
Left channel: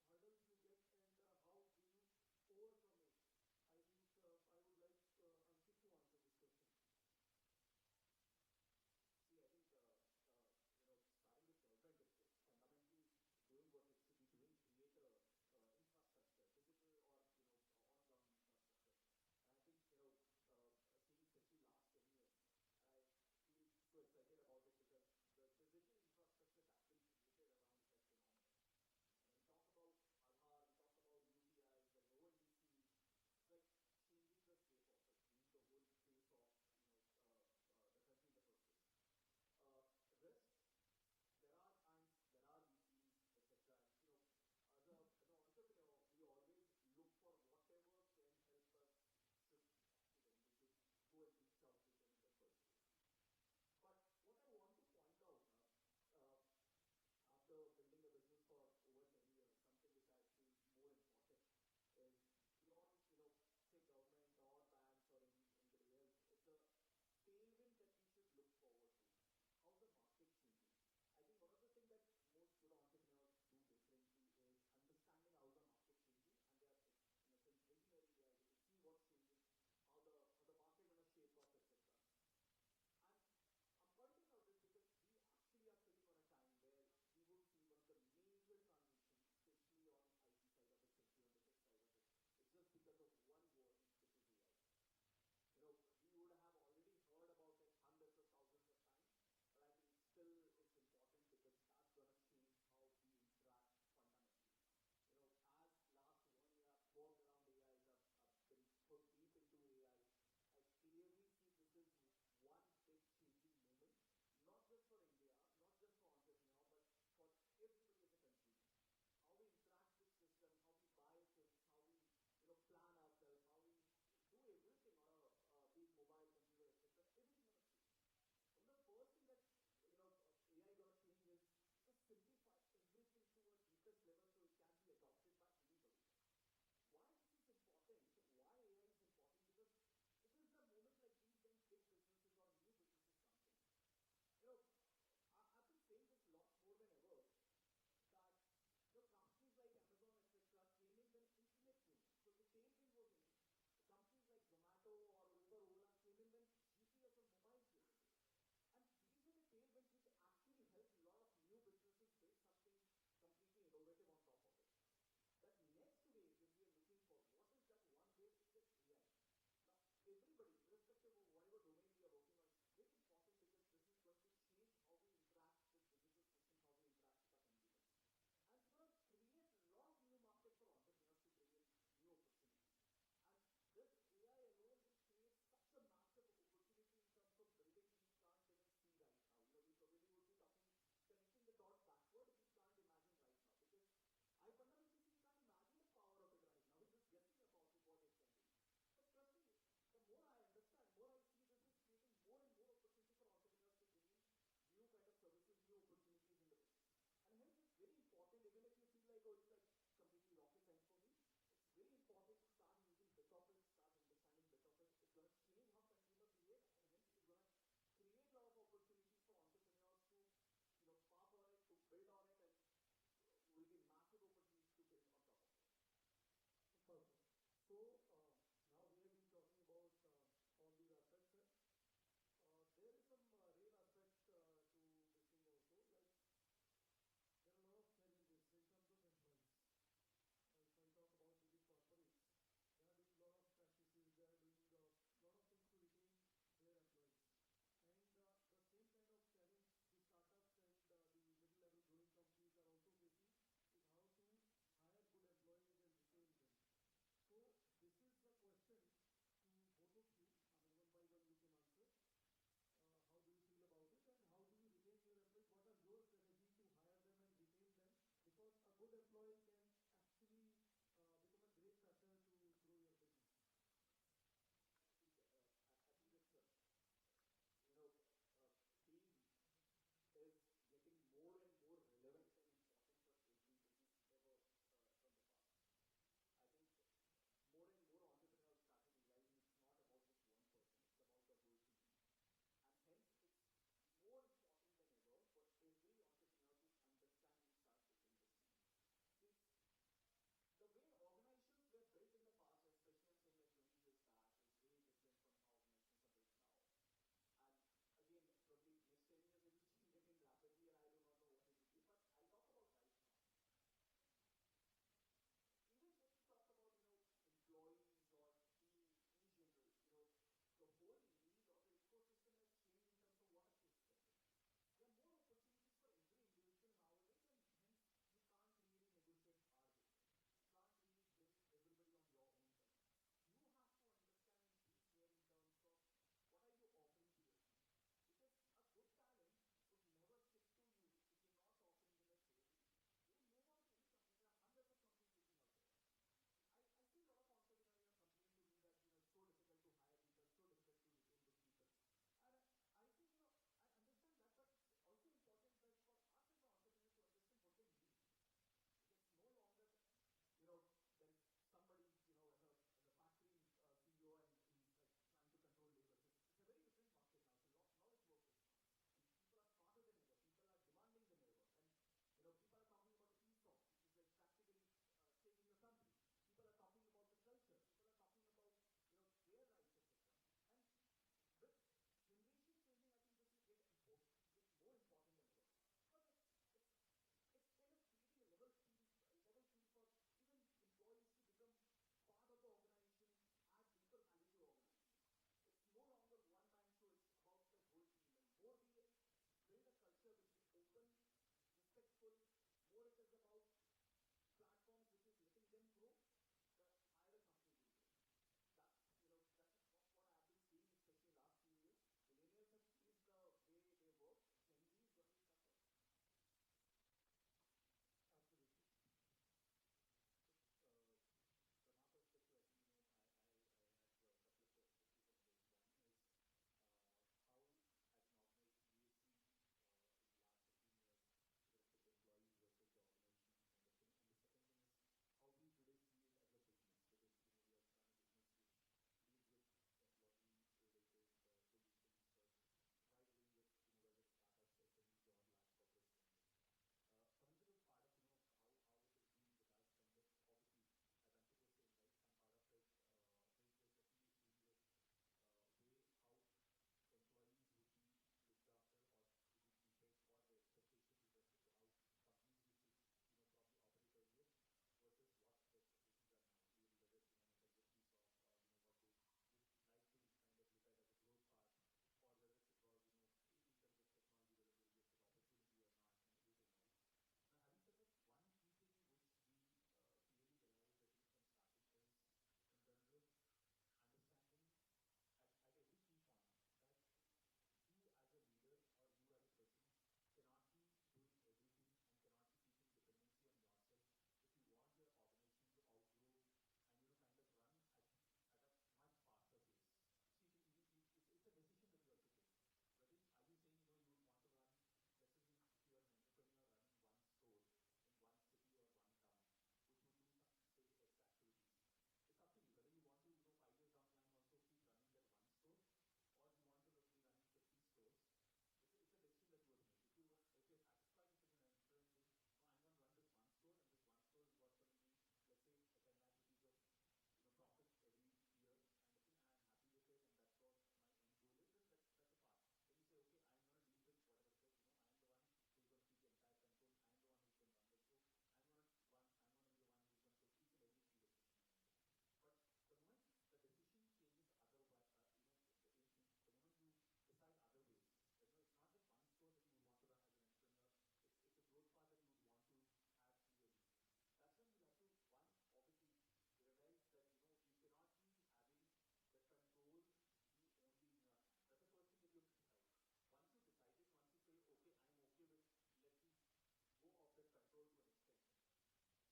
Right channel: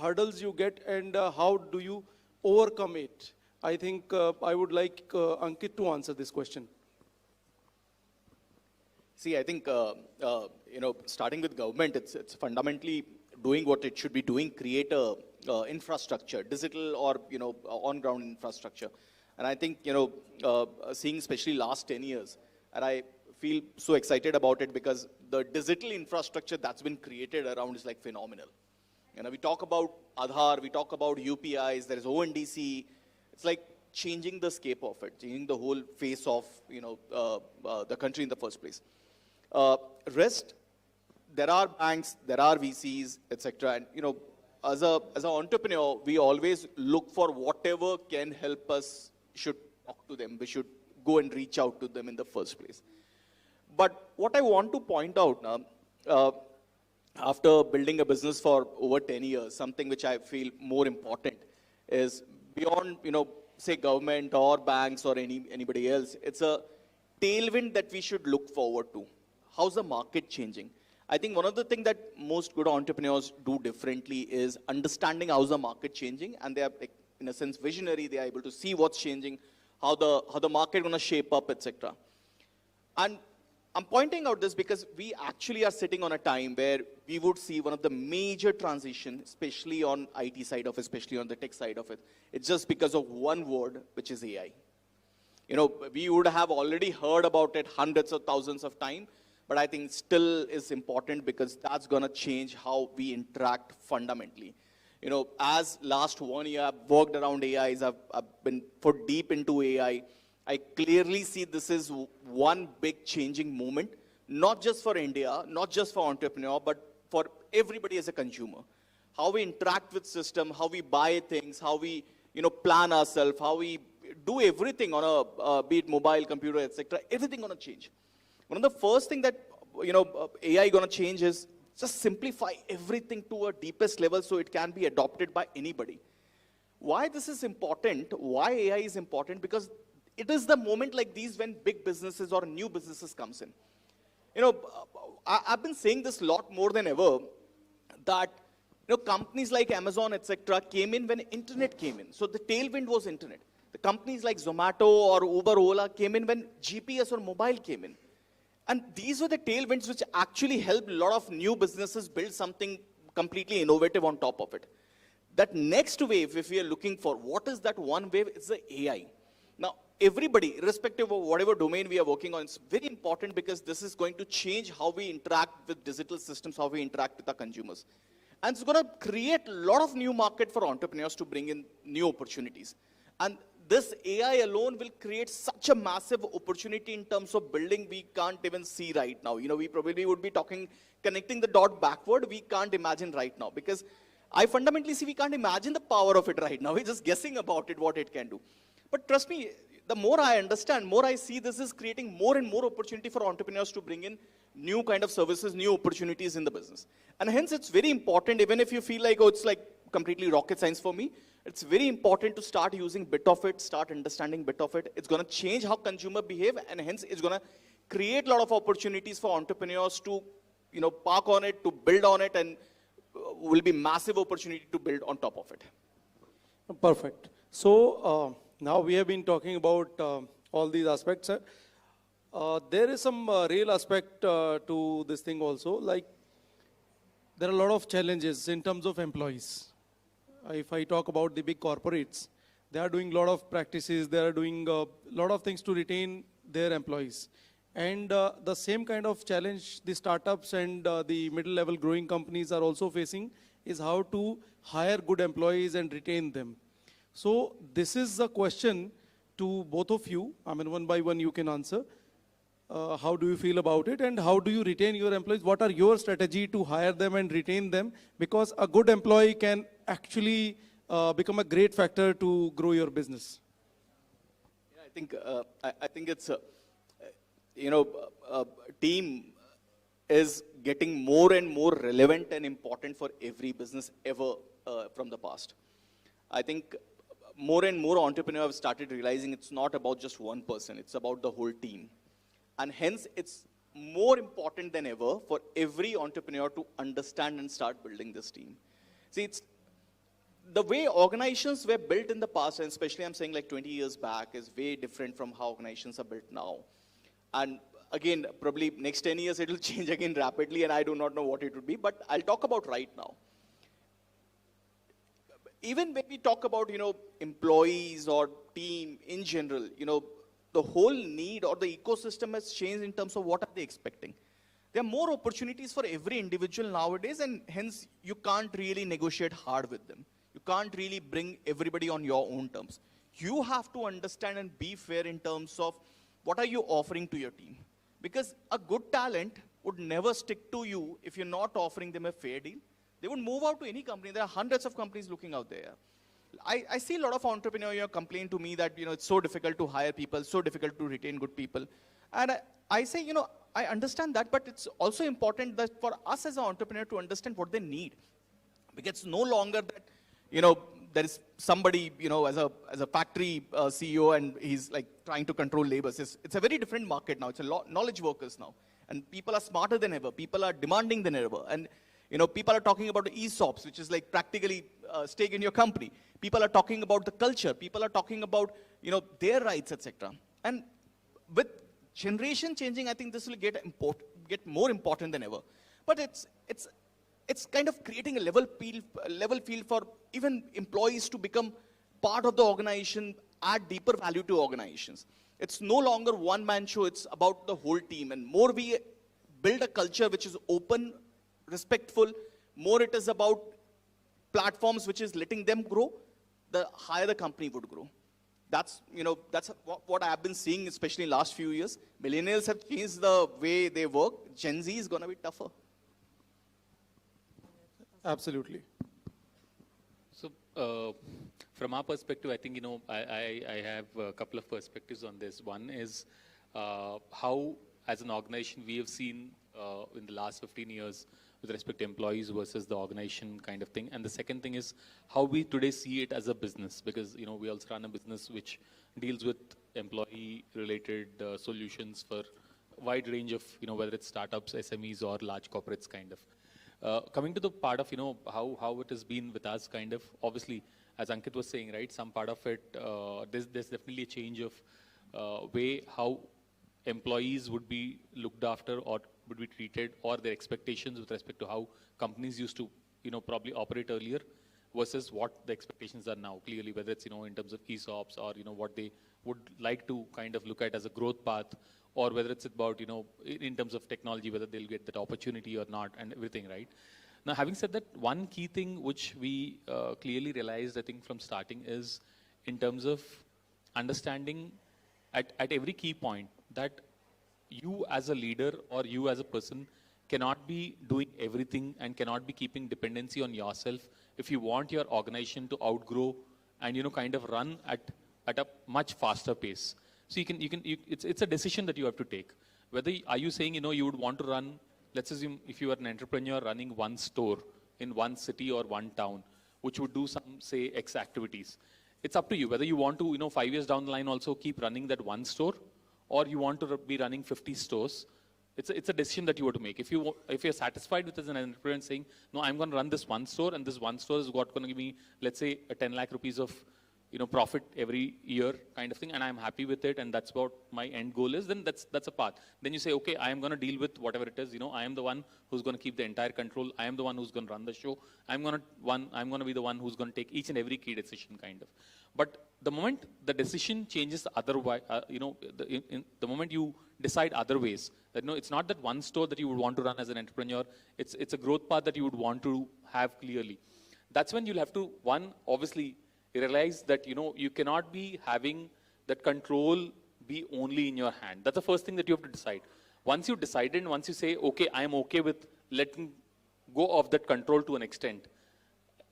hurdles you get and how do you overcome it? I think I would like Ankit to answer this question. See, I think, starting with government, it's fundamentally doing what it should be doing, create a infrastructure, digital or, on-ground infrastructure. And I think, seeing especially last 10 years, and I feel so excited about it because the digital infrastructure that's been created around is like phenomenal. We talk about Aadhaar, we talk about UPIs, there is ONDC. It's like changing the scape of it, changing the whole face of, the country in the first place. Rest, there are banks, there are VCs, etc. And, as an entrepreneur, we always look for whatever can help us, should talk to them, we should go and reach out to them in the first place. But what I want to point out now, after building a business for over 10 years, something which I feel more important is beyond, say government or banks or anybody else, it's a tailwind that we should look forward to. How's the market changing? I think one of the things that most good entrepreneurs do differently is understanding how's the market changing, and they are, like, in a sense, visionary. They are able to see what's changing, how the market going to shape up, etc. And I'm pointing out this because we actually are sitting on a time where we would see one of the major transitions, especially on IT side of it, especially on the tech side of it. It's just because of one word, which is AI. We would have already heard about it hundreds of thousands of times, but I think still is important because that's going to change how we interact fundamentally. As last 1 year I've worked around AIs, I've been put deep into AI. I clearly see this is one big changing moment, not just for India, not just for entrepreneur, but for everybody as a consumer. How we interact with system, how we buy things, how we, plan ourselves, how we do everything on a, be it mobile, computer, etc. Everything going to change. One of the first thing that, AI going to change is just simplify everything to a deepest level so it can be adopted by anybody. Why this is important, why AI is important, because it is the moment like these when big businesses or new businesses comes in. I've been saying this a lot more than ever, that companies like Amazon, etc. came in when internet came in. So the tailwind was internet. The companies like Zomato or Uber, Ola came in when GPS or mobile came in. And these were the tailwinds which actually helped a lot of new businesses build something completely innovative on top of it. That next wave, if we are looking for, what is that one wave? It's the AI. Now, everybody, irrespective of whatever domain we are working on, it's very important because this is going to change how we interact with digital systems, how we interact with our consumers. And it's going to create a lot of new market for entrepreneurs to bring in new opportunities. And this AI alone will create such a massive opportunity in terms of building we can't even see right now. We probably would be connecting the dot backward. We can't imagine right now because I fundamentally see we can't imagine the power of it right now. We're just guessing about it, what it can do. But trust me, the more I understand, more I see this is creating more and more opportunity for entrepreneurs to bring in new kind of services, new opportunities in the business. And hence it's very important, even if you feel like, oh, it's like completely rocket science for me, it's very important to start using bit of it, start understanding bit of it. It's going to change how consumer behave, and hence it's going to create a lot of opportunities for entrepreneurs to, park on it, to build on it, and will be massive opportunity to build on top of it. Perfect. So now we have been talking about all these aspects. There is some real aspect to this thing also. Like, there are a lot of challenges in terms of employees. If I talk about the big corporates, they are doing a lot of practices. They are doing a lot of things to retain their employees. And the same kind of challenge the startups and the middle-level growing companies are also facing is how to hire good employees and retain them. So this is a question to both of you. I mean, one by one you can answer. How do you feel about it, and how do you retain your employees? What are your strategy to hire them and retain them? Because a good employee can actually become a great factor to grow your business. Yeah, I think it's, team is getting more and more relevant and important for every business ever from the past. I think more and more entrepreneurs have started realizing it's not about just one person, it's about the whole team. And hence, it's more important than ever for every entrepreneur to understand and start building this team. See, it's the way organizations were built in the past, and especially I'm saying like 20 years back, is way different from how organizations are built now. And again, probably next 10 years, it will change again rapidly, and I do not know what it would be, but I'll talk about right now. Even when we talk about, employees or team in general, the whole need or the ecosystem has changed in terms of what are they expecting. There are more opportunities for every individual nowadays, and hence you can't really negotiate hard with them. You can't really bring everybody on your own terms. You have to understand and be fair in terms of what are you offering to your team. Because a good talent would never stick to you if you're not offering them a fair deal. They would move out to any company. There are hundreds of companies looking out there. I see a lot of entrepreneurs complain to me that, it's so difficult to hire people, so difficult to retain good people. And I say, I understand that, but it's also important that for us as an entrepreneur to understand what they need. Because it's no longer that, there is somebody, as a factory CEO, and he's like trying to control labor. It's a very different market now. It's a knowledge workers now. And people are smarter than ever. People are demanding than ever. And people are talking about the ESOPs, which is like practically stake in your company. People are talking about the culture. People are talking about, their rights, etc. And with generation changing, I think this will get more important than ever. But it's kind of creating a level field for even employees to become part of the organization, add deeper value to organizations. It's no longer one-man show. It's about the whole team. And more we build a culture which is open, respectful, more it is about platforms which is letting them grow, the higher the company would grow. That's what I have been seeing, especially in the last few years. Millennials have changed the way they work. Gen Z is going to be tougher. Absolutely. So, from our perspective, I think, I have a couple of perspectives on this. One is how, as an organization, we have seen in the last 15 years with respect to employees versus the organization kind of thing. And the second thing is how we today see it as a business, because, we also run a business which deals with employee-related solutions for a wide range of, whether it's startups, SMEs, or large corporates kind of. Coming to the part of, how it has been with us kind of, obviously, as Ankit was saying, right, some part of it, there's definitely a change of way how employees would be looked after or would be treated, or their expectations with respect to how companies used to, probably operate earlier versus what the expectations are now, clearly, whether it's, in terms of ESOPs or, what they would like to kind of look at as a growth path, or whether it's about, in terms of technology, whether they'll get that opportunity or not, and everything, right? Now, having said that, one key thing which we clearly realized, I think, from starting is in terms of understanding at every key point that you as a leader or you as a person cannot be doing everything and cannot be keeping dependency on yourself if you want your organization to outgrow and, kind of run at at a much faster pace. So it's a decision that you have to take. Whether, are you saying, you would want to run, let's assume if you are an entrepreneur running one store in one city or one town, which would do some, say, X activities. It's up to you whether you want to, 5 years down the line also keep running that one store, or you want to be running 50 stores. It's a decision that you have to make. If you're satisfied with as an entrepreneur and saying, no, I'm going to run this one store, and this one store is going to give me, let's say, a 10 lakh rupees of profit every year kind of thing, and I'm happy with it, and that's what my end goal is, then that's a path. Then you say, okay, I am going to deal with whatever it is, I am the one who's going to keep the entire control, I am the one who's going to run the show, I'm going to be the one who's going to take each and every key decision kind of. But the moment the decision changes otherwise, the moment you decide other ways, that it's not that one store that you would want to run as an entrepreneur, it's a growth path that you would want to have clearly. That's when you'll have to, one, obviously, realize that, you cannot be having that control be only in your hand. That's the first thing that you have to decide. Once you decide and once you say, okay, I am okay with letting go of that control to an extent,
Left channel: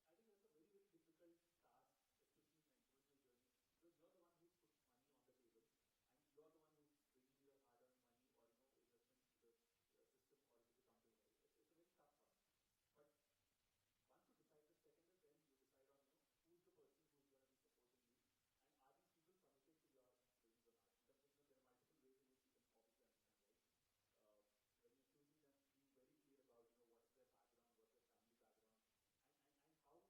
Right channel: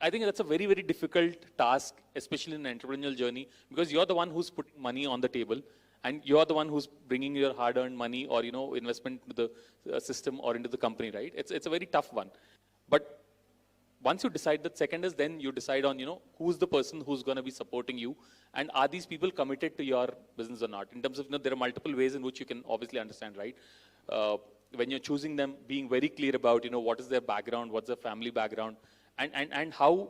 I think that's a very, very difficult task, especially in an entrepreneurial journey, because you're the one who's putting money on the table, and you're the one who's bringing your hard-earned money or, investment into the system or into the company, right? It's a very tough one. But once you decide that, second is then you decide on, who's the person who's going to be supporting you, and are these people committed to your business or not? In terms of, there are multiple ways in which you can obviously understand, right? When you're choosing them, being very clear about, what is their background, what's their family background, and how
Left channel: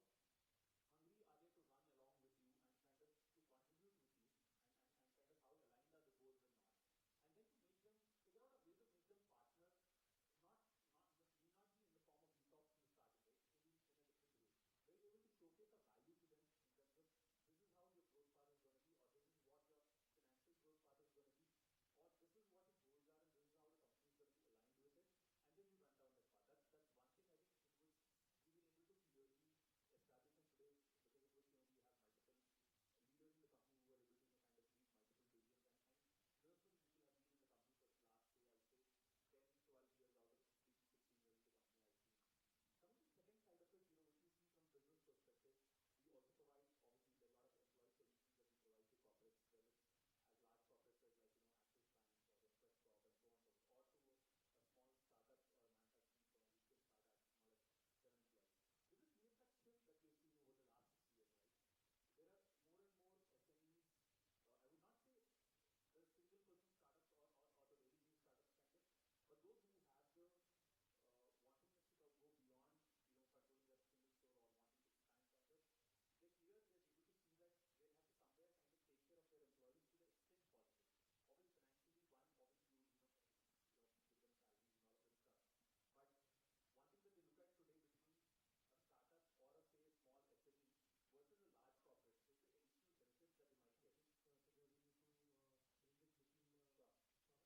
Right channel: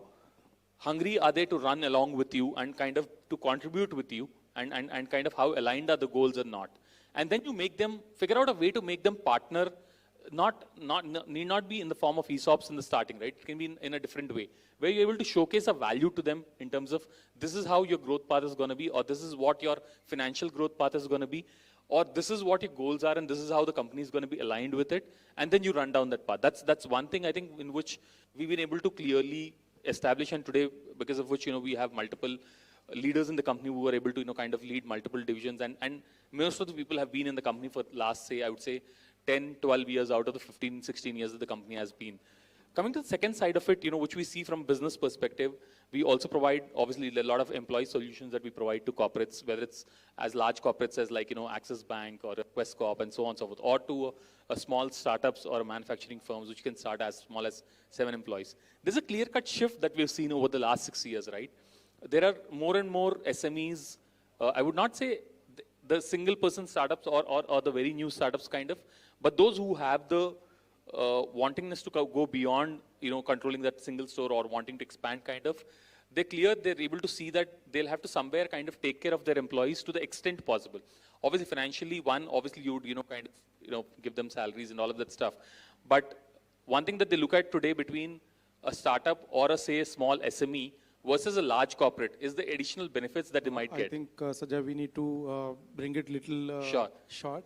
hungry are they to run along with you and kind of to contribute with you, and kind of how aligned are the goals or not. And then you make them, figure out a way to make them partner, need not be in the form of ESOPs in the starting, right? It can be in a different way, where you're able to showcase a value to them in terms of this is how your growth path is going to be, or this is what your financial growth path is going to be, or this is what your goals are, and this is how the company is going to be aligned with it, and then you run down that path. That's one thing I think in which we've been able to clearly establish, and today, because of which, we have multiple leaders in the company who are able to, kind of lead multiple divisions, and most of the people have been in the company for last, say, I would say, 10, 12 years out of the 15, 16 years that the company has been. Coming to the second side of it, which we see from business perspective, we also provide, obviously, a lot of employee solutions that we provide to corporates, whether it's as large corporates as like, Axis Bank or Quest Corp and so on and so forth, or to a small startups or manufacturing firms, which can start as small as 7 employees. There's a clear-cut shift that we've seen over the last 6 years, right? There are more and more SMEs, I would not say the single-person startups or the very new startups kind of, but those who have the wantingness to go beyond, controlling that single store or wanting to expand kind of, they're able to see that they'll have to somewhere kind of take care of their employees to the extent possible. Obviously, financially, obviously you would, kind of, give them salaries and all of that stuff. But one thing that they look at today between a startup or a small SME versus a large corporate is the additional benefits that they might get. I think, Sajja, we need to bring it little short.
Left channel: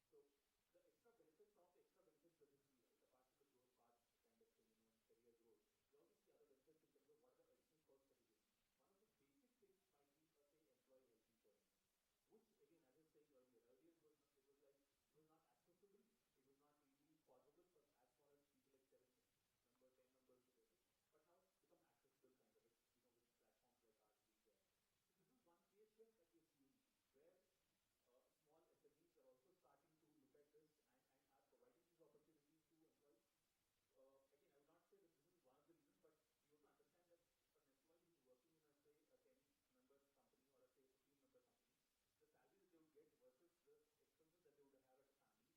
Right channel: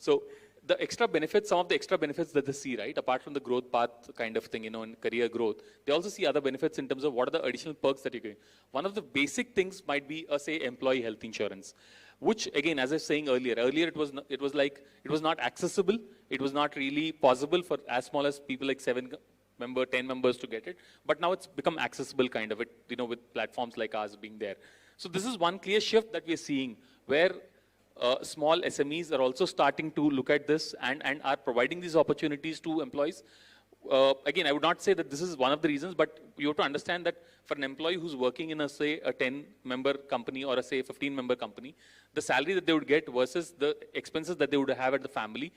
So the extra benefits, some of the extra benefits that they see, right, apart from the growth path kind of thing, in career growth, they also see other benefits in terms of what are the additional perks that you're getting. One of the basic things might be, say, employee health insurance, which, again, as I was saying earlier it was not accessible. It was not really possible for as small as people like 10 members to get it. But now it's become accessible kind of it, with platforms like ours being there. So this is one clear shift that we're seeing, where small SMEs are also starting to look at this and are providing these opportunities to employees. Again, I would not say that this is one of the reasons, but you have to understand that for an employee who's working in a 10-member company or a 15-member company, the salary that they would get versus the expenses that they would have at the family,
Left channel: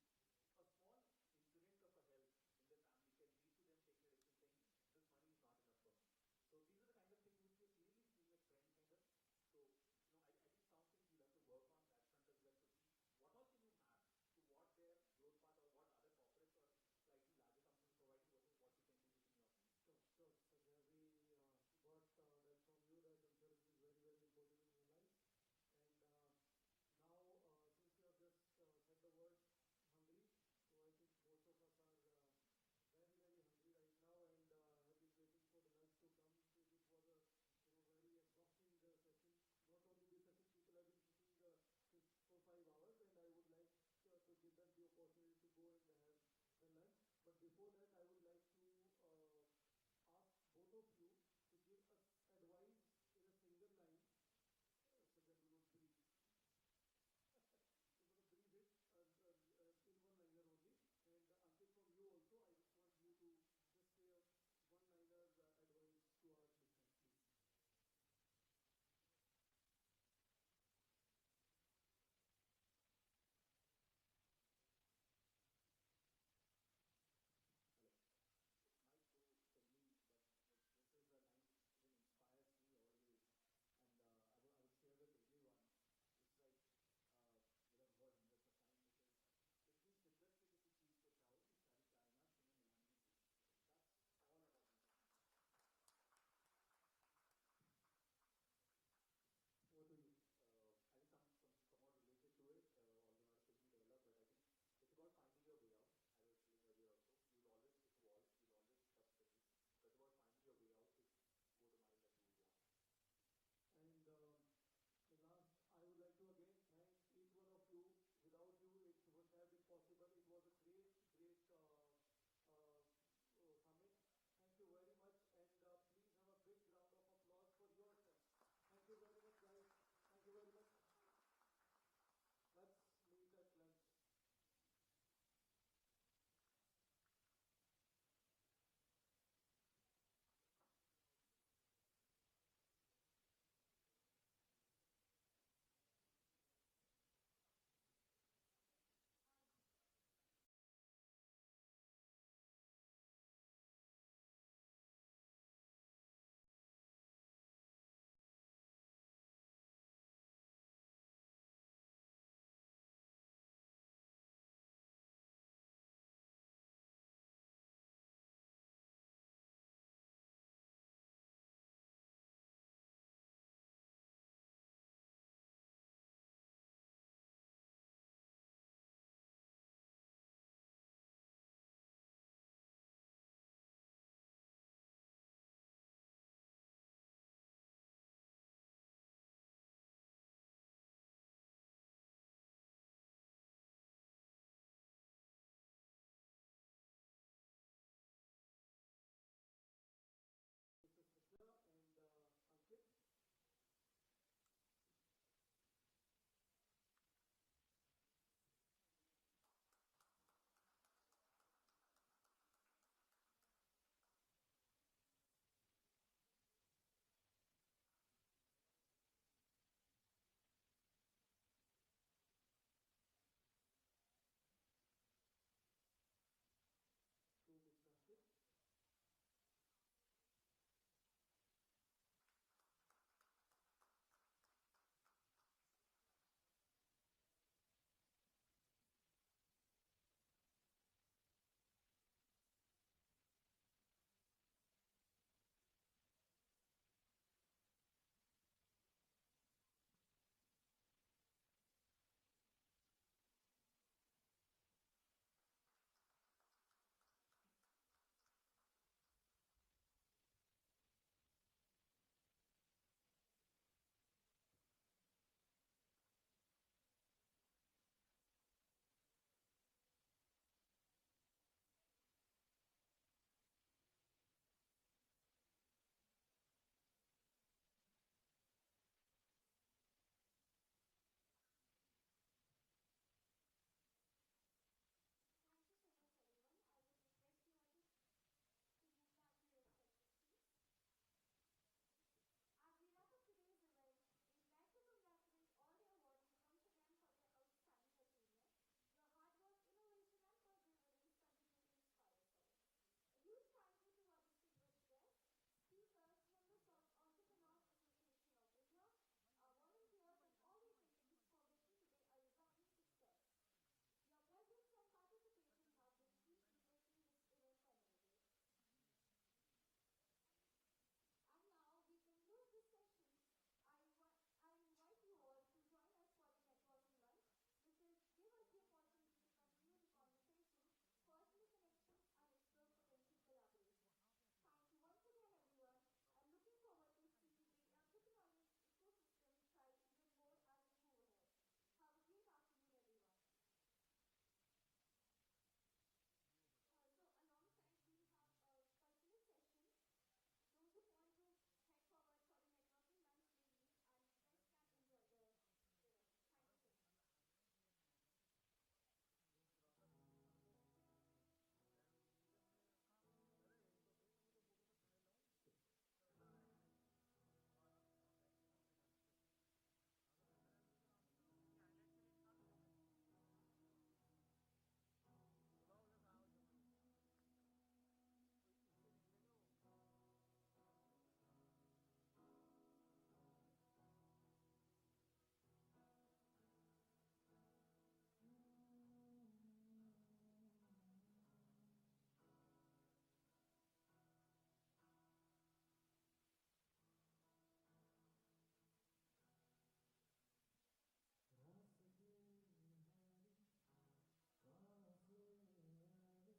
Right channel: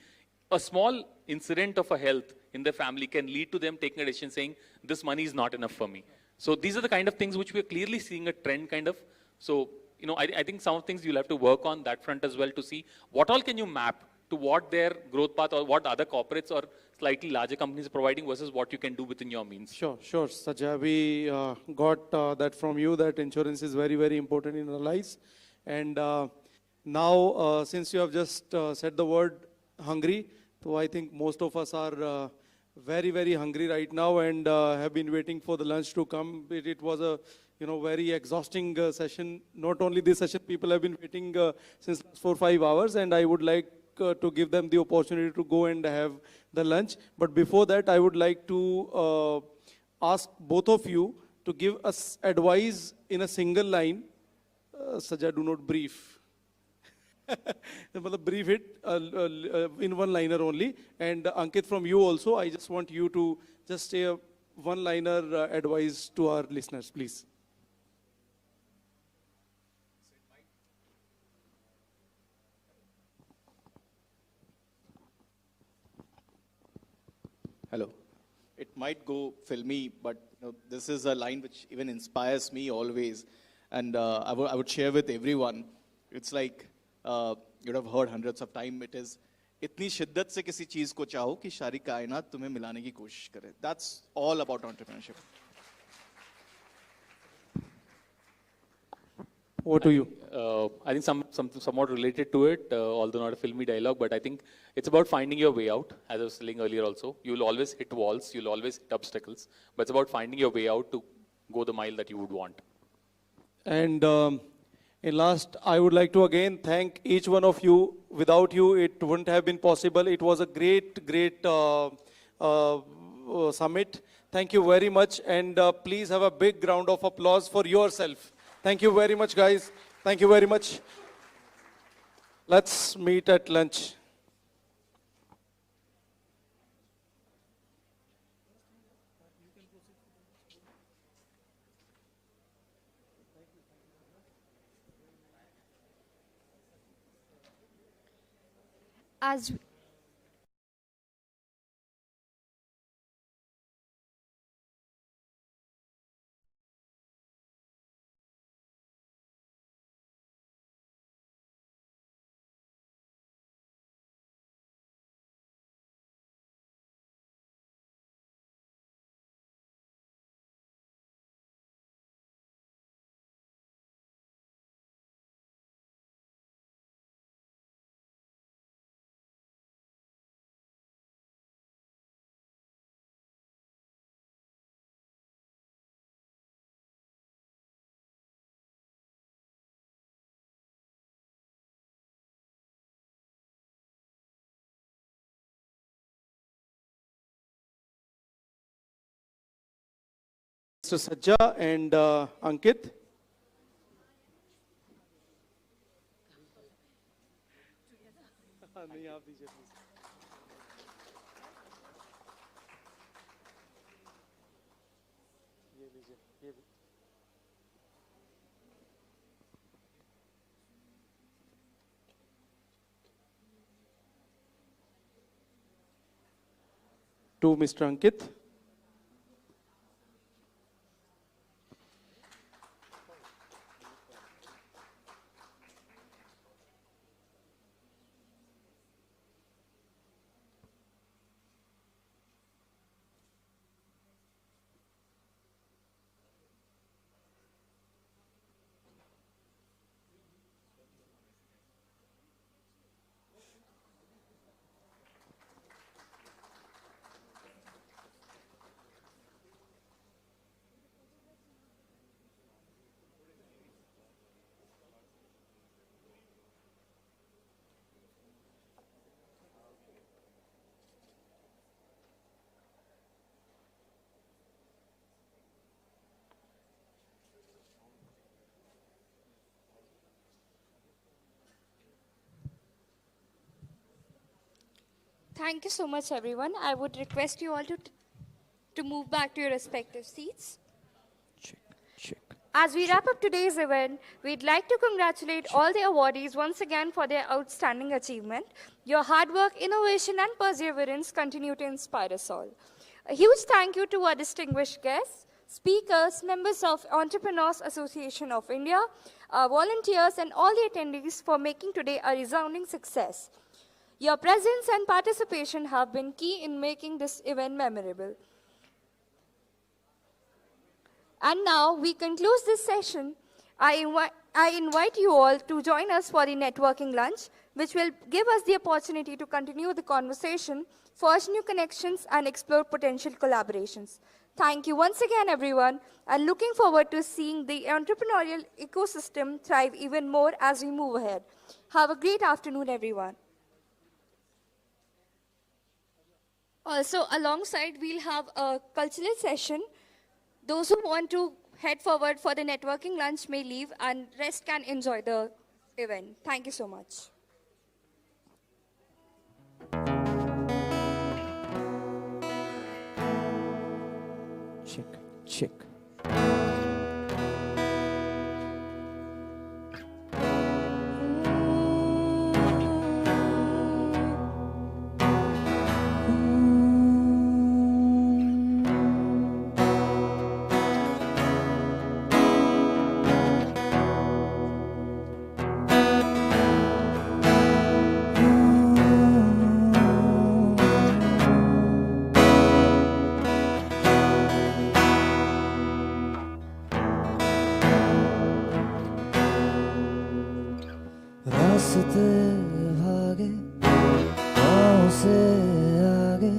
a small incident of a health in their family can lead to them taking a decision saying, this money is not enough for me. So these are the kind of things which we're clearly seeing a trend kind of. So, I think some of the things you'll have to work on that front as well to see what all can you map to what their growth path or what other corporates or slightly larger companies are providing versus what you can do within your means. Sure. Sajja, we got that from you, that insurance is very, very important in our lives. And now, since you have just said the word hungry, so I think most of us are very, very hungry right now and have been waiting for the lunch to come. It was a very exhausting session. Not only this session, people have been waiting since 4 or 5 hours, and I would like to give them the opportunity to go and have the lunch. But before that, I would like to ask both of you to give us advice in a single line Saja, do not brief. Brief it in one-liner only. And Ankit, from you also, I just want you to just say a one-liner advice to our listeners, please. Hello. It might go filmy, but this is a line which even inspires me always. And I would share with everyone. It's like, you'd have heard hundreds of times, it is, इतनी शिद्दत से किसी चीज को चाहो कि सारी कायनात तुम्हें मिलाने की कोशिश करे. That's all about entrepreneurship. What do you? I think somewhat related to it, although not a filmy dialogue, but I think it's about finding your way out. As I was saying earlier also, you'll always hit walls, you'll always hit obstacles, but it's about finding your way out to go the mile that you would want. And in last, I would like to again thank each one of you. Without you, it wouldn't have been possible. It was a great summit. Thank you very much. And please have a big round of applause for yourself. Thank you very much, guys. Thank you very much. Let's meet at lunch. As Mr. Sajja and Ankit. To Mr. Ankit. thank you so much, everyone. I would request you all to move back to your respective seats. As we wrap up today's event, we'd like to congratulate all the awardees once again for their outstanding achievement. Your hard work, innovation, and perseverance continue to inspire us all. A huge thank you to our distinguished guests, speakers, members of Entrepreneurs Association of India, our volunteers, and all the attendees for making today a resounding success. Your presence and participation have been key in making this event memorable. And now we conclude this session. I invite you all to join us for the networking lunch, which will give us the opportunity to continue the conversation, forge new connections, and explore potential collaborations. Thank you once again, everyone, and looking forward to seeing the entrepreneurial ecosystem thrive even more as we move ahead. Have a great afternoon, everyone. Also, alongside, we'll have a cultural session. Those who want to head forward for the networking lunch may leave and rest can enjoy the event. Thank you so much. Check. रास्ते भागे पाँव से आगे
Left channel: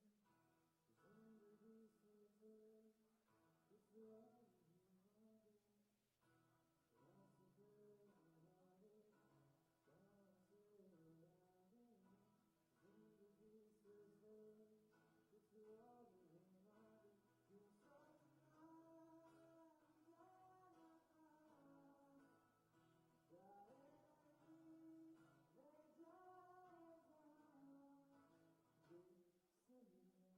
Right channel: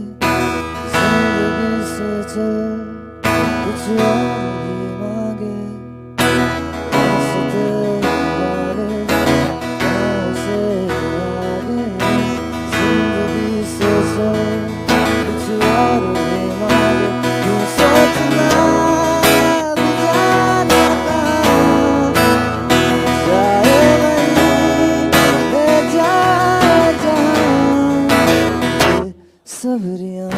जिंदगी से चल कुछ और भी मांगे रास्ते भागे पाँव से आगे जिंदगी से चल कुछ और भी मांगे क्यों सोचना जाने का जाए सबरियां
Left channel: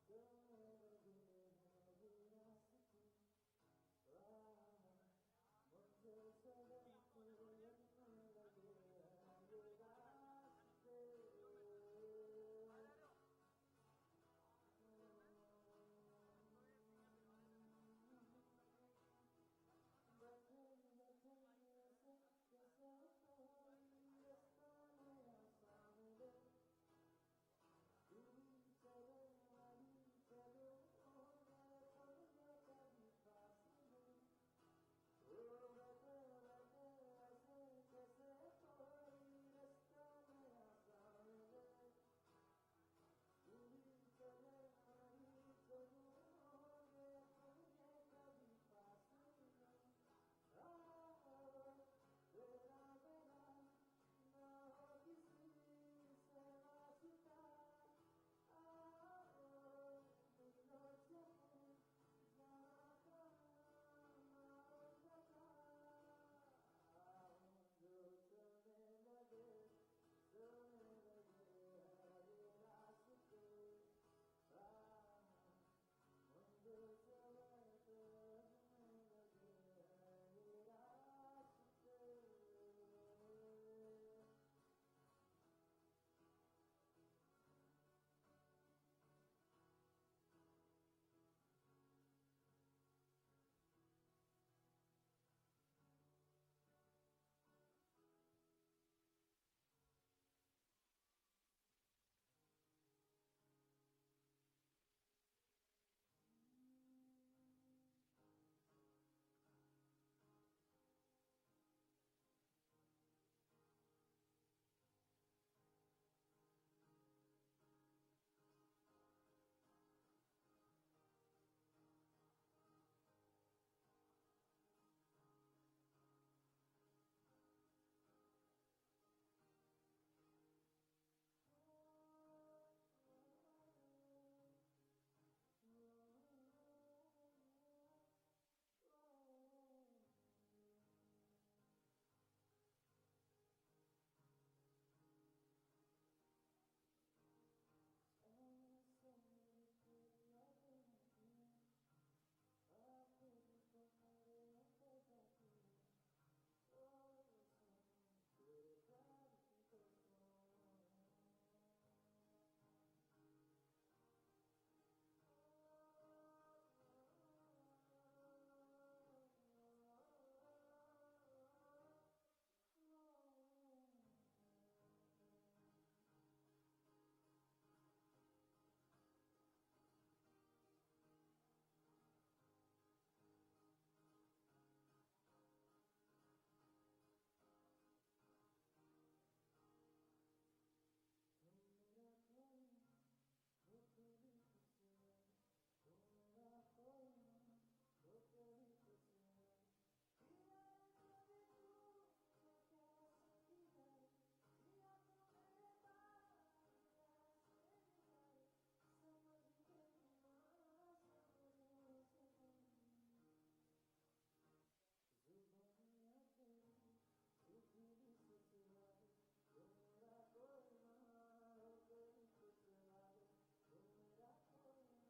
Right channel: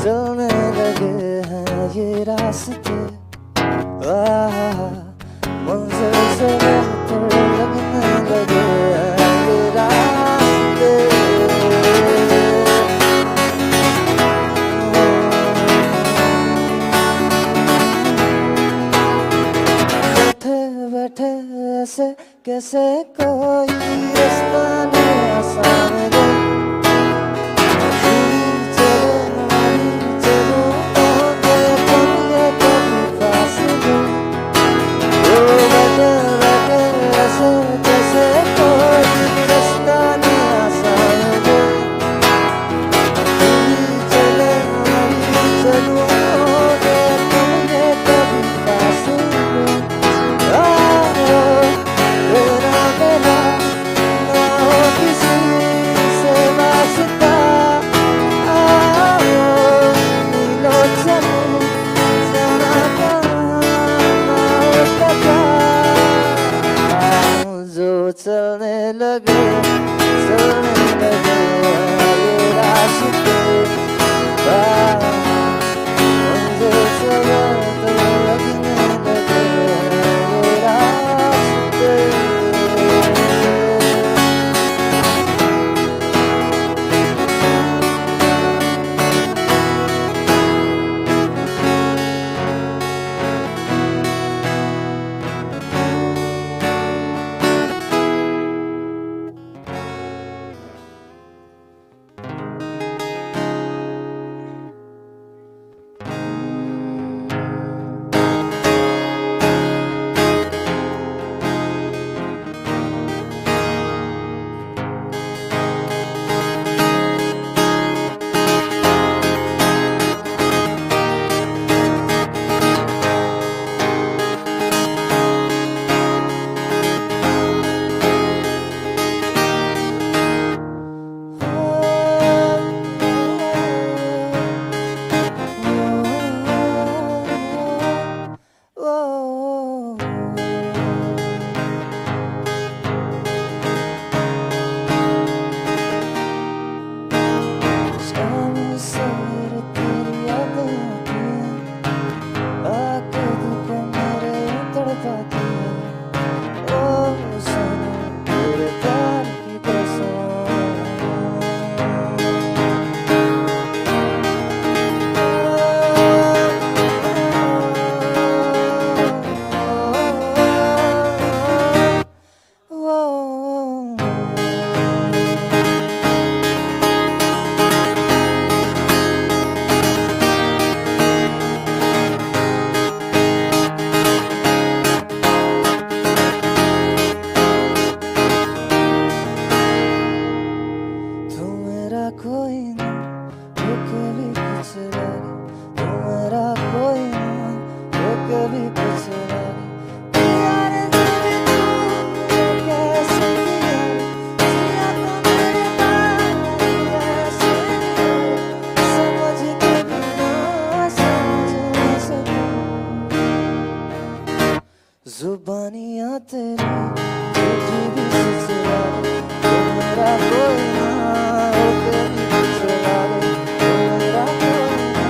चलने लगे हैं ये रास्ते मंजिल से बेहतर लगने लगे हैं ये रास्ते बैठे बैठे ऐसे कैसे कोई रास्ता नहीं आसान है चलने लगे ये रास्ते मंजिल से बेहतर लगने लगे ये रास्ते जुबानियाँ तेरी झूठी भी सिलसिला तो मेरा कोई ना हो कभी पिछला गए तो मेरा कोई ना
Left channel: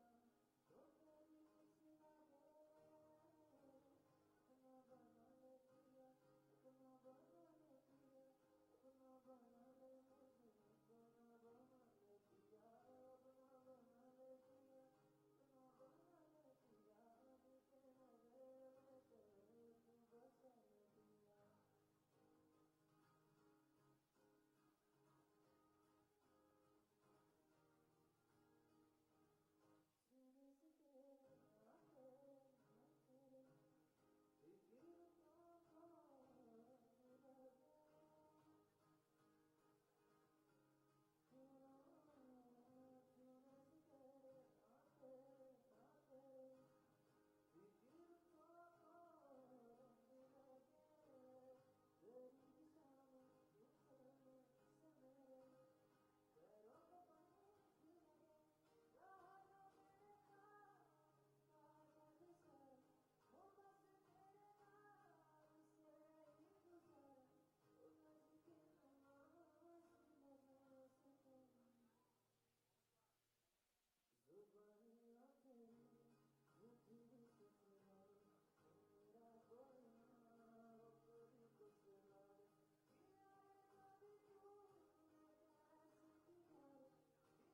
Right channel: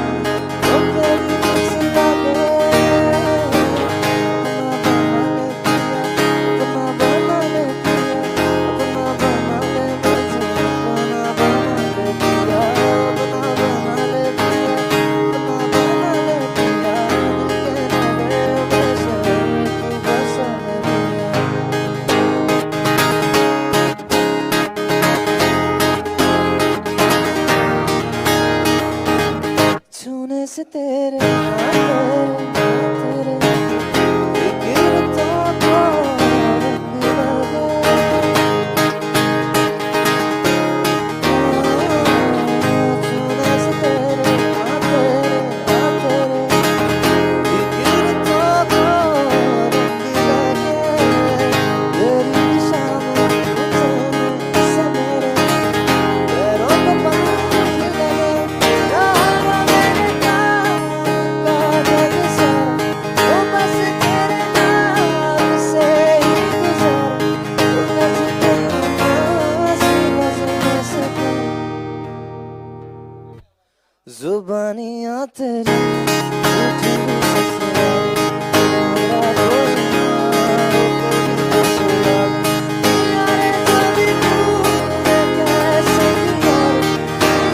हो कभी पिछला अपना बना ले छूने से तेरे तेरे गिरता को मिला छूने से तेरे गिरता को मिला तेरी शाम समेरे पैरों को पंख लगे कहानियां तेरी झूठी भी ससुराल मेरा कोई ना हो कोई ससुराल यारे जब तूने कैसे किया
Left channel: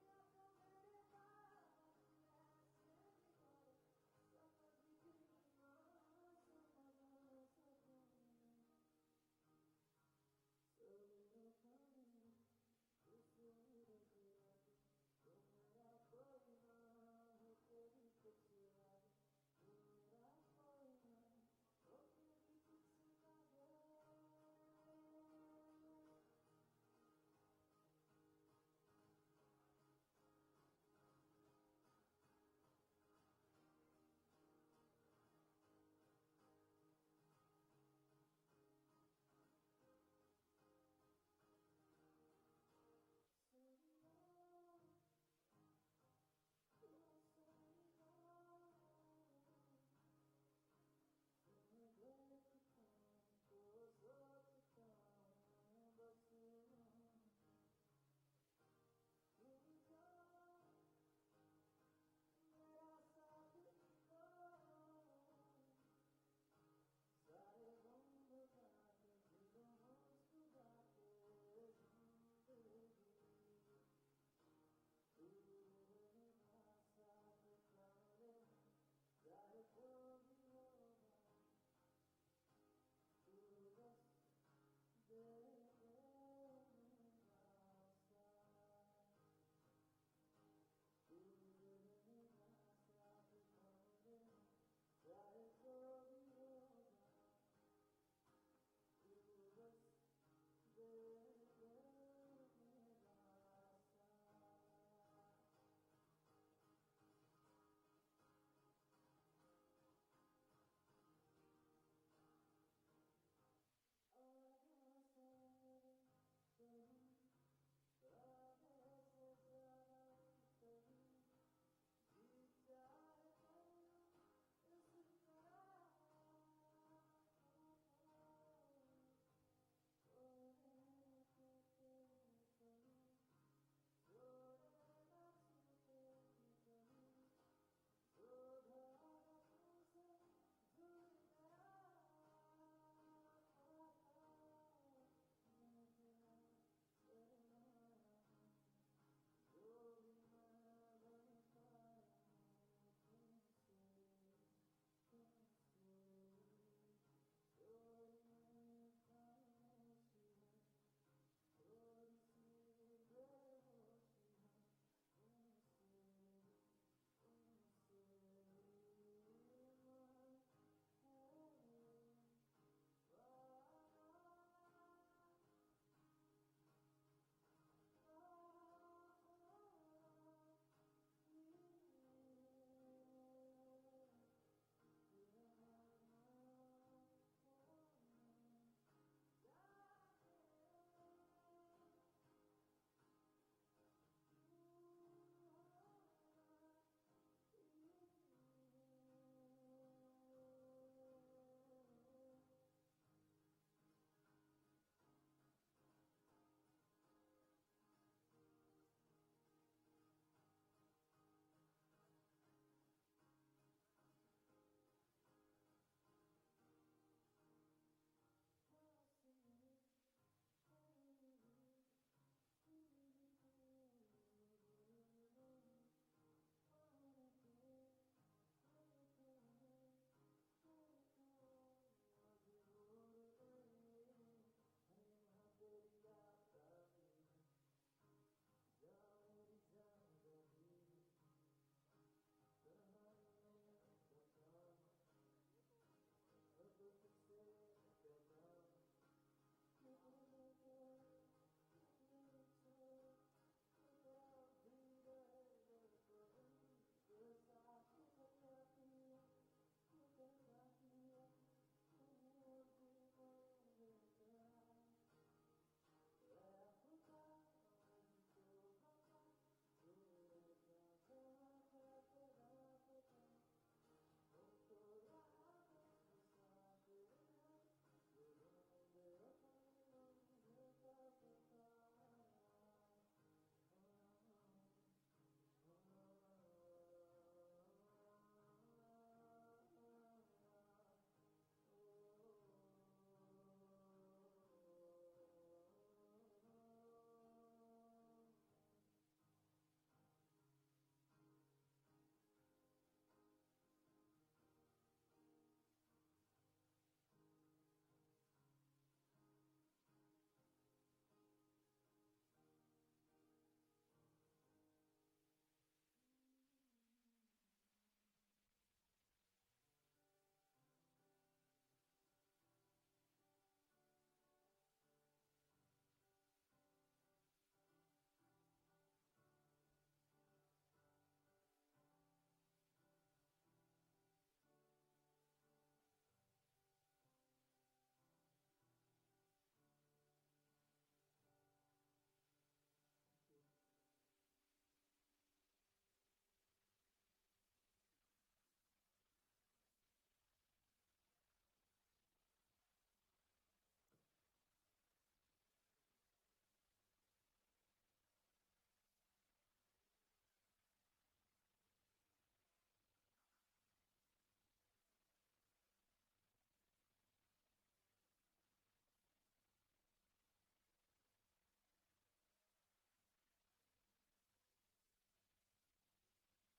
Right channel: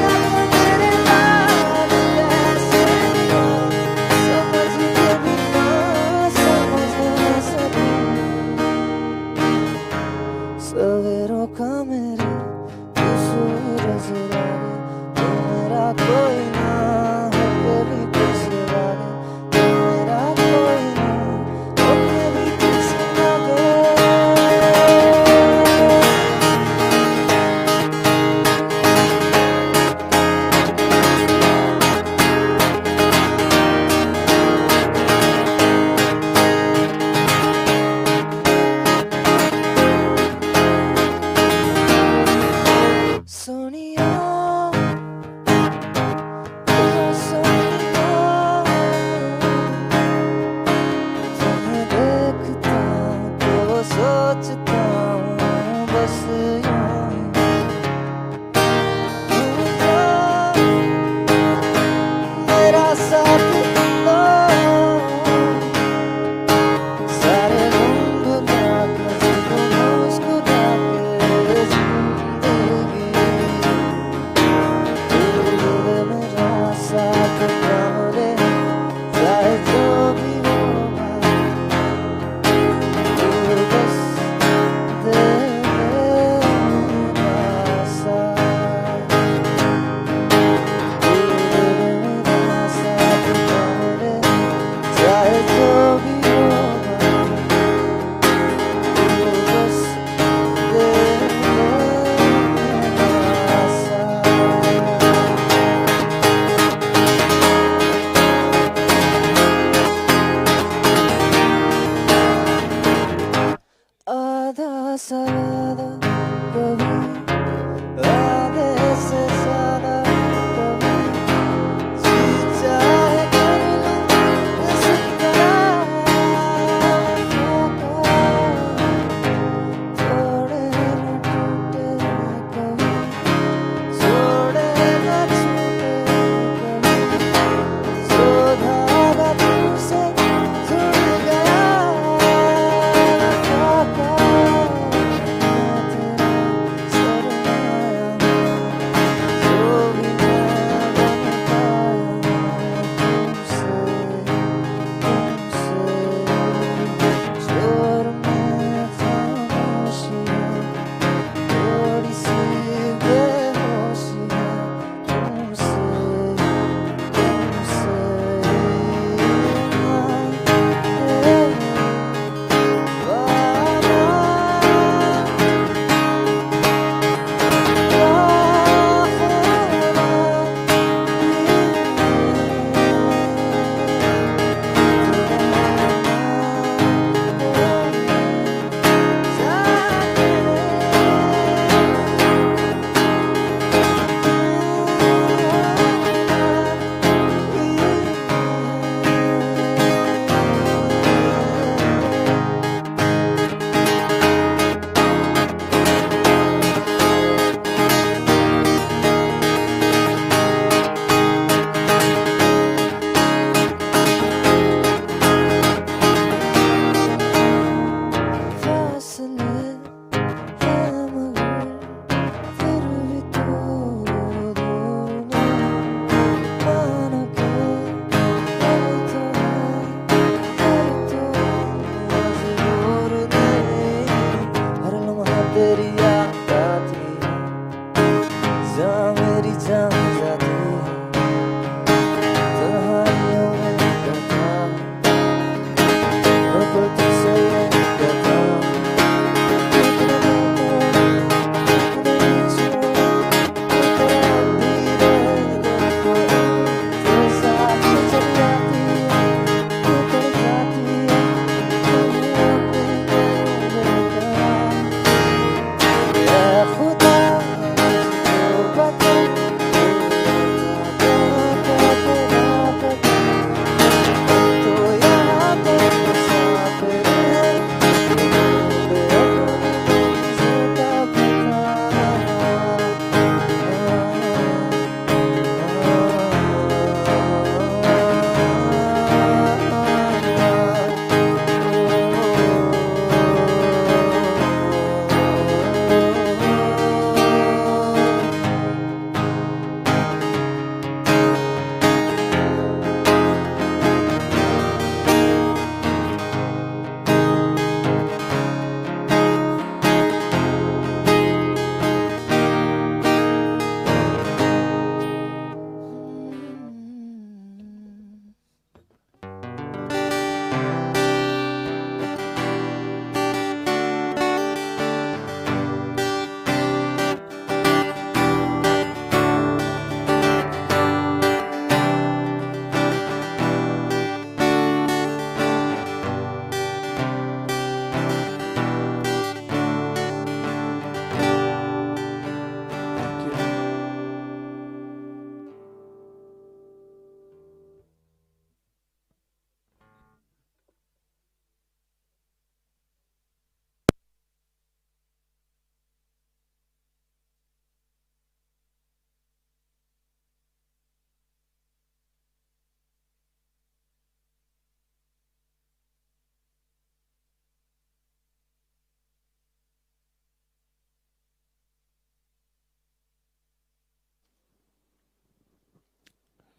यार मेरे लाल कैसे किया समझ के भी ना समझ ना सकूं सवेरों का मेरे तू सूरज लागे तू मेरा कोई ना हो कभी कुछ लागे तू मेरा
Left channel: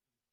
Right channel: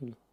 No.